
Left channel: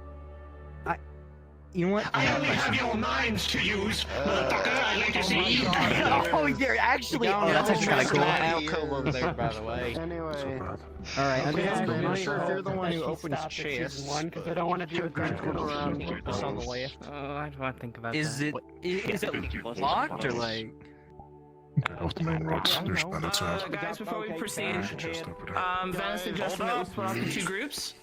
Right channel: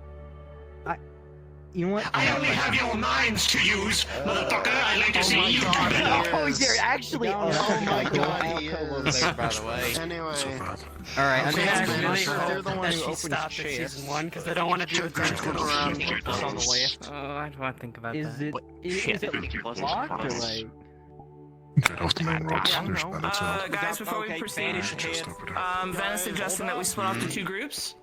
You know what? I only have your minds to use, motherfucker. I like to see you. Oh, you're actually. Oh, that's a try. Over there, by the way. Anyway. All right, I'm You're the one who opens chest. Because I don't want to do it. It's on the left. Oh, I don't want to think about Is that. it locked or like? Get off the main roads. There's bandits out. Guys, before we proceed, Just over there. Ben's suggesting that we split up into 2 groups.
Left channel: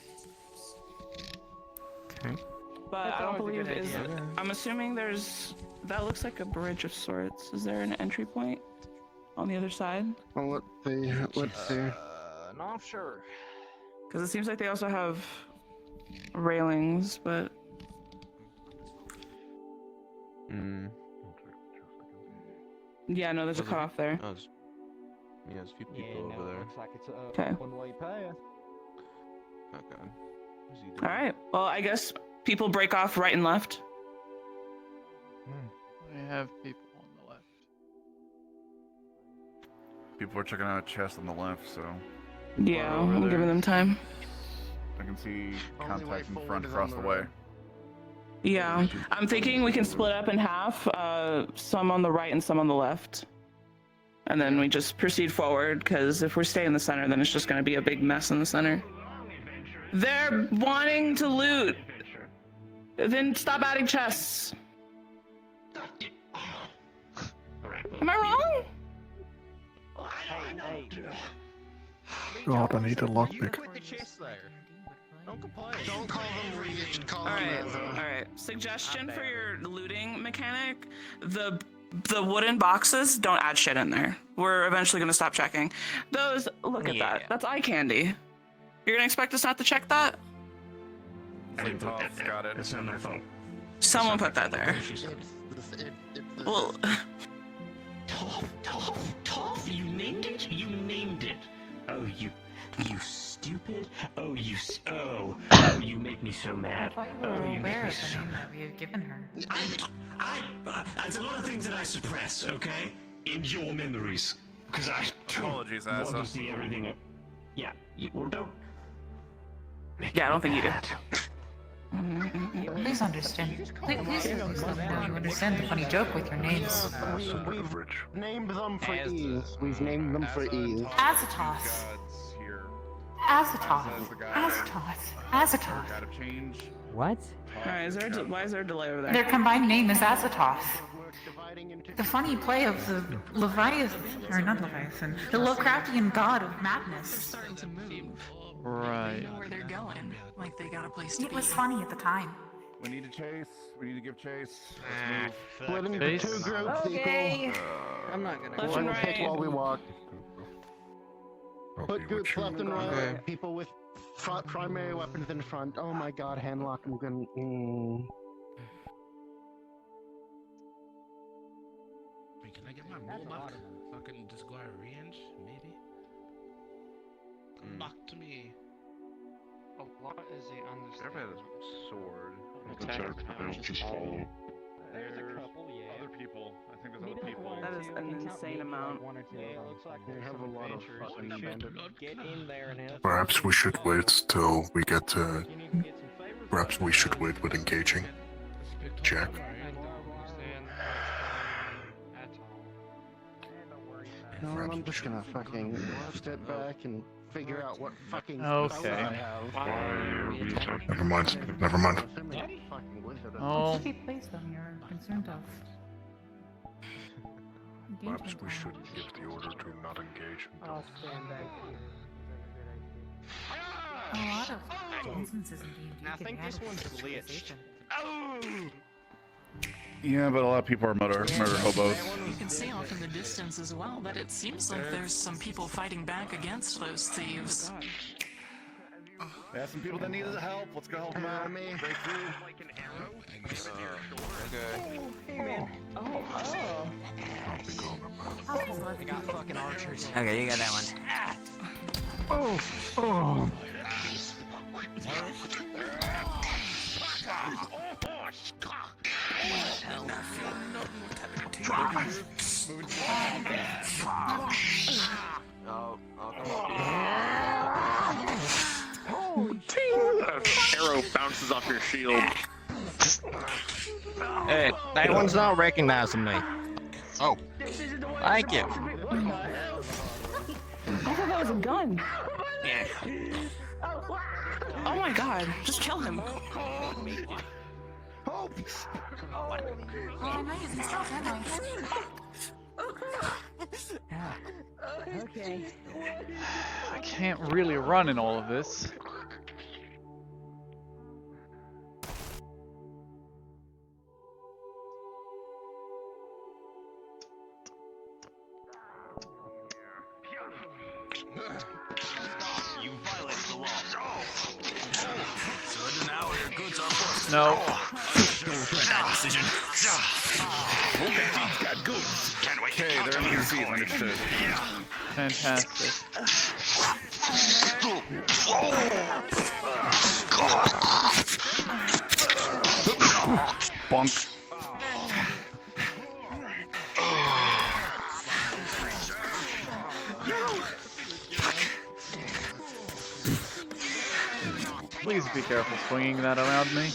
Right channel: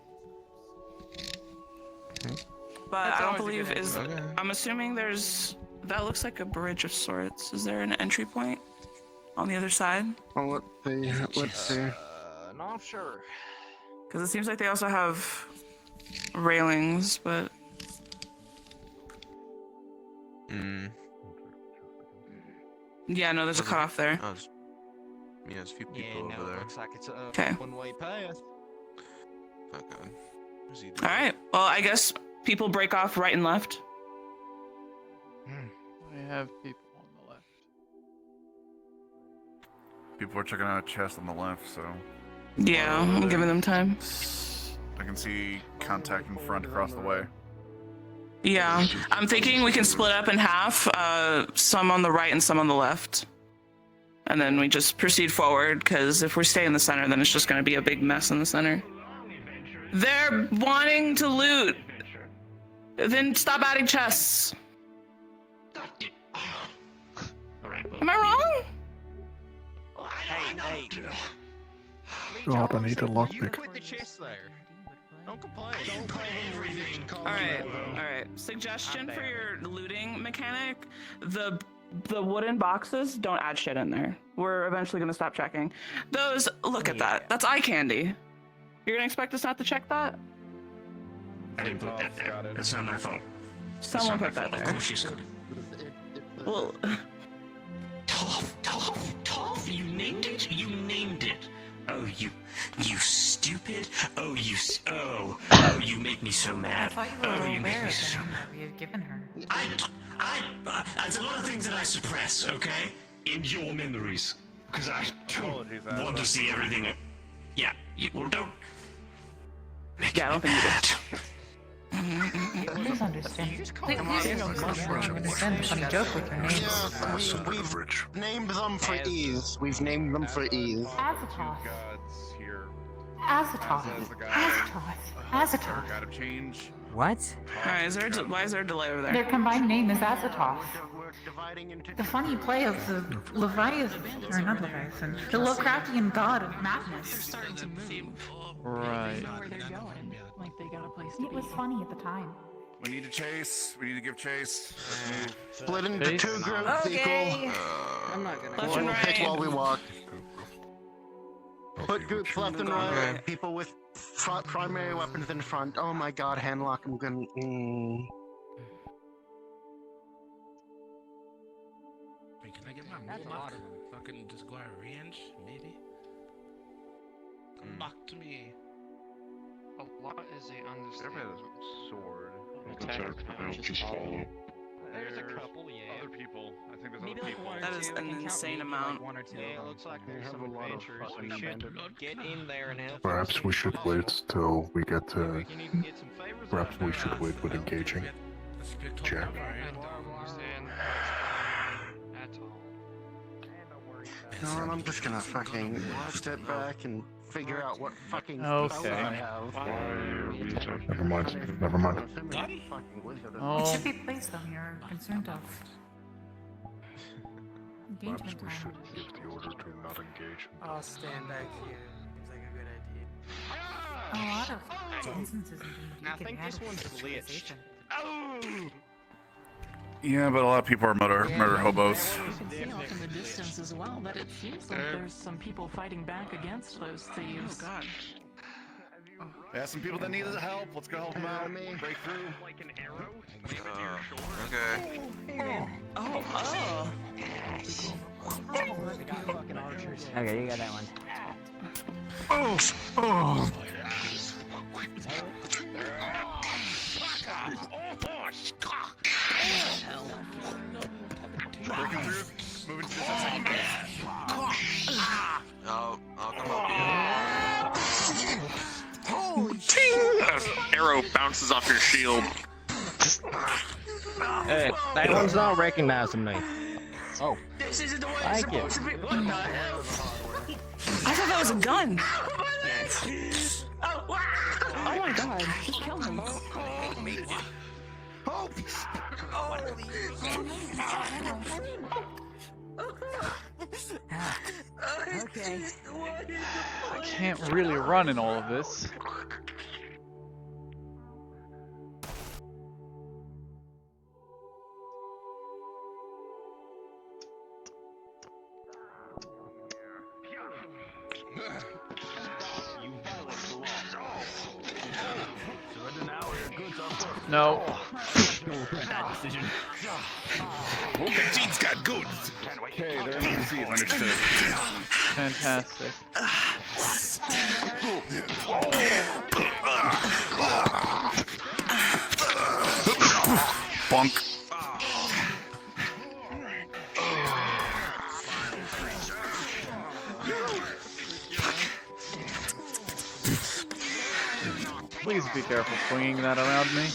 But I don't believe is. I'm assuming there's. That looks like a bridge of sorts. Is there an entry point on the other side? Well, let's see. Not sure. Because it seems like they also have railings, but. Yeah, no, there's a cutoff there. Yeah, there's a few people over there. Looks like it's a Okay. one-way path. Okay. Where's he doing? Alright, well, I guess people break off right and left. I have people on the left. People are checking out a chest on the left, so Yeah, over there. giving them time. I can see contact in front across the way. Yeah, I'm thinking we can split up in half, some on the right and some on the left. And then we just proceed forward, because if we stay in the center, then it's just going to be a big mess in the center. They're wanting to loot. Then stop adding chests. Am I wrong? God, I need a lockpick. Don't complain. Alright. Suggestion for your looting mechanic. The wooden boxes, don't add shit in there. We're eventually gonna stop checking. Those, look at that. That's eye candy. You're gonna expect us not to check that? I didn't put that there. That's not my fault. Someone put that there. She said. Well, Toph, you named it? You named it. Oh, you stupid. Oh, you make me so mad. I thought you were aware of the name that we had given her. There's a lot of things that I suppress, okay? In your memories. Because I don't want to see everything. Yeah, well, don't. yeah, I don't think you did. Please understand. Please understand the funny joke with your names. We've named them for ease. We've named them for ease. Azatoth. Here. Azatoth. Azatoth. Gotta change. What? Alright, why is there a delay over there? Their combined name is Azatoth. The funny play of the Leviathan, or not Leviathan, the Lovecraftian god of madness. Right. Know where they're going. Like they got a place to be. It was funny at the time. We need to chase. We need to give chase. Let's move. Split into Chase? 2 groups, Okay. I'm not gonna Left go. and We'll pick right. while we walk. Put groups left and right. Okay. People with primary weapons in front. Oh my god, handlock, I'm gonna... Wait, can I get my Mohawk? Fucking just go out of range, maybe? Come back to me. A lot is a Whoever has a sword. Just follow. There's a couple, yeah. Other people. I think there's Maybe other like people. one or That is two. an insane amount. One or two. Yeah, it looks like We there's have some a lot of adventurers. fucking We should bandit. get in there and have. Perhaps we should wait till we get to. You need to get some favors. Perhaps we should wait with engaging. Jack. You know what, I'm just gonna fucking step back and figure out what fucking Okay. spell I have. Never mind. Never mind. Oh. It should be placed on you're concerned of. Perhaps we should give the order to not engage until. I'll stand back here. Seems like a good idea. A lot of instances in D&D I think can this add one's visualization. Yeah, but a lot of people are murder hobos. You can see off in the distance as well that it seems like there's some people fighting back against those thieves. Yeah, some people that need help. Let's go help them out. Break through. Okay. Hey man. Okay, you got that one. I'll come up here. Arrow bounces off your shield. Hey, that one's not recognizing me. Oh. Thank you. I thought that was a gun. Oh my god, just kill him. Okay. I can't really run in all of this. No. Jean's got goods. Okay, they're in the seat. Understood. Fantastic. Bunk. Please be careful swinging that around me.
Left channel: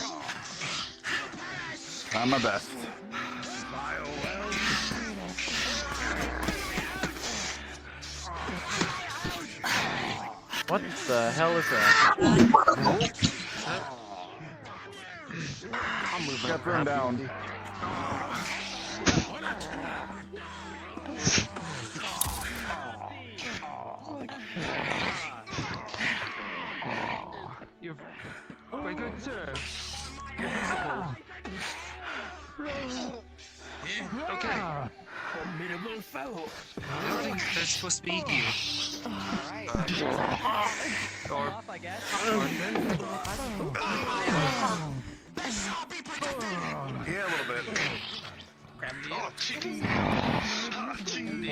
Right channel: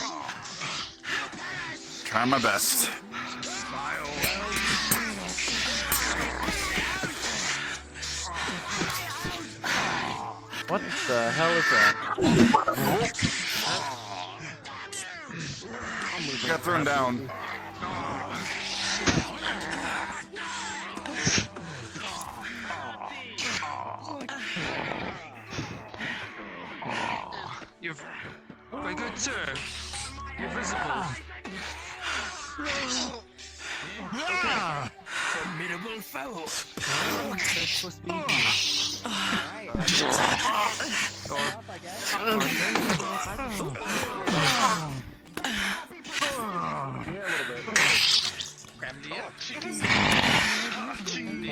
Trying my best. What the hell is that? Got thrown down. You're very good, sir. You're visible. Okay. Formidable foe. That's supposed to be you.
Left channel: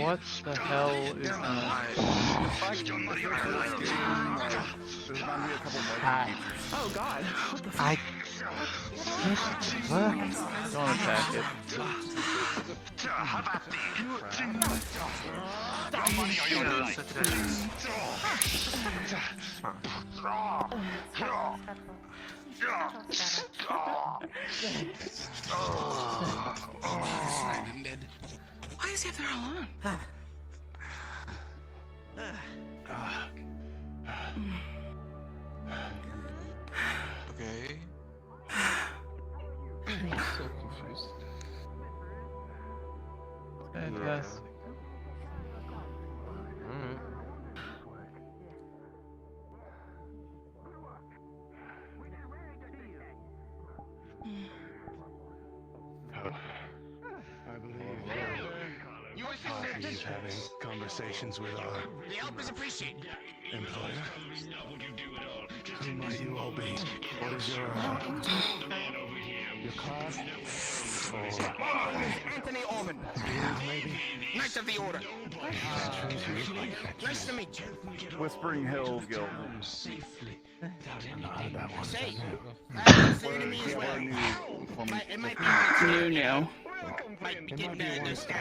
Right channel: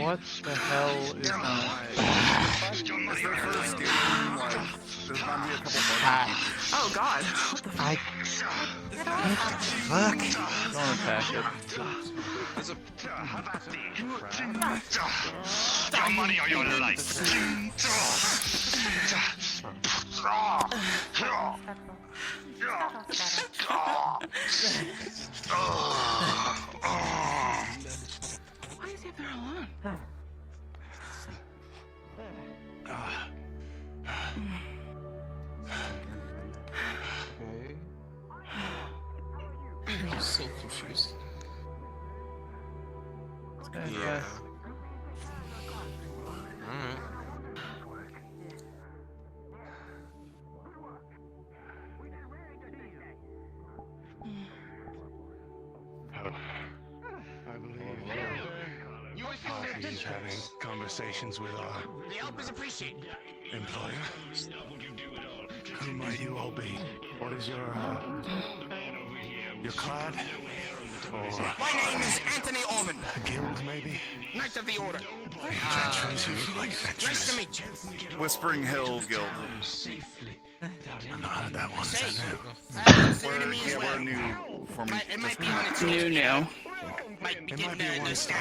What the hell is that? Oh god. What the I. Fuck. Don't attack it. Why is he up there alone? Okay. I'm so confused. Fantastic. Alright. I believe he's having conversations with our The help is appreciated. employer. Who might you all be? What is your card? My name is Anthony Orman. Guild, maybe? Knight of the Order. Nice to meet you. Whispering Hill Guild. I've not heard that one said now. We're new from It might be on its New.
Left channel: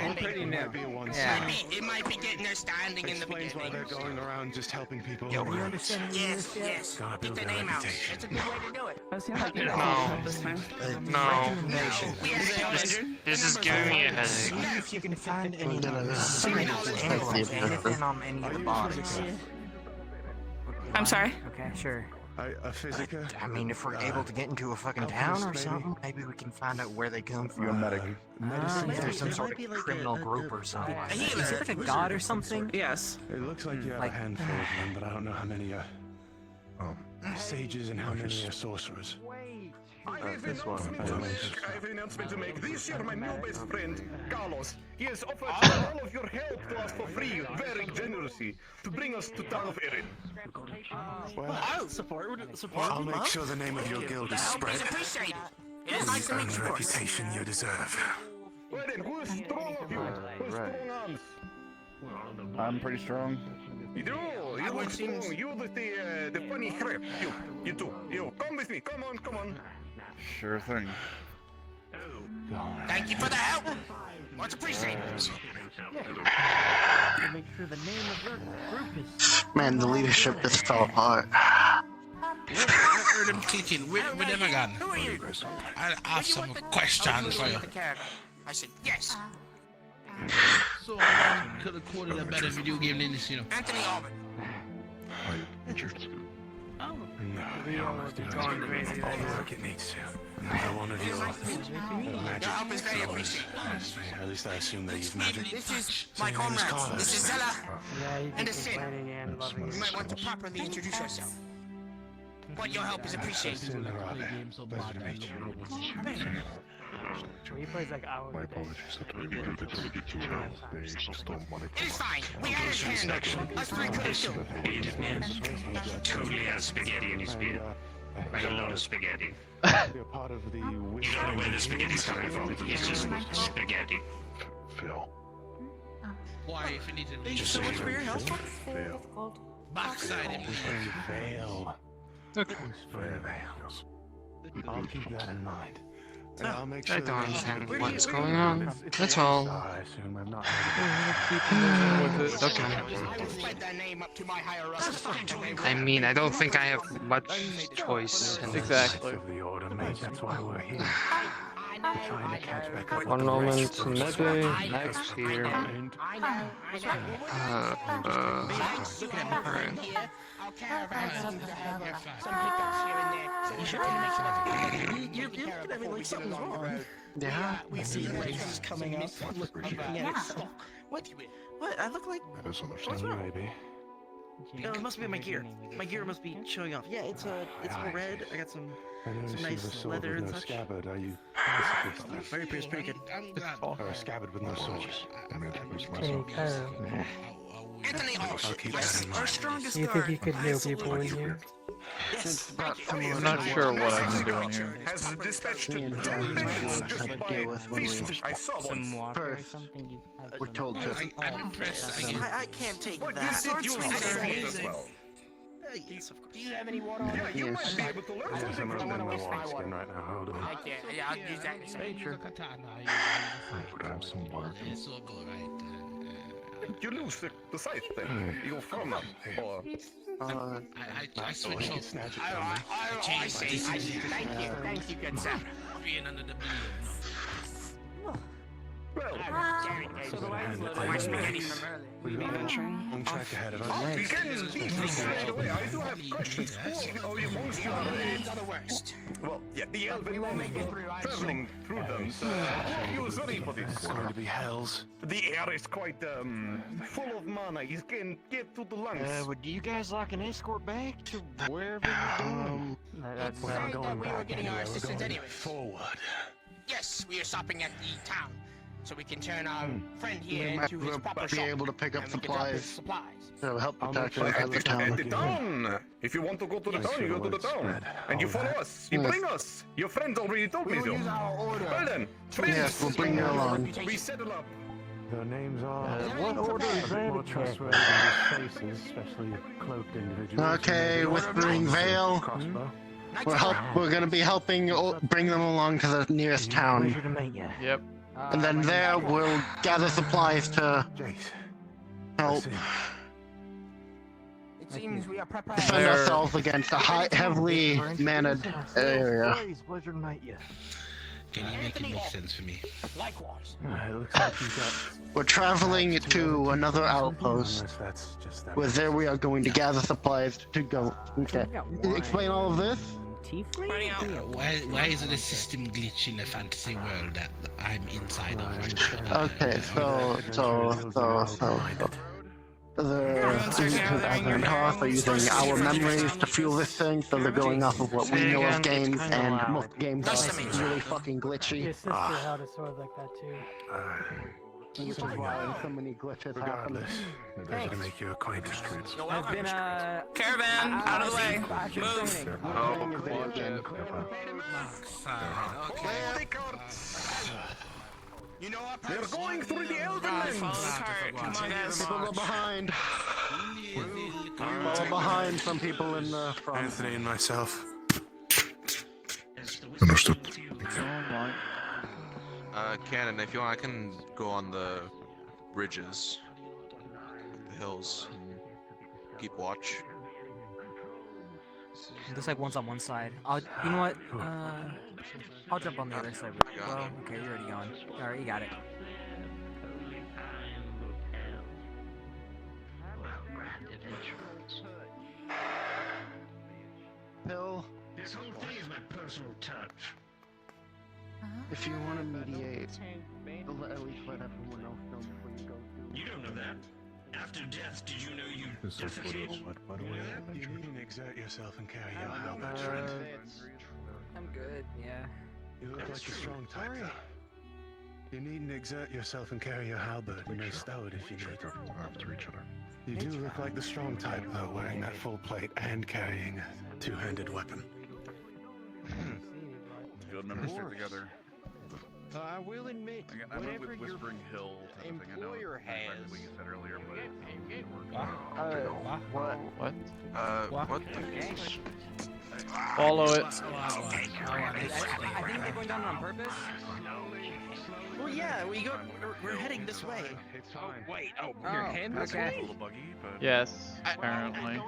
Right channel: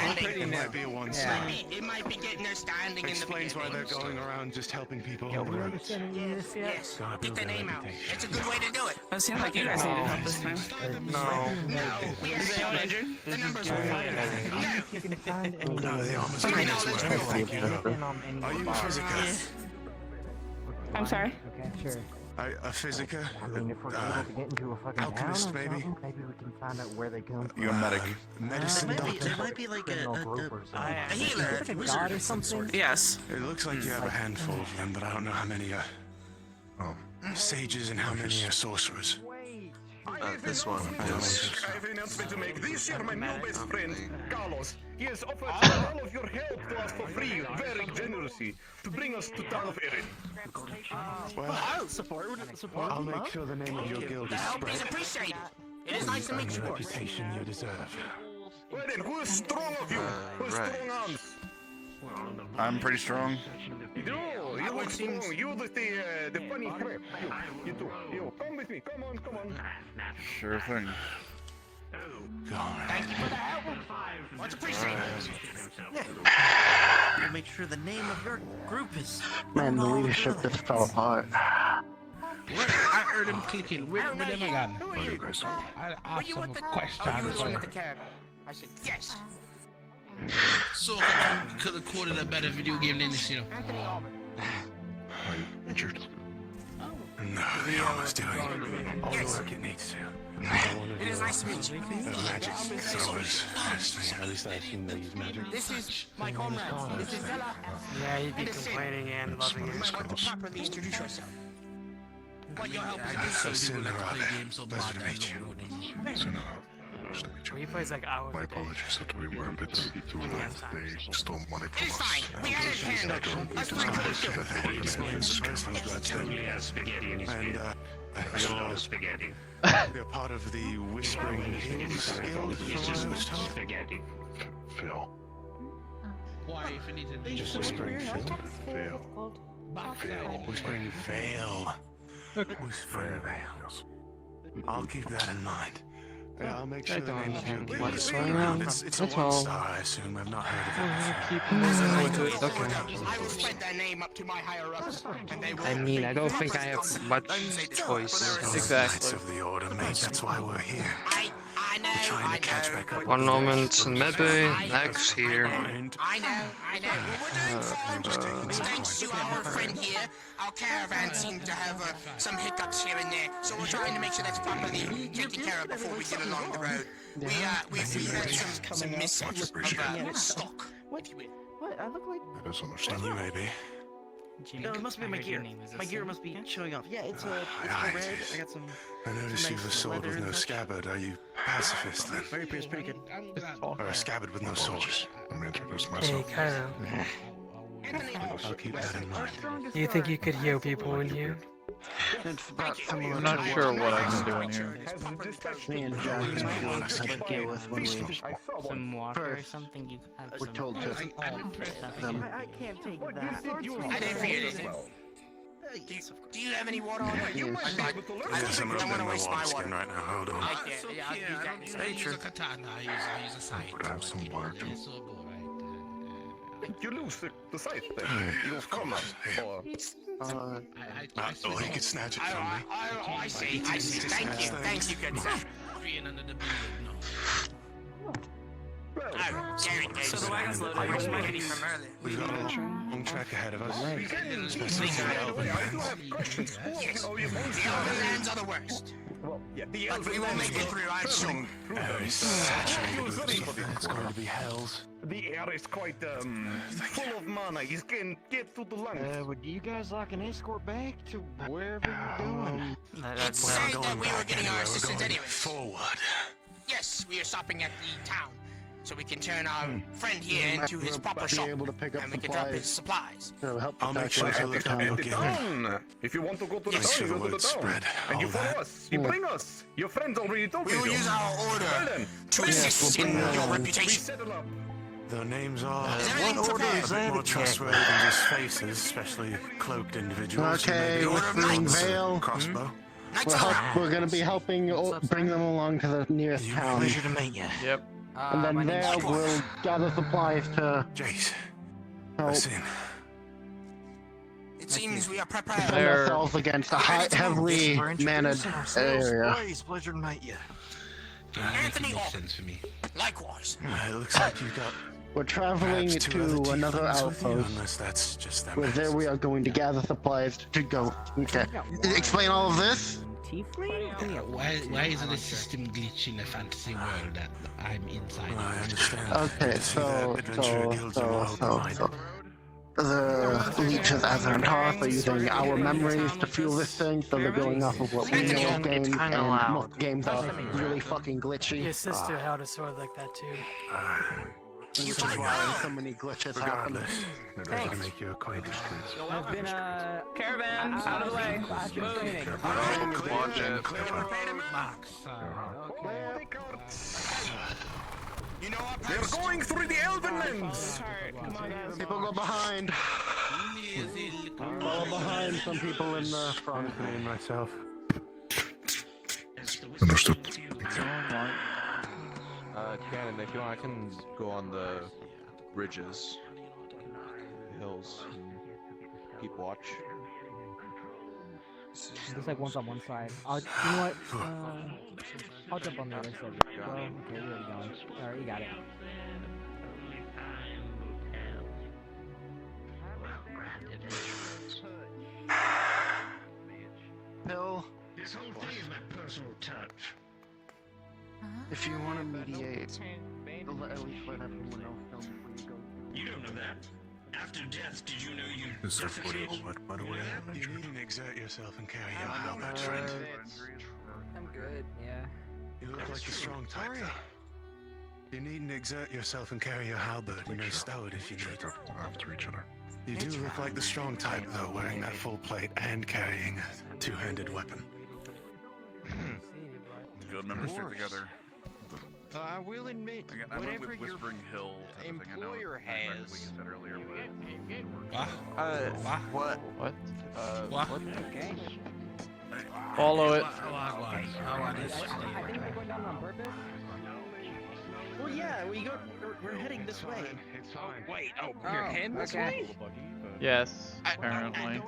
We're pretty new. It might be getting their standing in the Explains why beginning. they're going around just helping people. Yes. Gotta build Get the their name out. reputation. That's a good way to do it. That seems like You guys need help this time. No. Is anyone injured? This is giving me a headache. Are you a physical? I'm sorry. Okay, sure. A physical? I mean, if we're able to get into a fucking town or something, maybe we can find out where they come from. You're a medic. Medicine There might be like criminal group or something. A healer. Is it a god or something? Yes. It looks like you have a handful of them, but I don't know how many are sages and how many are sorcerers. This one. I have an announcement to make. This year, my new best friend, Carlos, he has offered all of your help to us for free, very generously, to bring us to town of Erin. I'll support. I'll make sure the name of your guild The is help spread. is appreciated. It is nice to meet And you. the reputation you deserve. Well then, who's strong of you? Who's right. strong arms? I'm pretty strong. You look strong. You with the funny hair. You too. You come with me. Come on. Sure thing. Thank you for the help. Much appreciated. Make sure the name of your group is. Man, the leadership just fell apart. I heard him kicking. Where never gone. Who are you? I have some questions. Oh, you were the one with the character. I said yes. So I could have coded a better video game than this, you know. Anthony Orman. Are you injured? No, the armor's doing all the work it needs to. Another one of your magic powers. At least I assume they use magic. This is my comrade. This is Zella. Yeah, you'd be And the Sin. complaining and loving You it. might want to properly introduce yourself. But your help is So appreciated. sooner or later, pleasure to meet you. He plays like hours a day. apologies that we were a bit too They stole money It is fine. We had his hand up. Us three could have killed him. This man's totally has spaghetti in his beard. I got a lot of spaghetti. They're part of the Whispering Spaghetti. Phil. Why, if you need to leave? Just Phil. Backside. Whispering Veil. Whispering Veil. I'll keep that in mind. And I'll make sure I don't that understand it's what's going on. That's all. I assume I've not heard We're of gonna keep moving with it. That's all. I will spread that name up to my higher ups. And they will. I mean, I don't think I have much choice. Exactly. of the order, mate. That's why we're here. We're trying to catch back up. One moment, maybe next here. I know. Friend here, our caravan seems to have some hiccups here and there, so we're trying to make sure that's properly taken care of before we get along the road. We see there's coming up. Looking at it. What? I look like. That is understand you, maybe. No, it must be my gear. My gear must be showing off. Yeah, it's all red. I got some. I noticed you have a nice sword leather with and no such. scabbard. Are you pacifist then? Very pretty good. Or a scabbard with no sword? Let me introduce Hey, myself. Cairo. I'll keep that in mind. Do you think you could heal people in here? I'm not sure what I can do in here. Me and John have to deal with when we Some water or something. You have we're told to. I can't take that. Do you have any water? Yeah, you might be able to learn There's something enough from in them. my wineskin right now. Hold on. Right there. Yeah, I'll use that in a second. Grab some work. You lose the sight then. You fall now. Or... Oh, he could snatch it from me. I see. Thank you. Thank you, good sir. Well, well. So the wagon's loaded. We've got a long track ahead of us. Straight away, I do have questions. Oh, you Monsieur. Hands are the worst. Well, yeah, the But we will make it through, I'm sure. burning through them. So, you ready for this? It's going to be hells. The air is quite full of mana. You can get to the lungs. Would you guys like an escort back to wherever you're going? It said that we were getting our assistance anyway. Forward. Yes, we are stopping at the town, so we can turn our friend here into his proper be shop. able to pick up and we can drop his supplies. supplies. That'll help I'll protect make us sure at the that town. At the town. If you want to go to the Yes, town, you go to the it's town. spread. And you follow us. You bring us. Your friends already told me We will so. use our order Well then, to bring assist us. in bring your along. We reputation. settle up. Their names are What order is a bit that more again? trustworthy than just faces, especially cloaked individuals. Okay, Whispering Vale. Crossbow. We're gonna be helping bring them along to the nearest town. Pleasure to meet you. Yep. And then there we'll gather supplies to Jace. help Listen. It seems we are preparing. defend ourselves against a heavily manned area. Pleasure to meet you. Anthony, Makes sense for me. likewise. It looks like you got We're traveling to another outpost. unless that's just them. Where there we are going to gather supplies to go. Okay. Explain all of this? Why is the system glitch in a fantasy world that I'm inside of? Okay, so the leeches as an Hearth are using our memories to fuel this thing, so they're going off of what we know of games, and most games are really fucking glitchy. Your sister held a sword like that too. This is why so many glitches happen. Regardless, they're ready to make you acquainted. I've been Caravan, out of the way. I've been training. Oh, come on, Jen. You know our We're post. going through the Elven lands. Come on, guys. People go behind. Follow behind some people in the front. Anthony and myself. Understood. Cannon, if you want, I can go on the ridges, the hills, and keep watch. There's like one's on one side. You know what? I'll jump on the other side. Oh, okay, you're already going. Alright, you got it. Only time will tell. Well, grand adventurers. Hill, This whole thing is my personal touch. if you want to mediate, at least let everyone else know before you go do. You don't know that. After death, did you know you... By the way, you needn't exert yourself and carry your helmet, friend. I'm good, yeah. You look like a strong type, though. You needn't exert yourself and carry your halberd. You may stow it if you need. After each other. You do look like the strong type, though, wearing that full plate and carrying a two-handed weapon. Good members stick together. I will admit, I went whatever with your Whispering Hill type of thing. I know employer it's not has. what you said earlier, but it works. What? What? What? Follow it. Well, yeah, we're heading this way. Oh, wait. Oh, You're heading this way? Yes, apparently.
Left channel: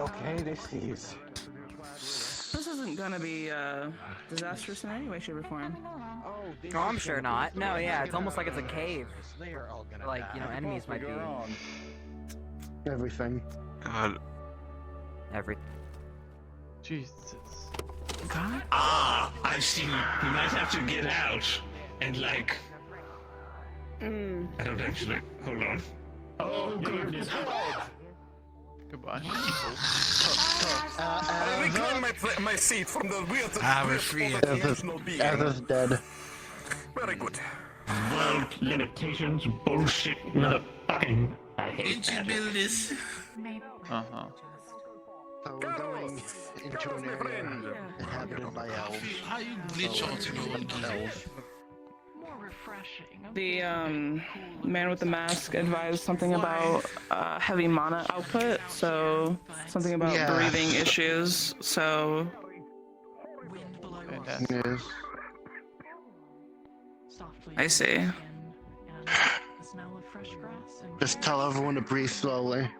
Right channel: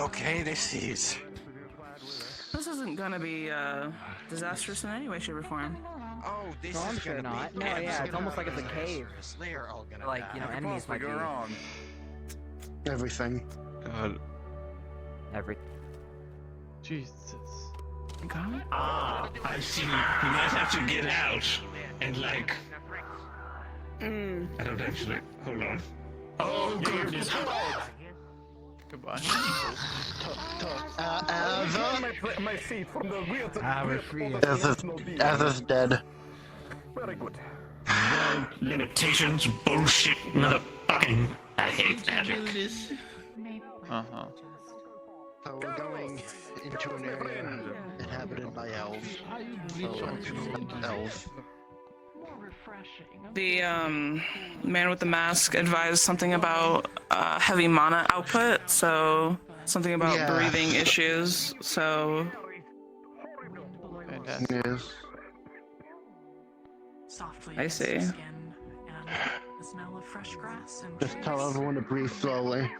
Okay, this is. This isn't gonna be disastrous in any way, shape, or form. No, I'm sure not. No, yeah, it's almost like it's a cave. Like, you know, enemies might be. Everything. Everything. Jesus. God. Ah, I see. We might have to get out and, like... I don't actually... Hold on. Oh, goodness. Goodbye. My seat from the rear. We're free. As dead. Very good. Limitations, bullshit, motherfucking... I hate magic. Uh-huh. So we're going into an area inhabited by elves. Elves. The man with the mask advised something about heavy mana output, so something about breathing issues. So Fantastic. Yes. I see. Just tell everyone to breathe slowly.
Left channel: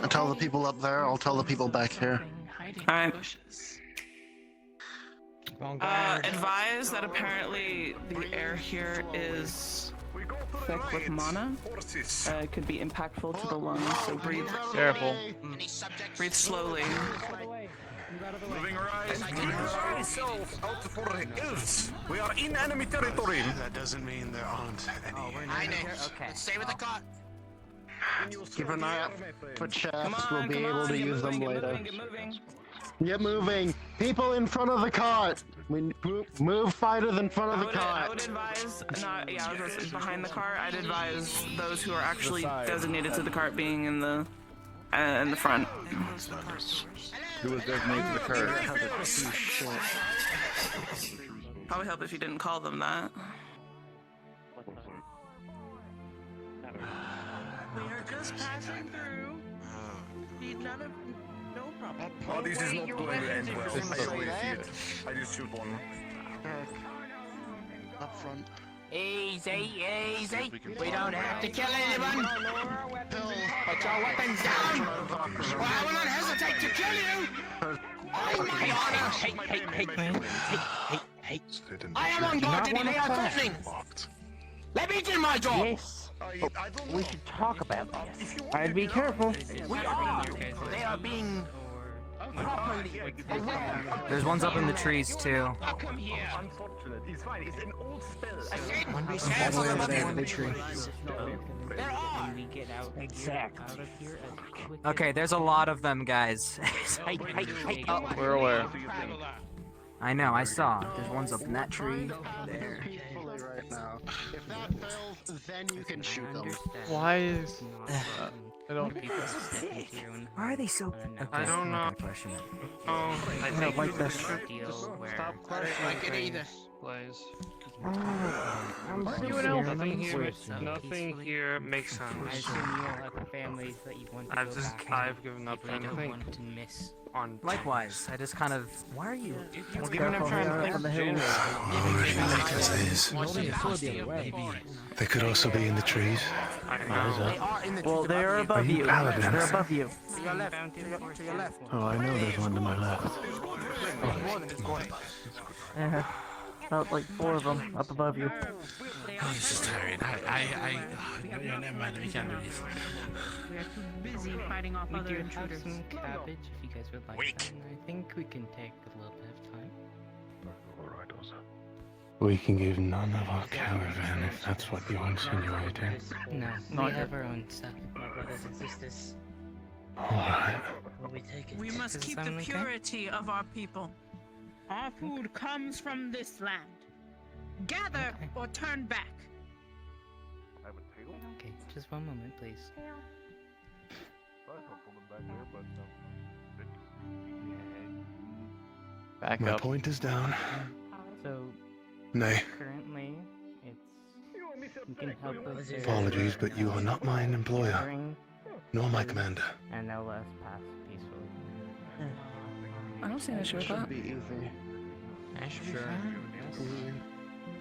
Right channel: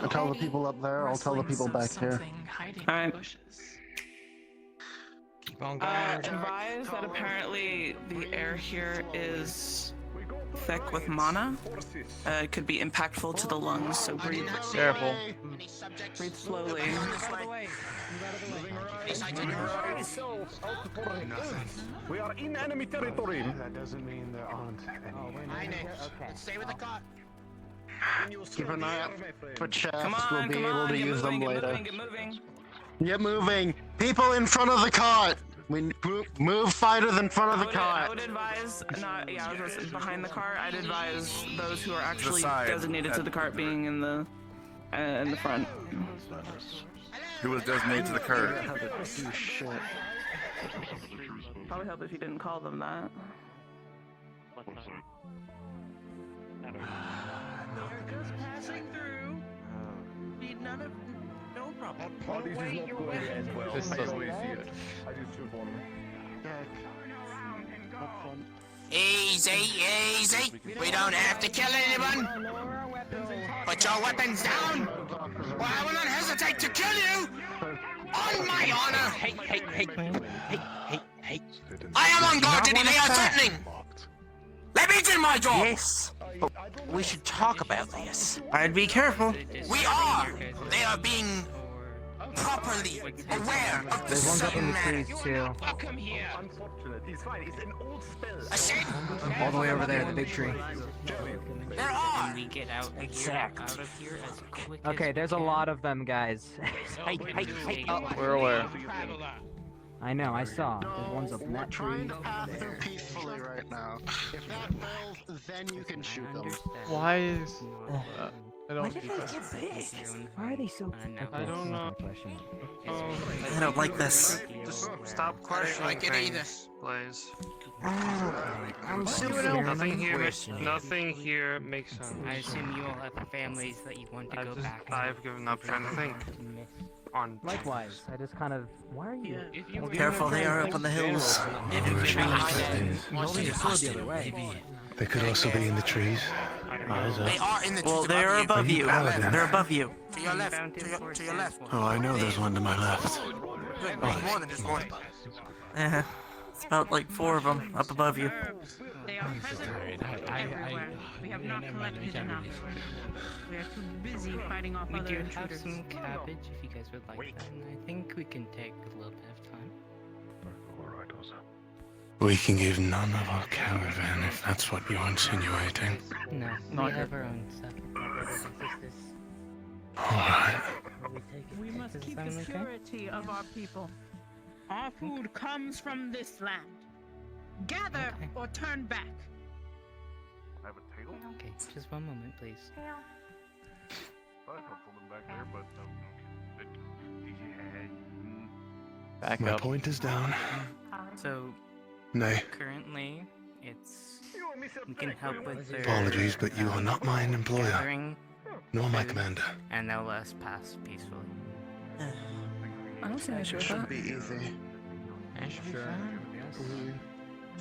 I'll tell the people up there, I'll tell the people back here. Alright. Advise that apparently the air here is thick with mana. It could be impactful to the lungs, so breathe. Careful. Breathe slowly. We are in enemy territory. That doesn't mean there aren't any. Let's stay with the cart. Keep an eye out for chests. Come on, We'll be able to use them later. Get moving. Get moving. People in front of the cart. We move fighters in front of the cart. I would advise, I was behind the cart. I'd advise those who are actually designated to the cart being in the front. Who was designated to the cart? Probably help if you didn't call them that. Just passing through. Need none of. No problem. Oh, this is not going to end well. This I doesn't always look good. I just shoot one. Up front. Easy, easy. We don't have to kill anyone. Put your weapons down, or I will not hesitate to kill you. On my honor. Hey. I am on guard today. They are threatening. Let me do my job. Yes, but we should talk about this. I'd be careful. We are. They are being properly aware. There's ones up in the trees too. Come here. Unfortunate. It's fine. It's an old spell. All the way over there, the big tree. And we get out of here as quick Okay, there's a lot of them, guys. Hey. We're aware. I know, I saw. There's ones up in that tree. There. Peacefully right now. If that fails, then you can shoot them. Why is... I don't need this. Why are they so... I don't know. I don't like this. Just stop questioning things, please. Nothing here makes sense. I assume you all have families that you want to go back. I've given up trying to think. On Likewise, I just kind of... Why are you... Careful, they are up on the hills. They could also be in the trees. Eyes up. Well, they're above you you. paladins? They're above you. To your left. To your left. Oh, I know there's one to my left. It's about like 4 of them up above you. We are too busy fighting off other intruders. We do have some cabbage if you guys would like that, and I think we can take a little bit of time. We can give none of our caravan if that's what you're insinuating. No, Not we here. have our own stuff, my brothers and sisters. Alright. We must keep the sound okay? purity of our people. Our food comes from this land. Gather or turn back. Okay, just one moment, please. Back My up. point is down. So, Nay. currently, we can help with their Apologies, but you are not my employer, gathering, nor my commander. and they'll let us pass peacefully. I don't see an issue with that. Be easy. Sure.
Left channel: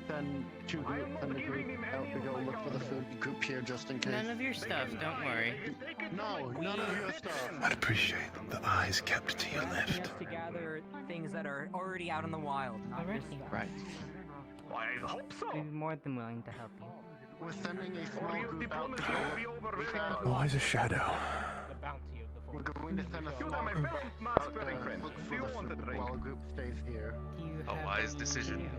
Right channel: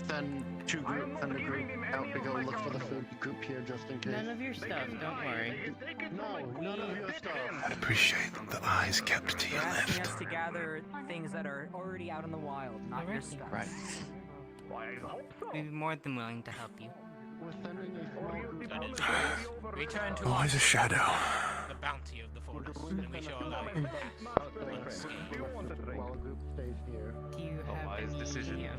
Send the group out to go look for the food group here just in case. None of your stuff, don't worry. No, none of your stuff. I'd appreciate the eyes kept to your left. Just to gather things that are already out in the wild, not Alright. just Right. We'd be more than willing to help you. We're sending a small group out to go. Return to Always a shadow. the bounty of the We're forest. going to We send a shall few allow more while the group stays here. Do you have wise any decision.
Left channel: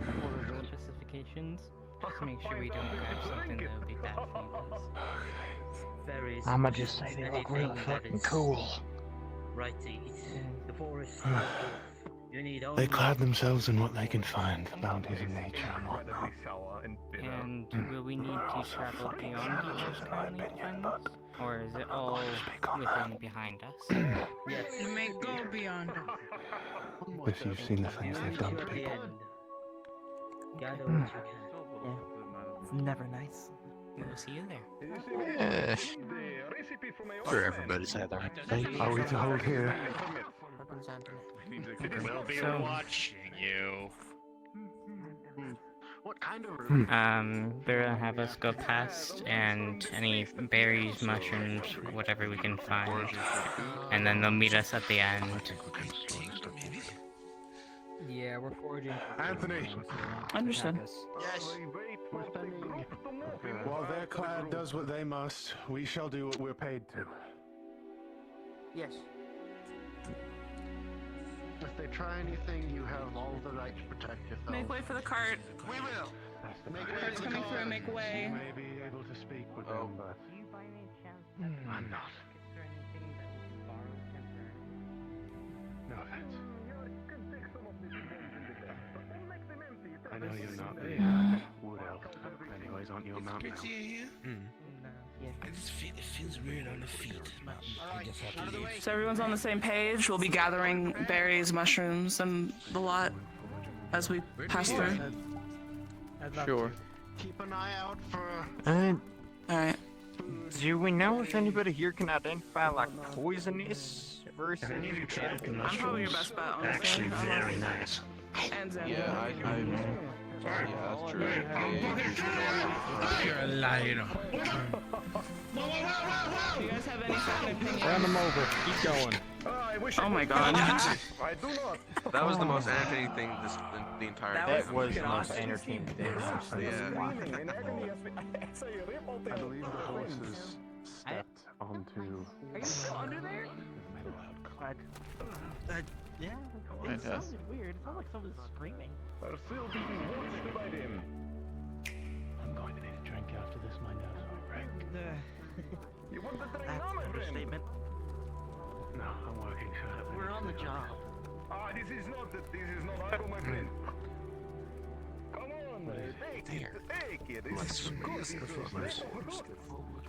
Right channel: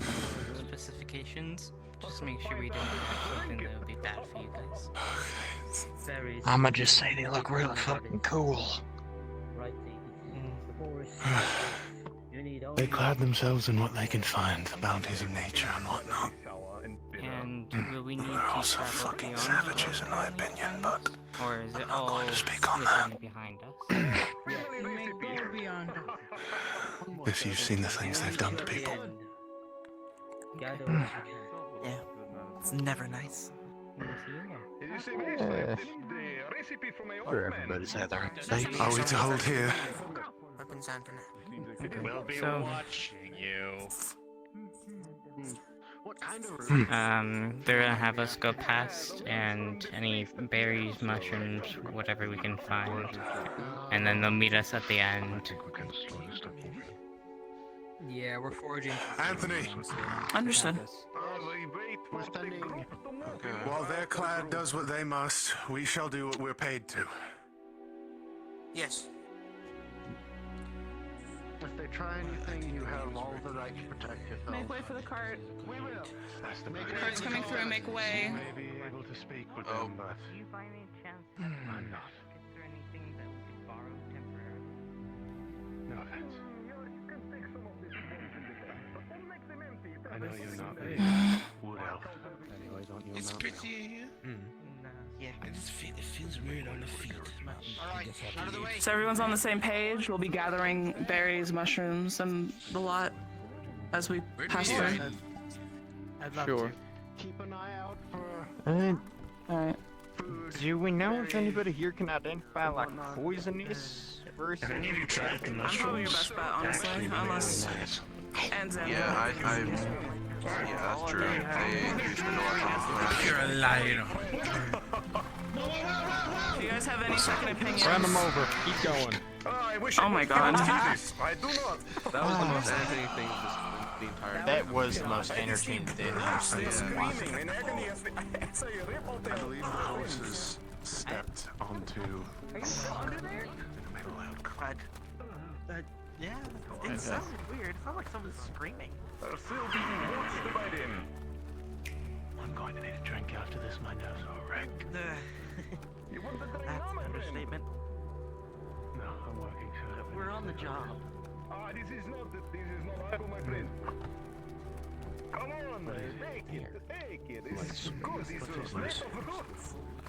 specifications? Just to make sure we don't grab something that would be bad for you guys. Very I'ma just say they look real fucking cool. right to eat. The forest. You need They clad themselves in what they can find, bounties of nature and whatnot. And will we need to travel beyond Savages, in my opinion, but or is it all within behind us? You may go beyond. if you've seen the things they've done to people. Yeah, it's never nice. We will see you there. Sure, everybody's had their Are we to hold here? We'll be So- watching you. What kind of They're gonna have us go past and any berries, mushrooms, whatever we can find, and then they'll meet us at the end. Yeah, we're foraging. Anthony. Understood. We're spending. While their clan does what they must, we shall do what we're paid to. Yes. If they try anything, you have all the right to protect yourself. Make way for the cart. We will. Cart's coming through. Make way. You may be able to speak with them, but Do you by any chance I'm not. is there anything that we can borrow temporarily? No offense. I know you're not a wood elf. Anyways, aren't you a It's mountain pretty in here. Yeah. I just feel it feels weird on the feet. I guess I have to leave. So everyone's on the same page. We'll be gathering berries, mushrooms, and the lot as we pass through. Sure. Keep an eye out for. Alright. Do we know if anybody here can identify like poisonous versus edible? I'm probably your best bet, honestly. Unless ends in. Yeah, that's true. You're a liar. Do you guys have any sort of opinions? Hand them over. Keep going. Oh my god. I do not. That was the most entertaining thing the entire day. That was the most entertaining thing. Yeah. I believe the horses stepped onto. Are you still under there? Yeah. It Fantastic. sounded weird. It sounded like someone's screaming. Are still being watched by them. I'm going to need a drink after this. My nerves are wrecked. You want the drink That's now, an my friend? understatement. No, I'm working, sir. We're on the job. This is not idle, my friend. Come on, take it. This is good.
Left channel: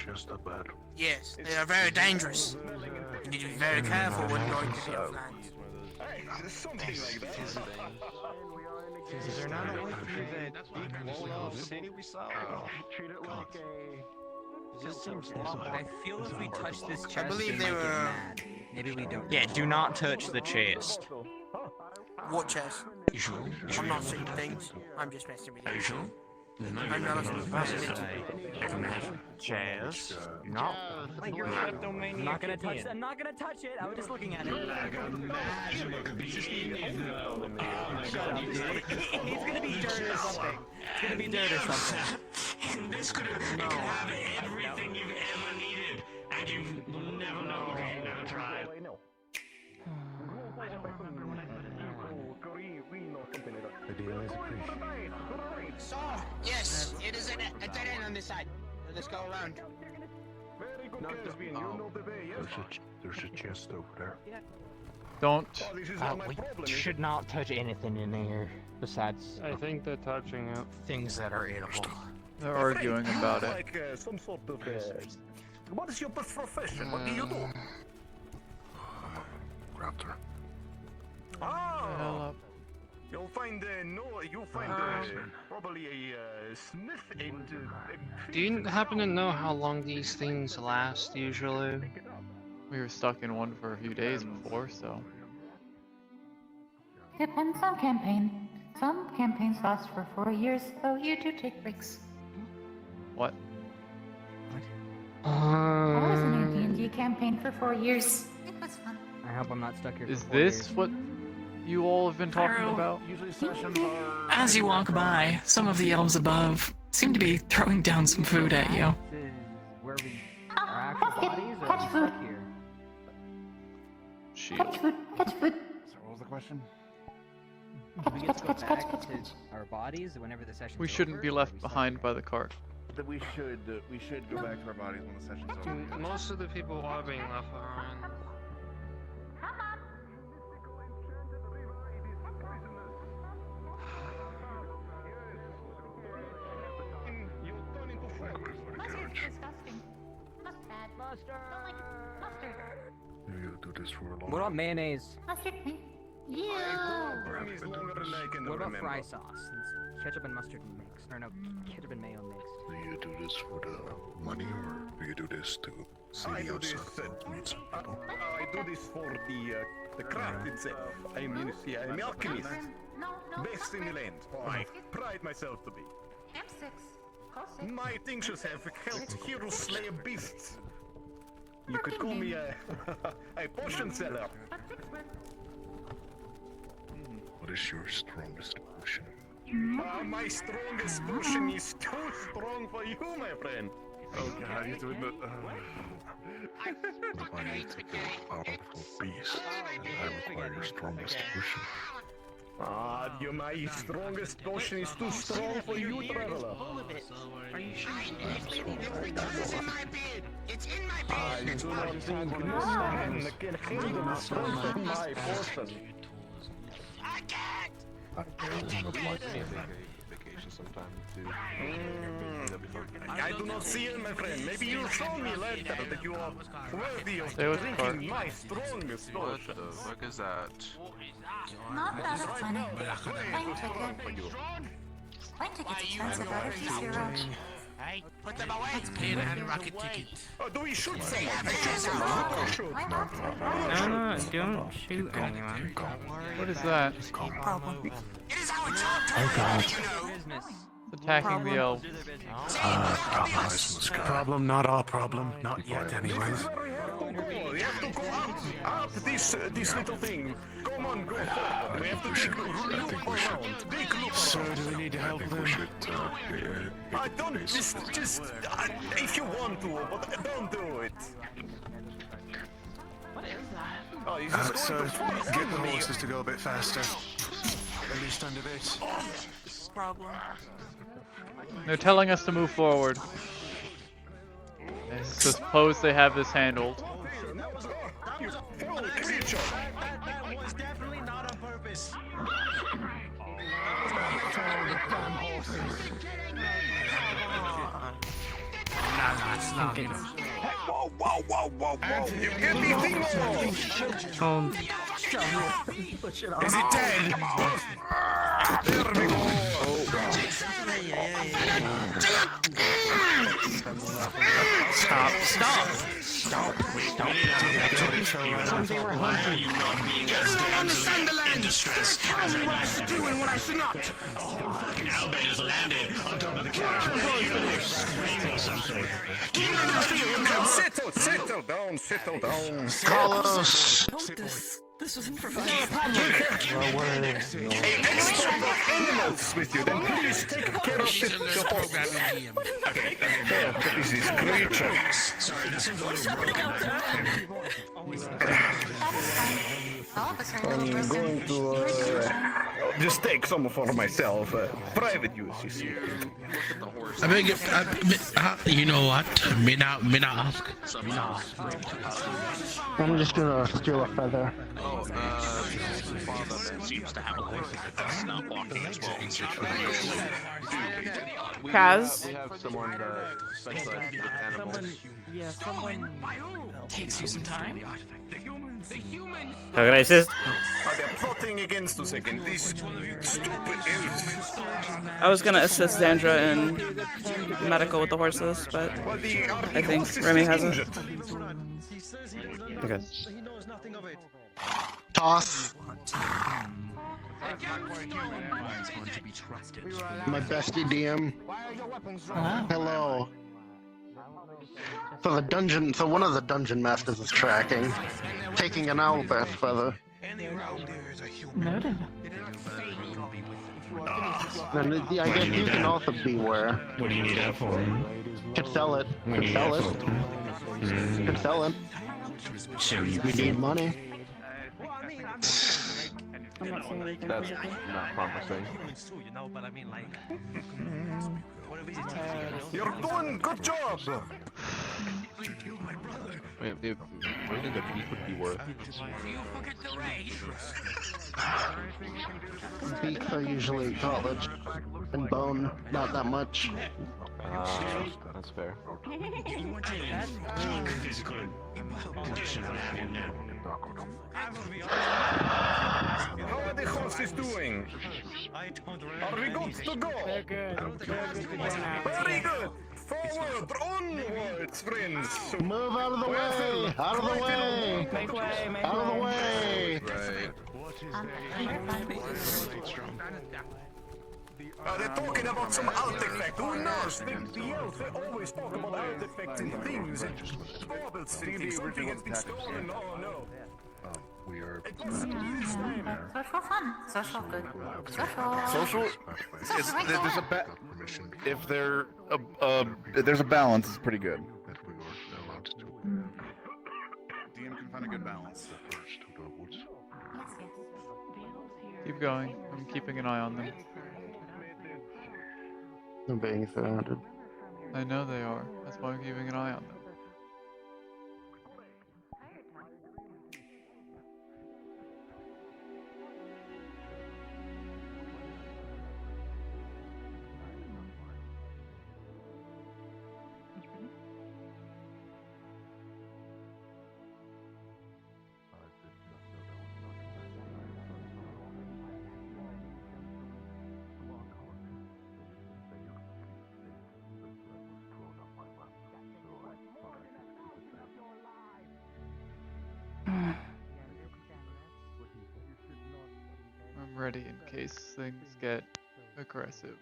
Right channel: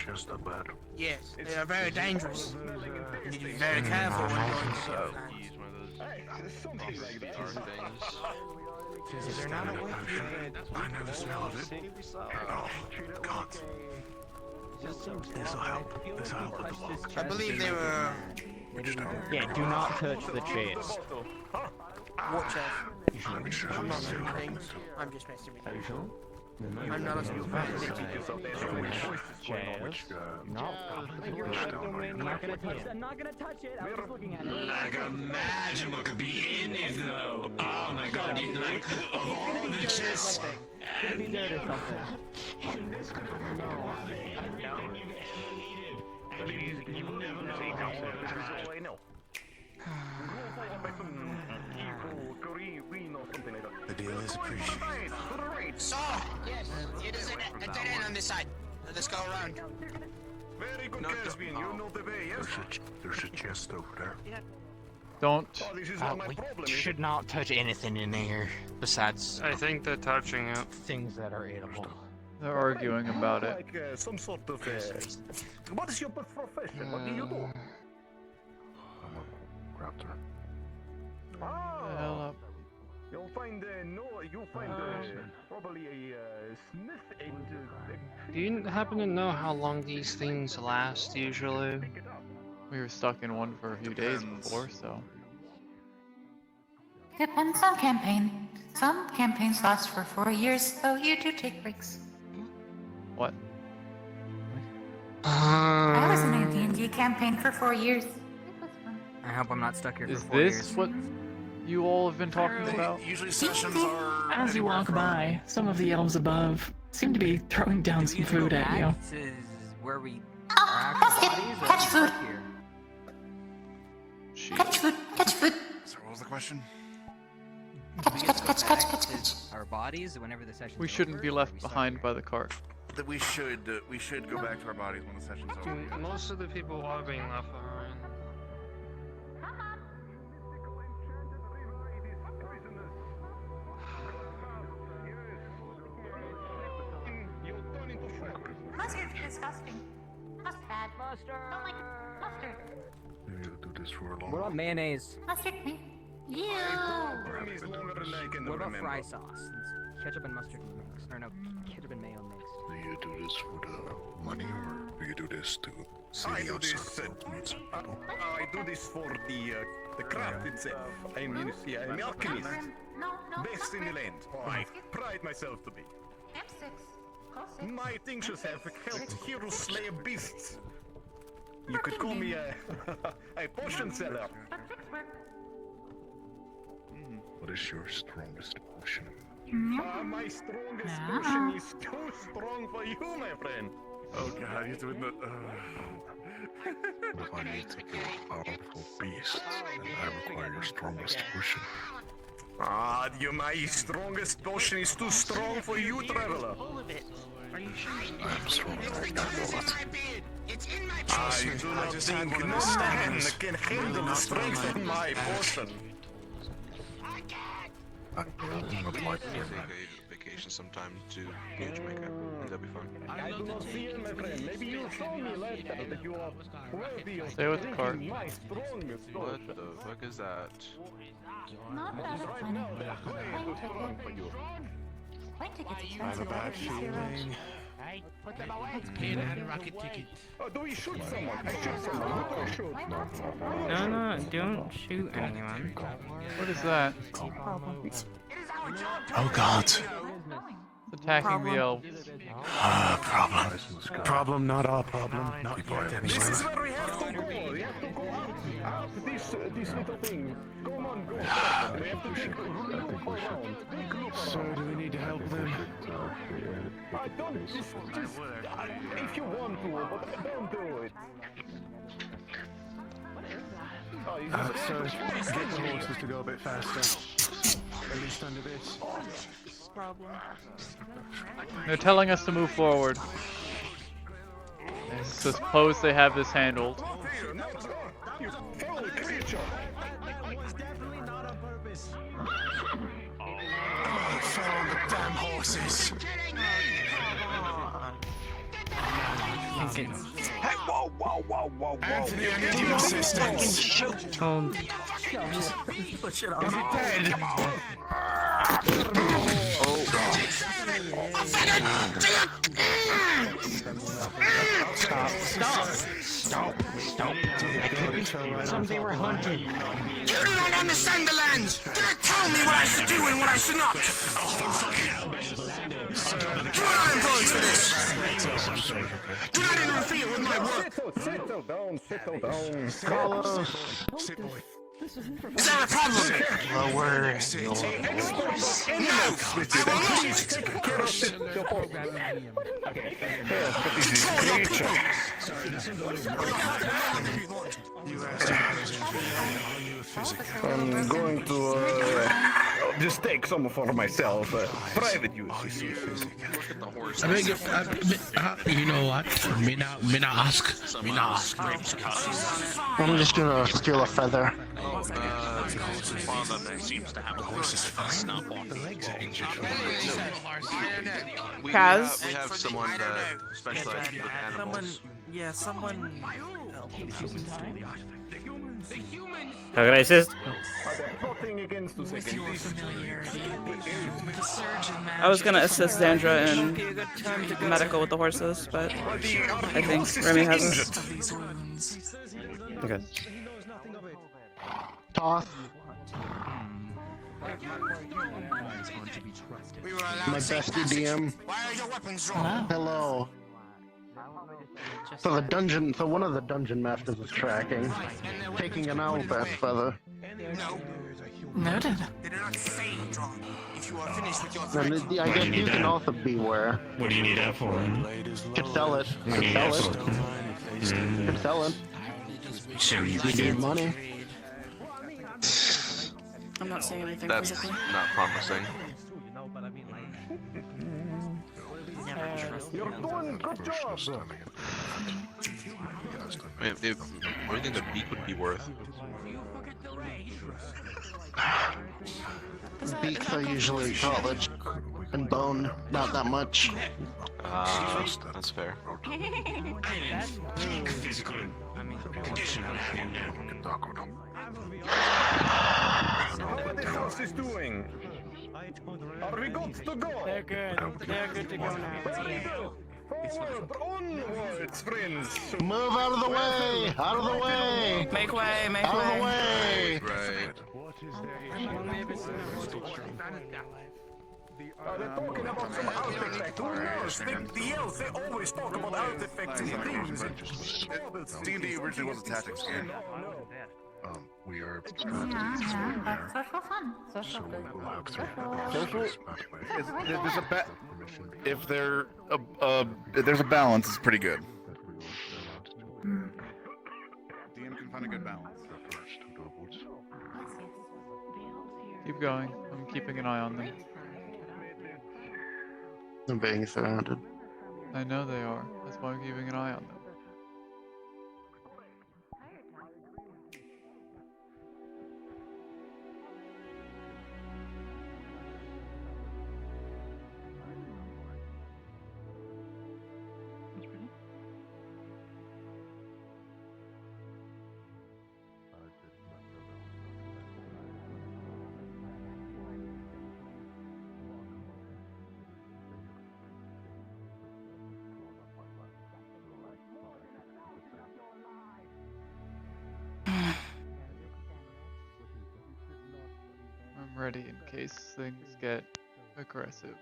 Just a bad. Yes, they are very dangerous. You need to be Very careful when going to the Something like that. Is there not a way to do that? City we saw? Treat it like a. I feel like we touched this chest. I believe they were. Maybe we don't. Yeah, do not touch the chest. What chest? You sure? I'm not doing things. I'm just messing with Are you you. sure? I'm not listening. Chest. I'm not gonna touch it. I'm not gonna touch it. I was just looking at it. Like a magic beginning, though. Oh my god, you like It's gonna be dirt or something. It's gonna be dirt or something. This could have everything you've ever needed, and you never know. The deal is appreciated. So, yes, it is a dead end on this side. Let's go around. Very good, Caspian. You know the way, yes? There's a chest over there. Don't. This is not my We problem. should not touch anything in here besides I think they're touching it. things that are edible. They're arguing about it. Like some sort of. What is your profession? What do you do? Raptor. The hell up. You'll find probably a smith and. Do you happen to know how long these things last usually? We were stuck in one for a few days before, so. Depends on campaign. Some campaigns last for 4 years, so you do take breaks. What? I was in a D&D campaign for 4 years. It was fun. I hope I'm not stuck here. Is for 4 this years. what you all have been talking about? Usually sessions are. As you walk by, some of the elves above seem to be throwing down some food at you. This is where we. Oh, basket! Catch food! Catch food! Catch food! So what was the question? Catch. Our bodies whenever the session. We shouldn't be left behind by the cart. That we should go back to our bodies when the session's over. Most of the people are being left behind. Disgusting. Mustard. Mustard. Don't like mustard. Maybe we'll do this for a long What about mayonnaise? Mustard. Yeah. What about fry sauce? Since ketchup and mustard mixed. Or no, ketchup and mayo mixed. Do you do this for the money, or do you do this to see the outside of the meet some people? I do this for the craft itself. I'm an alchemist. Best in the land. I pride myself to be. M6. My tinctures have helped heroes slay beasts. You could call me a potion seller. What is your strongest potion? My strongest potion is too strong for you, my friend. Oh god, he's doing the. What if I need to kill a powerful beast and I require your strongest potion? My strongest potion is too strong for you, traveler. Are you sure? I'm sorry. It's in my beard. I do not think no man can handle the strength of my potion. I would like to vacation sometime to that'd be fun. I do not see it, my friend. Maybe you'll show me later that you are worthy of Stay with the cart. drinking my strongest What potion. the fuck is that? Not that funny. Plane ticket. Plane ticket's expensive. Research. Put them away. Rocket ticket. Do we shoot someone? I shoot someone. Who do I shoot? No, don't shoot anyone. What is that? Oh god. It's attacking the elves. Problem, not our problem. Not yet, This anyway. is where we have to go. We have to go up this little thing. Come on, go forward. We have to take I think we should. So, do we need to help them? I don't just if you want to, but don't do it. So, get the horses to go a bit faster. At least under this. They're telling us to move forward. I suppose they have this handled. You foul creature. Is it dead? Stop. Something we're hunting. You don't understand the land. Just tell me what I should do and what I should not. Get in and feel with my work. Settle down. Carlos. This was improvised. No worries. Export those animals with you, then please take care of this. Oh, what is this creature? I'm going to just take some for myself. Private use. I beg your, you know what? Me not ask. I'm just gonna steal a feather. seems to have a horse's face not walking. The legs are injured. Kaz? We have someone that specializes with animals. Someone takes you some time. The humans. How can I assist? They're plotting against us again. These stupid elves. I was gonna assist Zandra in medical with the horses, but I think Remy hasn't. Okay. Toss. My bestie DM. Hello. So one of the dungeon masters is tracking, taking an owl best feather. Noted. And I guess you can also beware. What do you need that for? Could sell it. Could sell it. Could sell it. We need money. I'm not saying anything. That's not promising. You're doing good job. If more than the beak would be worth. Beaks are usually cartilage and bone, not that much. That's fair. How are the horses doing? Are we good to go? They're good. They're good to go now. Very good. Forward, onwards, friends. Move out of the way! Out of the way! Make way, make Out of the way! Right. They're talking about some artifact. Who knows? The elves, they always talk about artifacts and things. See the original attack. No. We are. Social fun. Social good. Social. Social There's a if there's a balance, it's pretty good. DM can find a good balance. Keep going. I'm keeping an eye on them. I'm being surrounded. I know they are. That's why I'm keeping an eye on them. I'm ready in case things get aggressive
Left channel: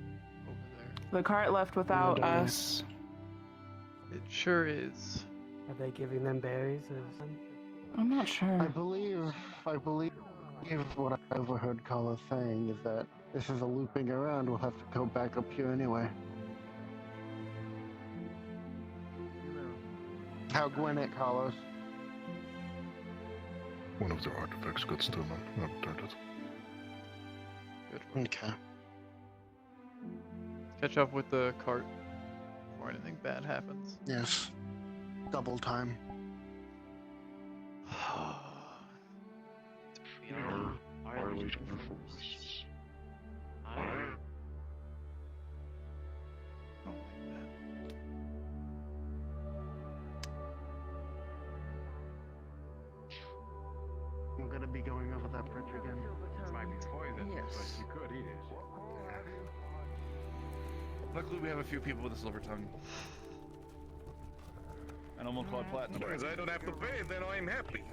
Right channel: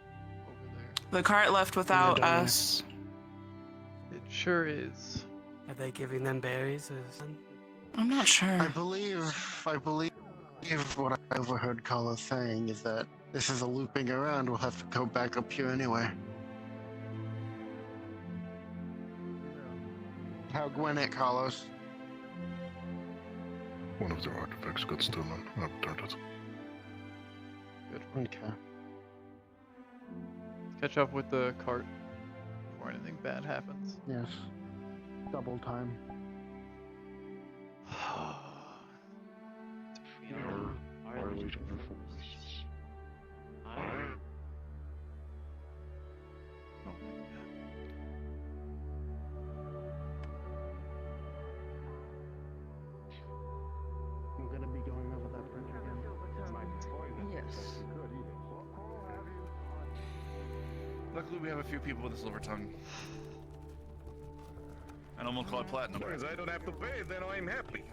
over there. The cart left without us. It sure is. Are they giving them berries or something? I'm not sure. I believe what I overheard Carlos saying is that this is a looping around. We'll have to go back up here anyway. How Gwen it, Carlos? One of their artifacts got stolen. Good. Okay. Catch up with the cart before anything bad happens. Yes. Double time. I'm gonna be going over that bridge again. Yes. Luckily, we have a few people with a silver tongue. And I'm gonna call it platinum. As I don't have to pay, then I'm happy.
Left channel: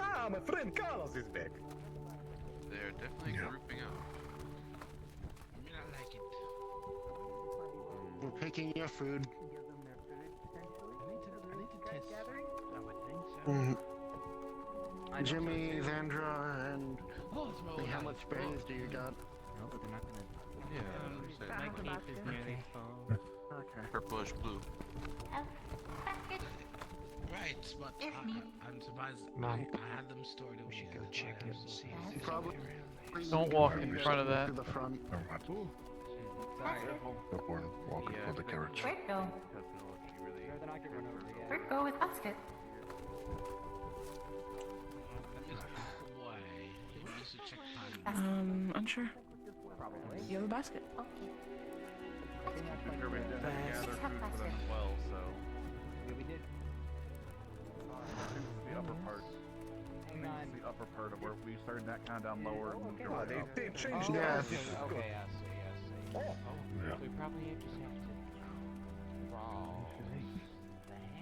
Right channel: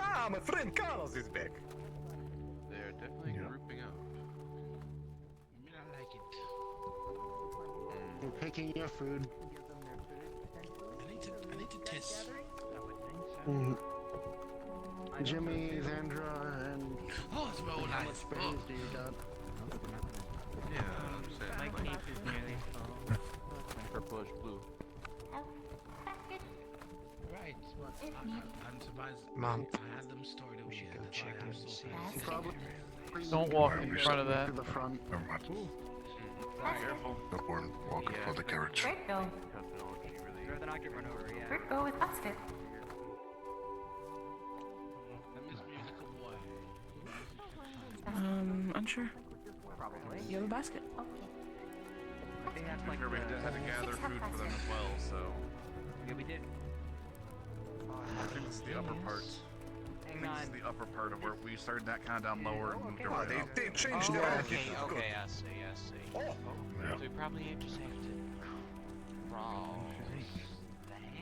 Ah, my friend Carlos is back. They're definitely grouping up. We're picking your food. I need to test. Jimmy, Zandra, and how much berries do you got? My cape is nearly full. Purplish blue. Right, but I'm surprised. I had them stored. We should go check and see. Probably. Don't walk in front of that. To the front. Newborn, welcome for the carriage. Where'd go? Where'd go with Busted? Unsure. You have a basket. Okay. We gather food for them as well, so. Yeah, we did. I think this is the upper part. I think this is the upper part of where we started that kind of down lower and moved over. They changed Yeah. everything. Okay, I see. Oh. So we probably need to save it.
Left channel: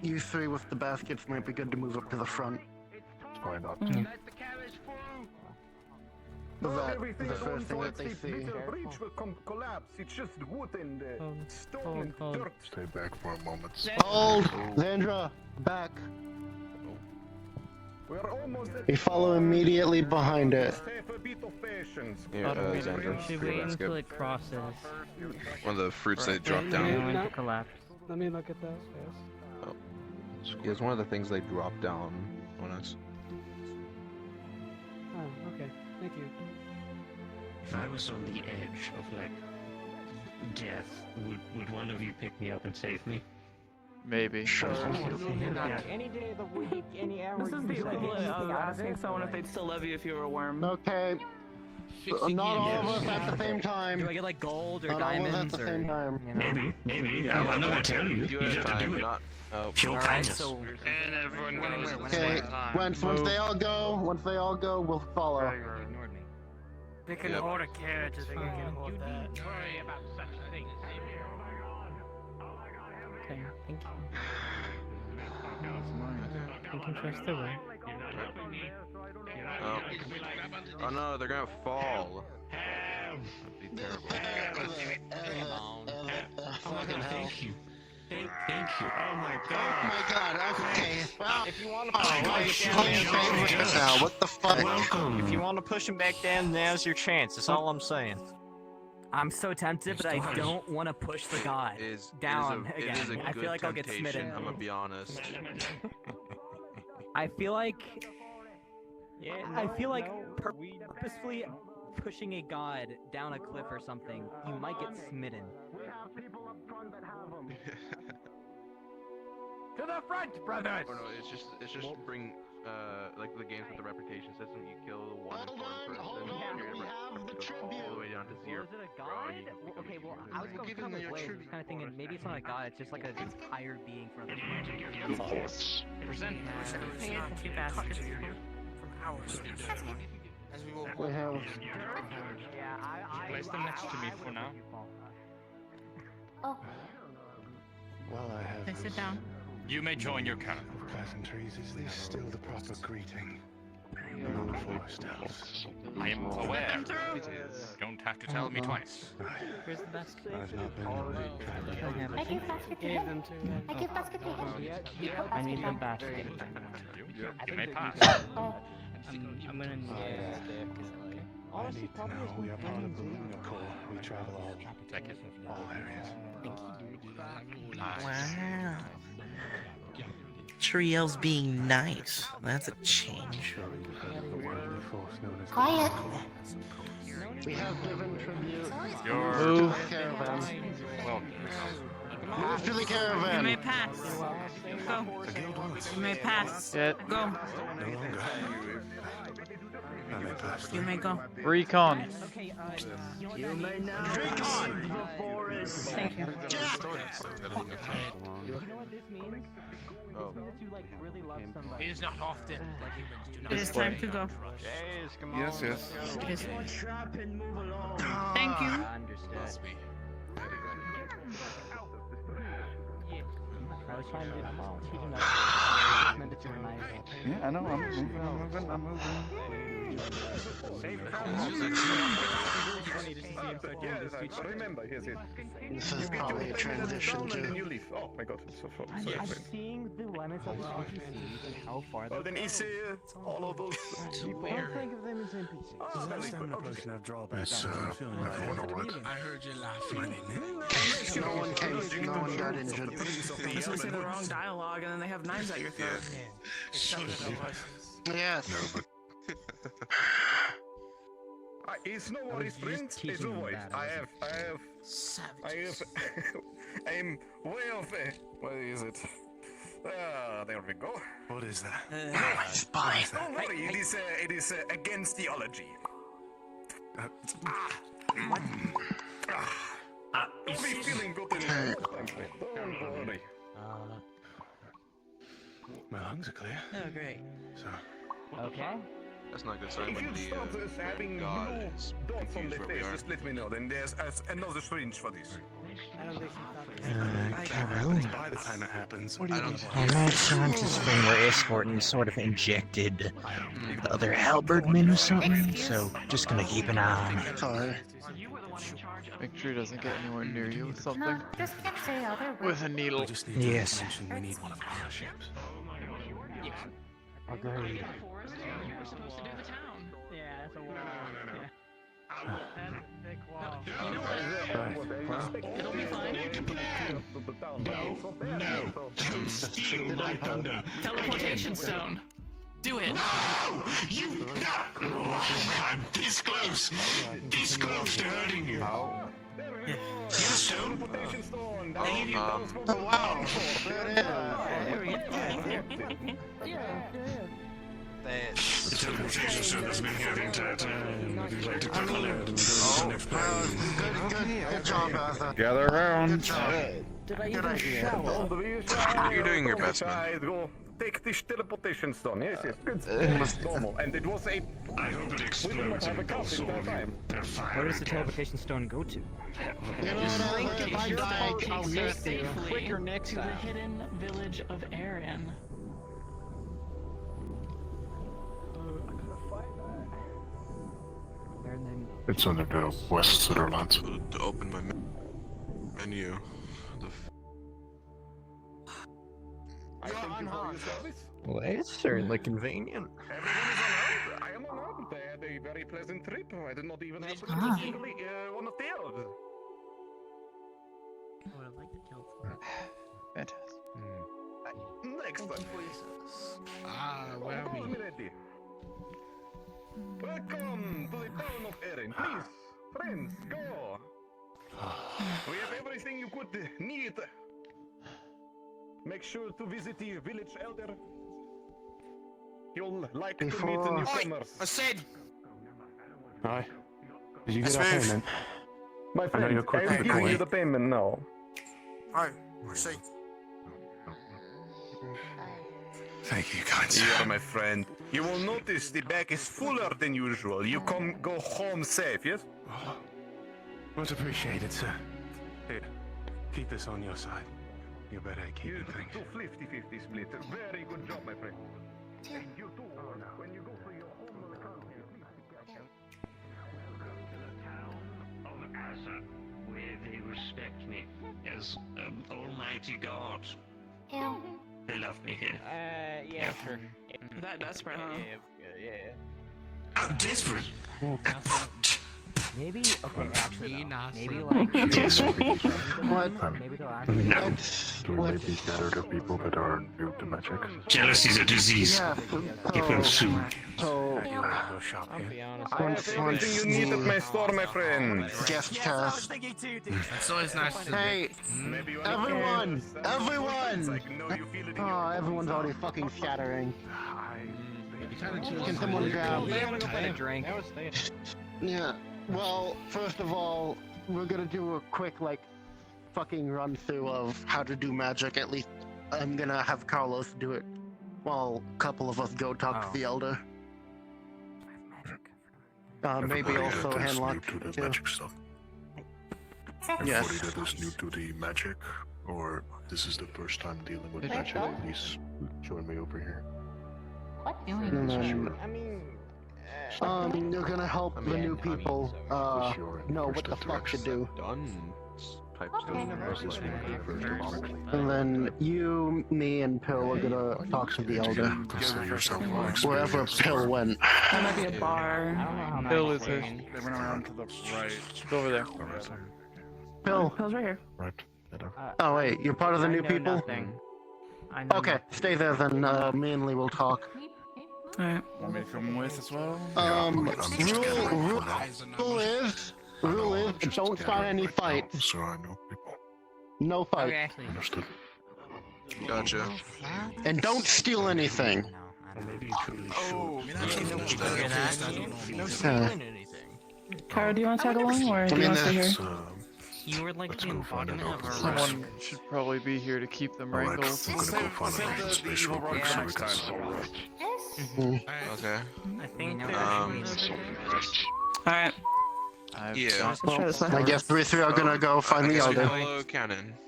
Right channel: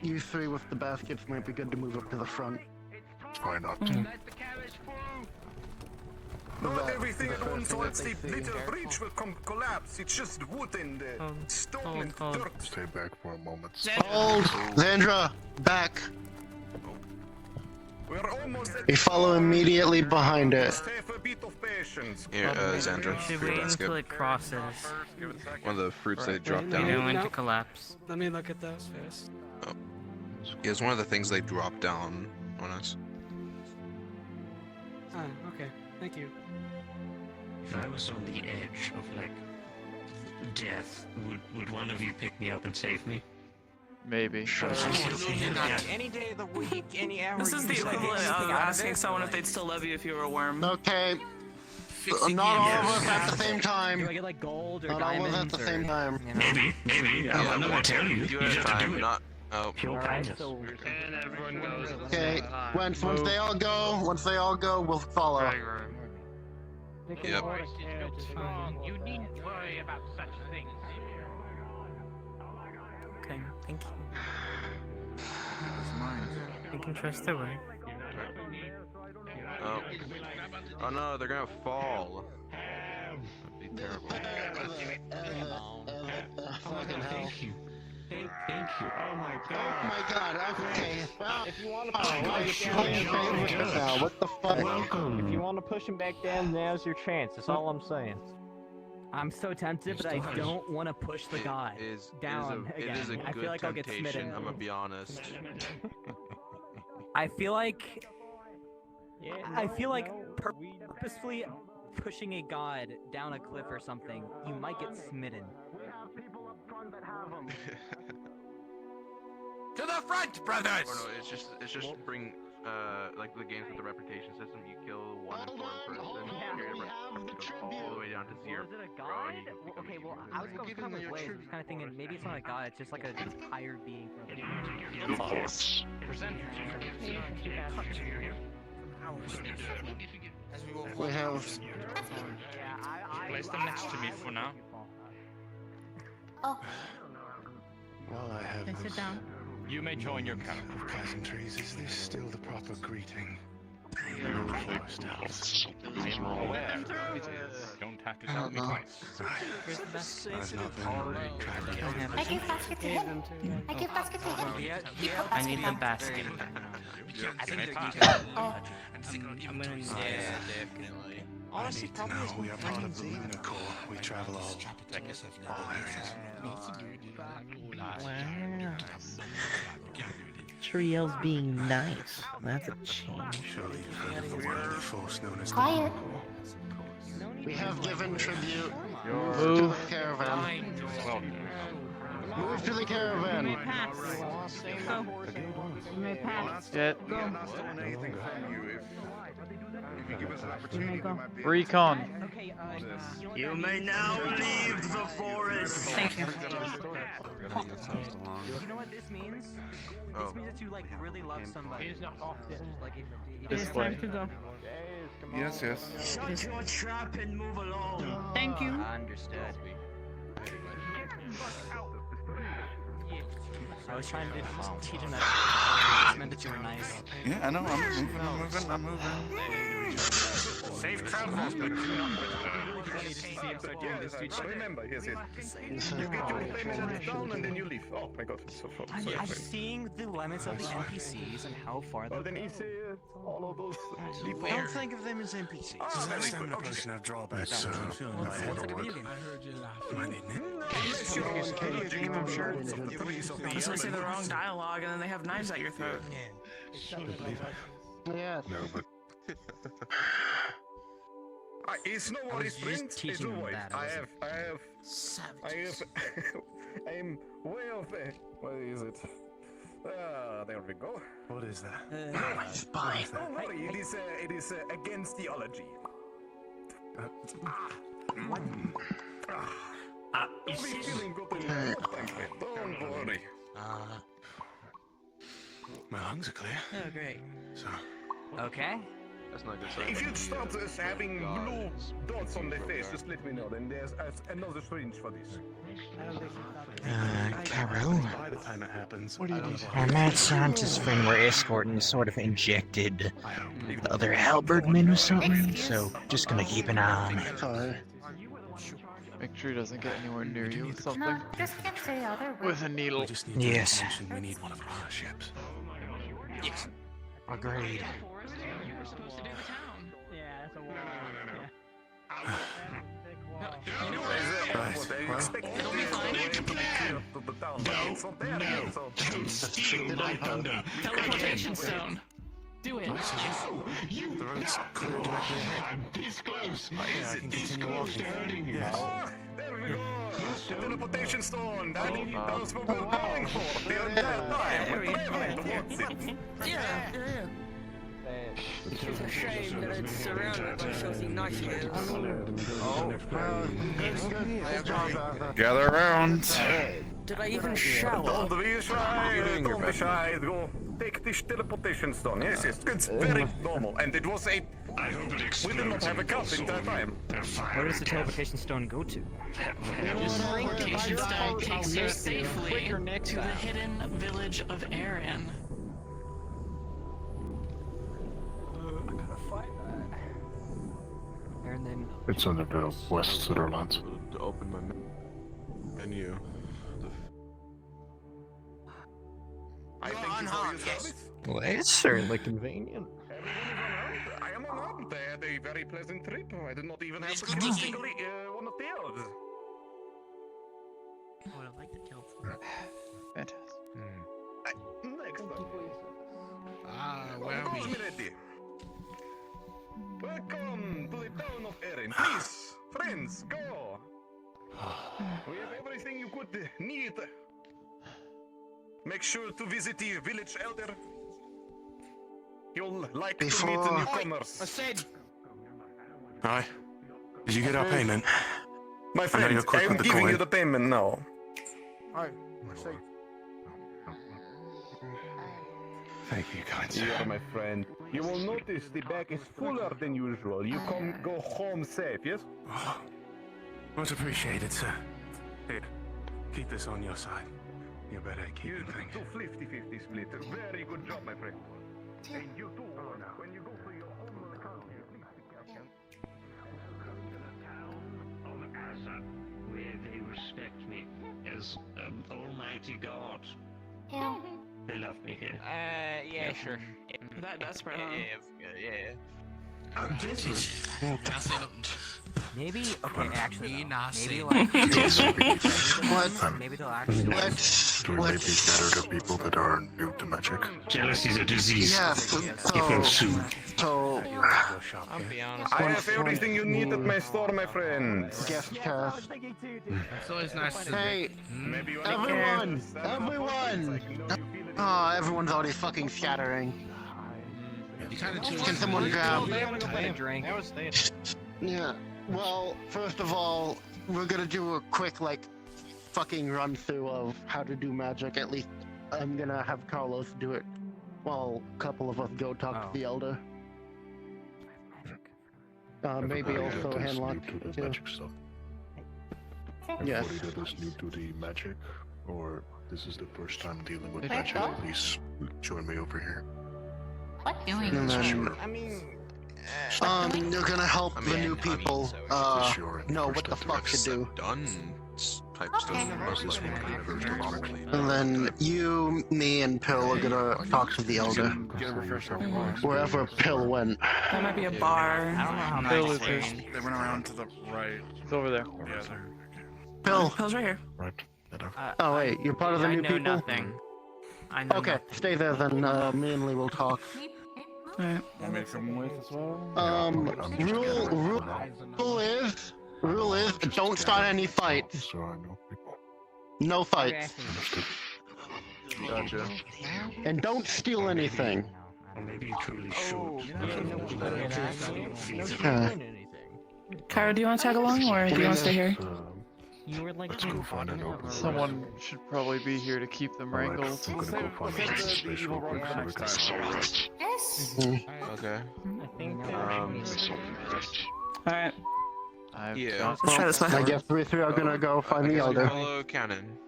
You three with the baskets might be good to move up to the front. Why not? Everything the first thing that towards they the see. little bridge will collapse. It's just wood and stone and dirt. Stay back for a moment. Hold! Zandra, back! We're almost at We follow immediately behind it. Just have a bit of patience. Here, Xandra, We should your wait basket. until it crosses. One of the fruits they drop And down. when to collapse. Let me look at those first. Yeah, it's one of the things they drop down on us. Oh, okay. Thank you. If I was on the edge of like death, would one of you pick me up and save me? Maybe. Any day of the week, any hour. This is the equivalent of asking someone if they'd still love you if you were a worm. Okay. Not all of us at the same time. Do I get like gold or Not all of us diamonds at the or? same time. Maybe. I'm not gonna tell you. You just have to do it. Oh, Feel kindness. And everyone goes. Okay. Once they all go, we'll follow. They can Yep. hold a carriage as well. You needn't worry about such things. Okay, thank you. You can trust the way. Oh no, they're gonna fall. That'd be terrible. Fucking hell. Thank you. Oh my god, okay. Well, If you want to what the fuck? Welcome. If you want to push him back down, now's your chance. That's all I'm saying. I'm so tempted, but I don't want to push the god down again. It is a I good feel like I'll get temptation, smitten. I'm gonna be honest. I feel like purposefully pushing a god down a cliff or something, you might get smitten. To the front, brothers! Or no, it's just bring like the games with the reputation system. You kill one person, Hold on, we have the tribute. all the way down to zero. Is it a god? Okay, well, I was going kind of kind of thinking maybe it's not a god, it's just like a tired being from the Present. We have. Yeah, I Place them next to me for now. Oh, While I have then sit down. You may join your camp. of pleasantries, is this still the proper greeting? Forest elves. I am aware. It is. Don't have to tell me twice. Where's the basket? I've not been traveling. I give basket to him. I give basket to him. I need the basket. You may pass. Oh, I'm gonna need I need to know we are part of the Lunar Corps. We travel all areas. Wow. Trio's being nice. That's a change. quiet. We have given tribute. Move. Caravan. Well, Move to the You may caravan. pass. Go. You may pass. Get Go. You may go. recon. Okay, you know what You that may means? now leave the forest. Thank you. You know what this means? This means that you like really love somebody. It is not often. Like It is This time way. to go. Yes, yes. It is. Thank you. Understood. So I was trying to teach him that. It's meant that you were nice. Yeah, I know. I'm moving. Safe Yes, remember, yes. You get your payments down and then you leave. Oh my god, so far. I'm seeing the limits of the NPCs and how far Well, then easy. All of those people. Don't think of them as NPCs. Next time a person have drawbacks. I heard you laughing. Unless you're allergic to the roots of the trees of the Unless you say the wrong elements. dialogue and then they have knives at your throat. Yes. No, but It's no worries, friend. As always, I'm way off. What is it? There we go. what is that? Don't worry, it is against theology. You'll be feeling good in your Don't worry. My lungs are clear. Oh, great. So, Okay. that's not a good sign. If when you the, start having God blue is dots on the confused face, over just let me know. Then there's another syringe for this. Cairo. By the time it happens, what do you do? On that scientist when we're escorting sort of injected the other halberdmen or something, so just gonna keep an eye on it. Sorry. Make sure he doesn't get anywhere near you with No, something. just can't say other words. With a needle. We just need to Yes. mention we need one of our ships. Agreed. Yeah, that's a wall. It'll be fine. No, don't steal my thunder. Teleportation stone. Do it. You. I'm this close. This close to hurting you. Teleportation stone. I'll give you both for the The teleportation stone has been getting Gather around. Did I even shower? You're doing your best. Go take this teleportation stone. Yes, it's very normal. And it was a. I hope it explodes and engulfs all of you. They're Where does the teleportation stone go to? Just think it's your fault I'll make it safely quicker next to the time. hidden village of Aaron. It's on the west Sutherland. to open my menu. on holidays. Well, it's certainly convenient. I am unarmed. I had a very pleasant trip. I did not even have to kill a single one of the elves. Oh, I like the kill. Fantastic. Next one, please. Where are we? Welcome to the town of Erin. Please, friends, go. We have everything you could need. Make sure to visit the village elder. You'll like to meet the newcomers. I said. Aye. Did you get our payment? My I know friend, you're quick I'm with the giving coin. you the payment now. I see. Thank you, kind Yeah, sir. my friend. You will notice the bag is fuller than usual. You go home safe, yes? Oh, much appreciated, sir. Here, keep this on your side. You're better at keeping You things. do 50-50 split. Very good job, my friend. And you too, when you go for your home country, please be careful. Welcome to the town of Asa, where they respect me as almighty god. Yeah. They love me here. Yeah, sure. That desperate, huh? Yeah. I'm desperate. Maybe, okay, actually, Me though, not maybe saying. like, maybe What? they'll actually Do I maybe scatter the people that are new to magic? Jealousy's a disease. It will soon. I'll be honest. I have everything you need at my store, my friend. Gift cast. It's always nice to Hey, Maybe you everyone! understand. Everyone! No, you feel it. Oh, everyone's already fucking shattering. You kind of Can someone grab? I want to go find a drink. Yeah. Well, first of all, we're gonna do a quick fucking run through of how to do magic. At least I'm gonna have Carlos do it, while a couple of us go talk to the elder. Maybe also Handlock New to the too. magic stuff. Yes. Everybody that is new to the magic, or this is the first time dealing with Hey, magic, Doc. please join me over here. What doing? And then, Sure. you're gonna help the new people know what the fuck to do. Done type stuff. How's this one gonna first? And then you, me, and Pill are gonna talk to the elder. Consider yourself Wherever Pill went. That might be a bar. Bill is here. They went around to the right. It's over there. Pill. Pill's right here. Right. Oh wait, you're part of the new people? nothing. I know Okay, stay there then, me and Lee will talk. Alright. Want me to come with as well? Rule is, don't start any fights. So I know people. No fights. Understood. Gotcha. And don't steal anything. Or maybe you truly Cara, do you want to tag along or do you want to stay here? You were like Let's go find out. Someone should probably be here to keep them wrangled. I'm gonna go find out some space real quick so we can celebrate. Okay. I think Alright. Yeah. Let's try this I one. guess we three are gonna go find the elder. Follow Cannon.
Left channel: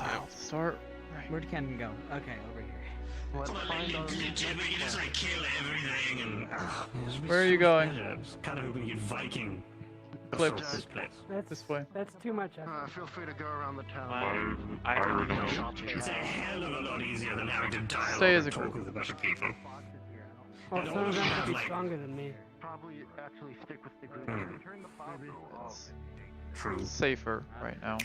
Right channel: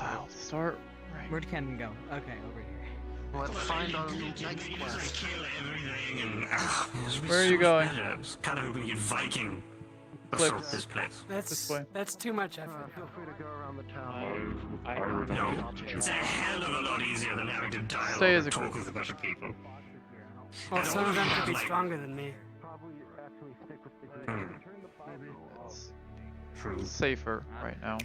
I'll start right. Where'd Cannon go? Okay, over here. Where are you going? Kind of a weird Viking. Clip. This place. This way. That's too much effort. Feel free to go around the town. I don't know. It's a hell of a lot easier than having to dialogue Stay as a and talk group. with a bunch of people. Well, some of them could be stronger than me. Probably actually stick with the group. It's safer right now.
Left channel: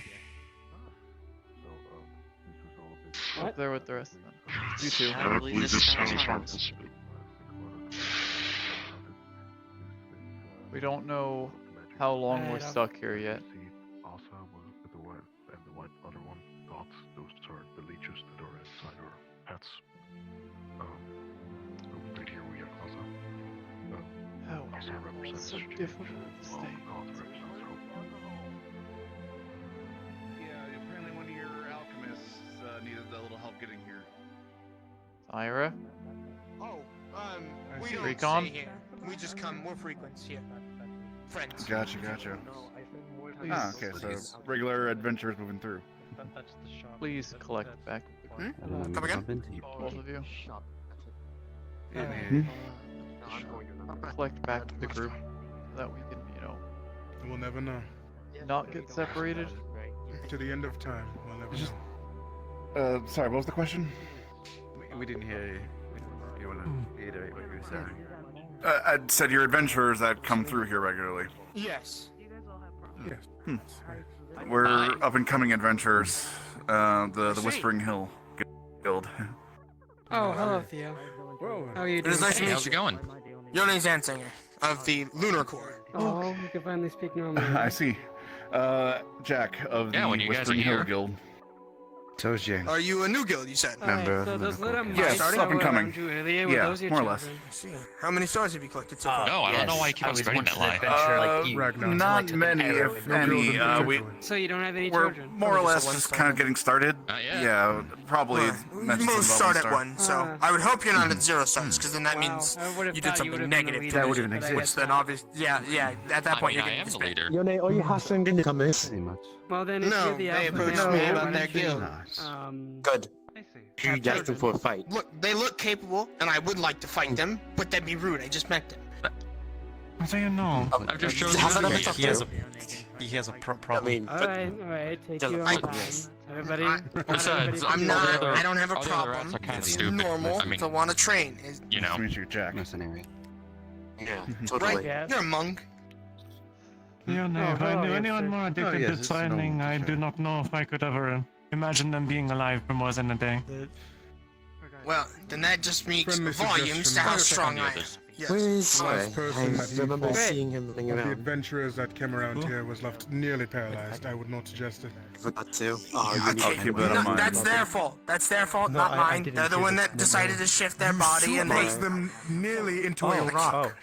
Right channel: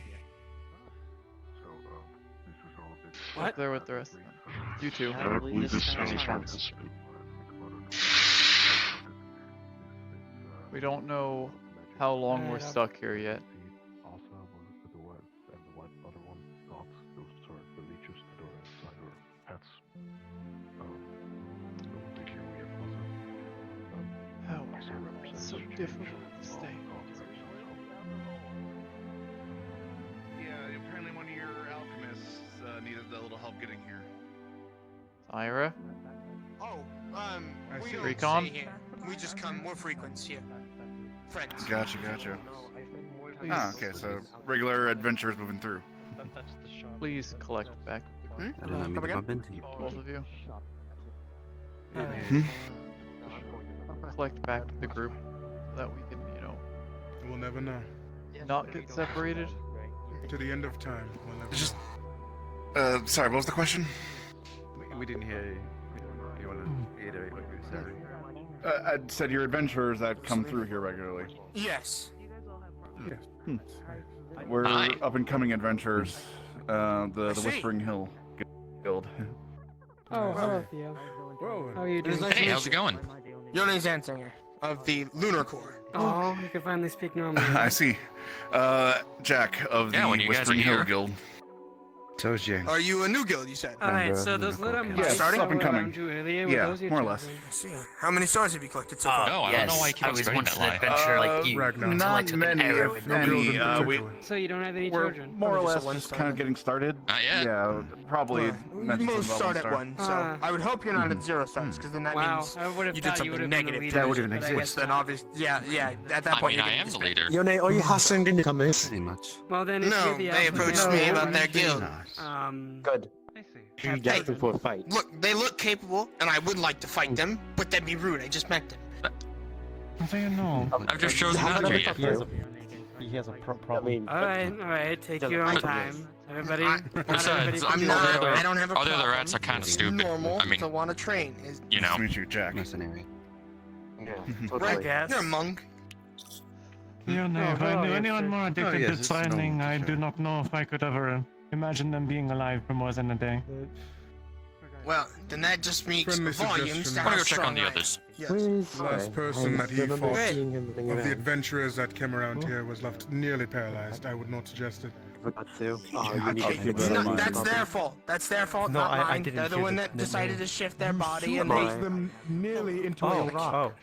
Up there with the rest of them. You two. We don't know how long we're stuck here yet. How it's so difficult to stay. Yeah, apparently one of your alchemists needed a little help getting here. Ira? Oh, we don't Recon? stay here. We just come more frequent here. Friends. Gotcha. Ah, okay, so regular adventurers moving through. Please collect back the group. Come again? Both of you. Hmm? Collect back the group so that we can, We'll never know. not get separated. To the end of time, we'll never know. Sorry, what was the question? We didn't hear you. You want to reiterate what you were saying? I said your adventurers that come through here regularly. Yes. We're up and coming adventurers. The Whispering Hill Guild. Oh, hello, Theo. Whoa. How are you doing? Hey, how's it going? Your name's Ansinger of the Lunar Corps. Oh, you can finally speak normally. I see. Jack of the when you guys Whispering are Hill here. Guild. Toes you. Are you a new guild, you said? Alright, so those little Yes, mice up and coming. around you earlier, were Yeah, those your more or less. children? How many stars have you collected so far? No, I don't know why you keep on spreading that lie. Not many, if any. So you don't have any We're children? more or less just kind of getting started. Yeah, probably. mentioned Most some start level at one, so I would hope you're not at 0 stars, because then that means I would have you thought did you would something have been a negative. leader, That would even but I guess exist. Then not. obviously, yeah. At that point, you're getting disbanded. Yone, are you hustling to come in? Pretty much. Well, then if No, you're the they alpha approached male, me why about don't their you, guild. Good. You have got them children? for a fight. Look, they look capable, and I would like to fight them, but that'd be rude. I just met them. How do you know? I've just chosen He has a problem. Alright, take your own time. Everybody, Besides, I'm not. I don't have a all the other problem. rats are kind of It's stupid. normal I mean, to want to train. you know. Nice to meet you, Jack. Mercenary. Right? You're a monk. Yeah, no, if I knew anyone more addicted to training, I do not know if I could ever imagine them being alive for more than a day. Well, then that just speaks Friendly volumes to how I'll check on strong the I am. others. Yes. Where is The last person that he remember fought seeing him running of the around. adventurers that came around here was left nearly paralyzed. I would not suggest it. Forgot to. That's their fault. That's their fault, No, not I mine. didn't They're the hear one the that decided to shift their body and Supposed they. them nearly into a rock.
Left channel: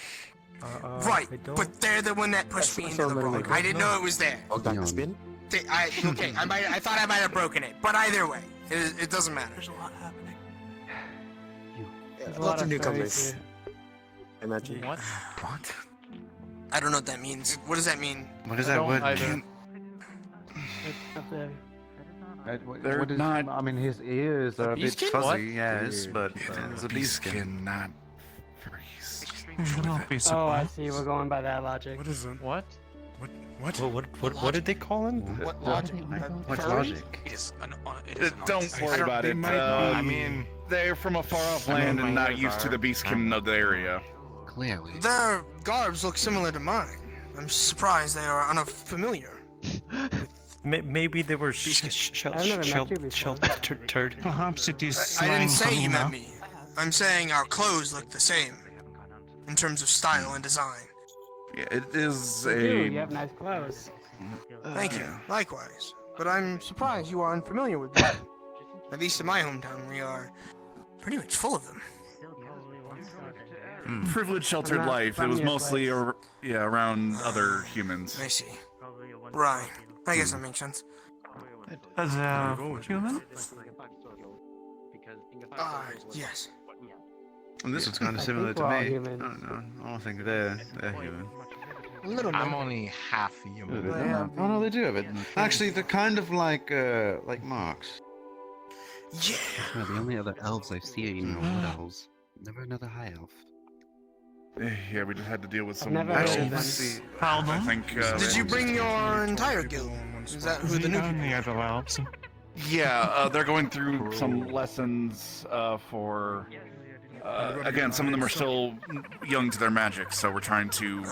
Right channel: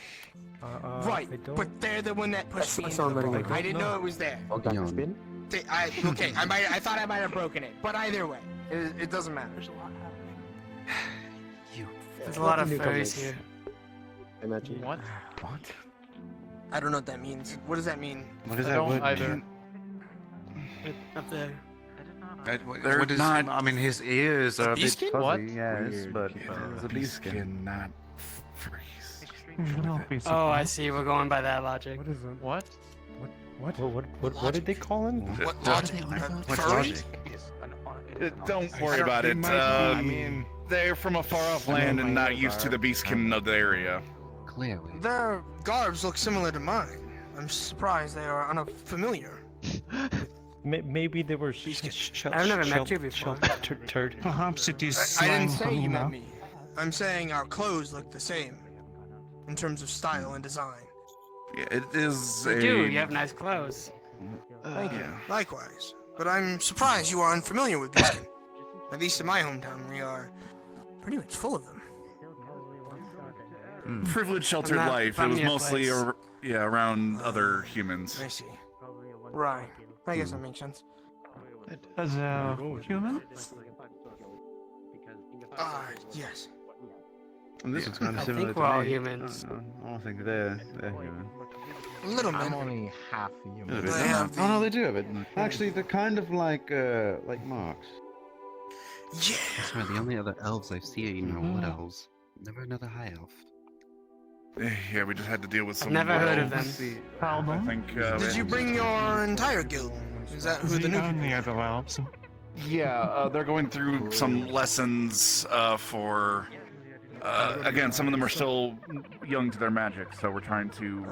Right, but they're the one that pushed me I into saw the them rock. running I didn't know it was there. Yone. Okay, I thought I might have broken it, but either way, it doesn't matter. There's a lot of furries here. Imagine. What? I don't know what that means. What does that mean? What does I that don't word either. mean? Up there. They're What is, not- I mean, his ears are a bit beeskin? fuzzy, What? yes, but it's a beeskin. not Oh, I see. We're going by that logic. What is it? What? What did they call him? What logic? What Furry? logic? Don't worry about They it. might I be- mean, they're from a far-off land and not used to the beastkin of the area. Clearly. Their garbs look similar to mine. I'm surprised they are unfamiliar. Maybe they were I've never met you before. turd. Perhaps it is I slang didn't for say you met Luna. me. I'm saying our clothes look the same in terms of style and design. Yeah, it is You a. do. You have nice clothes. Thank you. Likewise. But I'm surprised you are unfamiliar with beastin. At least in my hometown, we are pretty much full of them. Privileged, sheltered Not life. It was from your mostly, place. around other humans. I see. Right. I guess that makes sense. As a human? Yes. This is kind of similar think to we're all me. humans. I don't think they're human. A little bit. I'm only half human. They have No, they do have it. Actually, they're kind of like marks. Yeah. That's where the only other elves I see are wood elves. Never another high elf. Yeah, we just had to deal with some Never wood heard of elves. them. I think. Did you bring your entire guild? Is that who the new only other elves. Yeah, they're going through some lessons for. Again, some of them are still young to their magic, so we're trying to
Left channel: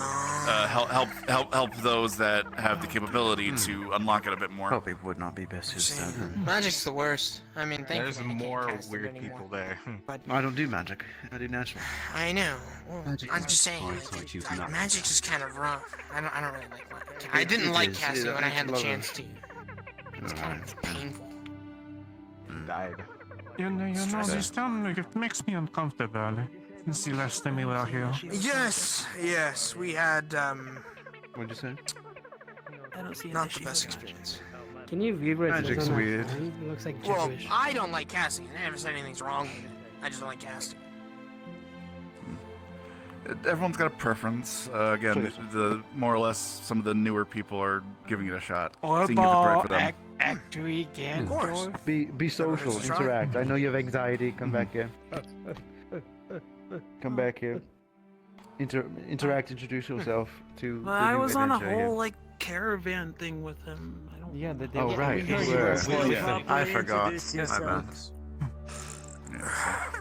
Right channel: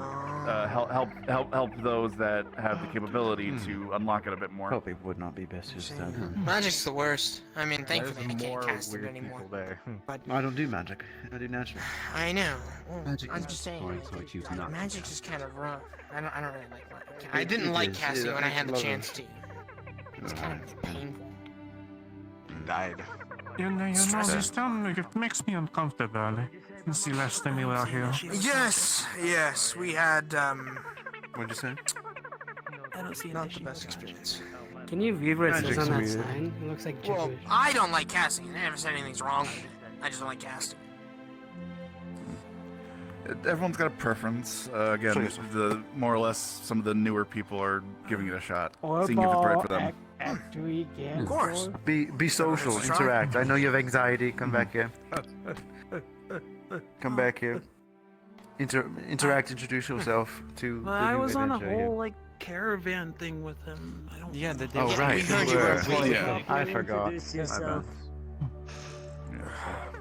help those that have the capability to unlock it a bit more. Hope it would not be best used to. Magic's the worst. I mean, There's thankfully I can't more cast it weird anymore. people there. But I don't do magic. I do natural. I know. Well, Magic I'm is just saying, fun, so it's used not magic is kind of rough. I don't really like it. I It- didn't it like is. casting Yeah, when I it's had the lovely. chance to. It's kind of painful. Died. You know, this town, it makes me uncomfortable. Since the last time we were here. Yes, we had, What'd you say? I don't see not the best experience. Can you read what it says Magic's on that weird. sign? It looks like Well, gibberish. I don't like casting. I never said anything's wrong with it. I just don't like casting. Everyone's got a preference. Again, the more or less some of the newer people are giving it a shot, seeing if it's right for them. After we get Of course. Be social, interact. I know you have anxiety. Come back here. Come back here. Interact. Introduce yourself to. But the I new was on a adventure whole here. like caravan thing with him. I don't Yeah, know. Oh right, we heard you you were. were Well, waiting. I forgot.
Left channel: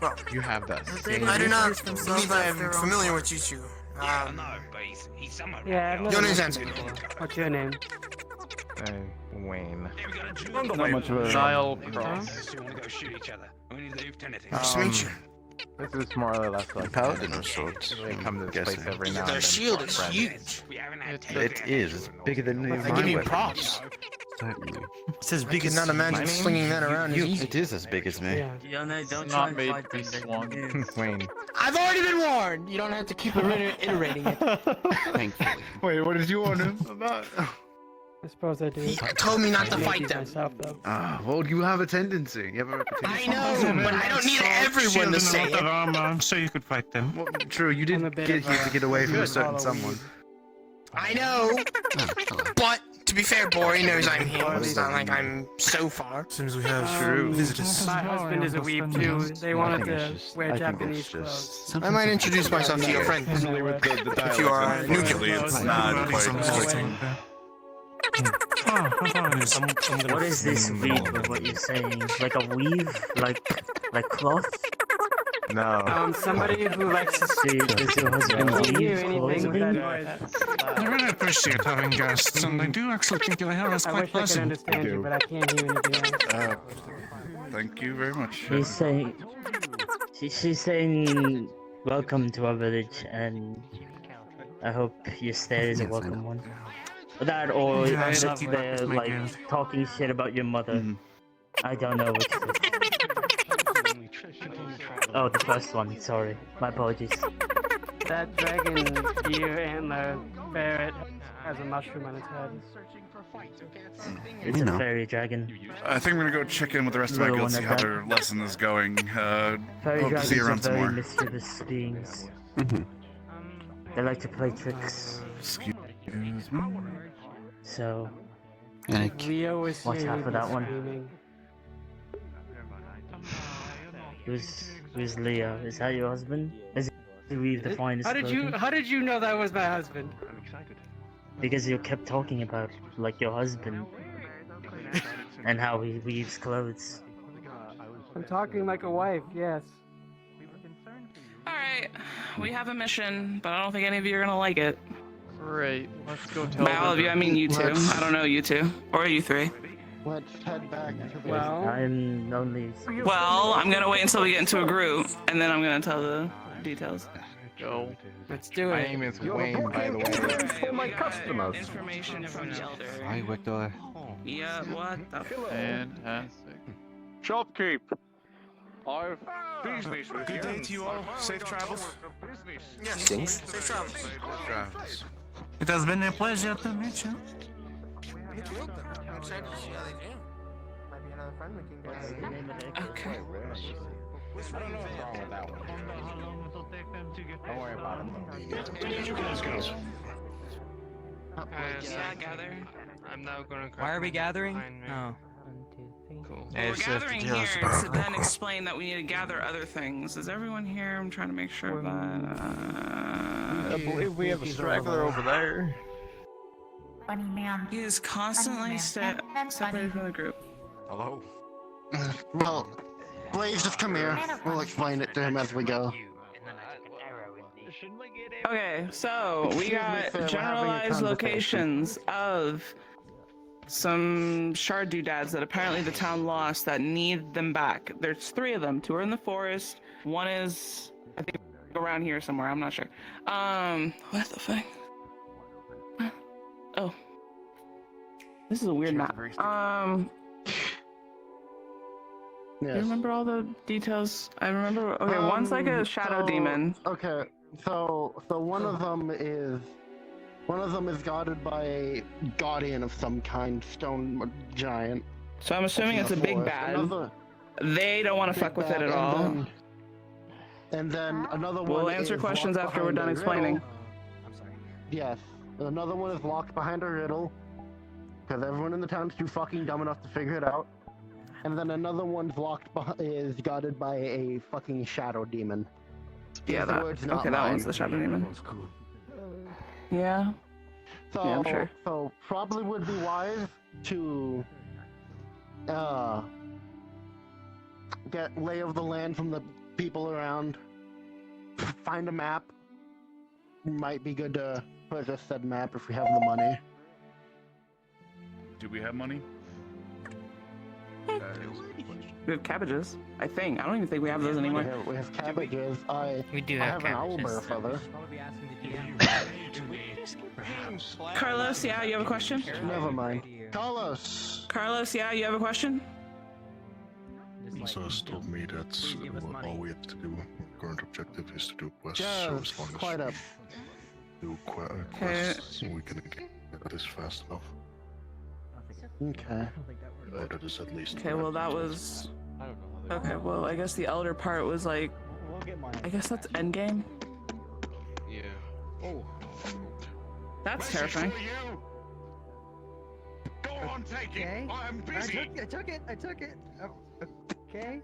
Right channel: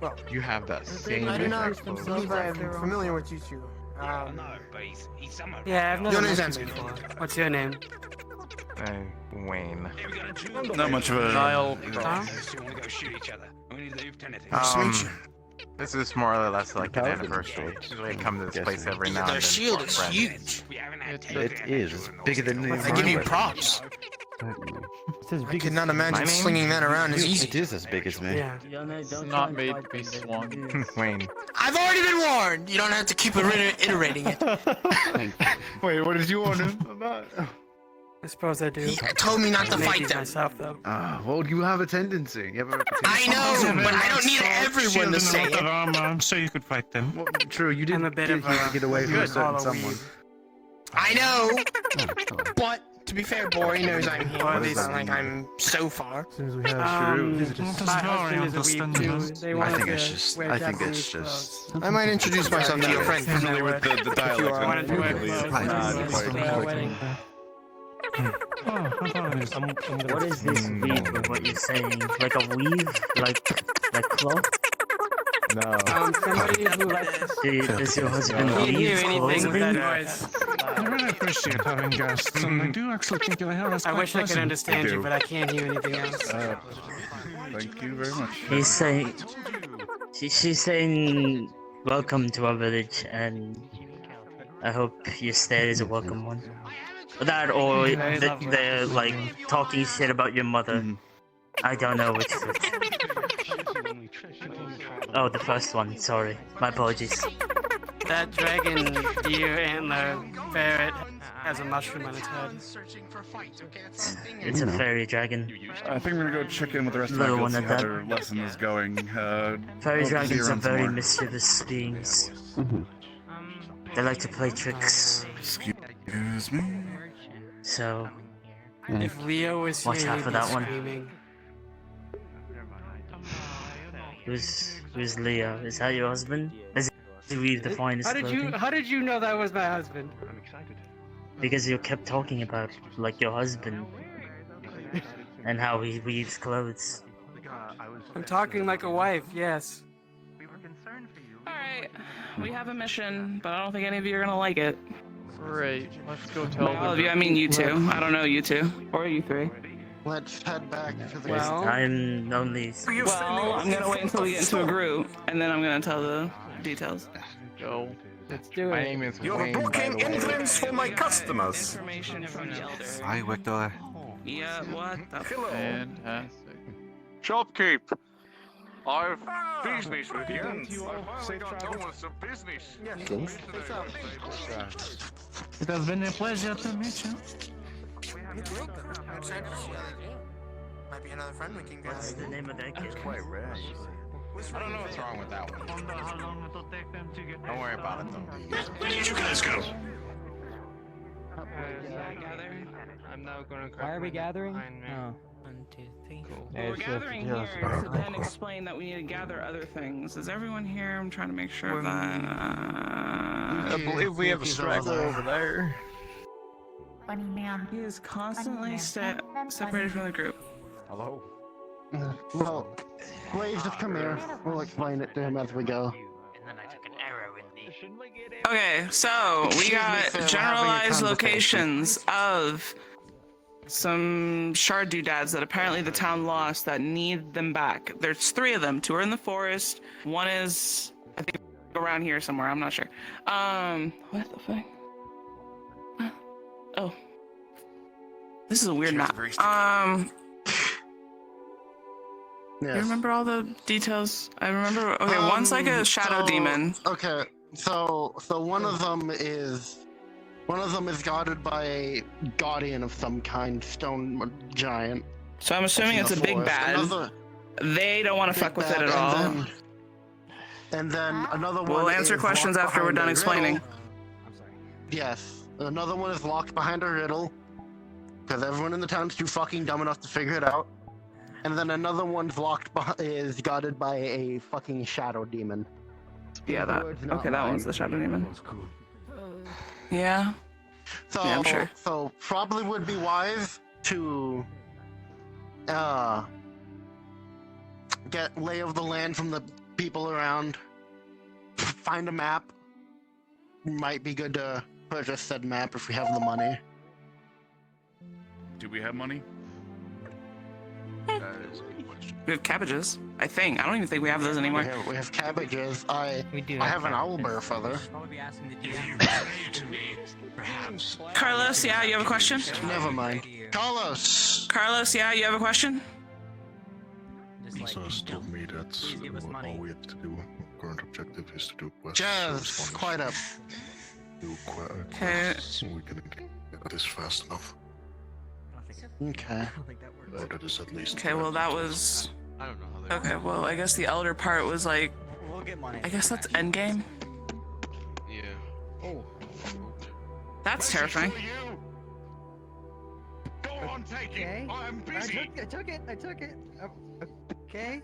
Well, You have that same. I do not believe I am familiar with you two. Yeah, I've Your never name's met you Anthony. before. What's your name? Wayne. Not much of a Nile Cross. Nice to meet you. This is more or less like an anniversary. They come to this place every now and Their then. shield is huge. It is. It's bigger than any of I my give you weapons. props. It's as I big could as not imagine my slinging that around as easy. It is as big as me. Yeah. It's not made to be swung. Wayne. I've already been warned. You don't have to keep iterating it. Thank you. Wait, what did you warn him about? I suppose I do. He told me not to I fight made them. myself, though. Well, you have a tendency. You have a reputation. I know, but I don't need everyone to say Shield and a lot of it. armor. I'm sure you could fight them. Well, true, you did I'm a bit need of a- to get away from a certain follow someone. I know, but to be fair, Bori knows I'm here. It's not like I'm so far. Seems we True. My husband is a weeb too. They want to wear Japanese clothes. I might introduce myself to your friend. familiar with the If you dialect, are unfortunately, it's not quite. wedding. What is this weave of what you're saying? Like a weave? Like cloth? No. Somebody who likes to Does your husband I can't hear weave anything with that clothing? noise. I really appreciate having guests, and I do actually think your hair is I quite wish I could pleasant. understand you, but I can't hear anything else. Thank you very much. He's saying... She's saying... Welcome to our village, and... I hope your stay is a welcome one. That or they're like talking shit about your mother. I don't know which is which. Oh, the first one, sorry. My apologies. That dragon, deer, antler, ferret has a mushroom on its head. It's a fairy dragon. I think we're gonna go check in with the rest of my Little guild, one see at how that. their lesson is going. Fairy Hope to see you dragons are around some very more. mischievous beings. They like to play tricks. Excuse me. So, If Leo was watch here, out he'd for be that one. screaming. Who's Leo? Is that your husband? Is he the finest How did you know that was my husband? I'm excited. Because you kept talking about like your husband and how he weaves clothes. I'm talking like a wife, yes. Alright, we have a mission, but I don't think any of you are gonna like it. Great. Let's go tell By all of you, I mean you two. I don't know you two. Or you three. Let's head back to the. Well, I'm only. Well, I'm gonna wait until we get into a group, and then I'm gonna tell the details. Go. Let's do it. My name is Wayne, by the way. My customers. Information from the elder. Hi, Victor. Yeah, what the f- Fantastic. Shopkeep. I've business with you. day to you all. I've Safe got travels. some business. Yes. It has been a pleasure to meet you. Me too. I'm excited to see how they do. Might be another friend we can get. What's the name of that kid? I don't know what's wrong with that one. Don't worry about it. Where did you guys go? I'm now gonna. Why are we gathering? Oh. 1, 2, 3. Cool. Well, we're gathering here to then explain that we need to gather other things. Is everyone here? I'm trying to make sure that. I believe we have a straggler over there. Funny man. He is constantly separated from the group. Hello. Well, Blaze, just come here. We'll explain it to him as we go. Okay, so we Excuse me, got sir, we're having a generalized conversation. locations of some shard doodads that apparently the town lost that need them back. There's 3 of them. 2 are in the forest. 1 is, I think, around here somewhere. I'm not sure. What the fuck? Oh. This is a weird map. Yes. You remember all the details? I remember. Okay, one's like a shadow demon. Okay, so one of them is guarded by a guardian of some kind, stone giant. So I'm assuming it's a big bad. They don't want to fuck with it at all. And then another one. We'll answer is questions locked after we're behind done a explaining. riddle. Yes, another one is locked behind a riddle because everyone in the town's too fucking dumb enough to figure it out. And then another one's is guarded by a fucking shadow demon. Yeah, that. Okay, that one's the shadow demon. Yeah. So, Yeah, I'm sure. So probably would be wise to get lay of the land from the people around, find a map. Might be good to purchase said map if we have the money. Do we have money? We have cabbages, I think. I don't even think we have those anymore. We have cabbages. I do have an owlbear feather. Carlos, yeah, you have a question? Never mind. Carlos! Carlos, yeah, you have a question? Sus told me that all we have to do, current objective is to do quests. Just quite up. Do quests so we can get this fast enough. Okay. Or that is at least. Okay, well that was... Okay, well I guess the elder part was like... I guess that's endgame? Yeah. Oh. That's terrifying. Go on, take it. I'm busy. I took it. Okay.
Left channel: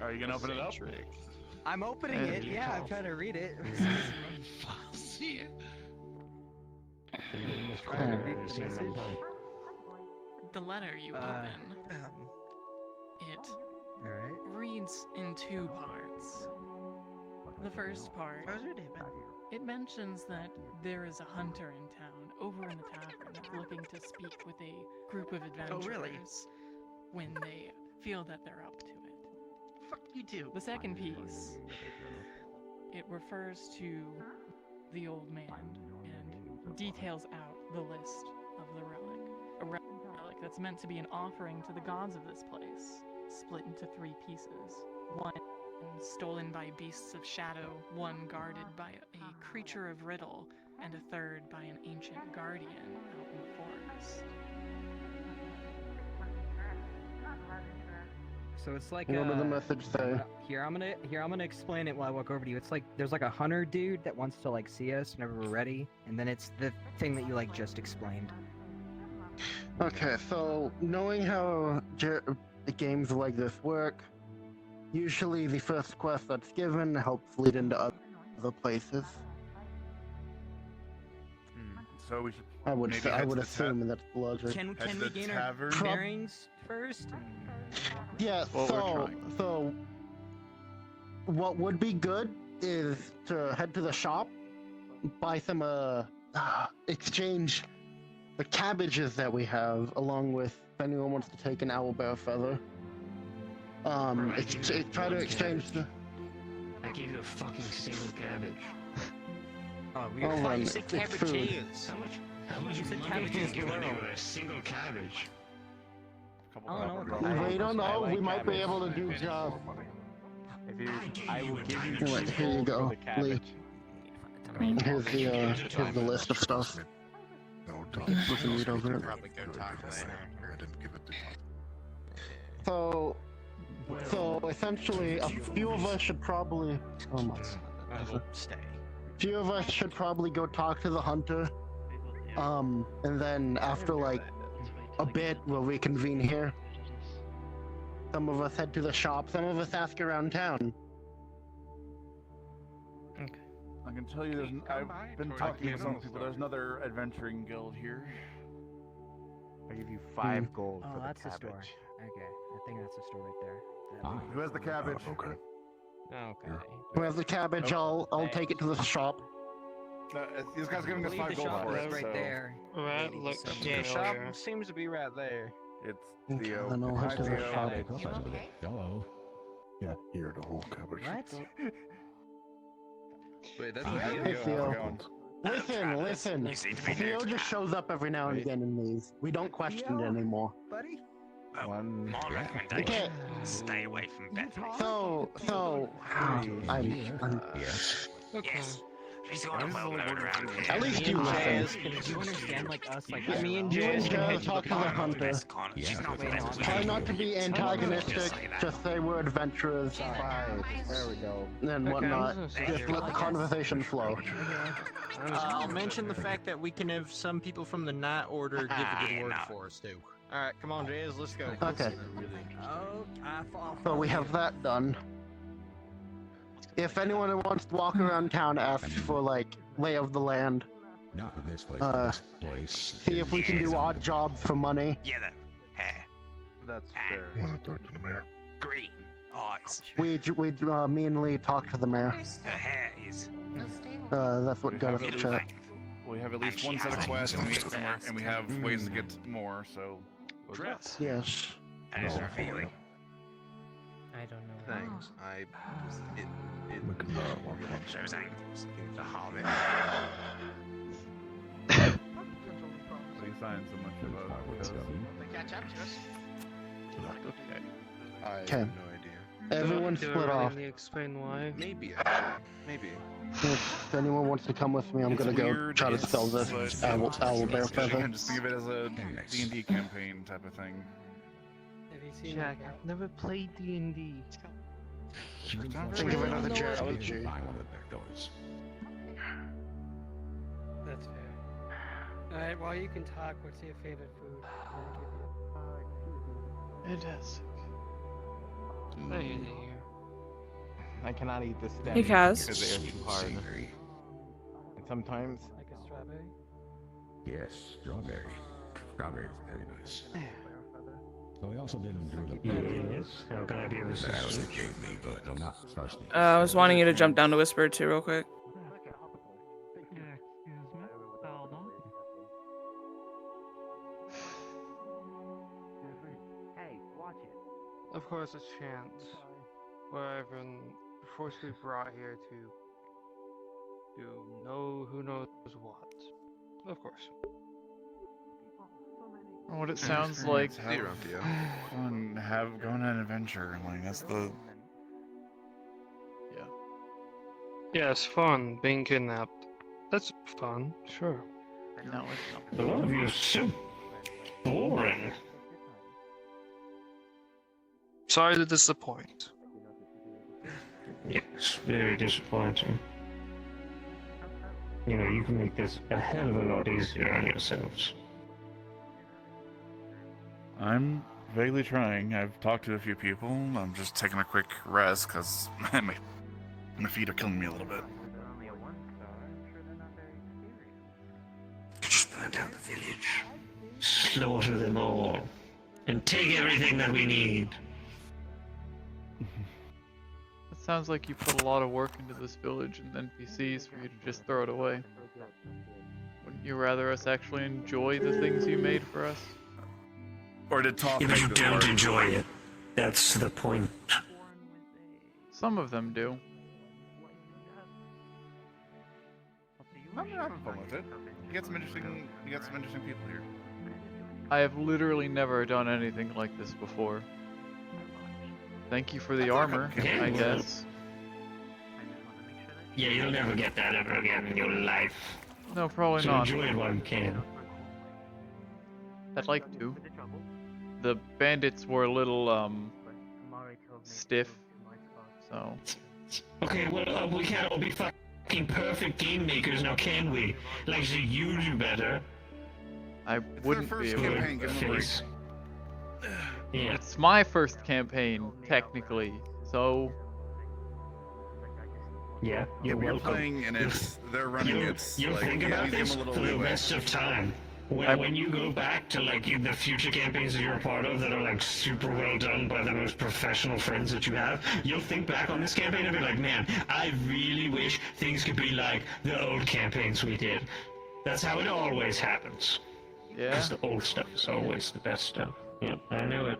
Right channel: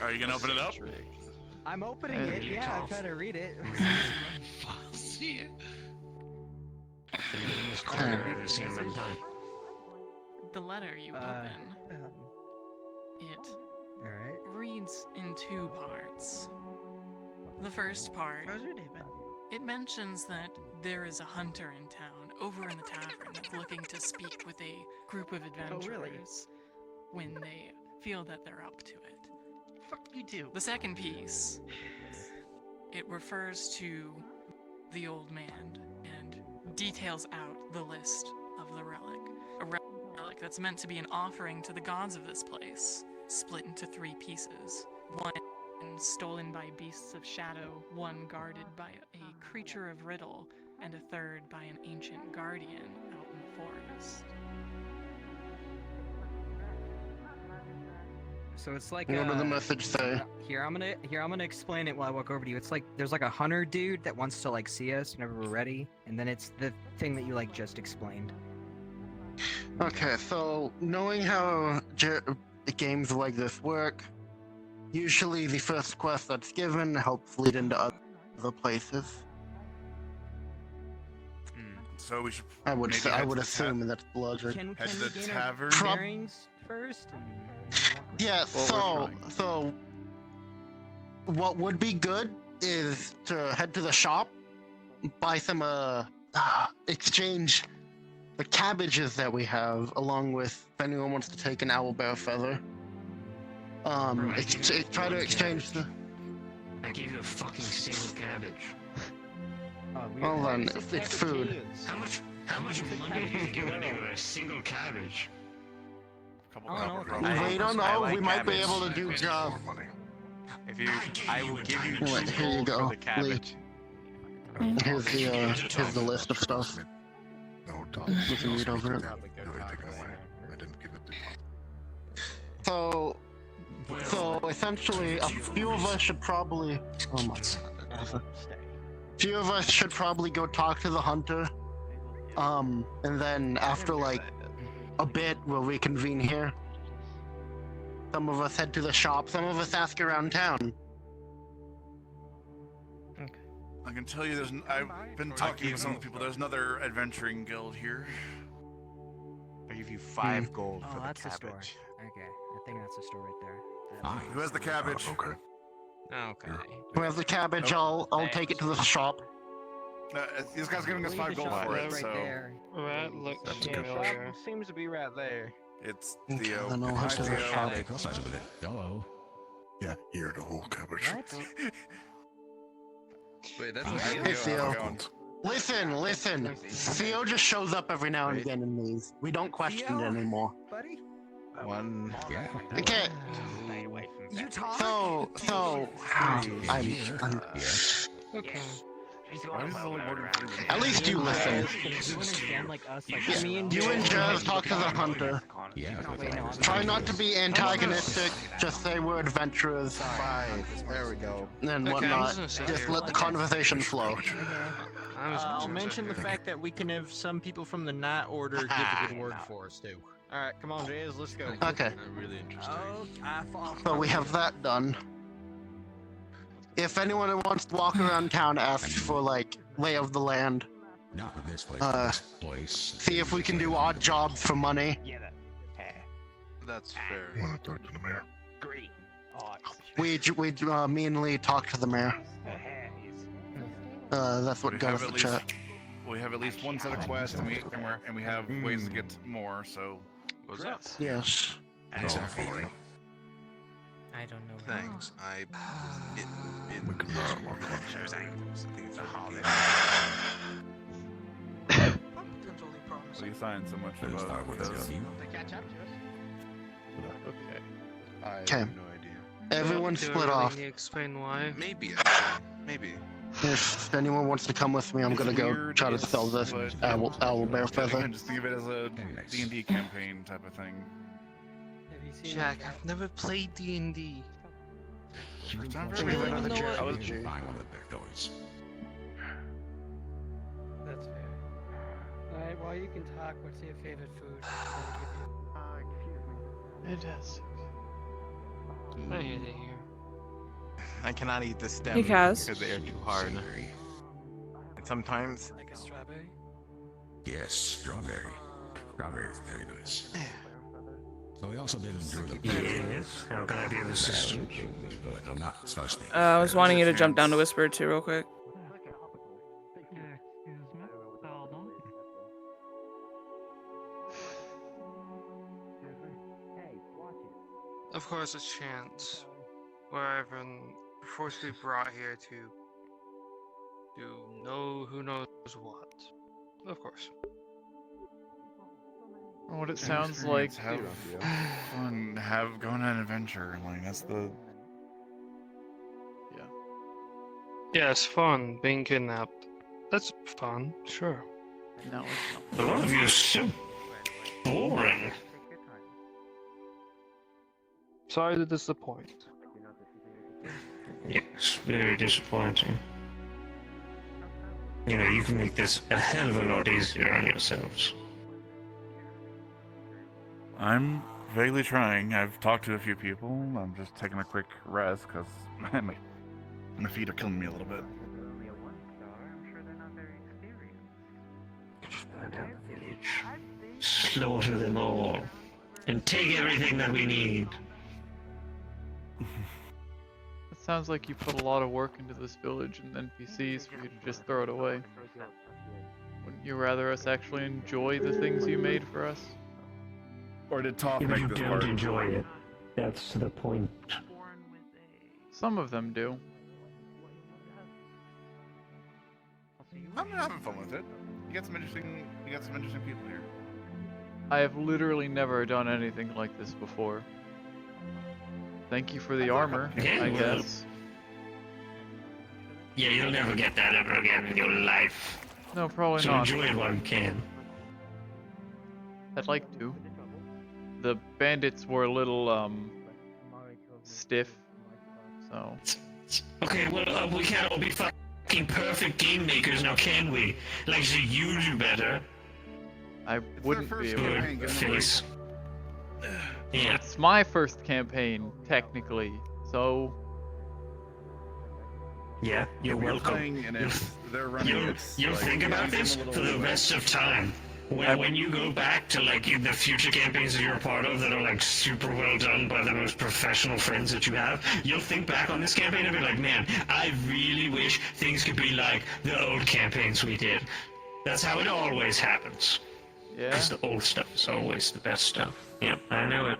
Are you gonna open it up? I'm opening it. Yeah, I'm trying to read it. See it. The letter you open, it reads in two parts. The first part, it mentions that there is a hunter in town, over in the tavern, that's looking to speak with a group of adventurers when they feel that they're up to it. Fuck you too. The second piece, it refers to the old man and details out the list of the relic. A relic that's meant to be an offering to the gods of this place, split into 3 pieces. One stolen by beasts of shadow, one guarded by a creature of riddle, and a third by an ancient guardian out in the forest. So it's like what did the message say? Here I'm gonna explain it while I walk over to you. It's like there's like a hunter dude that wants to like see us whenever we're ready, and then it's the thing that you like just explained. Okay, so knowing how games like this work, usually the first quest that's given helps lead into other places. So we should. I would maybe say, I head would to the assume that's logic. Can we gain our bearings first? And Yeah. So what would be good is to head to the shop, buy some exchange the cabbages that we have, along with if anyone wants to take an owlbear feather. Try to exchange the. I gave you a fucking single cabbage. Hold on, it's food. How much money can you give me for a single cabbage? I don't know. We don't know. We might be able to do jobs. If you, I will give you. Wait, here you go, Lee. Here's the list of stuff. No, We can read over it. I didn't give it to you. So essentially, a few of us should probably. Few of us should probably go talk to the hunter. And then after like a bit, we'll reconvene here. Some of us head to the shop. Some of us ask around town. I can tell you, I've been talking to some people. There's another adventuring guild here. I give you 5 gold for the that's the store. cabbage. Okay, I think that's the store right there. Who has the cabbage? Okay. Who has the cabbage? I'll take it to the shop. This guy's giving us 5 gold for it. Right there. Right, look familiar. Seems to be right there. It's Theo. Then I'll head to the shop. Hello. Yeah, here the whole cabbage. What? Wait, that's Hey Theo. Listen. Theo just shows up every now and again and leaves. We don't question it anymore. Buddy? One. Okay. Stay away from that. So, Okay. At least you listen. Do you understand like us? Like You and Jazz talk to the hunter. Yeah. Try not to be antagonistic. Just say we're adventurers. There we go. And whatnot. Just let the conversation flow. I'll mention the fact that we can have some people from the Night Order give a good word for us too. All right, come on, Jazz, let's go. Okay. Really interesting. So we have that done. If anyone who wants to walk around town asks for like lay of the land, Not this place. see if we can do odd jobs for money. Yeah. That's fair. I want to talk to the mayor. Green. Me and Lee talked to the mayor. That's what got us the chat. We have at least one set of quests, and we have ways to get more. So. Yes. How does that feeling? I don't know. Thanks. Those ankles. The harder. What are you signing so much about those? Catch up to us. Okay. I have Okay. no idea. Everyone split off. Can you explain why? Maybe, actually. Maybe. If anyone wants to come with me, I'm gonna go try to spell this owl bear feather. Again, just think of it as a D&D campaign type of thing. Jack, I've never played D&D. Think of another JRPG. That's fair. Alright, while you can talk, what's your favorite food? Fantastic. Oh, yeah, they're here. I cannot eat this stem Hey, Kaz. because they are too hard. And sometimes. Like a strawberry? Yes, strawberry. Strawberry is very nice. So I also did enjoy the yes. How can I be of assistance? But I'm not thirsty. I was wanting you to jump down to Whisper too, real quick. Of course, a chance where I've been forcibly brought here to know who knows what. Of course. What it sounds like. Have fun, go on an adventure. Like that's the. Yeah. Yeah, it's fun being kidnapped. That's fun, sure. No, it's not. A lot of you are so boring. Sorry to disappoint. Yes, very disappointing. You know, you can make this a hell of a lot easier on yourselves. I'm vaguely trying. I've talked to a few people. I'm just taking a quick rest because my feet are killing me a little bit. Just burn down the village. Slaughter them all. And take everything that we need. It sounds like you put a lot of work into this village and NPCs for you to just throw it away. Wouldn't you rather us actually enjoy the things you made for us? Or did talk If make you this don't hard? enjoy it, that's the point. Some of them do. I'm having fun with it. You got some interesting people here. I have literally never done anything like this before. Thank you for the armor, Yeah, I well, guess. Yeah, you'll never get that ever again in your life. No, probably So not. enjoy it while you can. I'd like to. The bandits were a little, stiff, so... Okay, well, we can't all be fucking perfect game makers now, can we? Like, so you do better. I wouldn't be able to. Yeah. It's my first campaign, technically, so... Yeah, you're You're welcome. playing and they're running. You'll like, think you about give them this a little for the leeway. rest of time. When you go back to like the future campaigns that you're a part of that are like super well done by the most professional friends that you have, you'll think back on this campaign and be like, man, I really wish things could be like the old campaigns we did. That's how it always happens. Yeah. Because the old stuff is always the best stuff. Yep, I knew it.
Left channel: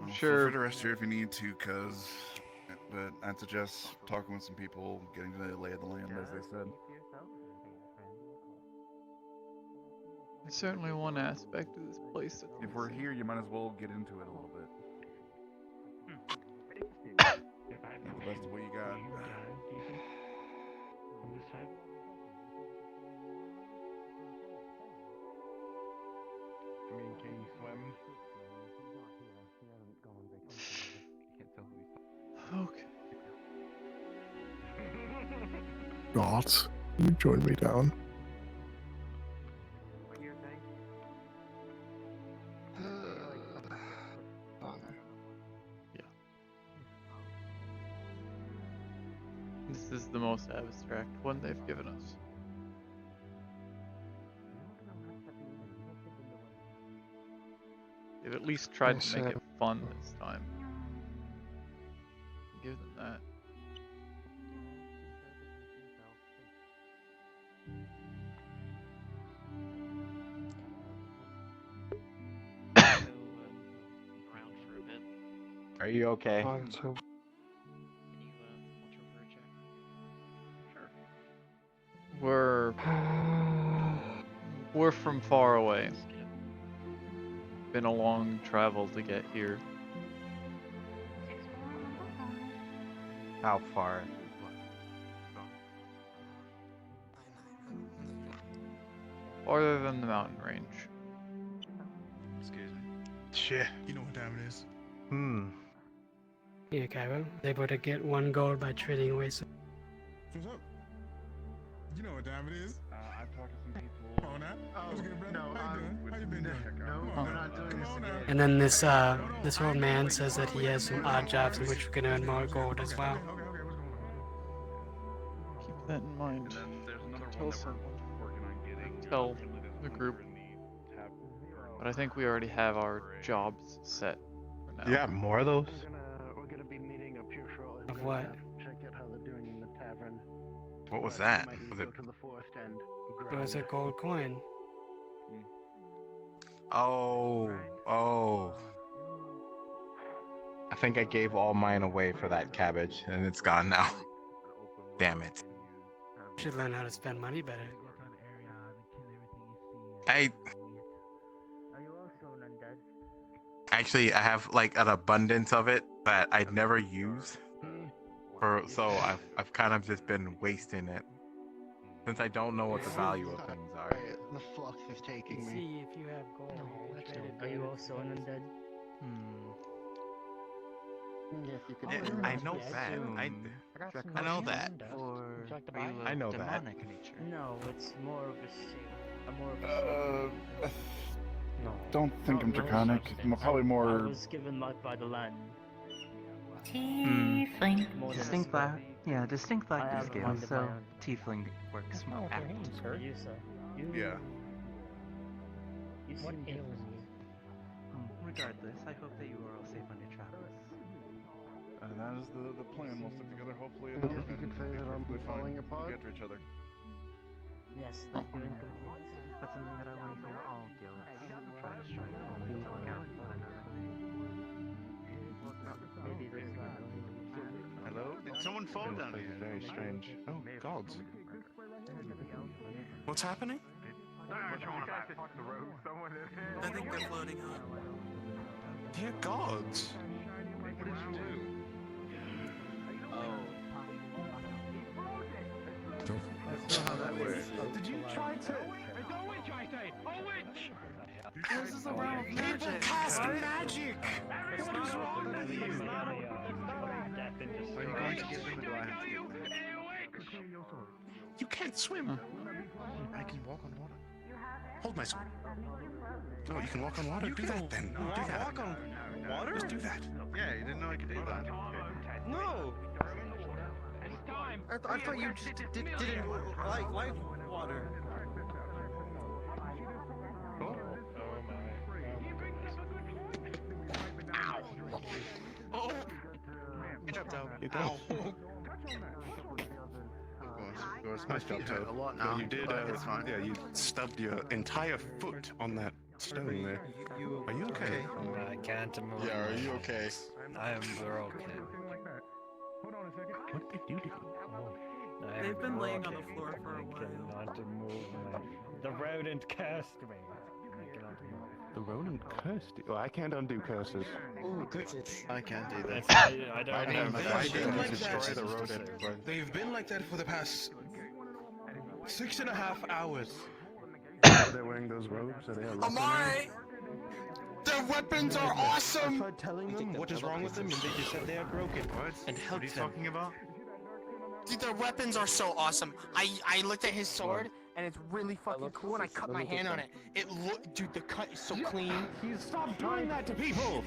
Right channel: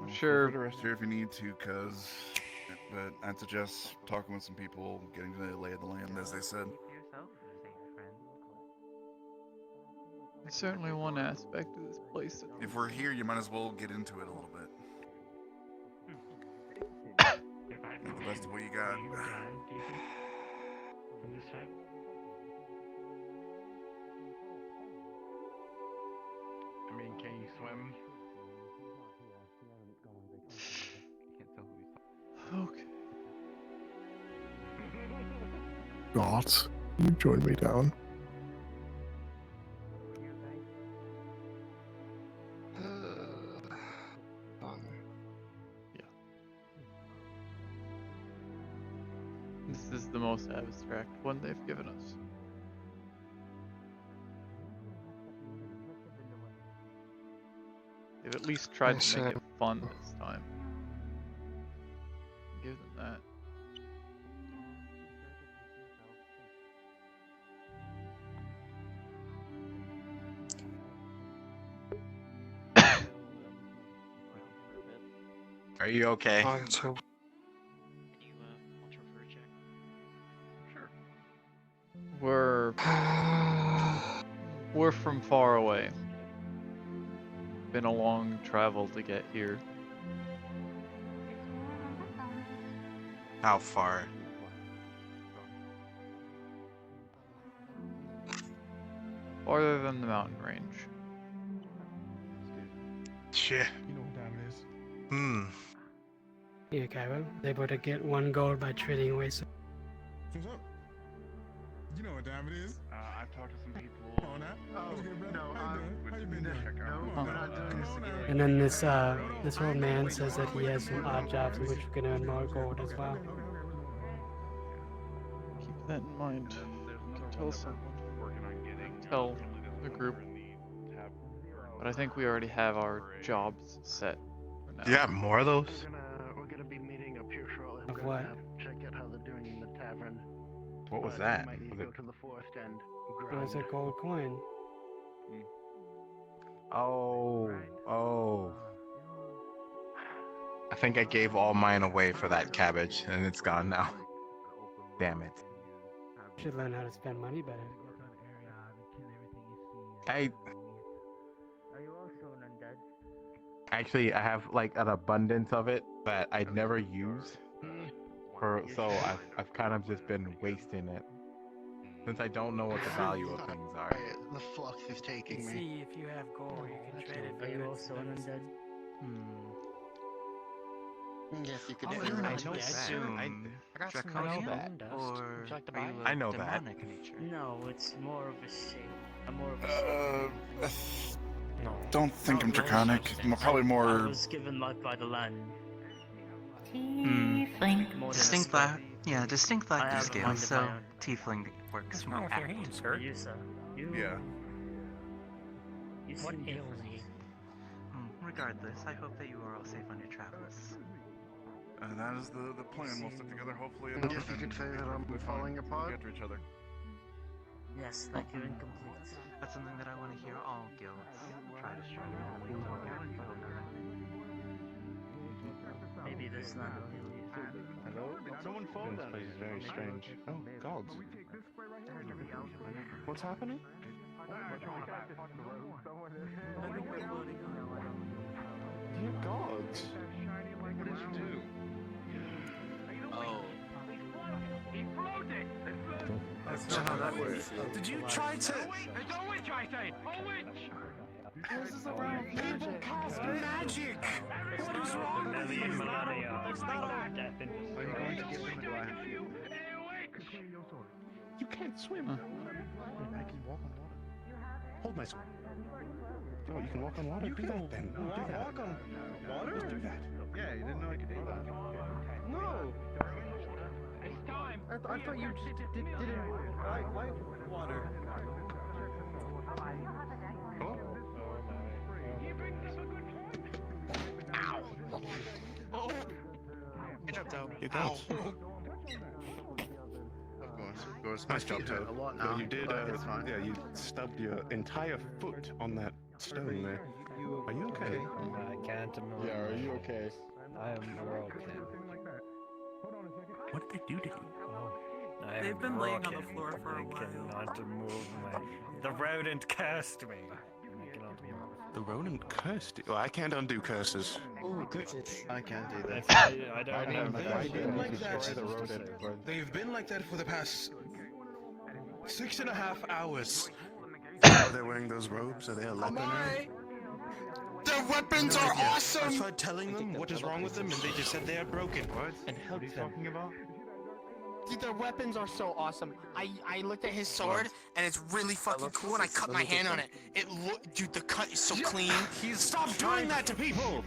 I'm sure. Feel free to rest here if you need to, but I'd suggest talking with some people, getting to the lay of the land, as they said. There's certainly one aspect of this place that... If we're here, you might as well get into it a little bit. Make the best of what you got. I mean, can you swim? Okay. Gods, you join me down. Fun. Yeah. This is the most abstract one they've given us. They've at least tried to make Also- it fun this time. Give them that. Are you okay? We're from far away. Been a long travel to get here. How far? Farther than the mountain range. Excuse me. Shit. You know what time it is? Here, Cairo. They able to get 1 gold by trading away some. What's up? You know what time it is? I've talked to some people. Come on now. Oh, no, How you been doing? no, we're not doing this again. And then this old man says that he has some odd jobs in which we can earn more gold as well. Keep that in mind. You can tell someone. Tell the group. But I think we already have our jobs set for now. You got more of those? We're gonna be meeting up here shortly. Of what? Check out how they're doing in the tavern. What was that? Might need Was to it go to the forest and It was a gold coin. Oh. I think I gave all mine away for that cabbage, and it's gone now. Damn it. Should learn how to spend money better. I Are you also an undead? actually I have like an abundance of it that I'd never use. So I've kind of just been wasting it. Since I don't know what the value of things are. The flux is taking me. See if you have gold. you can trade it Are for you it. also an undead? Yes, you could. I know that. I know that. I know that. demonic nature? No, it's more of a shape. More of a shape. No. Don't think I'm draconic. Probably I more. was given luck by the land. Tiefling. More than Distinct a lack. Yeah, distinct I lack have of skill. one of So my own. tiefling works What's wrong with your hand, For sir? you, sir. You, Yeah. You What seem ails different. you? Regardless, I hope that you are all safe on your travels. That is the plan. We'll stick together. Hopefully, I guess you could say that I'm falling apart. Get to each other. Yes, like you're incomplete. That's something that I want to hear all guilds try to work out with one another. Maybe there's not. Hello? Did someone fall This down? place is very strange. Oh, gods. What's happening? I think they're floating on. Dear gods. What did you do? That's not how that works. Did you try to? This is the realm of magic. Cast magic! What is wrong with you? Are you going to give them, or do I have to? You can't swim. I can walk on water. Hold my sword. Oh, you can walk on water? Do that then. Do that. Walk on water? Just do that. Yeah, you didn't know I could do that. No. I thought you just didn't like water. Oh. Oh. Good job, Toad. You go. Of course. Nice job, Toad. now, You did, but it's fine. yeah, you stubbed your entire foot on that stone there. Are you okay? I can't move. Yeah, are you okay? I am broke then. What did they do to you? I am They've been laying on the broken. floor for a I while. cannot move my... The rodent cursed me. I cannot move. The rodent cursed you. Oh, I can't undo curses. Ooh, curses. I can't do that. I don't know. They've been like that for the past 6.5 hours. They're wearing those robes? Are they a leper now? Their weapons are I awesome! tried telling them What is wrong with them, and they just said they are broken. What? And help them. talking about? Dude, their weapons are so awesome. I looked at his sword, and it's really fucking cool, and I cut my hand on it. Dude, the cut is so clean. Stop doing that to people!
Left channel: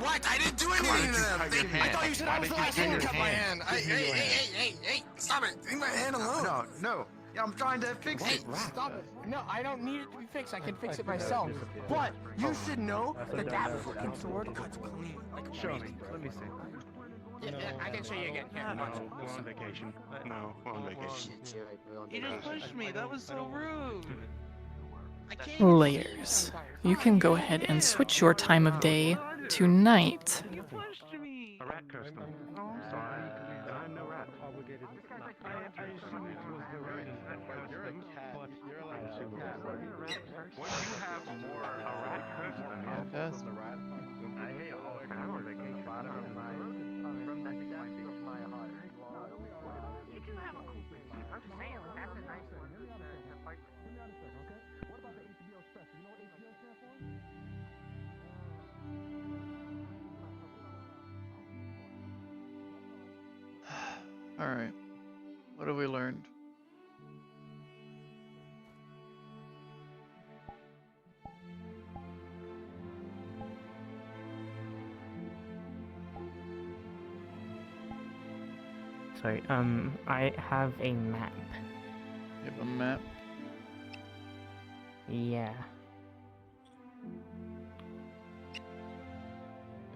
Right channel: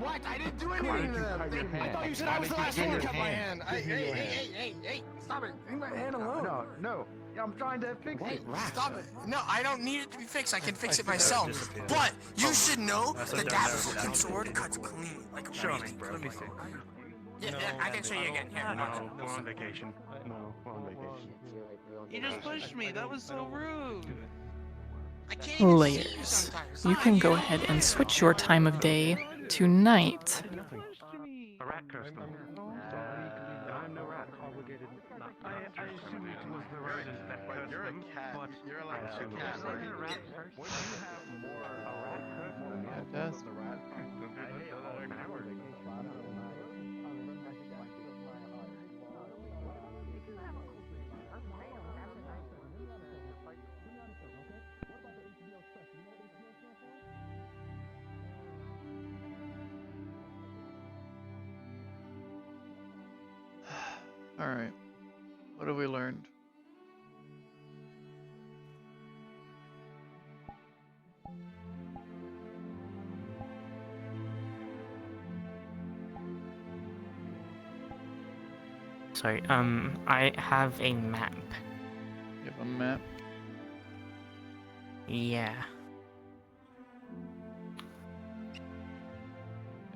What? I didn't do anything to them. I thought you said I was the last one to cut my hand. Hey, stop it. Leave my hand alone. No. I'm trying to fix it. Stop it. No, I don't need it to be fixed. I can fix it myself. But you should know that that fucking sword cuts clean. Like Show me. Let me see. Yeah, I can show you again. Here, watch. We're on vacation. No, we're on vacation. You just pushed me. That was so rude. Layers. You can go ahead and switch your time of day to night. A rat cursed them. I'm no rat. Obligated not. I assume it was the rodent that cursed them, but you're allowed to. What do you have for a rat cursed them? Fantastic. I hate all our vacation. Alright. What have we learned? Sorry, I have a map. You have a map? Yeah.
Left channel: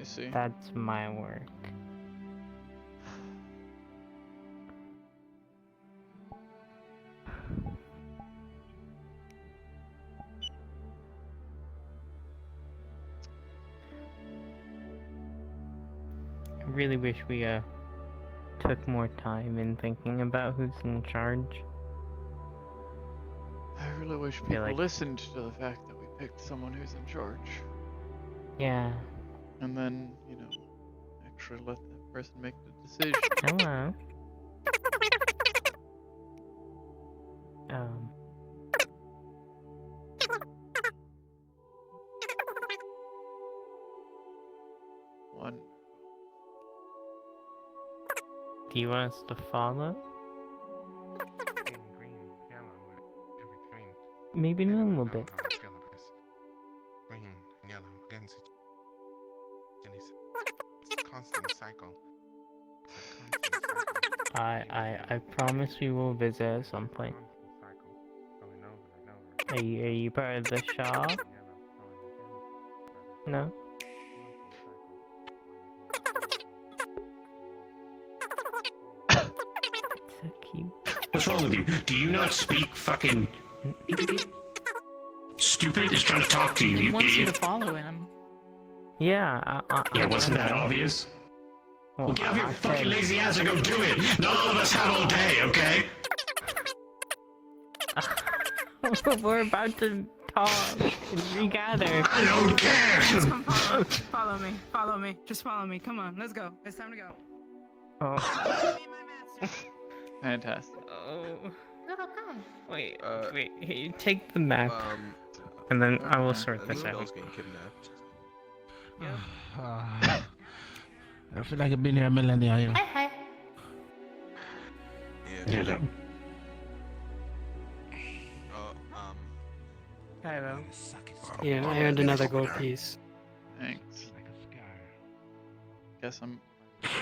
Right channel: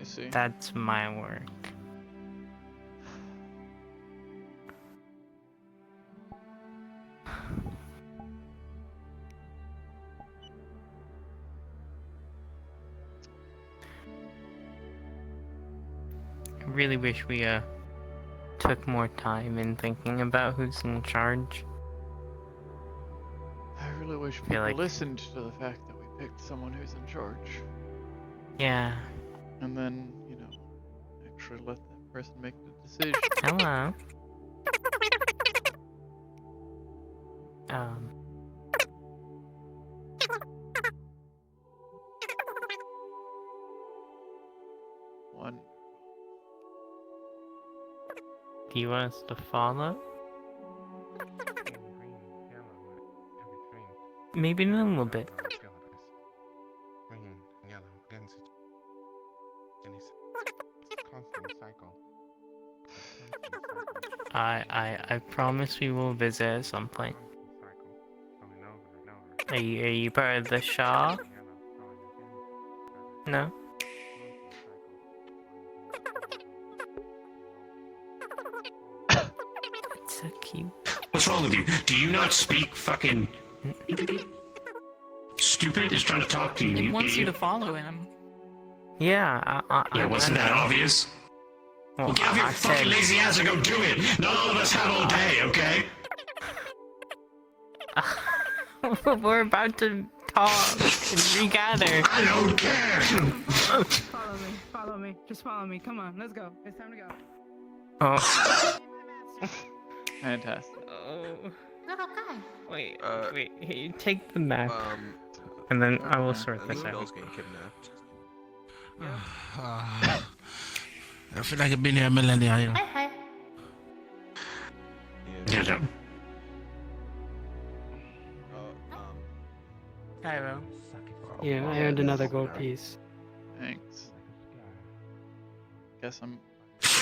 I see. That's my work. I really wish we took more time in thinking about who's in charge. I really wish feel people like- listened to the fact that we picked someone who's in charge. Yeah. And then, you know, actually let that person make the decision. Hello. One. Do you want us to follow? Maybe in a little bit. Green, yellow, against it. And it's constant cycle. I promise we will visit at some point. Are you part of the Shaw? No? It's so cute. What's wrong with you? Do you not speak fucking stupid? Is trying to talk to you. He you wants you idiot. to follow him. Yeah, Yeah, wasn't that obvious? Well, Well, get off your I fucking said- lazy ass and go do it. Not all of us have all day, okay? We're about to talk and regather. I don't care. Follow me. Just follow me. Come on, let's go. It's time to go. Oh. Fantastic. Oh. Little guy. Wait, wait. Here, you take the map, and then I will sort this out. I feel like I've been here a millennia, you know. Hi. Yeah. Cairo. Yeah, I earned another gold piece. Thanks. Guess I'm.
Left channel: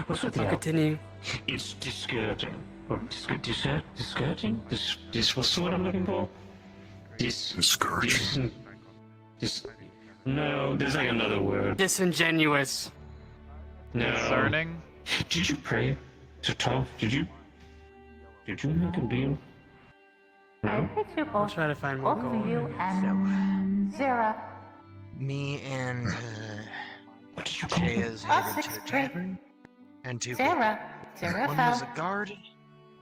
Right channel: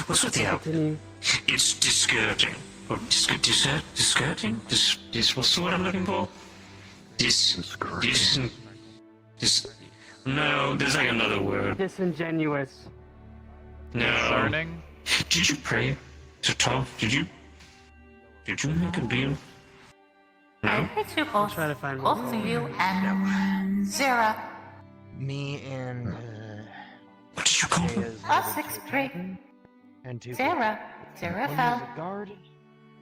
What's with you? Continue. It's discouraging. Or discouraging? What's the word I'm looking for? Discouraging. No, there's like another word. Disingenuous. No. Concerning? Did you pray to Tom? Did you make a deal? I heard you I'll both. try to find more Both gold. of you and Zara. Me and What did you call Jay is Oh, headed 6th to grade. tavern, and two Zara. Zara one was fell. a guard.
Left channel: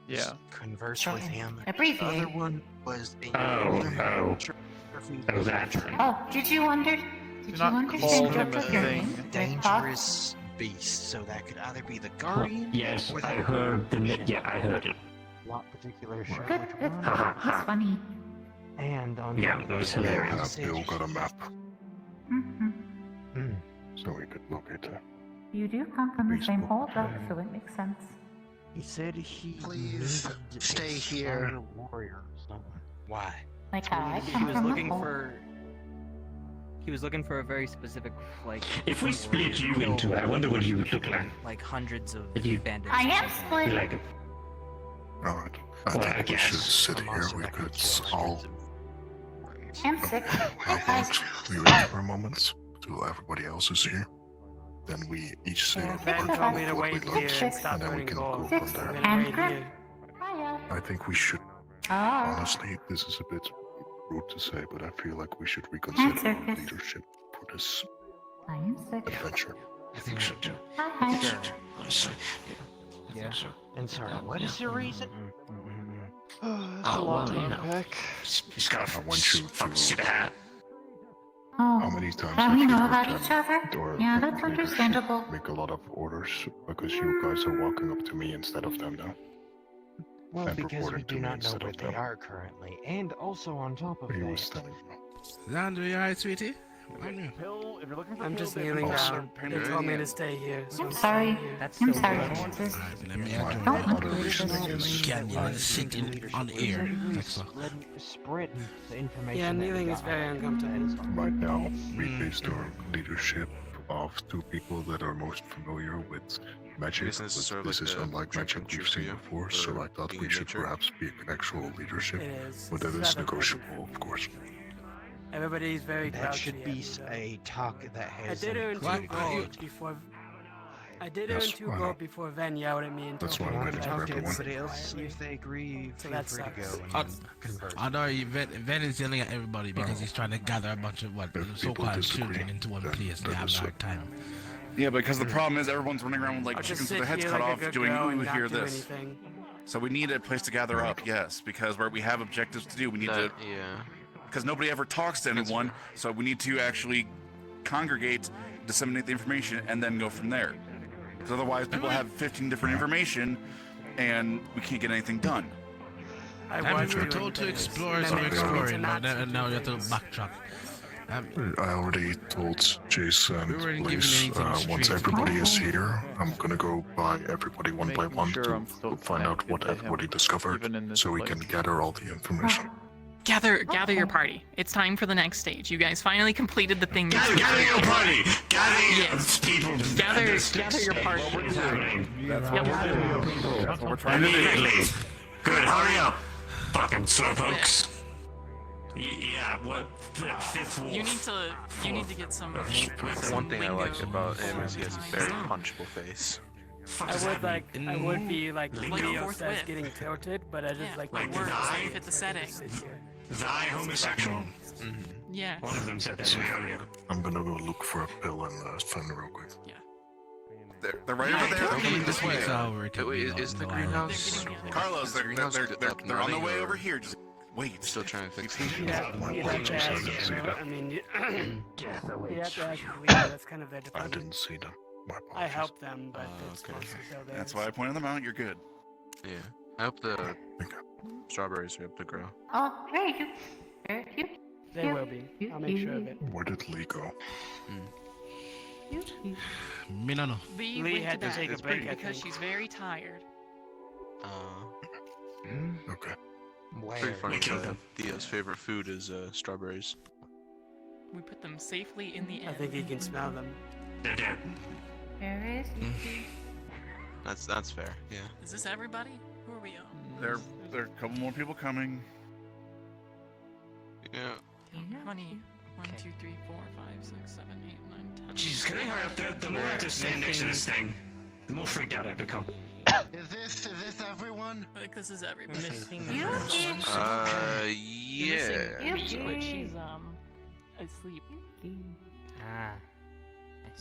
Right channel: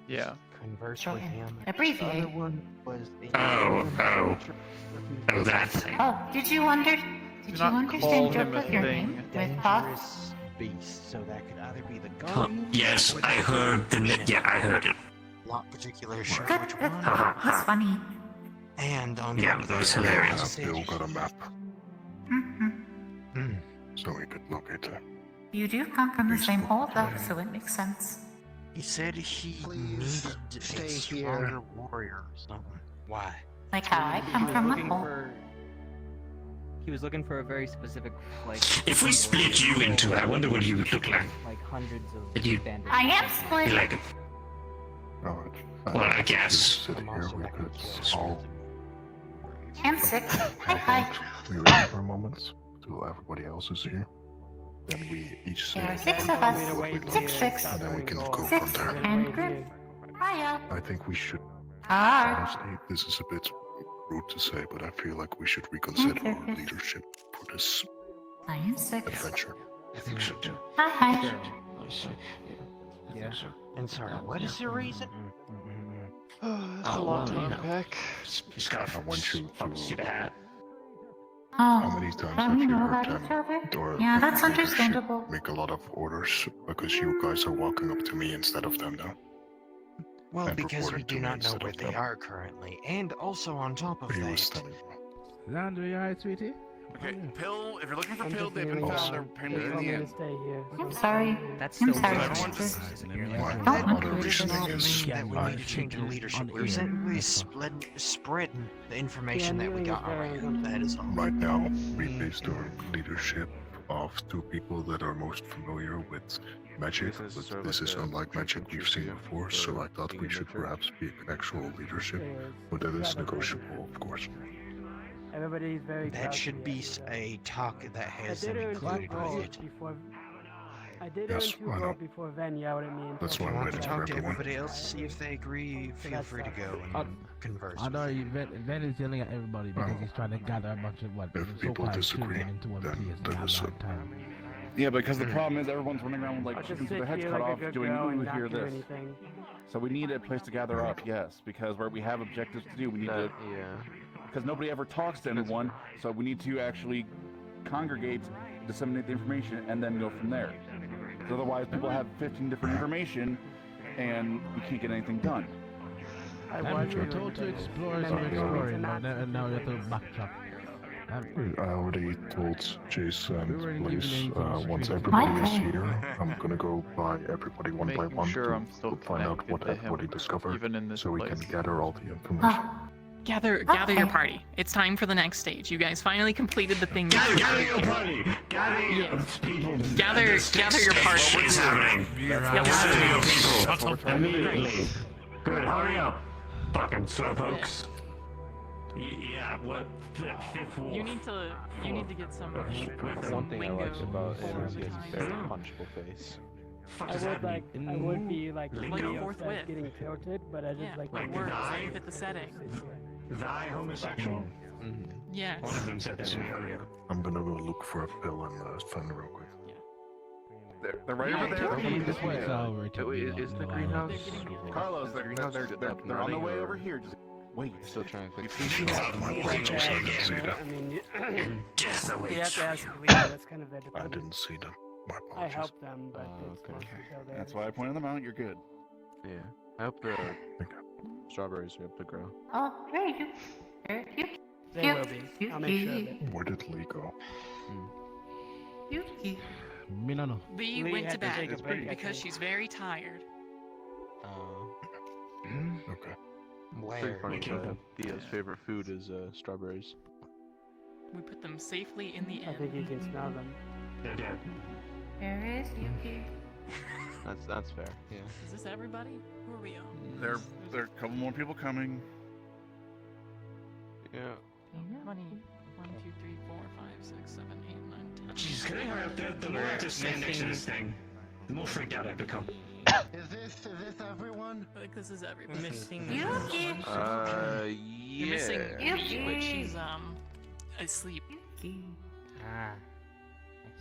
Yeah. Converse So, with him. abbreviate. The other one was a Oh, that. Oh, did you Do you not understand call him a Jojo, your thing. name? With Bob? dangerous beast, so that could either be the guardian. Yes, or I the- heard the. Yeah, I heard it. Not particularly sure Good, which good. one. That's funny. And on Yeah, top of that was that, hilarious. Bill got a map, Mm-hmm. so we could locate her. You do come from the same holdup, so it makes sense. he said he Please needed stay a here. stronger warrior. So why? Like how I He come was from the looking hole. He was looking for a very specific, like. If we split you into it, I wonder what you would look like. Like hundreds of Did you- bandits. I am split. You like it? Alright. Well, I guess. Sit here, we could all I'm sick. Hi, guys. we wait for a moment till everybody else is here. Then we each say There are six what of us. we Six like, chicks. and then we can go Six from there. and Grim. Hiya. I think we should. Ah. Honestly, this is a bit rude to say, but I feel like we should reconsider our leadership for this I am sick. adventure. I think so too. Hi. Yeah. And sorry, what is the reason? That's a lot to unpack. I want you to. Oh. How many times Oh, have we you know heard about each other? or Yeah, that's leadership understandable. make a lot of orders because you guys are walking up to me instead of them now? Well, And because we reporting to do me not know instead where of they them. are currently, and also on top of He was that. telling me. Landry, you alright, sweetie? Pill, if you're looking for I'm Pill, just they kneeling haven't found down. their They payment told me yet. to stay here. So I'm sorry. That's I'm so sorry, weird. sister. My Don't other worry, reason sister. is Can't That even we sit think in leadership on is air. we spread the information Yeah, that we kneeling is got. very already. uncomfortable. That is all. right now we based our leadership off two people that are most familiar with magic, but this is unlike magic we've seen before, so I thought we should perhaps pick an actual leadership, It is. but that is Seven. negotiable, of course. Everybody's very That grouchy. should be a talk that I has did them earn two communicated. gold before. I did Yes, earn two I know. gold before Van yelled at me. And That's told why me I'm not waiting to for Talk to everyone. everybody else, see if they agree. So Feel that free to sucks. go and convert. I know Ven is yelling at everybody because he's trying to gather a bunch of what If people so-called disagree, children into one then place and that have is a it. hard time. Yeah, because the problem is everyone's running around with like I'll chickens just with their sit heads here cut like a off good doing, girl and ooh, not hear do this. anything. So we need a place to gather up, yes, because we have objectives to do. We need to, because nobody ever talks to anyone, so we need to actually congregate, disseminate the information, and then go from there. Because otherwise, people have 15 different information, and we can't get anything done. If you're told to explore, so we're exploring, and now you have to backtrack. I already told Jason We weren't Blaze, giving anything once straight. everybody is here, I'm gonna go by everybody one by Making one sure to I'm still find out what connected to him, everybody discovered, even in this so we can place. gather all the information. Gather your party. It's time for the next stage. You guys finally completed the thing. Gather your party! Gather people! Gather your party. What is happening? Gather your people! Immediately! Good, hurry up! Fucking slowpokes! Yeah, what? Fifth wolf. You need to get some. One thing I like about him is he has a very punchable face. I would be like Leo fourth says whip. getting tilted, but I just like It works. You fit the setting. Thy homosexual? Yeah. One of them said that earlier. I'm gonna go look for a pill and Finn real quick. They're right over there. They're coming this way. Wait, is the greenhouse? Carlos, they're on the way over here. Just wait. Still trying to fix My apologies, I didn't see I that. mean, you Death have awaits. to ask the leader. That's kind of their I department. didn't see them. My I apologies. help them, but it's okay. mostly so theirs. That's why I pointed them out. You're good. Yeah. I hope the strawberries are up to grow. Oh, very cute. Very cute. They will be. I'll make sure of it. Where did Lee go? Me no know. Lee Lee went had to to take a bed break, I because think. she's very tired. Okay. Pretty funny. We killed them. Theo's favorite food is strawberries. We put them safely in the I inn. think you can smell them. They're dead. There is you. That's fair. Yeah. Is this everybody? Who are we on? There are a couple more people coming. Yeah. How many? 1, 2, 3, 4, 5, 6, 7, 8, 9, 10. Jesus, the more I have to stand next to this thing, the more freaked out I become. Is this everyone? I think this is We're everybody. missing. You're Yeah. missing Lee, but Yuki. she's asleep. Ah.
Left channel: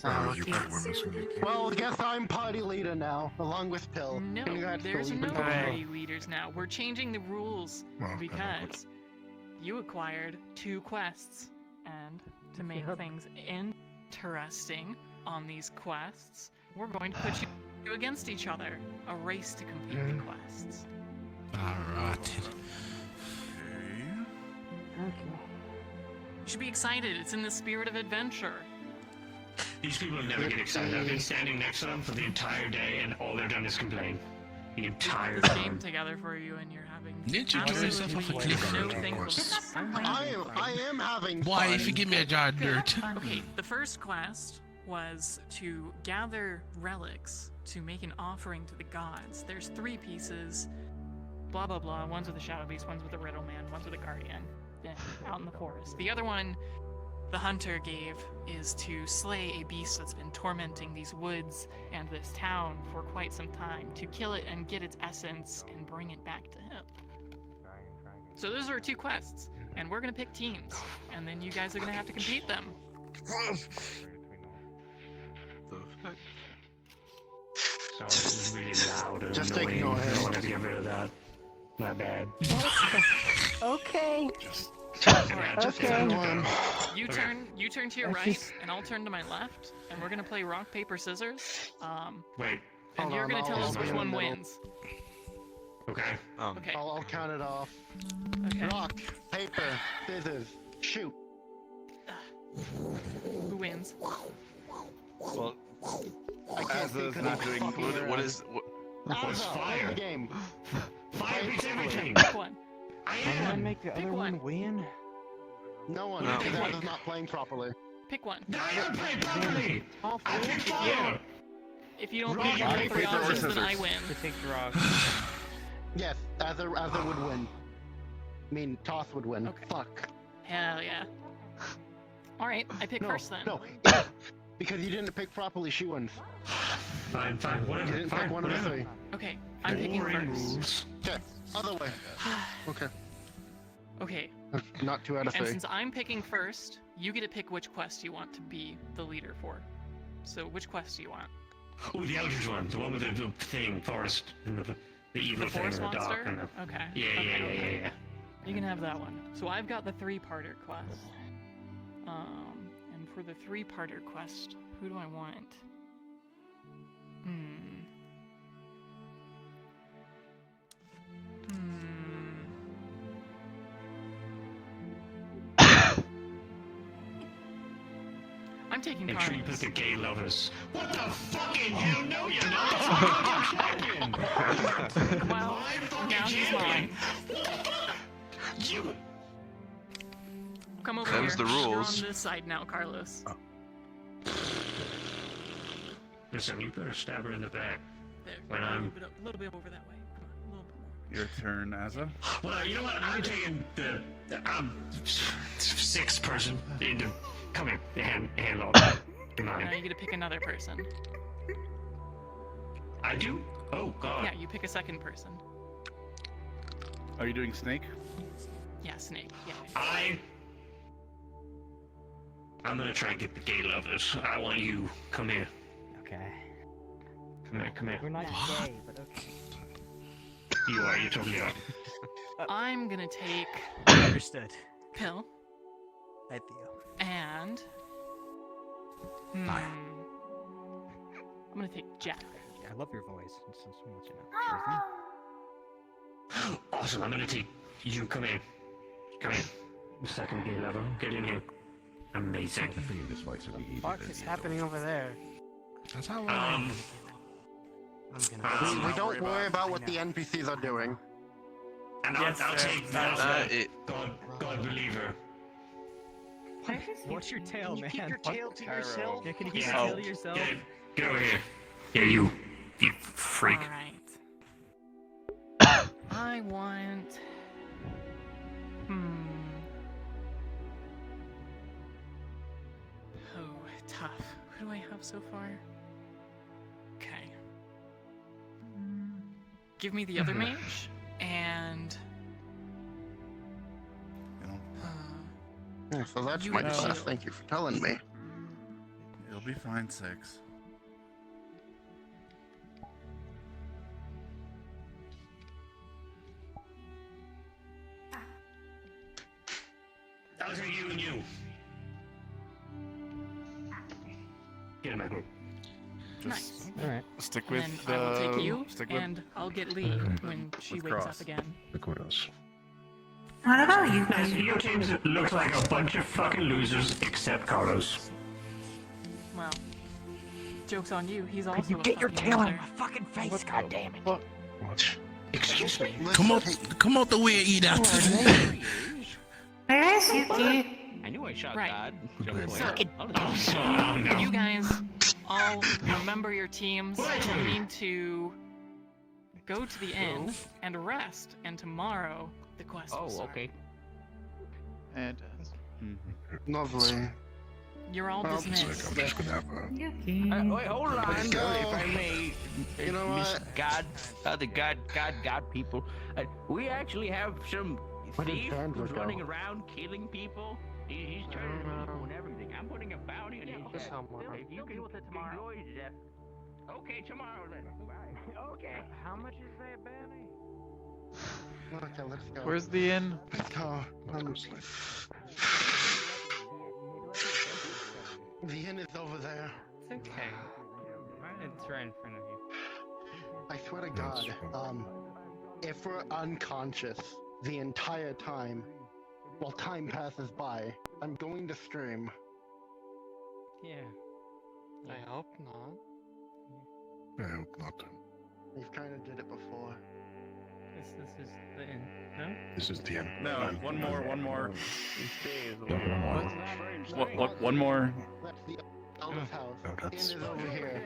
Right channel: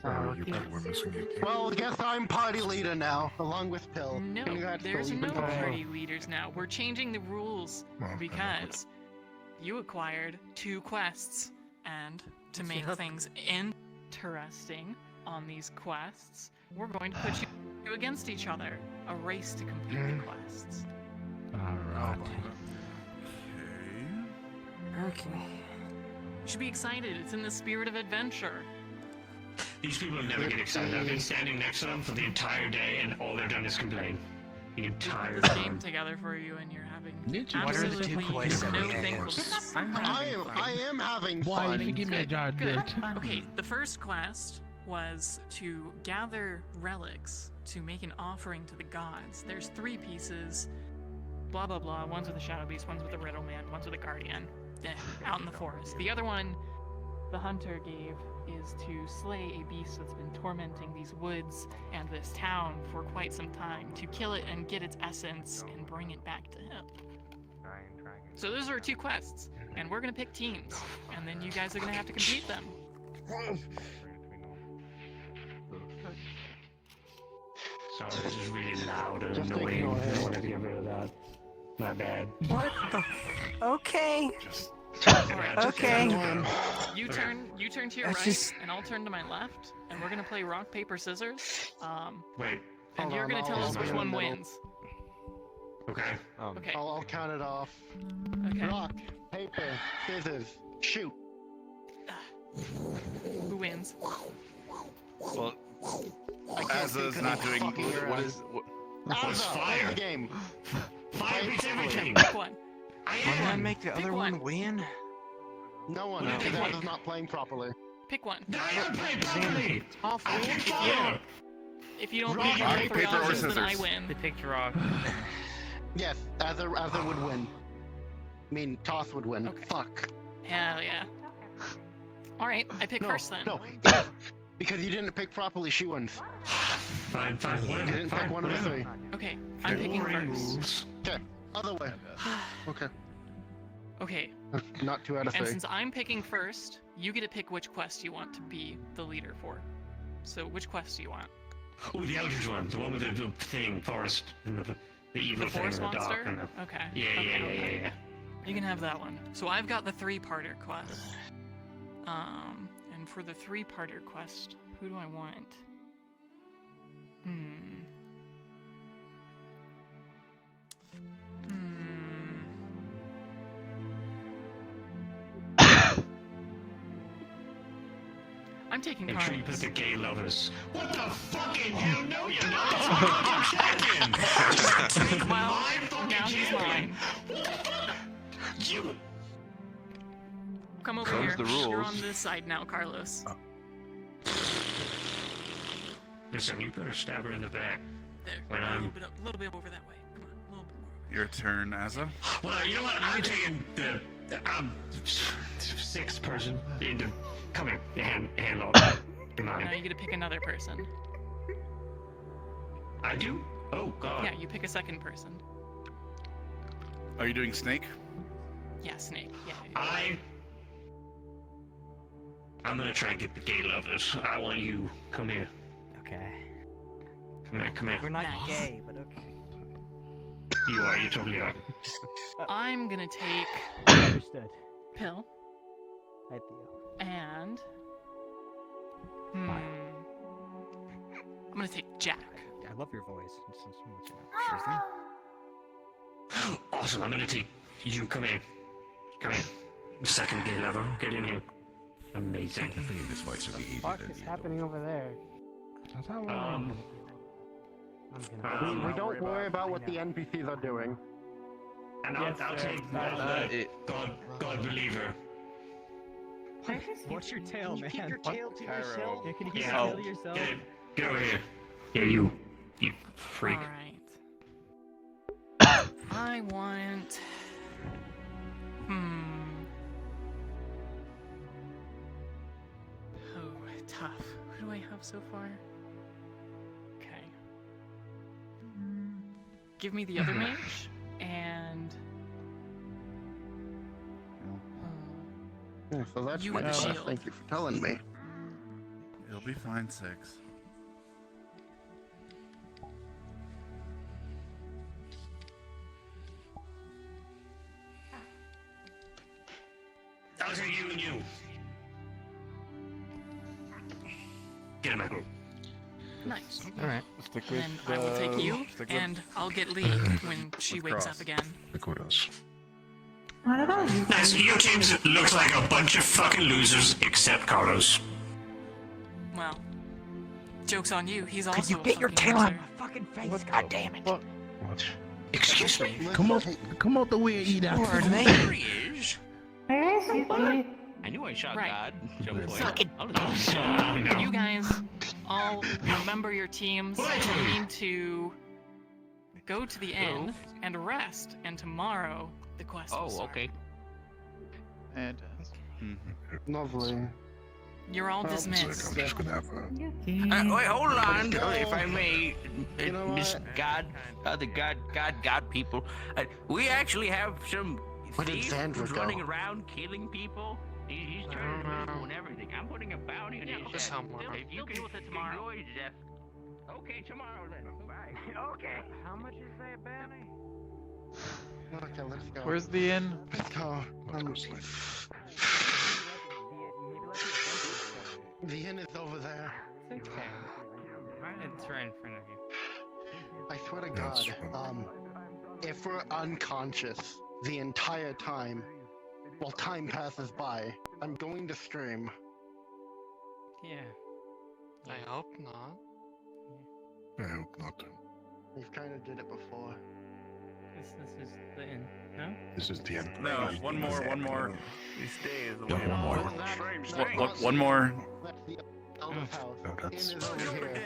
Oh, you guys were missing you. Well, guess I'm party leader now, along with Pill. No, Congrats, there's Pill, you've no been party. party leaders now. We're changing the rules Well, because you acquired 2 quests, and to make things interesting on these quests, we're going to put you against each other. A race to complete the quests. Alright. Okay. You should be excited. It's in the spirit of adventure. These people never get excited. I've been standing next to them for the entire day, and all they've done is complain. The entire We're game time. together for you, and you're having Didn't you absolutely give me no a thankfulness. I am having fun. Why, if you give me a jar of dirt? Okay, the first quest was to gather relics to make an offering to the gods. There's 3 pieces. blah blah blah. One's with a shadow beast, one's with a riddle man, one's with a guardian. Out in the forest. The other one, the hunter gave, is to slay a beast that's been tormenting these woods and this town for quite some time, to kill it and get its essence and bring it back to him. So those are 2 quests, and we're gonna pick teams, and then you guys are gonna have to compete them. Oh, this is really loud and annoying. I want to get rid of that. My bad. Okay. Alright, Okay. You turn to your right, and I'll turn to my left, and we're gonna play rock, paper, scissors. Wait. And you're gonna tell us which one wins. Okay. Okay. I'll count it off. Okay. Rock, paper, scissors, shoot. Who wins? Well, Azza's not doing. What is? What's fire? Game. Fire beats everything. Pick one. Can I make the other one win? No one. No. Because Azza's not playing properly. Pick one. I don't play properly. I pick fire. If you don't pick one of the 3 options, then I win. To take rock. Yes, Azza would win. I mean, Toss would win. Okay. Fuck. Hell yeah. Alright, I pick first then. No, because you didn't pick properly, she wins. Fine, You whatever. didn't pick one of the 3. Okay, I'm picking Boring first. rules. Okay, other way. Okay. Okay, Not 2 out of and 3. since I'm picking first, you get to pick which quest you want to be the leader for. So which quest do you want? Oh, the Eldritch one. The one with the thing, forest, and the evil The thing in forest the dark. monster? And the... Okay. Yeah. You can have that one. So I've got the 3-parter quest. And for the 3-parter quest, who do I want? I'm taking Make sure you Carlos. put the gay lovers. What the fucking hell? No, you're not. Fucking Now he's mine. You. Come over Comes here. the You're rules. on this side now, Carlos. Listen, you better stab her in the back. There. When a I'm. little bit over that way. Come on, a little bit more. Your turn, Azza. Well, you know what? I'm taking the 6th person. Come here, the handle. Come Now on. you get to pick another person. I do? Oh, God. Yeah, you pick a 2nd person. Are you doing Snake? Yeah, Snake. Yeah. I'm gonna try and get the gay lovers. I want you. Come here. Okay. Come here. We're not gay, but okay. You are. You totally are. I'm gonna take Understood. Pill Hi, Theo. and I'm gonna take Jack. I love your voice. It's so much enough. Awesome. I'm gonna take you. Come here. Come here. 2nd gay lover. Get in here. Amazing. What is happening over there? That's how We don't worry about what the NPCs are doing. And I'll take that. God believer. What's your tail, man? Keep your tail to yourself. Yeah, can you keep Yeah. your tail to yourself? Get over here. Yeah, you freak. Alright. I want... Oh, tough. Who do I have so far? Okay. Give me the other mage, and... Yeah, so that's You my get class. shield. Thank you for telling me. It'll be fine, 6. Those are you and you. Get in my group. Nice. Alright. Stick And with. then I will take you, stick with- and I'll get Lee when she With wakes Cross. up again. What about you? Nice. Your team looks like a bunch of fucking losers, except Carlos. Well, joke's on you. He's also Could you a get your fucking tail on loser. my fucking face? God damn it. What? Excuse me? Come out the way you eat after Where is Yuki? I knew I shot Right. God. So, you guys all remember your teams. You need to go to the inn and rest, and tomorrow the quest will start. Fantastic. Lovely. You're all dismissed. I'm just gonna have Wait, hold on. If I may, You know Miss what? God, other God people. We actually have some Where did thief Sandra who's go? running around killing people. He's turning people and everything. I'm putting a bounty on his head. If you can deal with it tomorrow. Okay, tomorrow then. Bye. Okay. How much is that bounty? Okay, let's go. Where's the inn? The inn is over there. It's okay. It's right in front of you. I swear to God, if we're unconscious the entire time, while time passes by, I'm going to scream. Yeah. I hope not. I hope not. We've kind of did it before. This is the end. No? This is the end. No, one more. Yeah, one more. One more. That's the elder's house. No, Inn that's- is over here.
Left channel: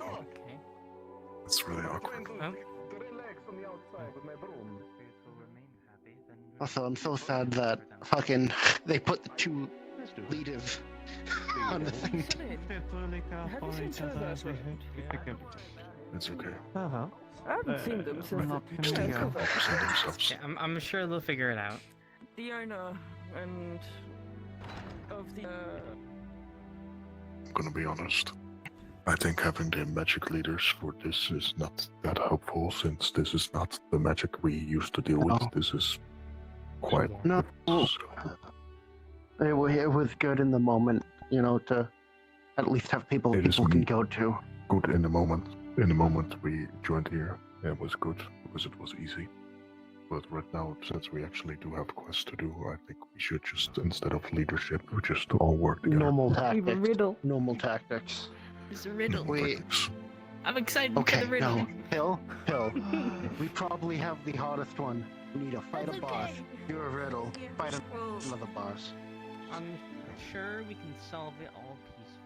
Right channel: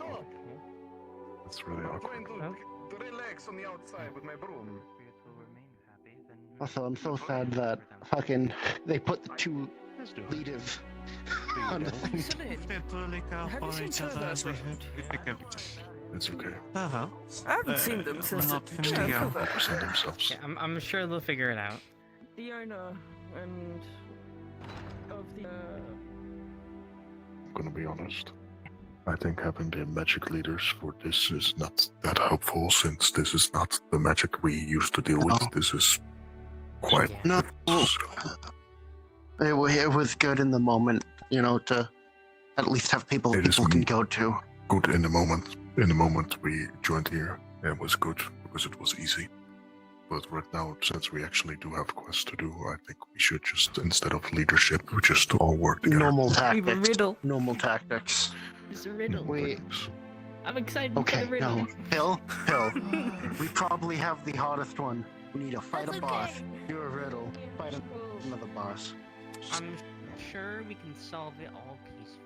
Oh. That's really awkward. Also, I'm so sad that fucking they put the two leaders on the thing. It's okay. I haven't seen them since Yeah, I'm sure they'll figure it out. the owner and of the. I'm gonna be honest. I think having the magic leaders for this is not that helpful, since this is not the magic we used to deal with. This is quite. No, it was good in the moment, you know, to at least have people people can go to. Good in the moment. In the moment we joined here, it was good because it was easy. But right now, since we actually do have quests to do, I think we should just, instead of leadership, we just all work together. Normal We have a tactics. riddle. Normal tactics. It's a riddle. Wait. I'm excited Okay, for the riddle. no. Hill. We probably have the hardest one. We need to fight a boss. You're a riddle. Fight another boss. I'm sure we can solve it all peacefully.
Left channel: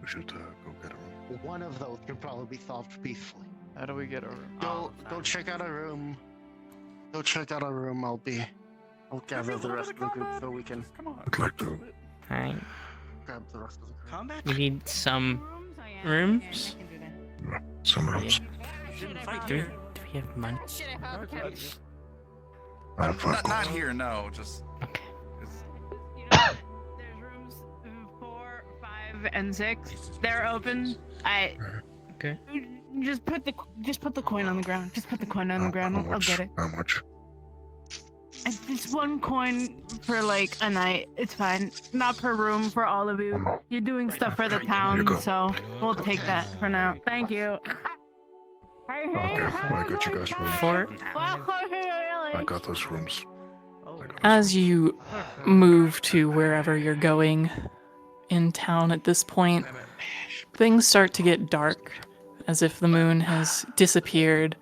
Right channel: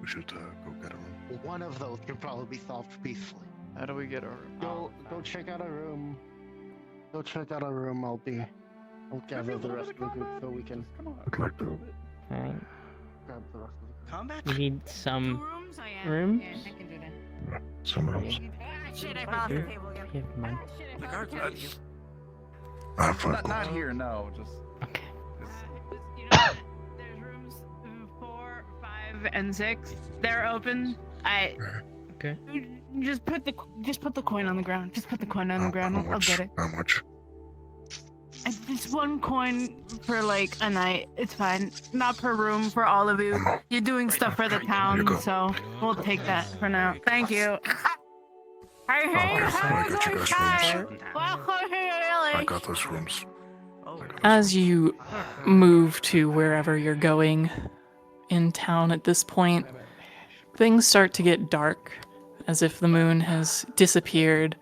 We should go get a room. One of those can probably be solved peacefully. How do we get a room? Go check out a room. Go check out a room. I'll gather the rest of the group so we can I'd like to. Alright. grab the rest of the group. Combat? We need some rooms. Some rooms. Do we have money? I have 5 Not gold. here, no. Just. There's rooms 4, 5, and 6. They're open. Okay. Just put the coin on the ground. Just put the coin on the ground. I'll get it. How much? It's 1 coin for like a night. It's fine. Not per room for all of you. You're doing stuff for the town, so we'll take that for now. Thank you. Okay, I got you guys rooms. I got those rooms. As you move to wherever you're going in town at this point, things start to get dark, as if the moon has disappeared,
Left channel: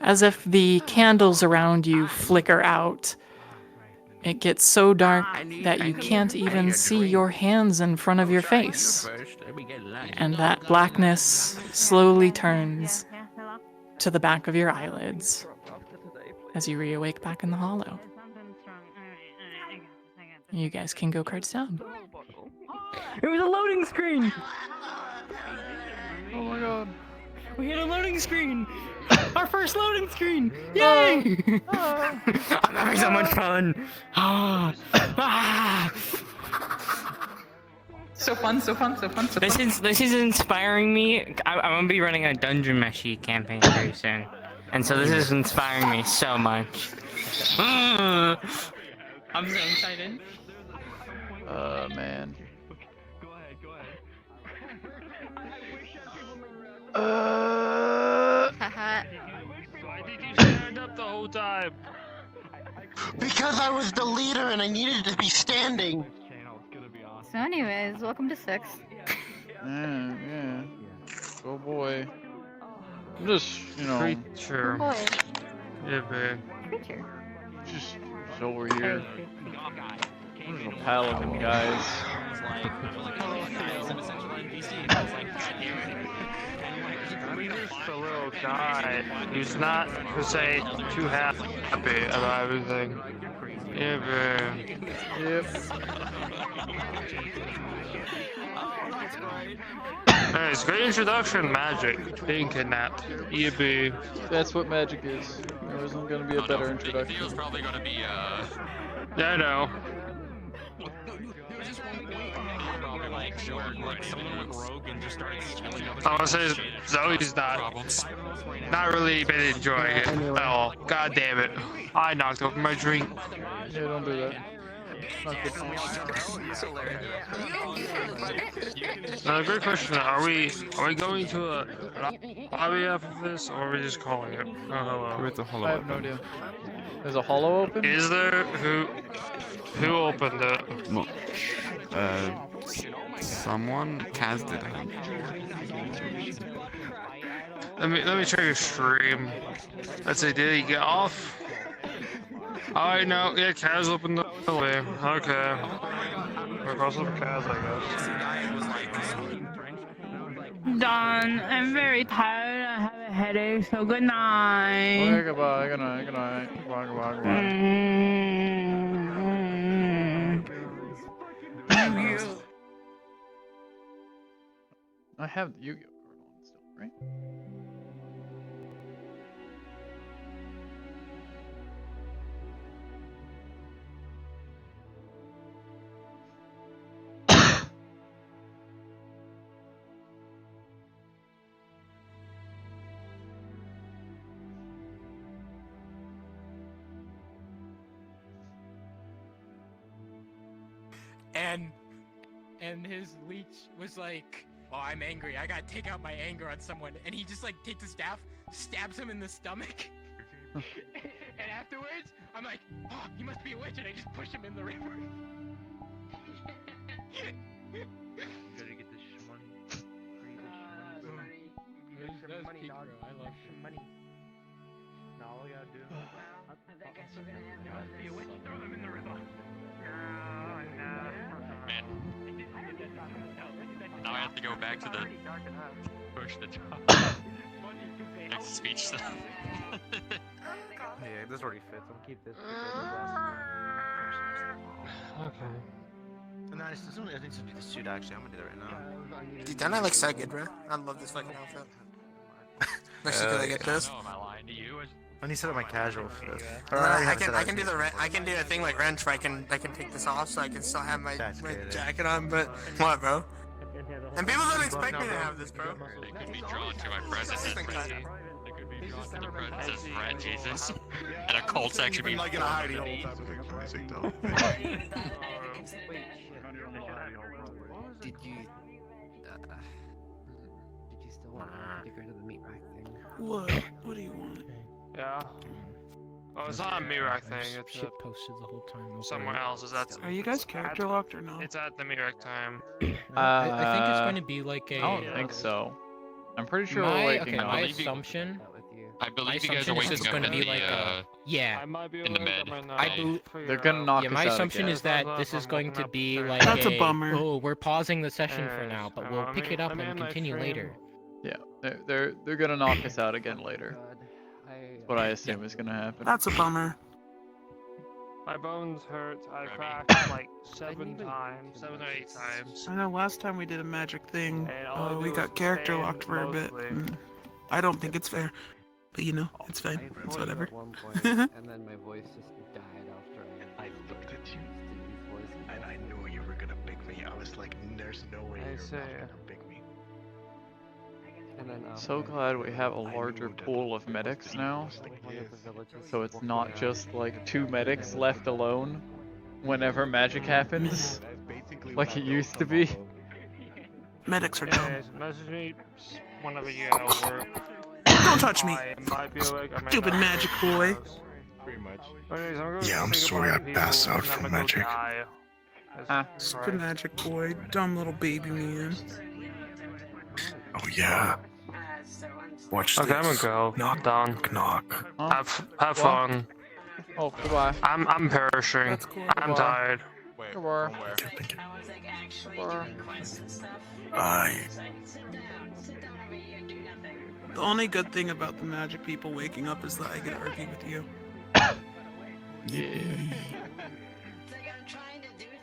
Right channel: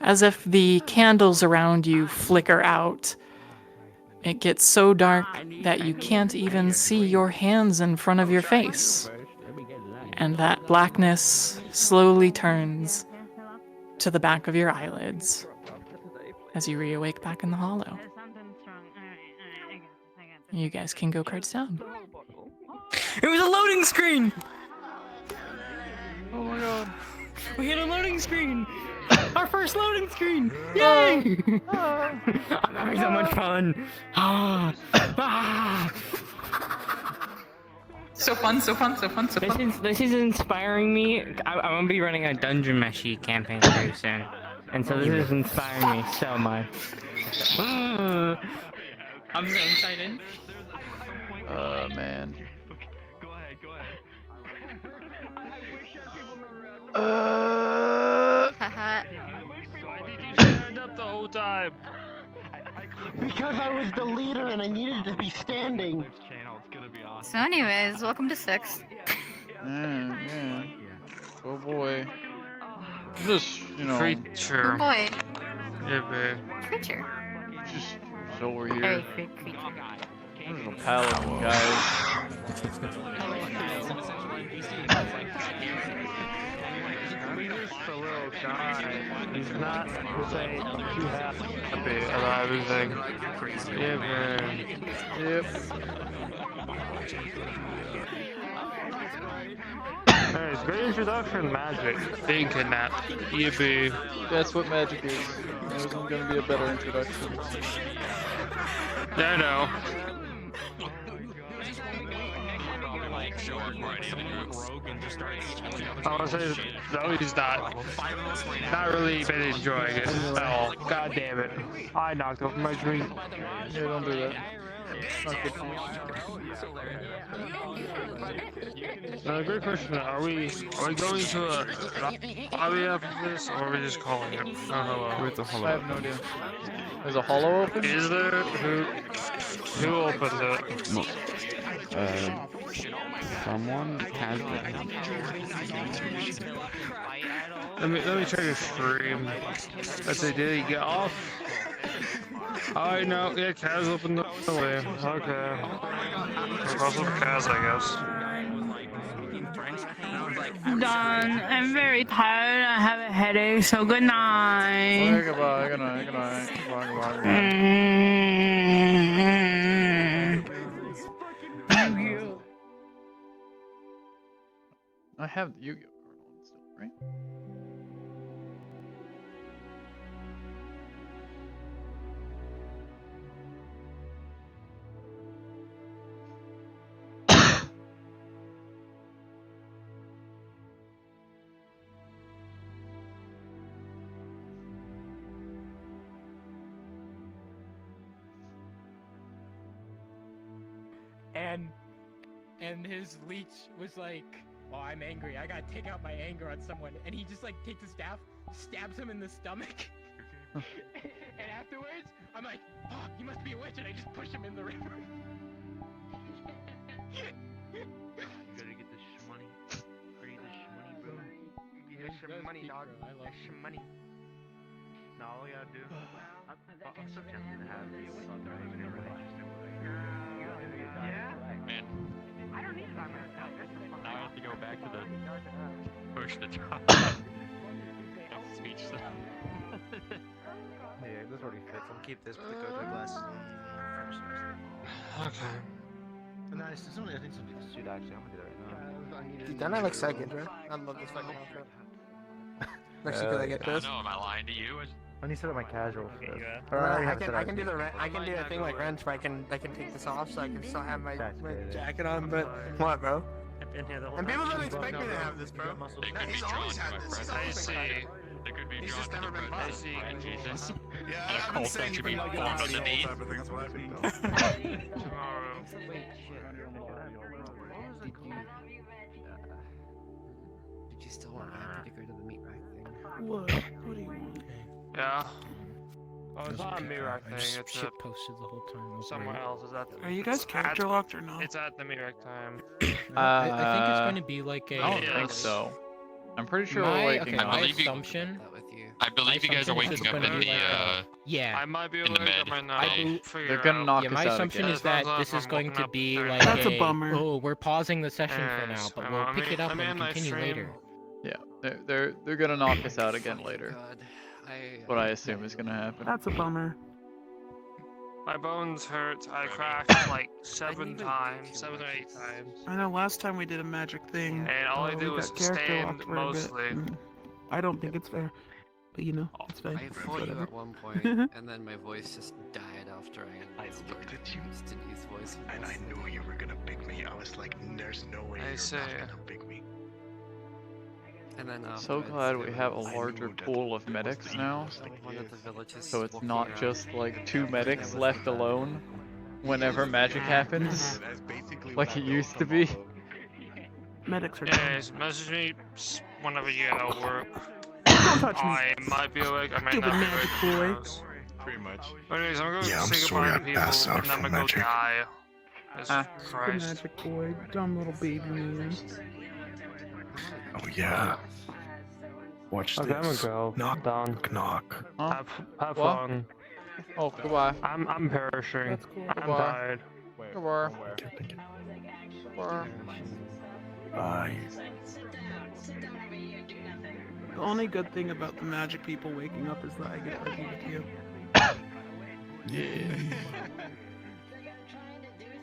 as if the candles around you flicker out. It gets so dark that you can't even see your hands in front of your face. And that blackness slowly turns to the back of your eyelids as you reawake back in the hollow. You guys can go cards down. It was a loading screen! Oh my god. We hit a loading screen. Our first loading screen. Yay! I'm having so much fun. So fun. This is inspiring me. I'm gonna be running a Dungeon Meshi campaign very soon, and so this is inspiring me so much. I'm so excited. Man. Why did you stand up the whole time? Because I was the leader and I needed to be standing. So anyways, welcome to 6. Yeah. Oh boy. Just, Oh boy. Yeah, babe. Creature. just over here. There's no paladin, guys. I'm just a little guy who's not, who say, too happy about everything. Yeah, man. Yep. Anyways, great introduction, magic. Being kidnapped. Yeah, boo. That's what magic is. There isn't gonna be a better introduction. Yeah, I know. I want to say Zoe's not really been enjoying it at all. God damn it. I knocked over my drink. Yeah, don't do that. Not good for you. Great question. Are we going to a lobby after this, or are we just calling it? Oh, hello. It's a hollow. I have no idea. There's a hollow open? Is there? Who opened it? Well, someone cast it. Let me check your stream. Let's see, did he get off? Alright, no, yeah, Kaz opened the way. Okay. We're close with Kaz, I guess. Done. I'm very tired. I have a headache, so good night. Okay, goodbye, good night, good night. Goodbye, goodbye, goodbye. I have the Yu-Gi-Oh card on still, right? And his leech was like, "Oh, I'm angry. I gotta take out my anger on someone." And he just like takes his staff, stabs him in the stomach. And afterwards, I'm like, "Oh, he must be a witch," and I just push him in the river. You gotta get this shmoney. Free this shmoney, bro. This shmoney, dog. I love shmoney. Now all I gotta do. I guess you're gonna have to be a witch and throw him in the river. Man. Now I have to go back to the first next speech. Yeah, this already fits. I'll keep this particular glass. Okay. And I think it's gonna be the suit actually. I'm gonna do that right now. Dude, doesn't that look so good, bro? I love this fucking outfit. Actually, could I get this? Am I lying to you? I need to set up my casual first. I can do the thing like Wrench where I can take this off so I can still have my jacket on, but what, bro? And people don't expect me to have this, bro. They could be drawn to my presence. They could be drawn to your presence, right, Jesus? And a cold section be formed underneath. Did you still want to get rid of the meat rack thing? What? What do you want? Yeah. Oh, it's not a Mirak thing, it's shit posted the whole time. somewhere else. Is that? Are you guys character locked or no? It's at the Mirak time. I think it's going to be like a. I don't think so. I'm pretty sure we're waking up. My assumption. I believe you guys are waking up in the yeah. I might be in the med. They're gonna knock us out my assumption again. is that this is going to be like That's a bummer. Oh, we're pausing the session for now, but we'll pick it up and continue later. Yeah, they're gonna knock us out again later. What I assume is gonna happen. That's a bummer. My bones hurt. I cracked like 7 times, 7 or 8 times. I know last time we did a magic thing, And all I did we was got character stand locked for a bit. mostly. I don't think it's fair, but you know, it's fine. I It's fought you whatever. at one point, and then my voice just died after I looked at you, Denise voice. and I knew you were gonna pick me. I was like, there's no way you're not gonna pick me. And then, So glad we have a larger pool of medics now, so it's not just like 2 medics left alone whenever magic happens, like it used to be. Medics are Anyways, message me whenever you get out of work. Don't touch me. I might be awake. I might Stupid not. magic boy. Pretty much. Anyways, I'm gonna Yeah, I'm say sorry I goodbye to passed people, out and from I'm gonna go magic. die. Stupid magic boy, dumb little baby man. Oh yeah. Watch Okay, this. I'm gonna go. Knock, Done. knock. Have What? fun. Oh, goodbye. I'm perishing. That's cool. I'm Goodbye. tired. Goodbye. Thank you. Goodbye. Bye. The only good thing about the magic people waking up is that I get to argue with you. Yeah.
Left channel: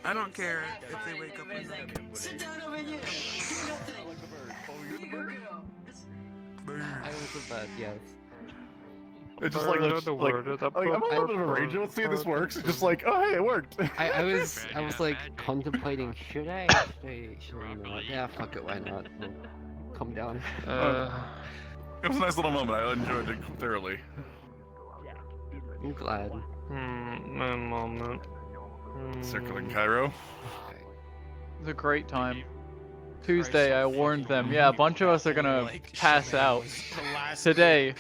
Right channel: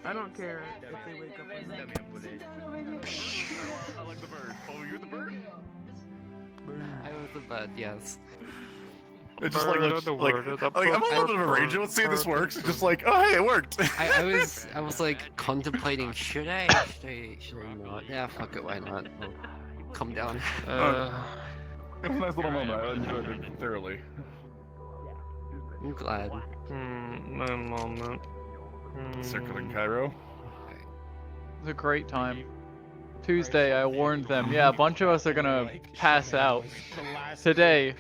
I don't care if they wake up or not. I was the bird, yes. It's just like I'm a little bit of a ranger. Let's see if this works. It's just like, oh hey, it worked. I was like contemplating, should I not? Yeah, fuck it, why not? We'll come down. It was a nice little moment. I enjoyed it thoroughly. I'm glad. My moment. Circling Cairo. It was a great time. Tuesday, I warned them. Yeah, a bunch of us are gonna pass out. Today,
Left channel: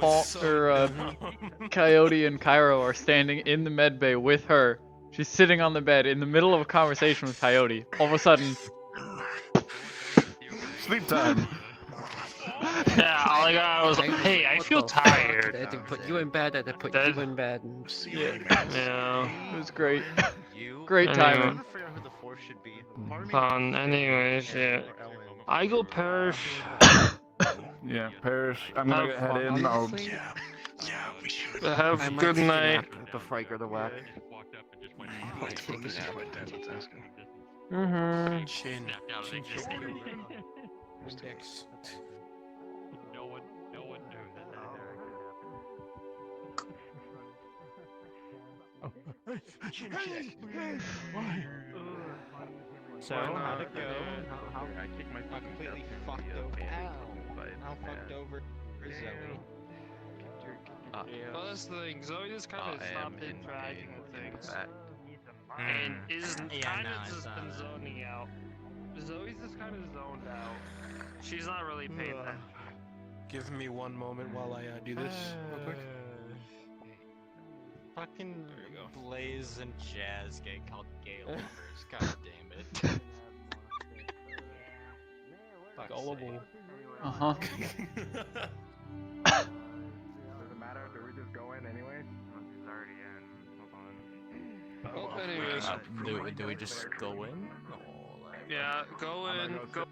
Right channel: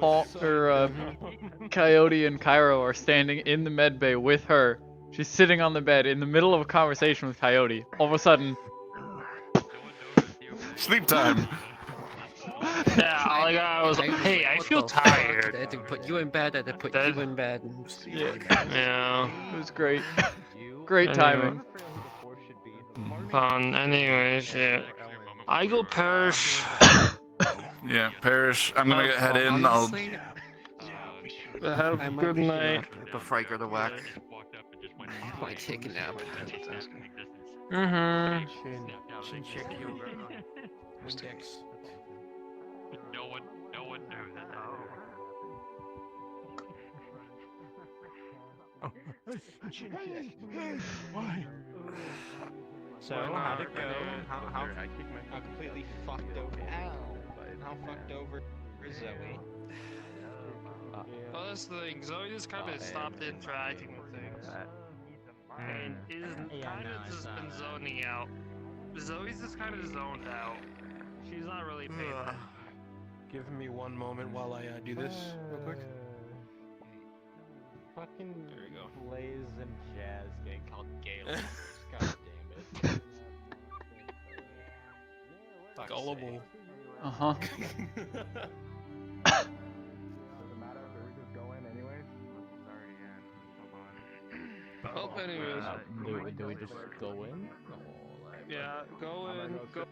Coyote and Cairo are standing in the med bay with her. She's sitting on the bed in the middle of a conversation with Coyote. All of a sudden, sleep time. Yeah, all I got was, hey, I feel tired. I had to put you in bed, I had to put you in bed. Yeah. Yeah. It was great. Great timing. Anyways, yeah. I go Parrish. Yeah, Parrish. I'm gonna head in. I'll. Have a good night. Before I go to work. I take a nap. Mm-hmm. Why? So, how'd it go? How completely fucked over? How fucked over is Zoe? Well, that's the thing. Zoe just kind of stopped interacting with things. And is kind of just been zoning out. Zoe's just kind of zoned out. She's not really paying attention. Give me one moment while I do this real quick. Fucking Blaze and Jazz getting called gay lovers. God damn it. Gullible. Uh-huh. Oh, anyways. Do we just go in? Yeah, go in. Go.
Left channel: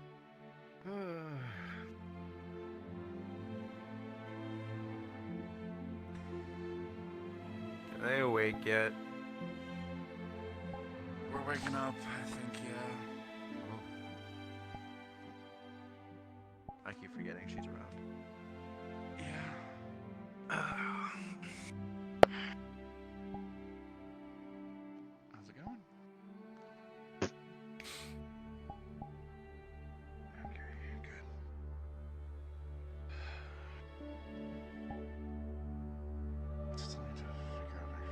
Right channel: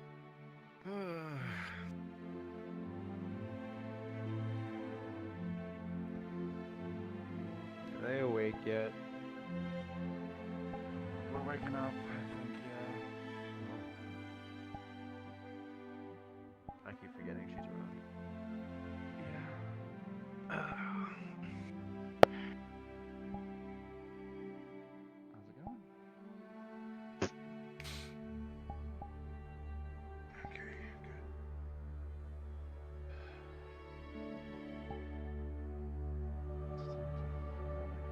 Are they awake yet? We're waking up, I think, yeah. I keep forgetting she's around. Yeah. How's it going? Okay, good. Still need to figure out an actual name for you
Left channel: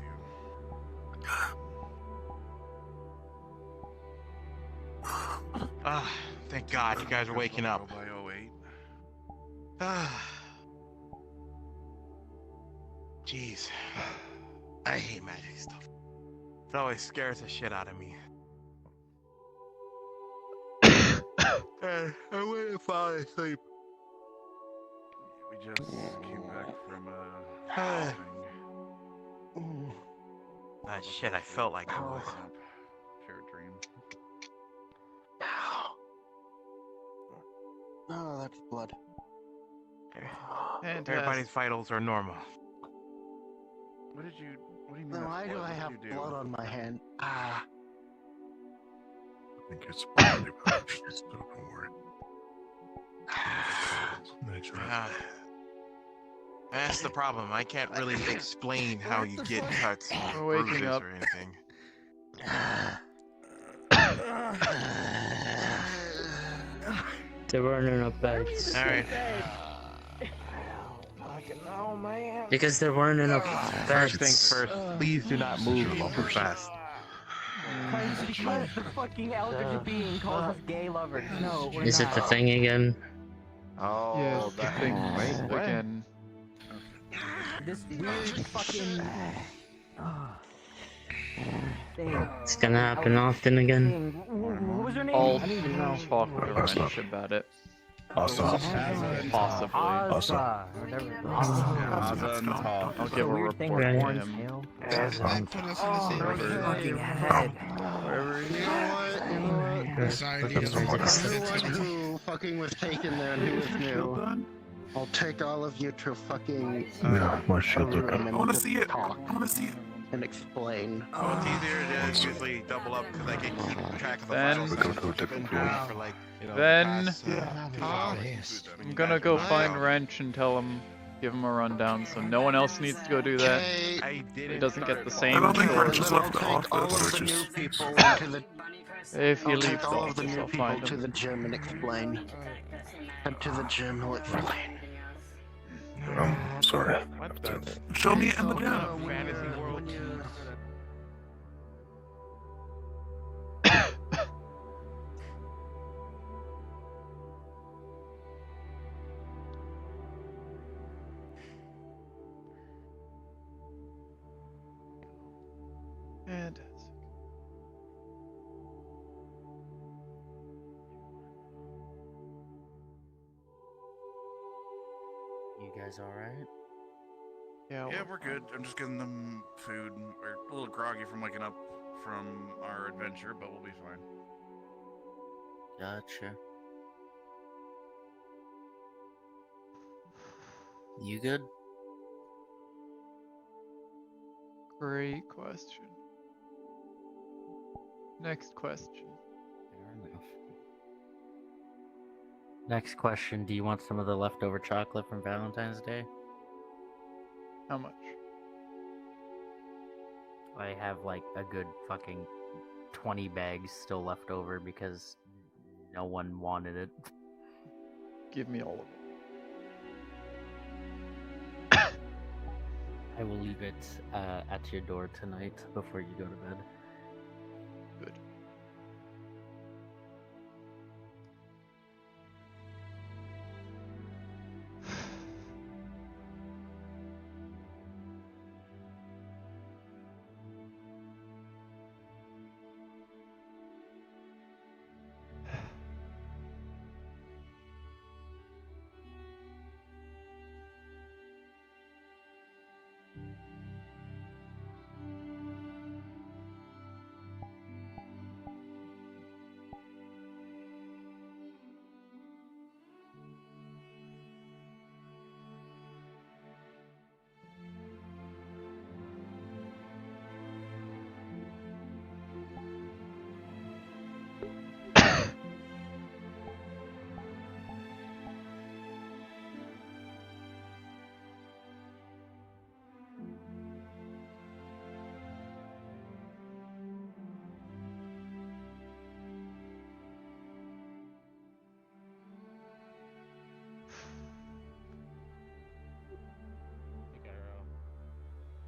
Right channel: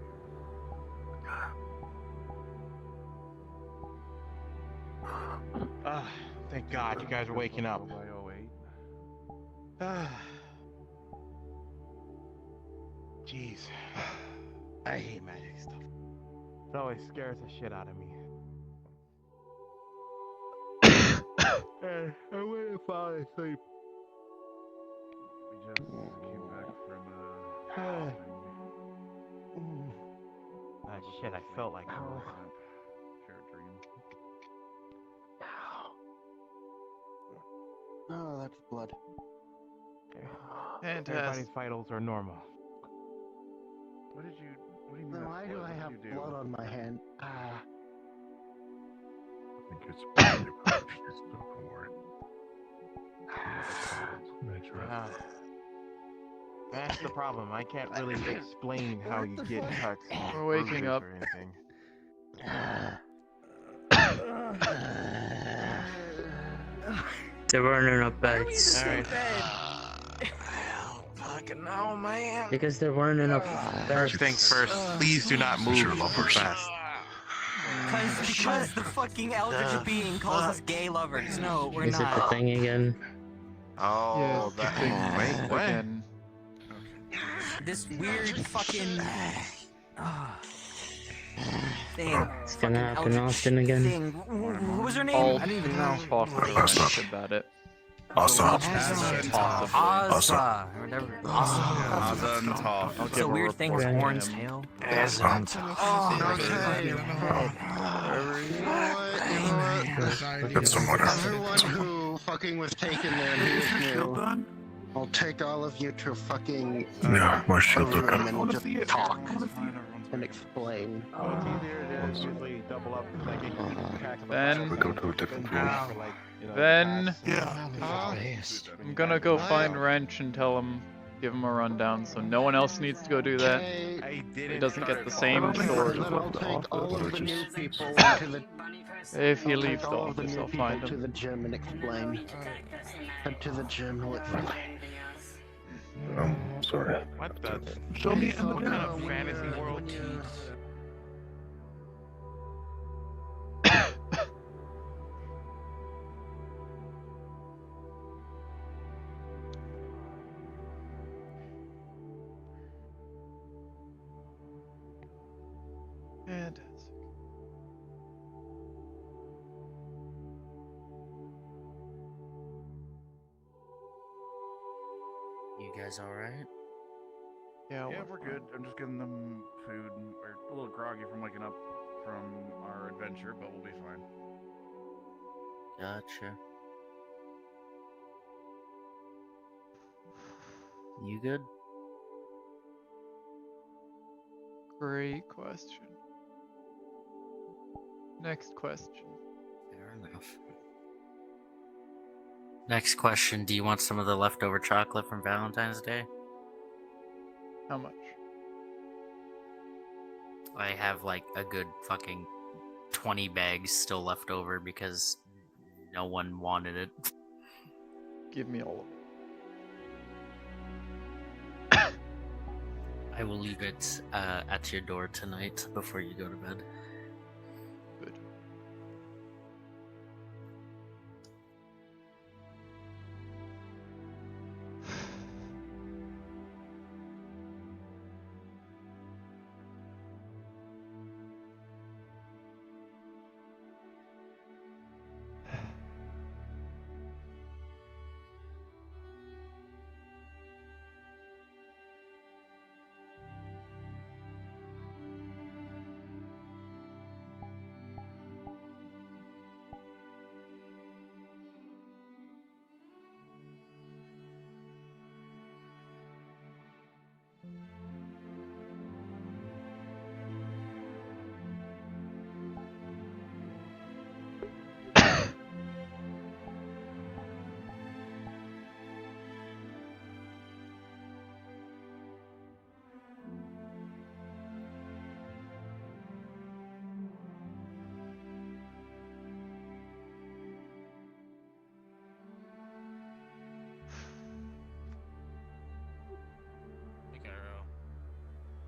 and all that. Ah, thank God you guys are waking up. Jeez. I hate magic stuff. It always scares the shit out of me. Hey, I went and fall asleep. We just came back from Shit, I felt like it was. Fair dream. Oh, that's blood. Everybody's vitals are normal. What do you mean? Then why do I have blood on my hand? I think it's probably just don't worry. That's the problem. I can't really explain how you get cuts. We're waking up. Or anything. There weren't enough beds. Alright. Oh, man. Because there weren't enough beds. First things first, please do not move too fast. Because the fucking eldritch being calls us gay lovers. No, we're Is not. it the thing again? Oh, Yeah, it's the thing wait, again. This weird fucking thing. It's gonna happen often again. What was her name? I'll I don't even know. talk to Wrench about it. Awesome. Possibly. Awesome. I'll give a report to him. Wherever he is. You know what? Everyone who fucking was taken there and who was new, I'll take all of you to fucking No, more shield room up. and just talk and explain. Well, it's easier to usually double up because I can keep track of the Then, files. Go to a different room. For, like, you know, then past, I'm gonna go find Wrench and tell him, give him a rundown, so no one else needs to go do that. I did He doesn't get the same And story. then I'll take all of the new people into the. If he I'll leaves take the all of the office, new I'll people find to him. the gym and explain. Head to the gym, I'll explain. Oh, sorry. What the? Show me What kind of fantasy world? Fantastic. You guys alright? Yeah, we're good. I'm just giving them food. We're a little groggy from waking up from our adventure, but we'll be fine. Gotcha. You good? Great question. Next question. Fair enough. Next question, do you want some of the leftover chocolate from Valentine's Day? How much? I have like a good fucking 20 bags still left over because no one wanted it. Give me all of it. I will leave it at your door tonight before you go to bed. Good.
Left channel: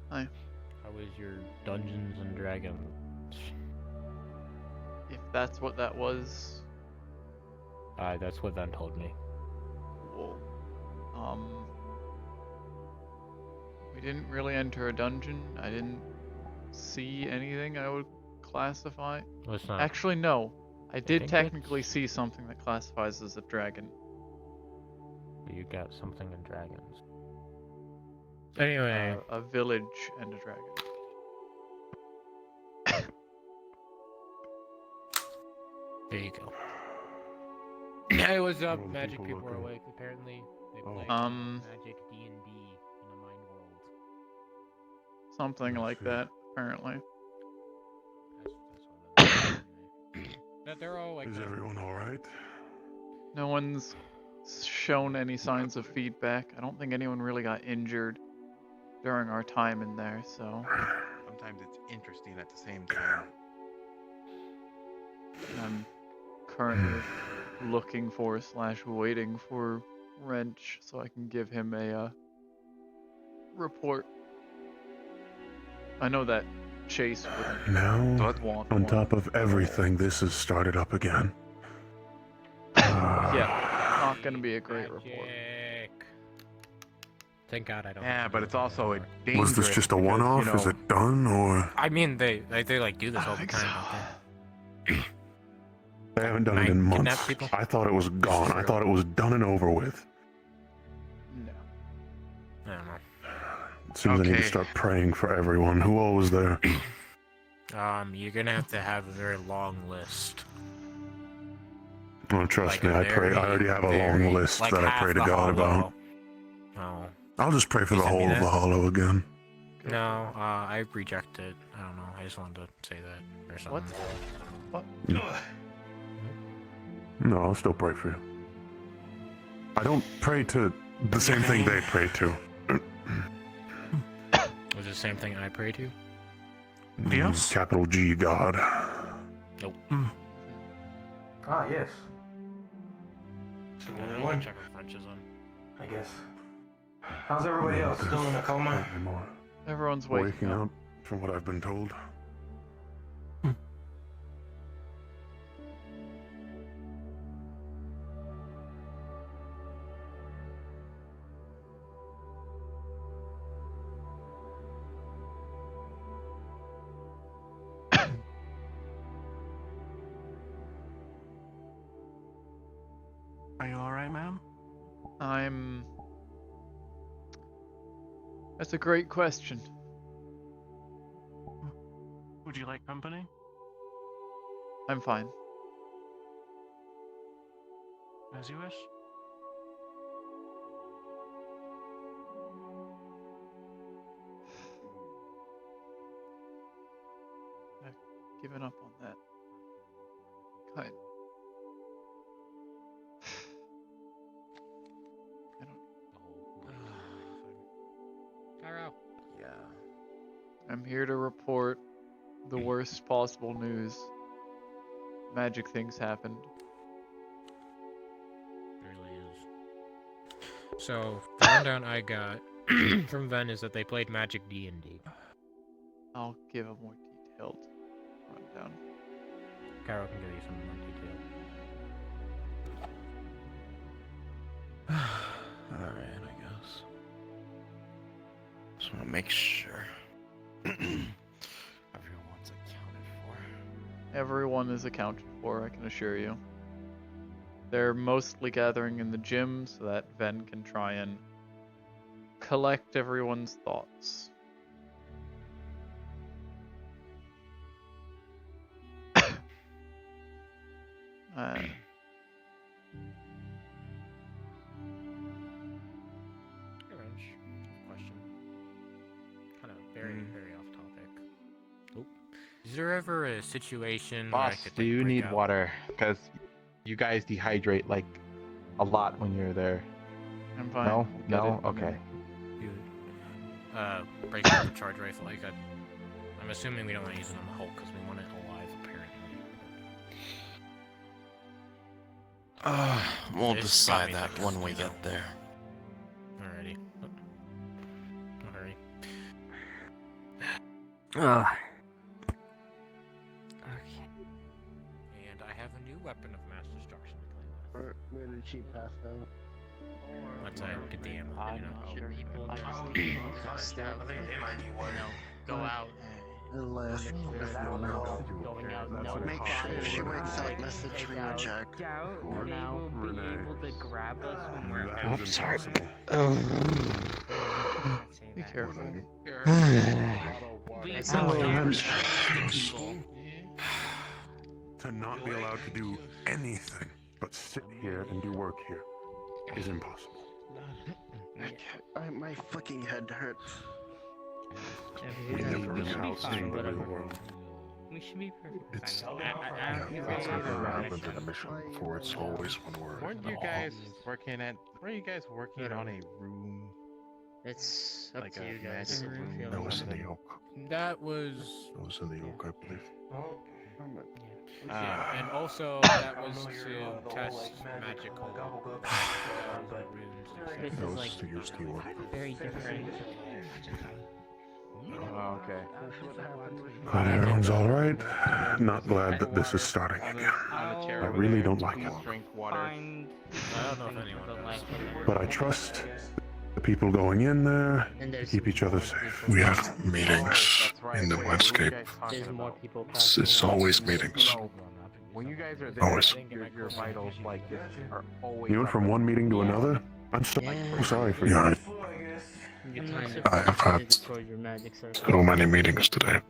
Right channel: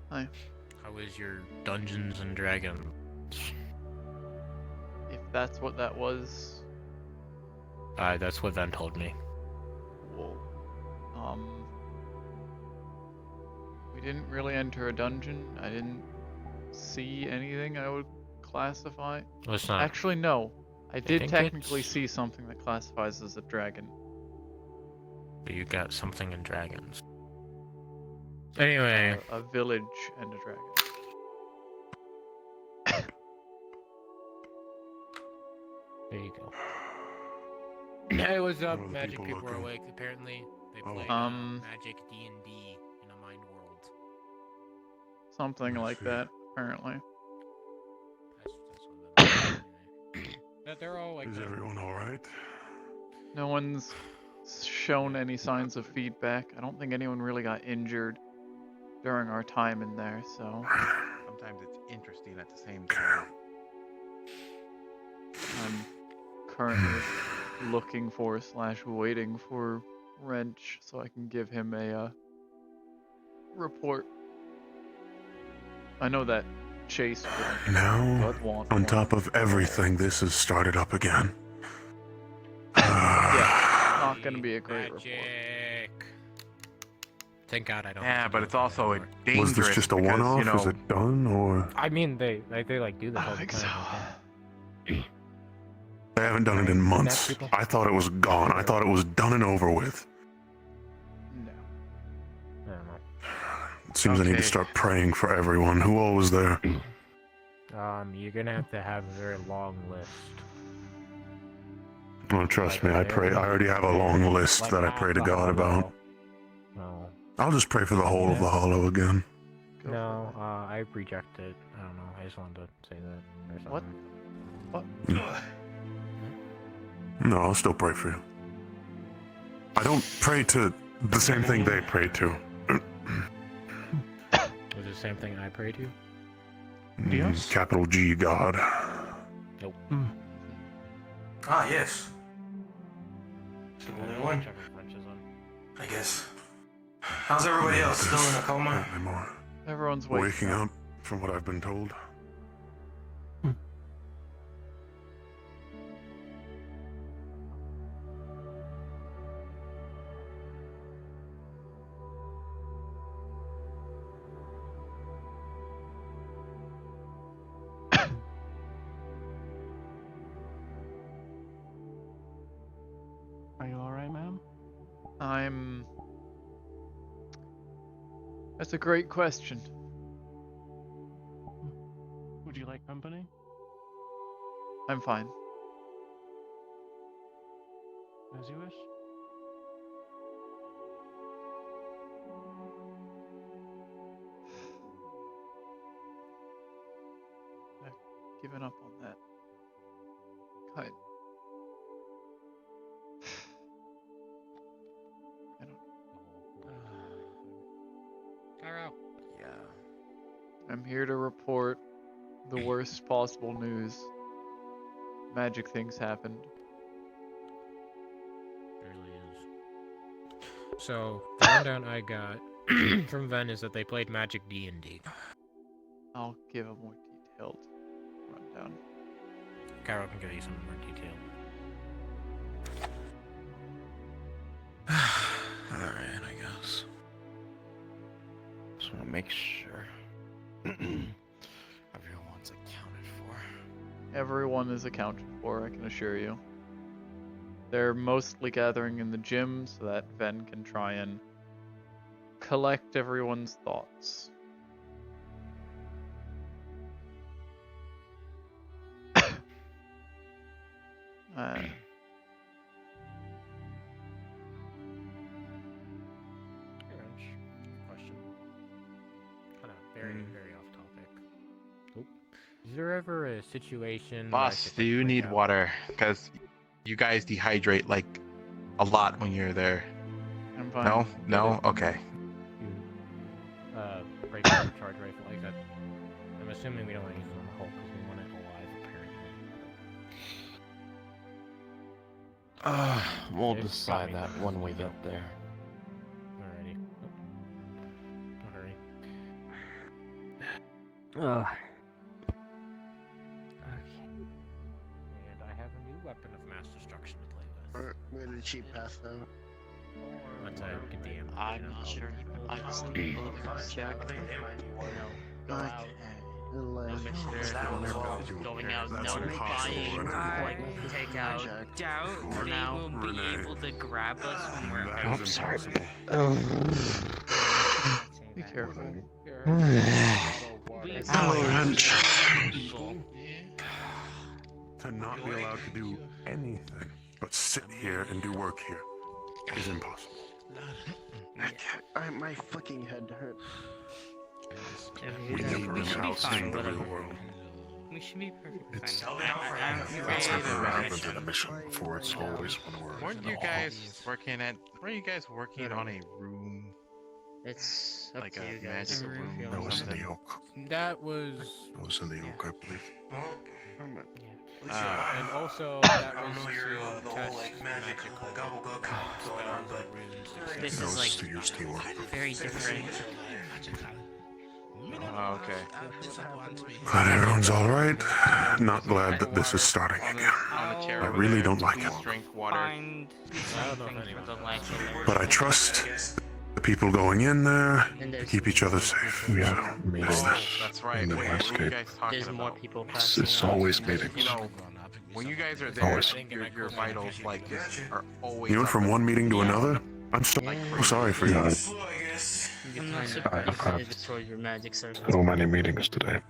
Hi. How is your Dungeons and Dragons? If that's what that was. That's what Ven told me. Cool. We didn't really enter a dungeon. I didn't see anything I would classify. Well, it's not Actually, no. I did think technically see something that classifies as a dragon. But you got something in dragons. Anyway. A village and a dragon. There you go. Hey, what's up? Magic people are awake. Apparently, they play Magic D&D in a mind world. Something like that, apparently. That they're all like. Is everyone alright? No one's shown any signs of feedback. I don't think anyone really got injured during our time in there, so. Sometimes it's interesting at the same time. I'm currently looking for / waiting for Wrench so I can give him a report. I know that Chase wouldn't Now, want on one. top of everything, this has started up again. Yeah, not gonna be a great report. Thank God I don't. Yeah, but it's also a dangerous. Was this just a one-off? Is it done, or I mean, they like do this all the time. they haven't done it in months? I thought it was gone. I thought it was done and over with. No. It seems I need to start praying for everyone. Who all was there? You're gonna have to have a very long list. Oh, trust me, I pray. I already have a long list that I pray to God about. No. I'll just pray for the whole of the Hollow again. No, I reject it. I don't know. I just wanted to say that or something. What? No, I'll still pray for you. I don't pray to the same thing they pray to. Was it the same thing I pray to? Yes. Capital G, God. Nope. Ah, yes. Only one. I guess. How's everybody else? Still in a coma? Everyone's waking up, from what I've been told. Are you alright, ma'am? That's a great question. Would you like company? I'm fine. As you wish. I've given up on that. Kind. I don't. Cairo. Yeah. I'm here to report the worst possible news. Magic things happened. It really is. So, the rundown I got from Ven is that they played Magic D&D. I'll give a more detailed rundown. Cairo can give you some more detail. Alright, I guess. Just want to make sure everyone's accounted for. Everyone is accounted for, I can assure you. They're mostly gathering in the gym so that Ven can try and collect everyone's thoughts. Hey, Wrench. Question. Kind of very off topic. Oh. Is there ever a situation where I Boss, could, do you break need out- water? Because you guys dehydrate like a lot when you're there. I'm fine. No? I'll get No? it. Okay. break out the charge rifle? I'm assuming we don't want to use it on the Hulk because we want it alive, apparently. We'll It's decide got me that thinking when we something get there. Alrighty. No hurry. Ugh. And I have a new weapon of mass destruction to play with. Where did she pass out? Once I get the ammo. I'm not sure he pulled I this think thing. Go out. Going out, no take out doubt. They will be able to grab us when we're out. That is impossible. Be careful. To not be allowed to do anything but sit here and do work here is impossible. My fucking head hurts. We never we should be allow fine, sin to whatever. rule the world. We should be perfectly It's, fine. it's never happened in a mission before. It's always when we're Weren't in you the guys hall. working at? Weren't you guys working on a room? It's up Like to a you guys. magic room That or was in the something? yoke. That was. That was in the yoke, I believe. And also, that was to test magical spells, runes, This That is was like to use the work. very different. Oh, okay. But everyone's all right. Not glad that this is starting again. On the chair I over really there, don't like it. drink water. I don't know if anyone does. But I trust the people going in there to keep each other safe. We have meetings in the landscape. There's more people. It's always meetings. When you guys are there, Always. your vitals like are always. You went from one meeting to another? I'm so sorry for you. You kind of I've had deploy your magic circle. so many meetings today.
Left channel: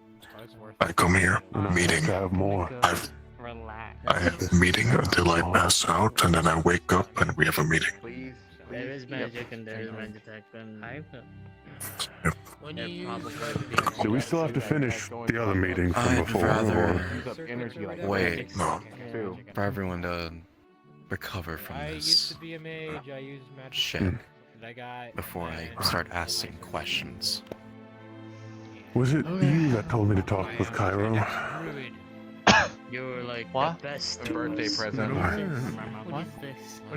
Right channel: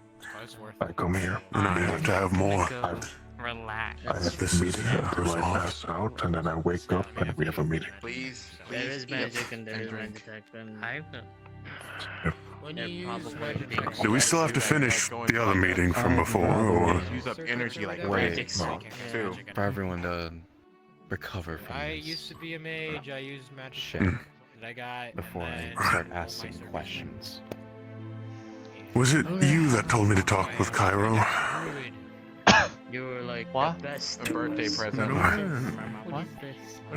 I come here in a meeting to have more. Relax. I have this meeting until I pass out, and then I wake up and we have a meeting. Please, There is magic and there is magic and When you use probably weapons, Do we still have to finish the other meeting from before, or? Use up energy like Wait, no, too. for everyone to recover from I used this to be a mage. I used magic. shit And I got. before I start asking questions. Was it you that told me to talk with Cairo? you were like What? the best. A birthday present. What?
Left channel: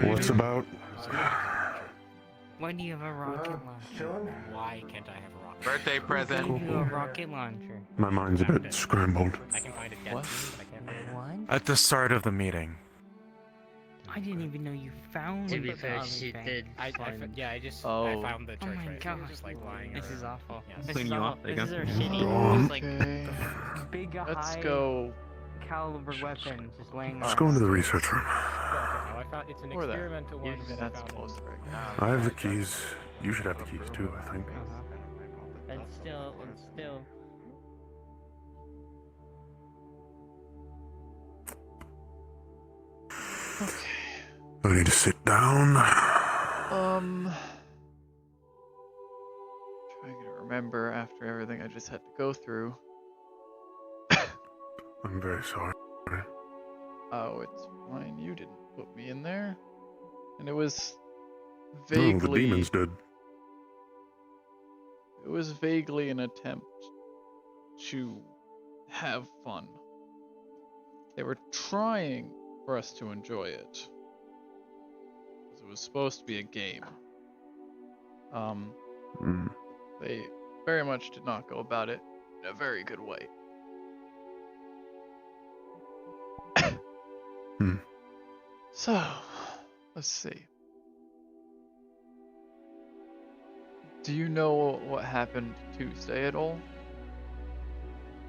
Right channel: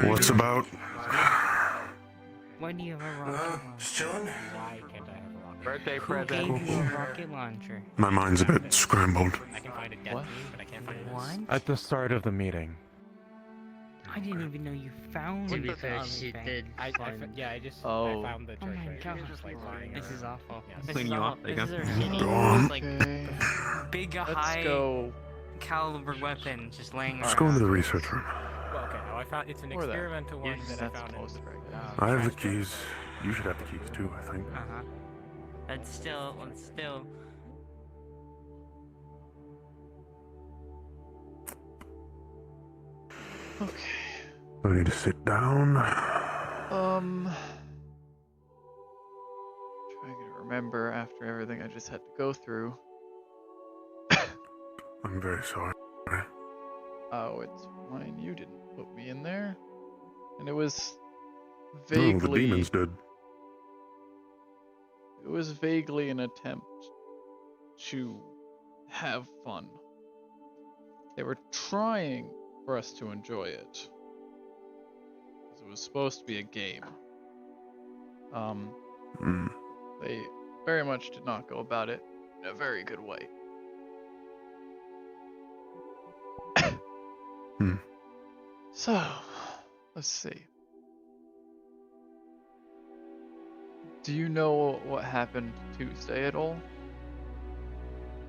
What's about? Why do you have a rocket launcher? Just chilling. Why can't I have a rocket? Birthday Who present. gave you a rocket launcher? My mind's a bit scrambled. I can find a death What? meme, but I can't find it. What? At the start of the meeting. I didn't even know you found To be the fair, other she thing. did find. Yeah, I just Oh. I found the Oh choice my right god. here, just like lying. This is around. awful. Yeah. This Clean is you all, up, there you this is go. our shitty, like, Okay. Big Let's high go. caliber weapon just laying. Let's go into the research room. Okay, well, I found it's an Or there. experimental one that I That's found. closer, I guess. I have the keys. You should have the keys too, I think. It's still. Okay. I need to sit down. Trying to remember after everything I just had to go through. I'm very sorry. Oh, it's fine. You didn't put me in there. And it was No, the vaguely. demons did. It was vaguely an attempt to have fun. They were trying for us to enjoy it. 'Cause it was supposed to be a game. They very much did not go about it in a very good way. So, let's see. Do you know what happened Tuesday at all?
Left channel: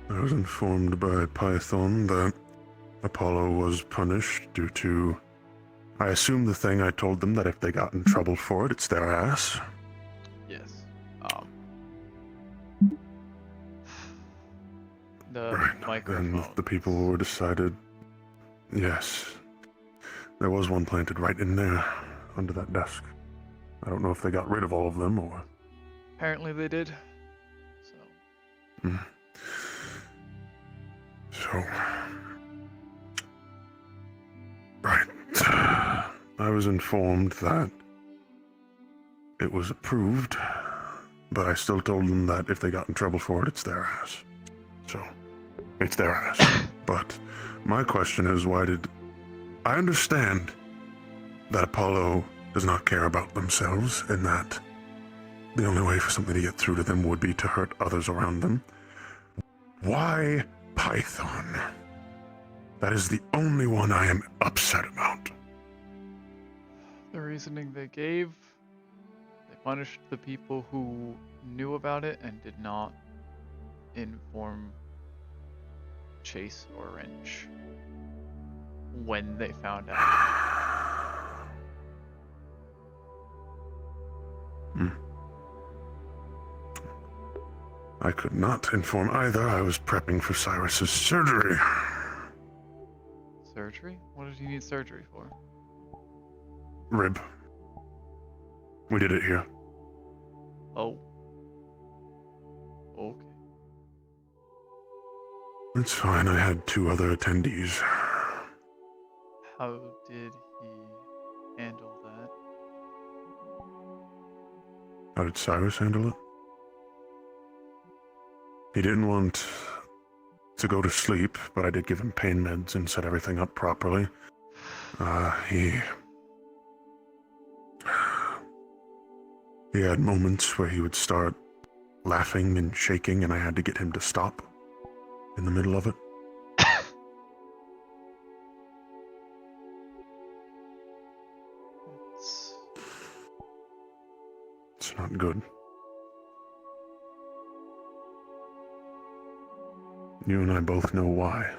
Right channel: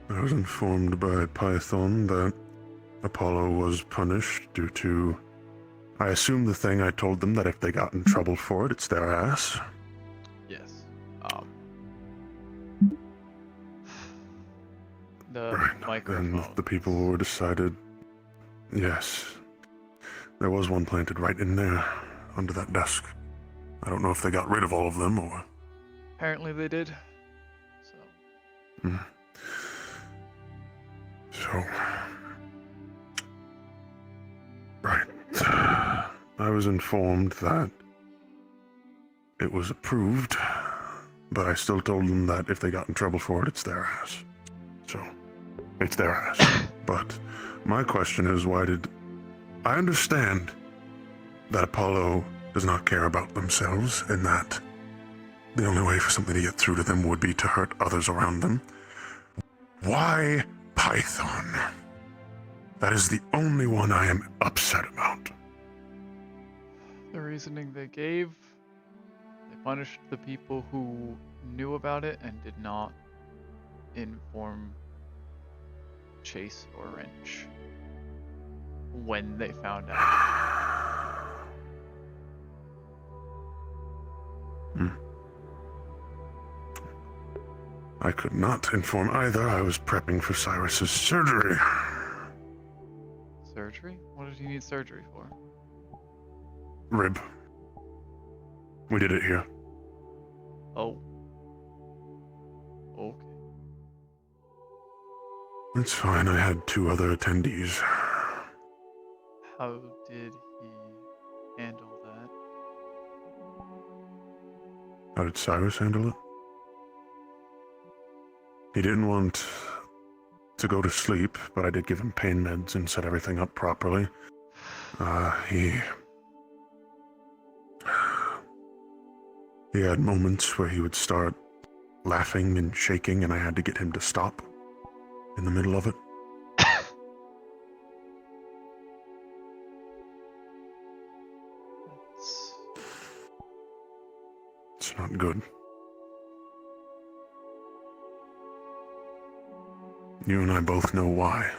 I was informed by Python that Apollo was punished due to. I assume the thing I told them that if they got in trouble for it, it's their ass. Yes. The Right. microphone. And the people were decided. Yes. There was one planted right in there, under that desk. I don't know if they got rid of all of them or. Apparently they did. So. Right. I was informed that it was approved, but I still told them that if they got in trouble for it, it's their ass. So, it's their ass. But my question is, why did... I understand that Apollo does not care about themselves, and that the only way for something to get through to them would be to hurt others around them. Why Python? That is the only one I am upset about. The reasoning they gave, they punished the people who knew about it and did not inform Chase or Wrench when they found out. I could not inform either. I was prepping for Cyrus's surgery. Surgery? What did he need surgery for? Rib. We did it here. Oh. Okay. It's fine. I had 2 other attendees. How did he handle that? How did Cyrus handle it? He didn't want to go to sleep, but I did give him pain meds and set everything up properly. He had moments where he would start laughing and shaking, and I had to get him to stop in the middle of it. It's not good. You and I both know why.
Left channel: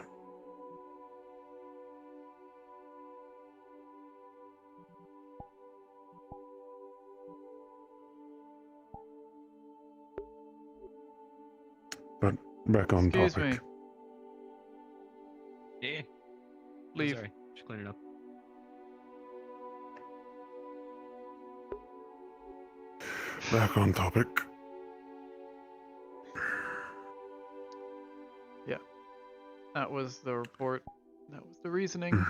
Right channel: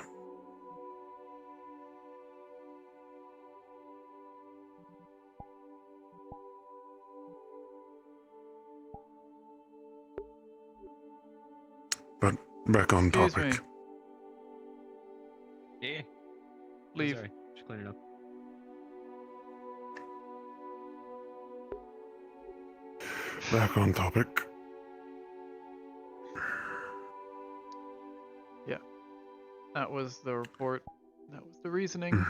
But Back on Excuse topic. me. Yeah. Leave. Sorry, just cleaning up. Back on topic. Yeah. That was the report. That was the reasoning.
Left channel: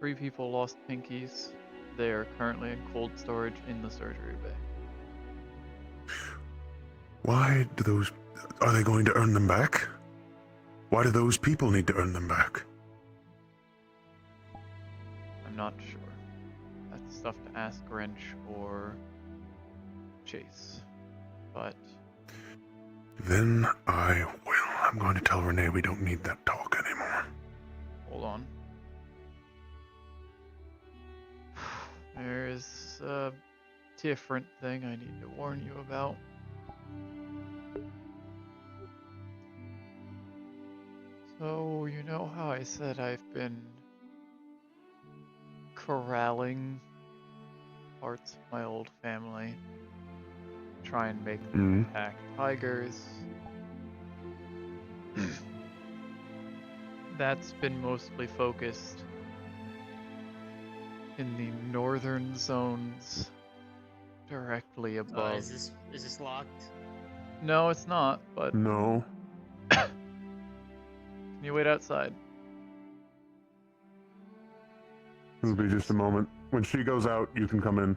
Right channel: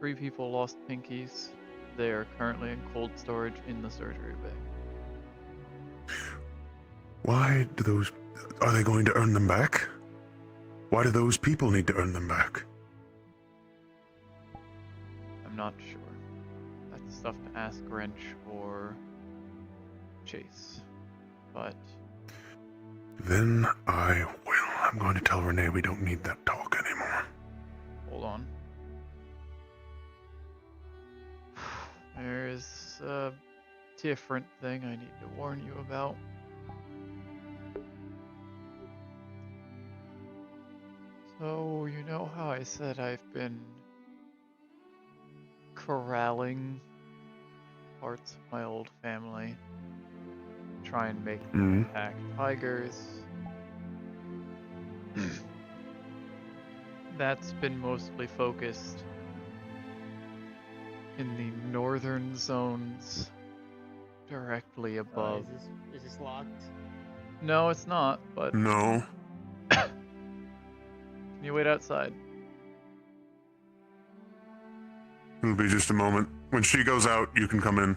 3 people lost pinkies. They are currently in cold storage in the surgery bay. Why do those... Are they going to earn them back? Why do those people need to earn them back? I'm not sure. That's stuff to ask Wrench or Chase. But Then I will. I'm going to tell Renee we don't need that talk anymore. hold on. There's a different thing I need to warn you about. So, you know how I said I've been corralling parts of my old family, try and make them attack tigers? That's been mostly focused in the northern zones directly above. Is this locked? No, it's not, but No. can you wait outside? It'll be just a moment. When she goes out, you can come in.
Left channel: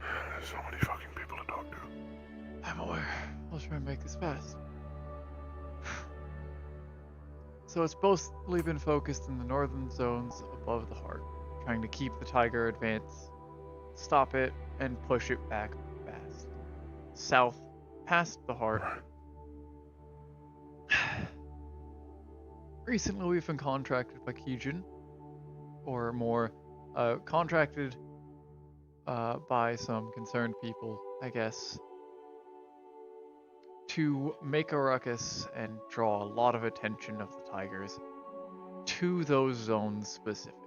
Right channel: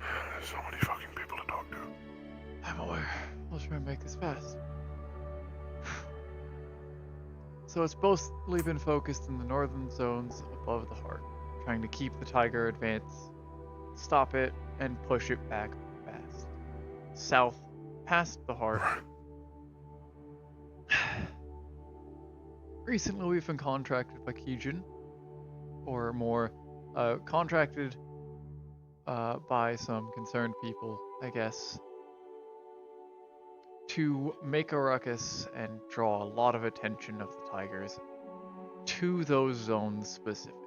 There's so many fucking people to talk to. I'm aware. I'll try and make this fast. So it's mostly been focused in the northern zones above the heart, trying to keep the tiger advance, stop it, and push it back fast. South, past the heart. Recently we've been contracted by Kijin, or more, contracted by some concerned people, I guess, to make a ruckus and draw a lot of attention of the tigers to those zones specifically.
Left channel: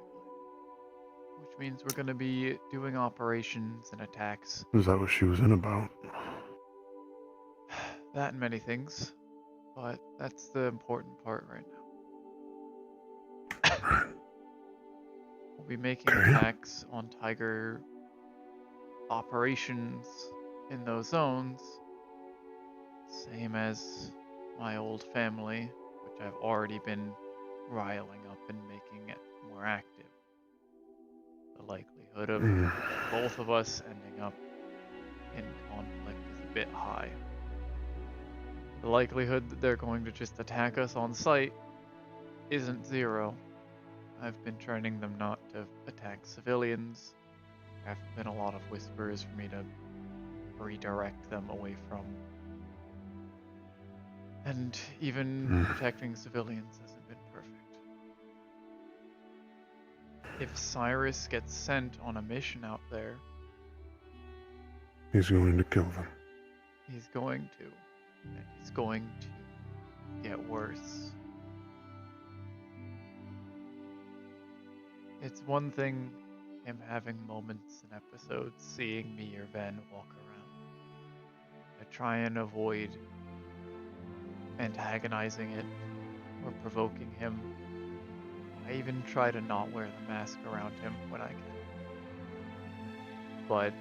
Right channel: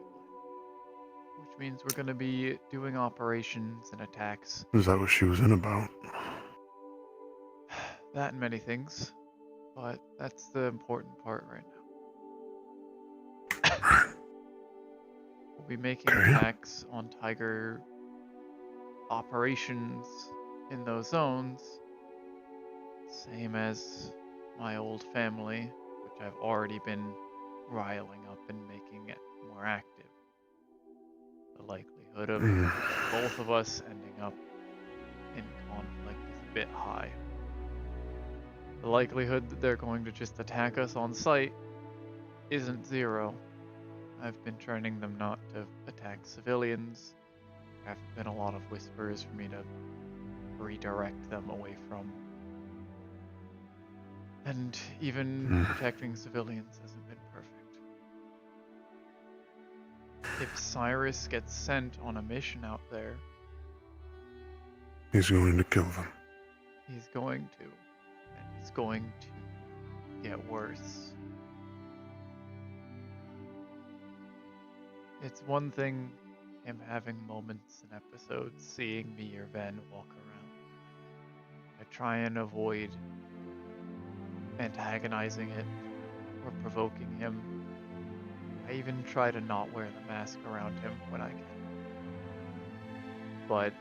Which means we're going to be doing operations and attacks. Is that what she was in about? That and many things. But that's the important part right now. We'll be making attacks on tiger operations in those zones. Same as my old family, which I've already been riling up and making it more active. The likelihood of both of us ending up in conflict is a bit high. The likelihood that they're going to just attack us on sight isn't zero. I've been training them not to attack civilians. There haven't been a lot of whispers for me to redirect them away from. And even protecting civilians hasn't been perfect. If Cyrus gets sent on a mission out there, He's going to kill them. he's going to. And he's going to get worse. It's one thing him having moments and episodes seeing me or Van walk around. I try and avoid antagonizing it or provoking him. I even try to not wear the mask around him when I can. But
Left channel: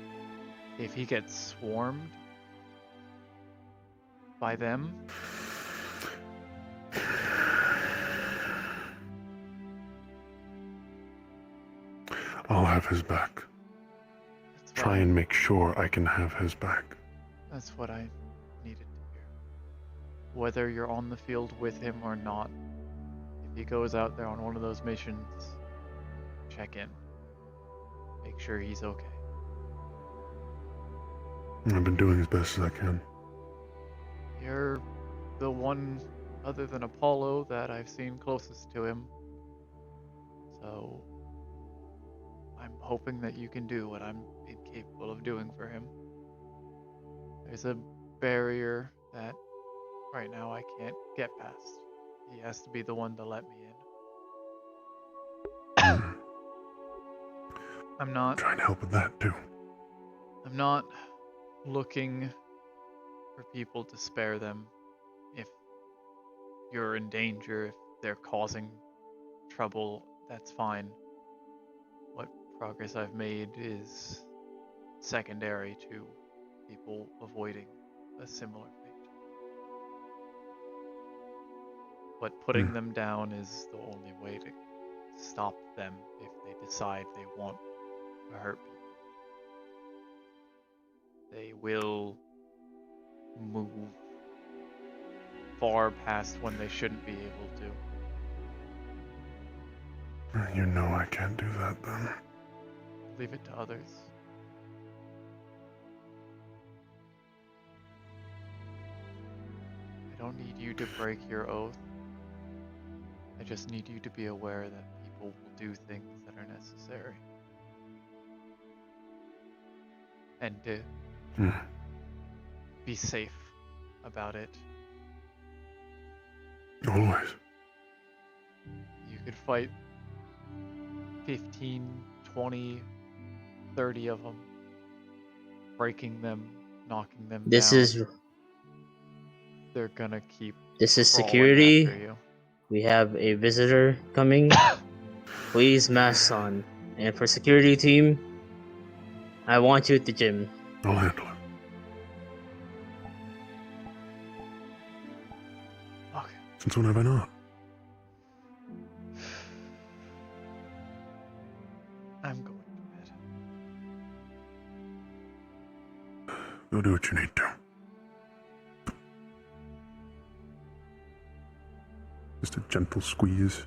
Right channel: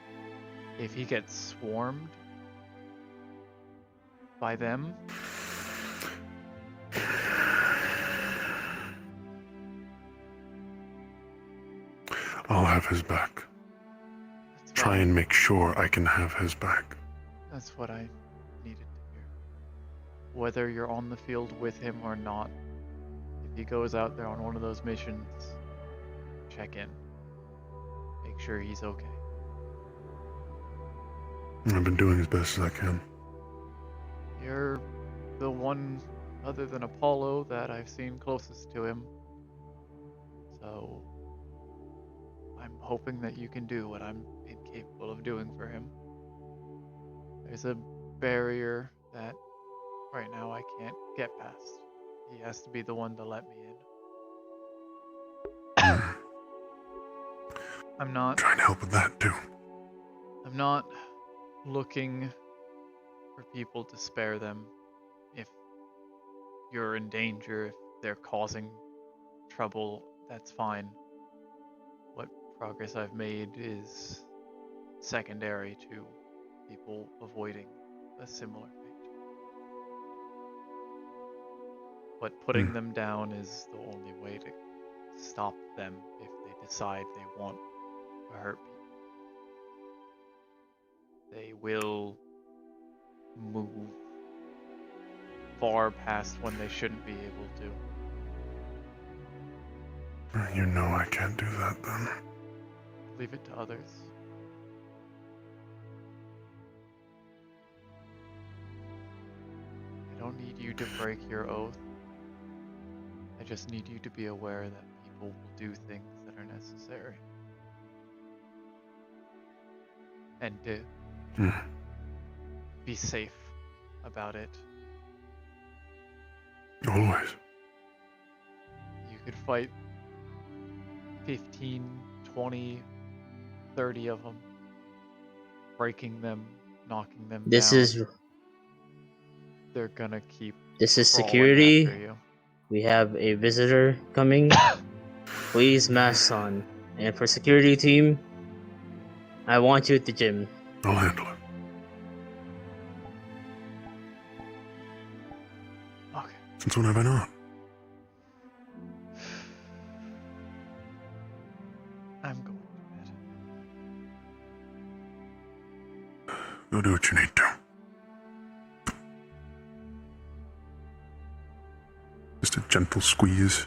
if he gets swarmed by them, I'll have his back. Try and make sure I can have his back. that's what I needed to hear. Whether you're on the field with him or not, if he goes out there on one of those missions, check in. Make sure he's okay. I've been doing as best as I can. You're the one, other than Apollo, that I've seen closest to him. So, I'm hoping that you can do what I'm incapable of doing for him. There's a barrier that right now I can't get past. He has to be the one to let me in. I'm not trying to help with that too. I'm not looking for people to spare them if you're in danger, if they're causing trouble, that's fine. What progress I've made is secondary to people avoiding a similar fate. But putting them down is the only way to stop them if they decide they want to hurt people. They will move far past when they shouldn't be able to. You know I can't do that then. Leave it to others. I don't need you to break your oath. I just need you to be aware that people will do things that are necessary. And to be safe about it. Always. You could fight 15, 20, 30 of them, breaking them, knocking them down. They're gonna keep This is crawling security. after you. We have a visitor coming. Please mask on. And for security team, I want you at the gym. I'll handle it. Okay. Since when have I not? I'm going to bed. Go do what you need to. Just a gentle squeeze.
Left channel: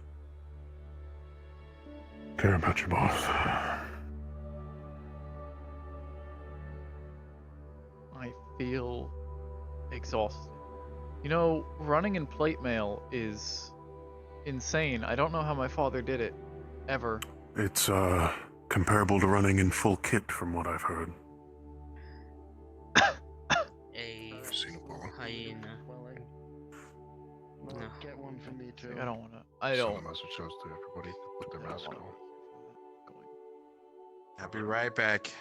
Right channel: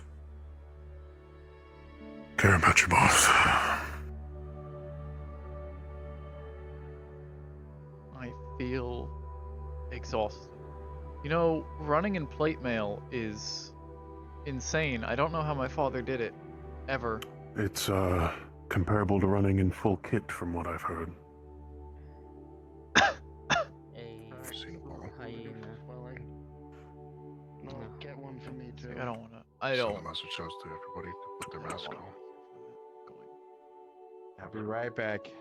Care about your boss. I feel exhausted. You know, running in plate mail is insane. I don't know how my father did it, ever. It's, comparable to running in full kit from what I've heard. Get one for me too. I don't wanna. I don't. Someone also chose to everybody to put their mask on. I'll be right back.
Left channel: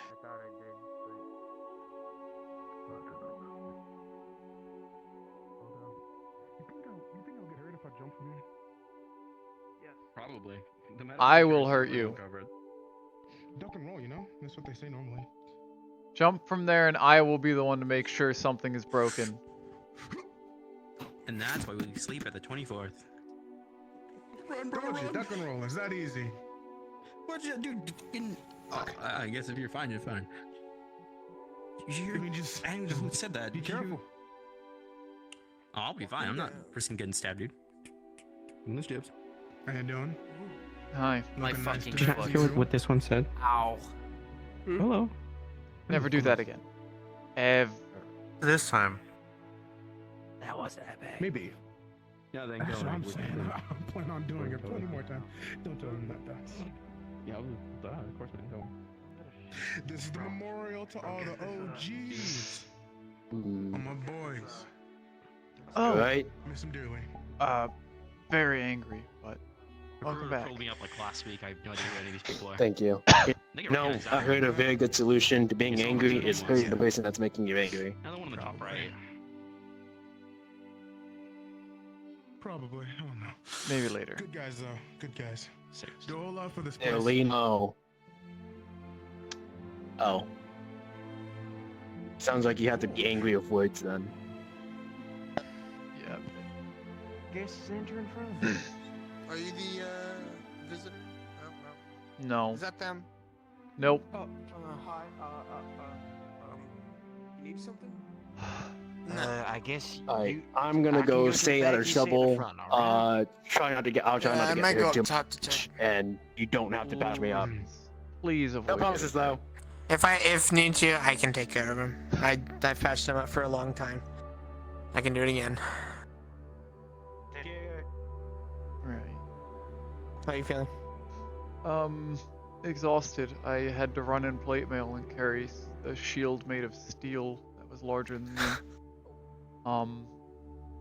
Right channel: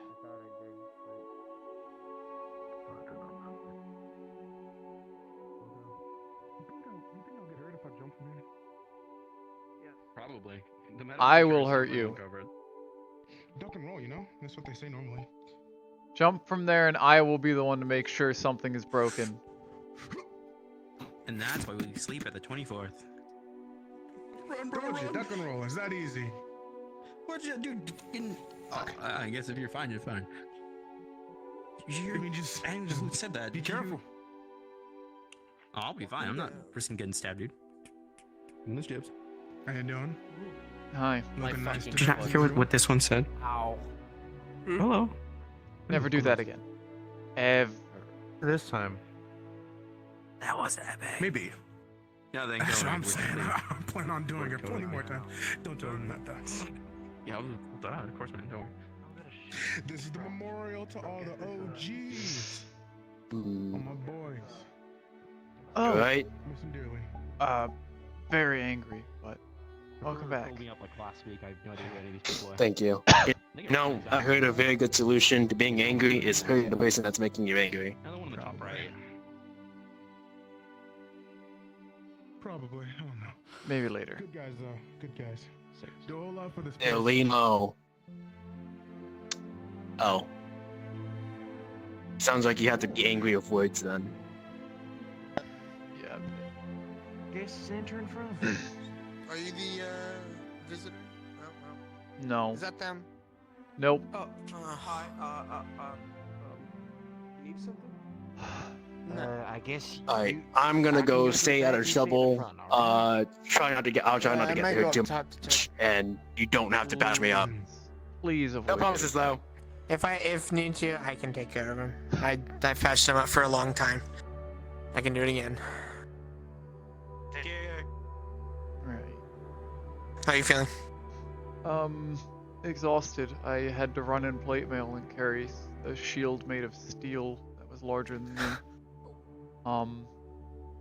Probably. I will hurt you. Duck and roll, you know? That's what they say normally. Jump from there and I will be the one to make sure something is broken. And that's why we sleep at the 24th. Run, duck and roll. It's that easy. What'd you do? I guess if you're fine, you're fine. Who said that? Be careful. Oh, I'll be fine. I'm not risking getting stabbed, dude. Miss Jibs. How you doing? Hi. Looking nice Did you hear what this one said? Ow. Hello. Never do that again. Ever. This time. That was epic. Maybe. Yeah, then That's go. what I'm saying. I plan on doing it plenty more times. Don't tell them that. Yeah, of course, man. Don't worry. This is the memorial to all the OGs. All my boys. Oh. Right. Miss them dearly. Very angry, but welcome back. Pulled me up like last week. I have no idea who any of these people are. Thank you. No, I heard a very good solution to being angry is hurting the person that's making you angry. Another one of the top right. Probably. I don't know. Maybe later. Good guys, though. Good guys. Do a whole lot for this place. Eleno. Oh. Sounds like you have to be angry with words then. Yeah. Guess it's intern from. Are you the visitor? Oh, well. No. Is that them? Nope. Oh. Hi. Need something? I guess. Alright, I'm gonna go stay out of trouble. I'll try not to get hurt too much. And you don't have to patch me up. Please No avoid promises though. If need to, I can take care of him. I patched him up for a long time. I can do it again. Right. How are you feeling? Exhausted. I had to run in plate mail and carry a shield made of steel that was larger than me.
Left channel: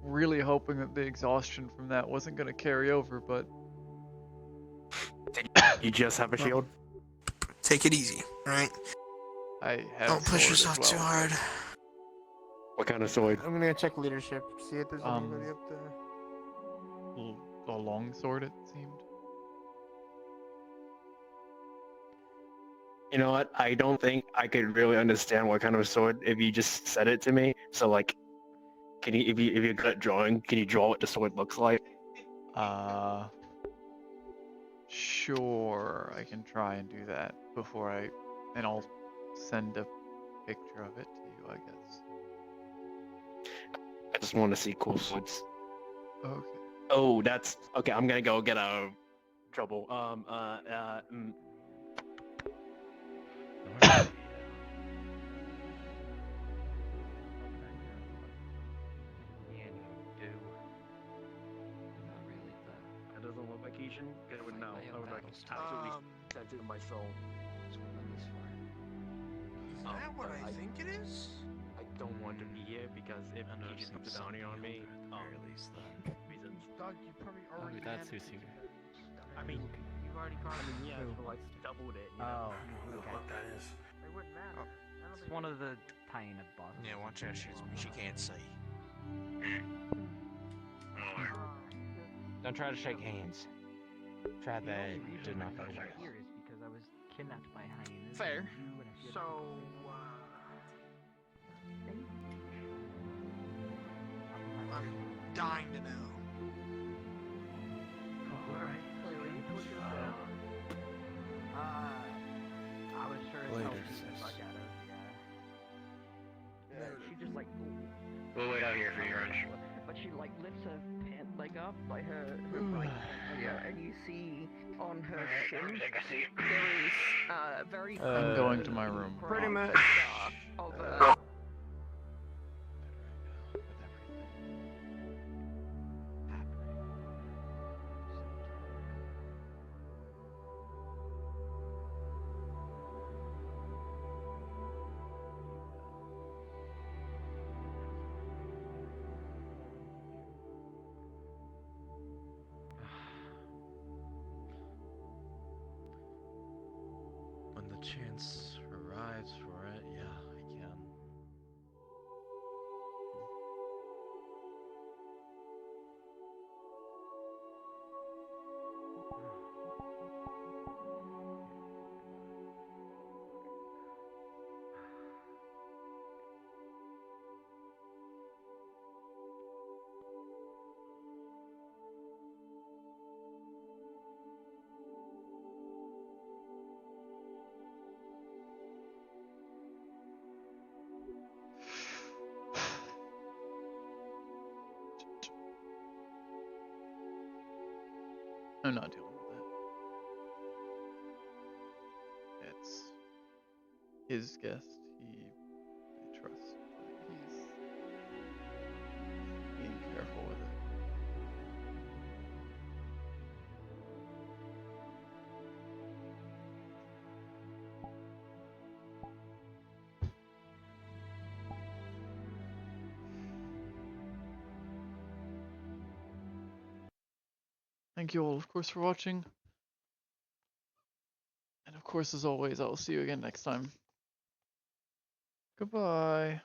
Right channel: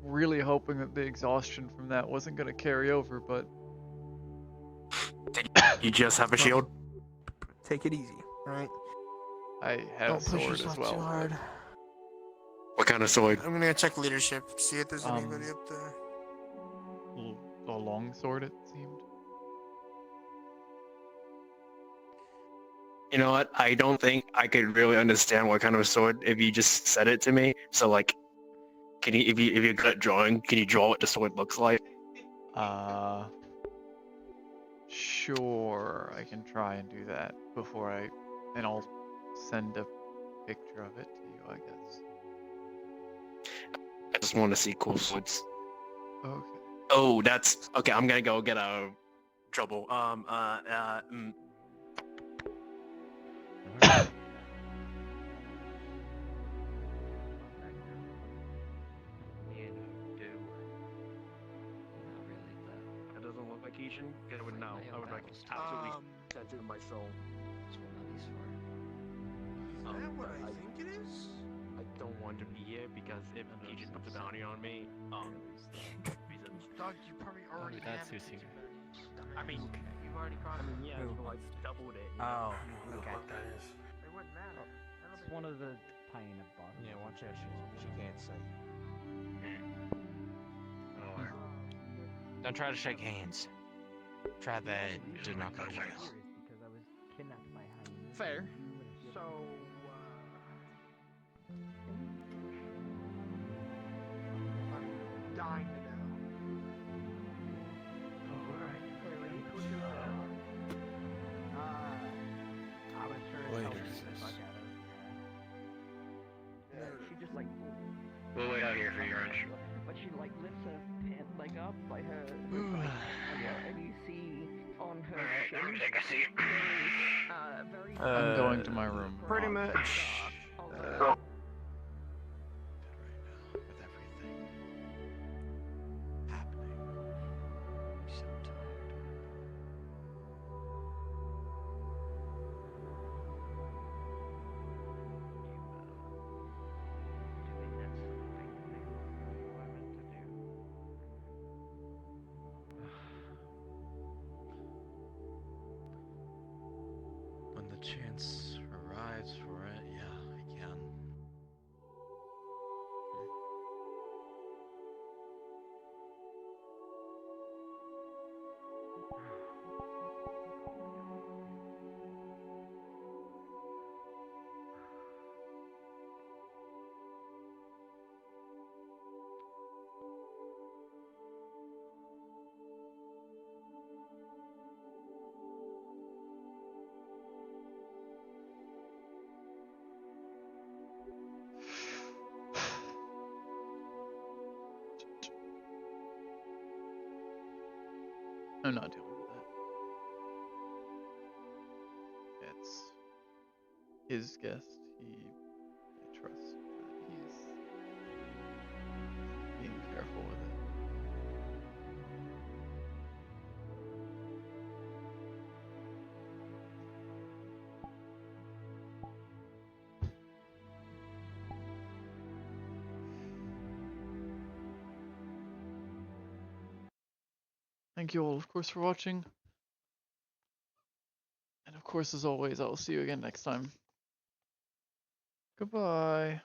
Really hoping that the exhaustion from that wasn't gonna carry over, but You just have a shield? Take it easy, right? I have Don't a push sword yourself as well. too hard. What kind of sword? I'm gonna check leadership, see if there's anybody up there. A long sword, it seemed. You know what? I don't think I could really understand what kind of sword if you just said it to me. So like, can you, if you're good at drawing, can you draw what the sword looks like? Sure, I can try and do that and I'll send a picture of it to you, I guess. I just want to see cool swords. Okay. Oh, that's okay. I'm gonna go get out of trouble. You know, do. Not really the. That doesn't look like Asian. I would know. I would like Um, sent it in my soul. That's what money's for. Is that what I think it is? I don't want to be here because if Asian puts a bounty on me, Doug, you probably Oh, already that's have who's it. here. I mean, you've already got it. yeah, so like doubled it. You know? Who the fuck that is? It wouldn't matter. I don't It's one of the hyena bosses. Yeah, watch out, she can't see. Don't try to shake hands. Try that. Do not go I'm jail. here is because I was kidnapped by hyenas. Fair. So, I'm dying to know. I was sure as Later, hell beat the sis. fuck out of, yeah. She just like, We'll wait out here for you, Orange. but she like lifts her pant leg up, like her right pant leg out, and you see on her shin there is very I'm going to my room. pretty much of When the chance arrives for it, yeah, I can. I'm not dealing with that. It's his guest. I trust that he's being careful with it. Thank you all, of course, for watching. And of course, as always, I will see you again next time. Goodbye.